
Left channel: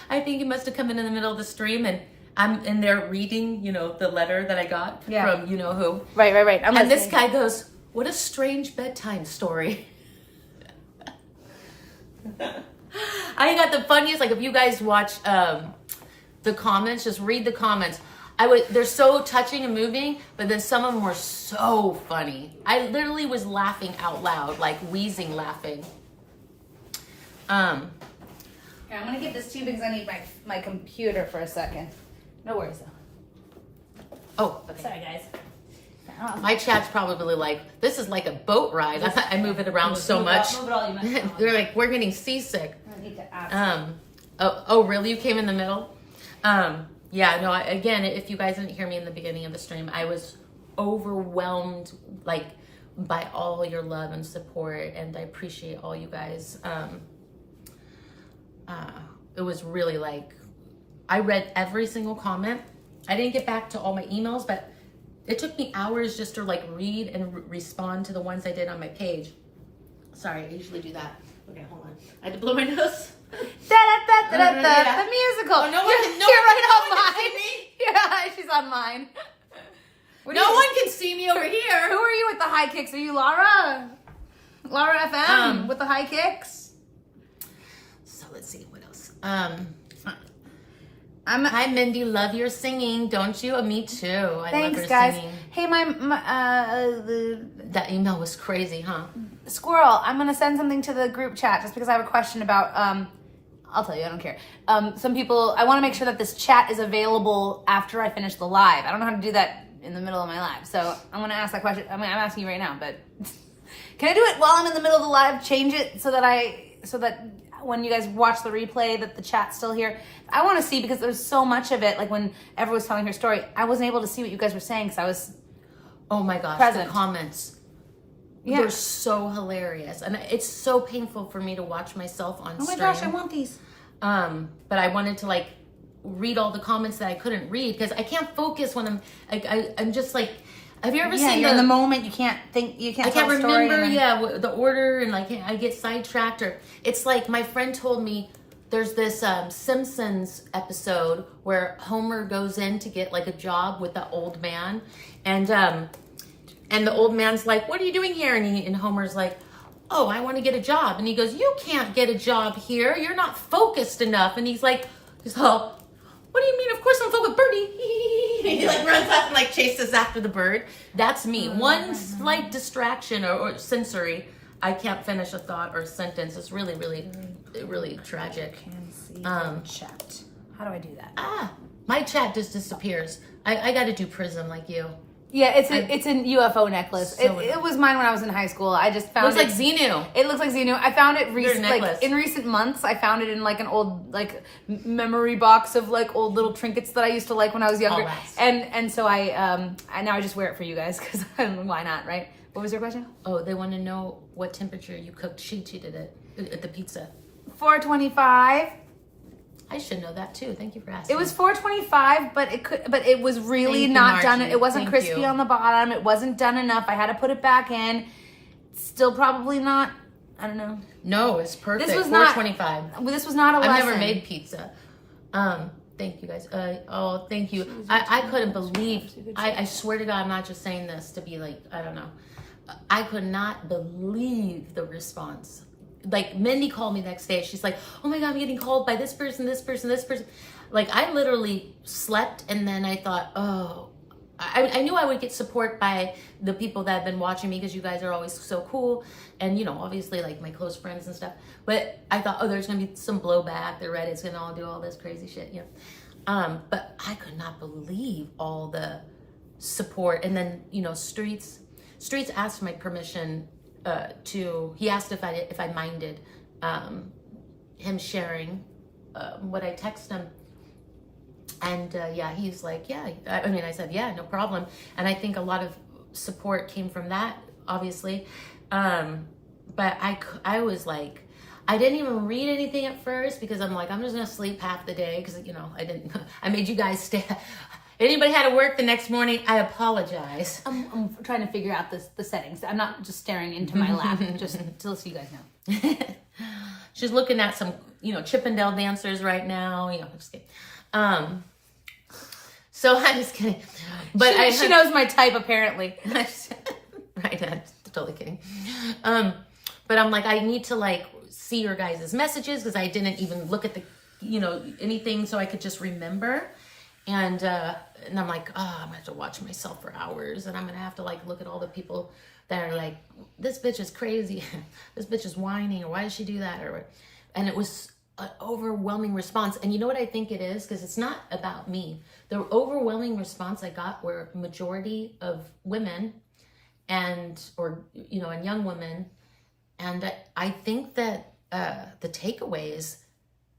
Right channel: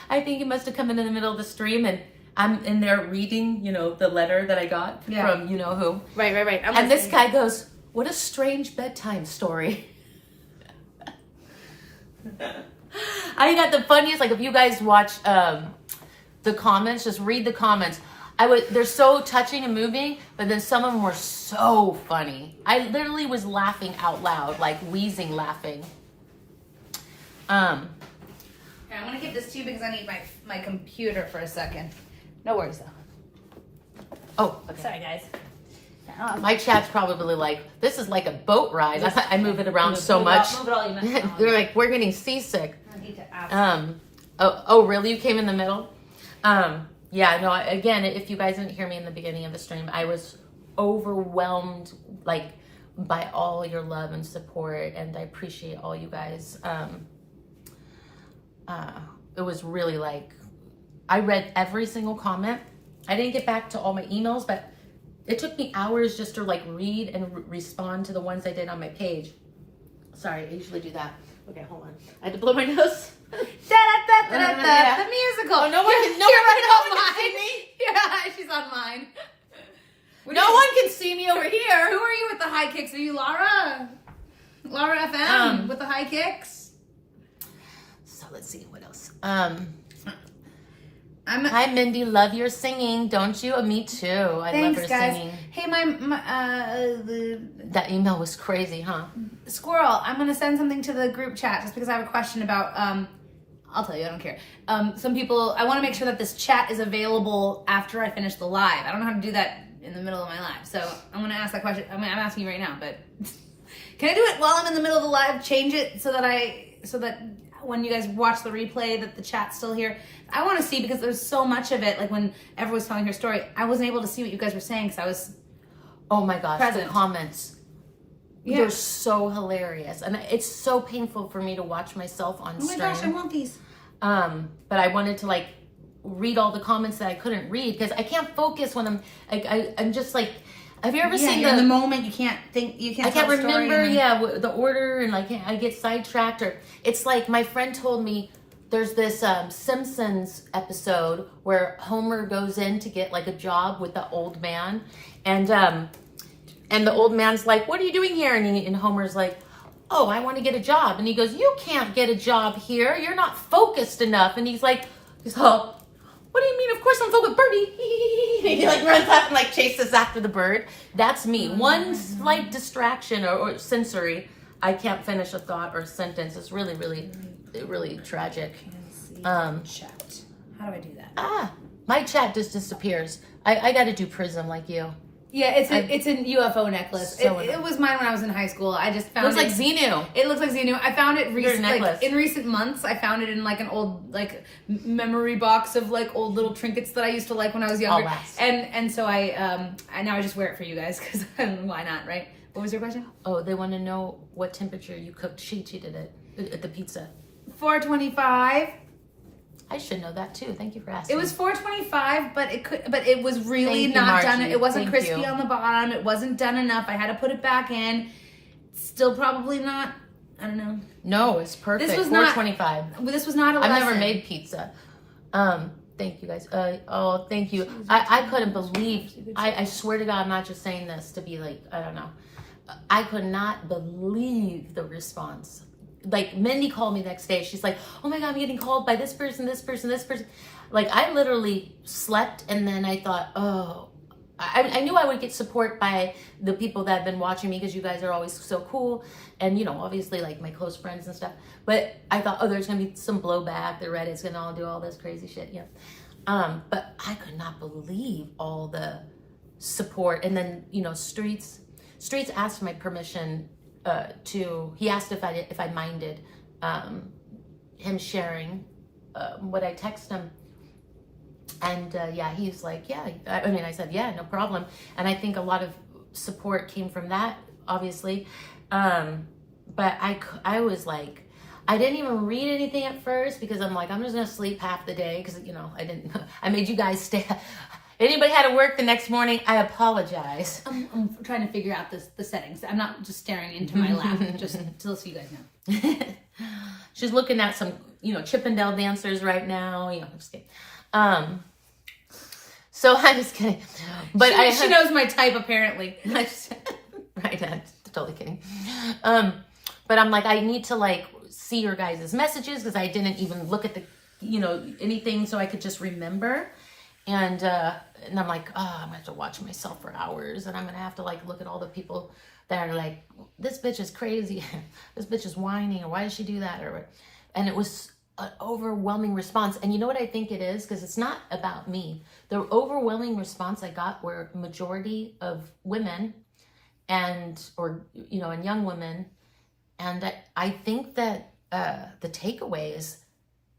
I think he must have come in the middle of the stream, and I'm in there reading, you know, the letter that I got from you know who. Right. And this guy goes, what a strange bedtime story. I got the funniest, like if you guys watch the comments, just read the comments. They're so touching and moving, but then some of them were so funny. I literally was laughing out loud, like wheezing laughing. Yeah, I'm gonna get this too because I need my computer for a second. No worries though. Oh, okay. Sorry guys. My chat's probably like, this is like a boat ride. I move it around so much. Move it all, you missed it. They're like, we're getting seasick. I need to ask. Oh, really? You came in the middle? Yeah, no, again, if you guys didn't hear me in the beginning of the stream, I was overwhelmed, like, by all your love and support, and I appreciate all you guys. It was really like, I read every single comment. I didn't get back to all my emails, but it took me hours just to like read and respond to the ones I did on my page. Sorry, I usually do that. Okay, hold on. I had to blow my nose. The musical. Oh, no one can, You're right on see mine. me. Yeah, she's on mine. No one can see me over here. Who are you with the high kicks? Are you Laura? Laura FM with the high kicks? So let's see what else. I'm Hi Mindy, love your singing, don't you? Me too. I love Thanks, her guys. singing. Hey, the That email was crazy, huh? Squirrel, I'm gonna send something to the group chat just because I have a question about. I'll tell you, I don't care. Some people, I want to make sure that this chat is available after I finish the live. I don't know how to do that in the middle of my live, so I'm gonna ask that question. I'm asking you right now, but can I do it while I'm in the middle of the live? Change it so that when you guys watch the replay, that the chat's still here. I want to see, because there's so much of it. Like when everyone was telling her story, I wasn't able to see what you guys were saying because I was. Oh my gosh, present. the comments. Yeah. They're so hilarious. And it's so painful for me to watch myself on Oh my stream. gosh, I want these. But I wanted to like read all the comments that I couldn't read because I can't focus when I'm like, I'm just like, have you ever seen in the moment you can't think, you can't. I can't tell a story remember, and then- the order, and like I get sidetracked. Or it's like my friend told me there's this Simpsons episode where Homer goes in to get like a job with the old man, and the old man's like, "What are you doing here?" And Homer's like, "Oh, I want to get a job." And he goes, "You can't get a job here. You're not focused enough." And he's like, "Oh, what do you mean? Of course I'm focused, birdie." He like runs up and like chases after the bird. That's me. One slight distraction or sensory, I can't finish a thought or a sentence. It's really, really, really tragic. Chat. How do I do that? My chat just disappears. I got to do Prism like you. Yeah, it's a UFO necklace. So It was mine when I was in high school. I just found Looks like Xenu. It looks like Xenu. I found it necklace. in recent months. I found it in like an old like memory box of like old little trinkets that I used to like when I was younger. Alas. And so I now I just wear it for you guys because why not, right? What was your question? Oh, they want to know what temperature you cooked. She cheated at the pizza. 425. I should know that too. Thank you for asking. It was 425, but it was really Thank you, not Margie. done. It wasn't Thank crispy you. on the bottom. It wasn't done enough. I had to put it back in. Still probably not. I don't know. No, it's perfect. This was not- 425. Well, this was not a I've lesson. never made pizza. Thank you guys. Thank you. I couldn't believe. I swear to God, I'm not just saying this to be like, I don't know. I could not believe the response. Like Mindy called me the next day. She's like, "Oh my God, I'm getting called by this person, this person, this person." Like I literally slept, and then I thought, oh, I knew I would get support by the people that have been watching me because you guys are always so cool, and obviously like my close friends and stuff. But I thought, oh, there's gonna be some blowback. The Reddit's gonna all do all this crazy shit, But I could not believe all the support, and then Streets asked my permission. He asked if I minded him sharing what I text him, and he's like, yeah. I said, yeah, no problem. And I think a lot of support came from that, obviously. But I was like, I didn't even read anything at first because I'm like, I'm just gonna sleep half the day because I didn't. I made you guys stay. Anybody had to work the next morning, I apologize. I'm trying to figure out the settings. I'm not just staring into my lap, just so you guys know. She's looking at some, Chippendale dancers right now. I'm just kidding. So I'm just kidding. But she knows my type apparently. Right, I'm totally kidding. But I'm like, I need to like see your guys' messages because I didn't even look at the, anything so I could just remember. And I'm like, oh, I'm gonna have to watch myself for hours, and I'm gonna have to like look at all the people that are like, this bitch is crazy, this bitch is whining, or why did she do that, and it was an overwhelming response. And you know what I think it is? Because it's not about me. The overwhelming response I got were majority of women and young women. And I think that the takeaway is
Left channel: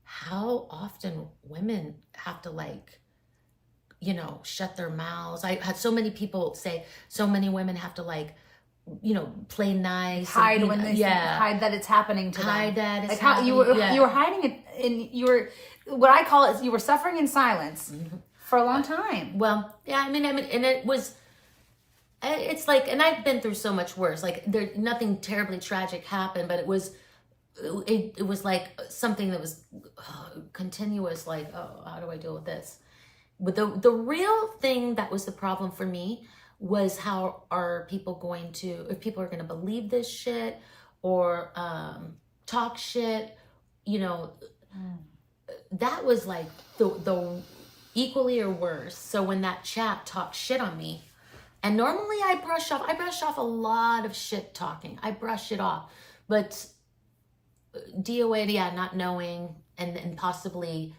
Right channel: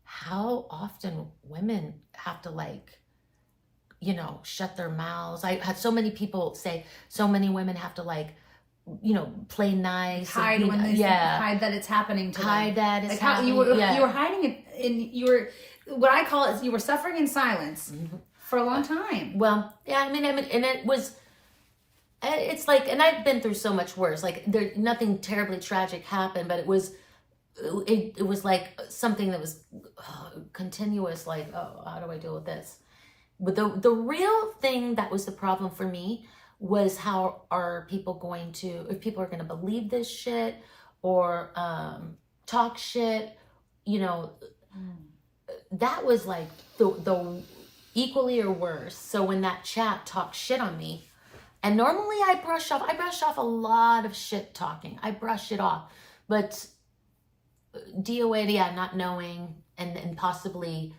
how often women have to shut their mouths. I had so many people say so many women have to play nice. Hide when they hide that it's happening to them. Hide that it's how happening. you were hiding it you were, what I call it, you were suffering in silence for a long time. Well, yeah, I mean, and it was, it's like, and I've been through so much worse. Like nothing terribly tragic happened, but it was like something that was continuous. Like, oh, how do I deal with this? But the real thing that was the problem for me was how are people going to, if people are going to believe this shit or talk shit, that was like the equally or worse. So when that chat talked shit on me, and normally I brush off a lot of shit talking. I brush it off, but DOA, not knowing and possibly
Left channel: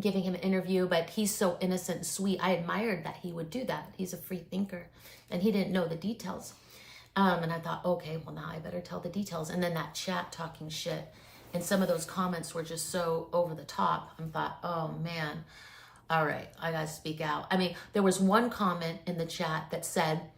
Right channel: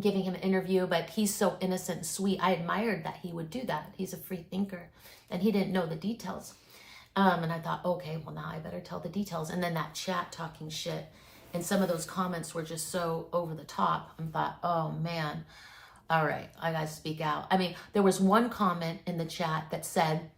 giving him an interview, but he's so innocent and sweet. I admired that he would do that. He's a free thinker and he didn't know the details. And I thought, okay, well now I better tell the details. And then that chat talking shit and some of those comments were just so over the top. I thought, oh man, all right, I gotta speak out. I mean, there was one comment in the chat that said,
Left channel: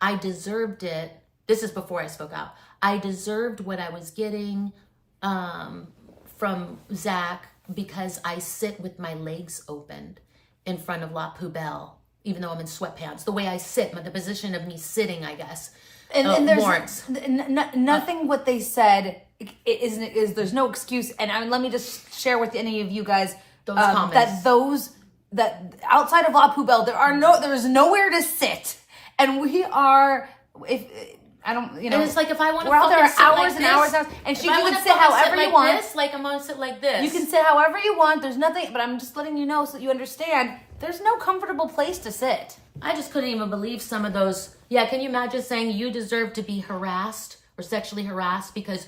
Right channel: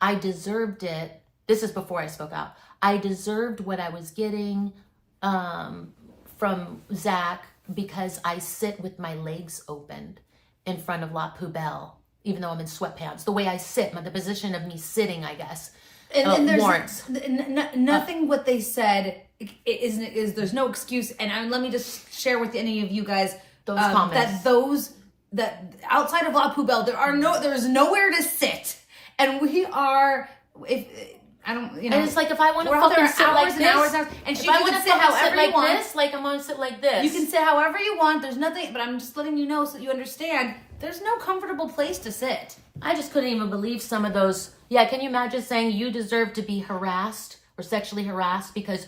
I deserved it. This is before I spoke out. I deserved what I was getting from Zach because I sit with my legs opened in front of La Poubelle, even though I'm in sweatpants. The way I sit, the position of me sitting, I guess, and there's warrants. Nothing what they said is there's no excuse. And let me just share with any of you guys those comments. That outside of La Poubelle, there is nowhere to sit. And we are, and it's like if I want to fucking sit hours like and this, hours, and if I want to sit like this, like I'm going to sit like this. You can sit however you want. There's nothing, but I'm just letting you know so that you understand. There's no comfortable place to sit. I just couldn't even believe some of those. Yeah, can you imagine saying you deserve to be harassed or sexually harassed because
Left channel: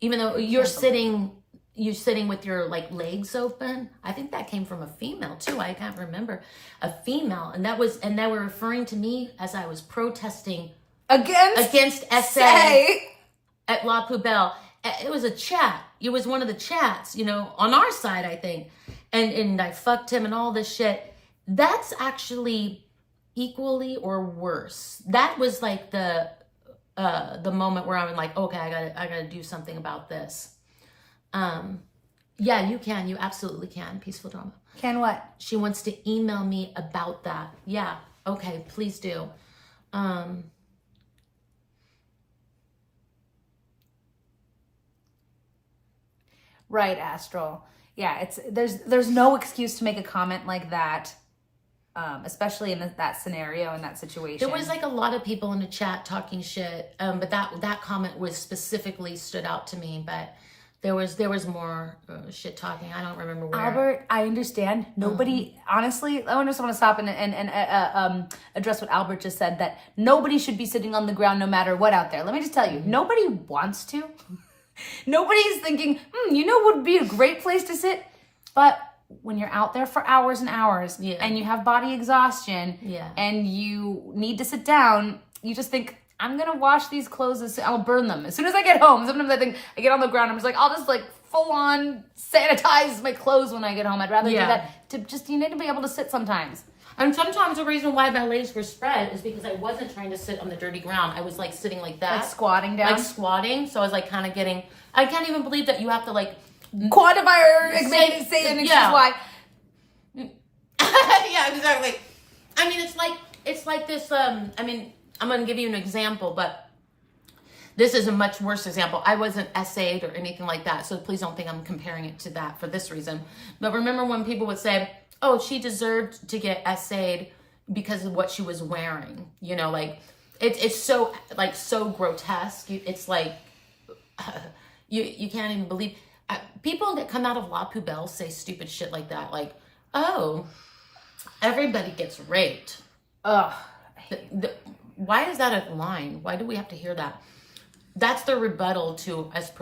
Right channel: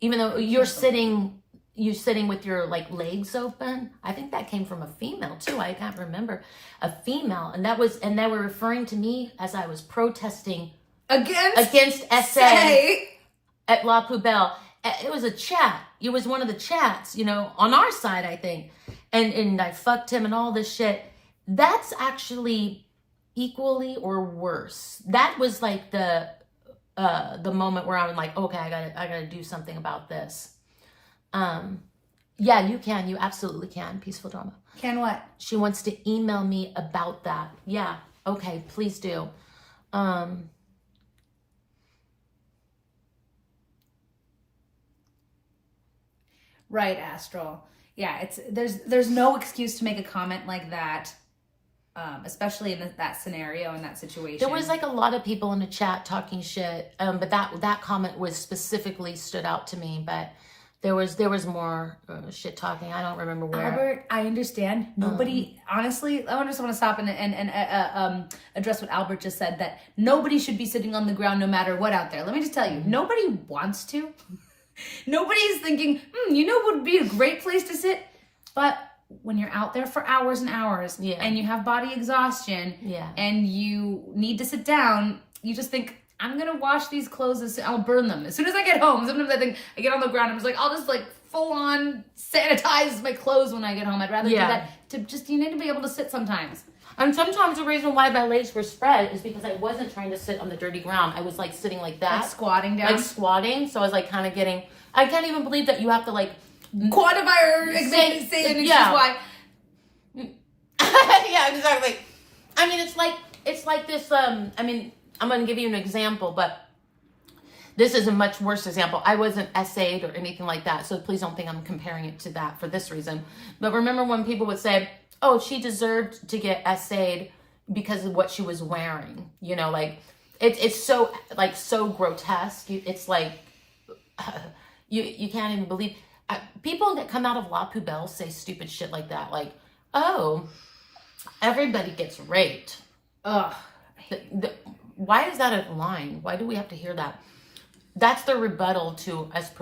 even though you're sitting with your legs open? I think that came from a female too. I can't remember. A female, and they were referring to me as I was protesting against SA at La Poubelle. It was a chat. It was one of the chats, on our side, I think. And I fucked him and all this shit. That's actually equally or worse. That was like the moment where I was like, okay, I gotta do something about this. Yeah, you can. You absolutely can. Peaceful Drama. Can what? She wants to email me about that. Yeah. Okay, please do. Right, Astral. Yeah, there's no excuse to make a comment like that, especially in that scenario, in that situation. There was a lot of people in the chat talking shit, but that comment was specifically stood out to me. But there was more shit talking. I don't remember where. Albert, I understand. Nobody, honestly, I just want to stop and address what Albert just said, that nobody should be sitting on the ground no matter what out there. Let me just tell you, nobody wants to. Nobody's thinking, what would be a great place to sit? But when you're out there for hours and hours and you have body exhaustion and you need to sit down, you just think, I'm going to wash these clothes. I'll burn them. As soon as I get home, sometimes I think I get on the ground. I'm just like, I'll just full on sanitize my clothes when I get home. I'd rather do that. You need to be able to sit sometimes. And sometimes the reason why my legs were spread is because I wasn't trying to sit on the dirty ground. I was sitting like that. Like squatting down? Like squatting. So I was kind of getting, I can't even believe that you have to quantify say and yeah. Why. Yeah, exactly. I mean, it's like this, I'm going to give you an example, but this is a much worse example. I wasn't essayed or anything like that. So please don't think I'm comparing it to that for this reason. But remember when people would say, oh, she deserved to get essayed because of what she was wearing. It's so so grotesque. It's you can't even believe. People that come out of La Poubelle say stupid shit like that. Oh, everybody gets raped. Ugh. Why is that a line? Why do we have to hear that? That's the rebuttal to us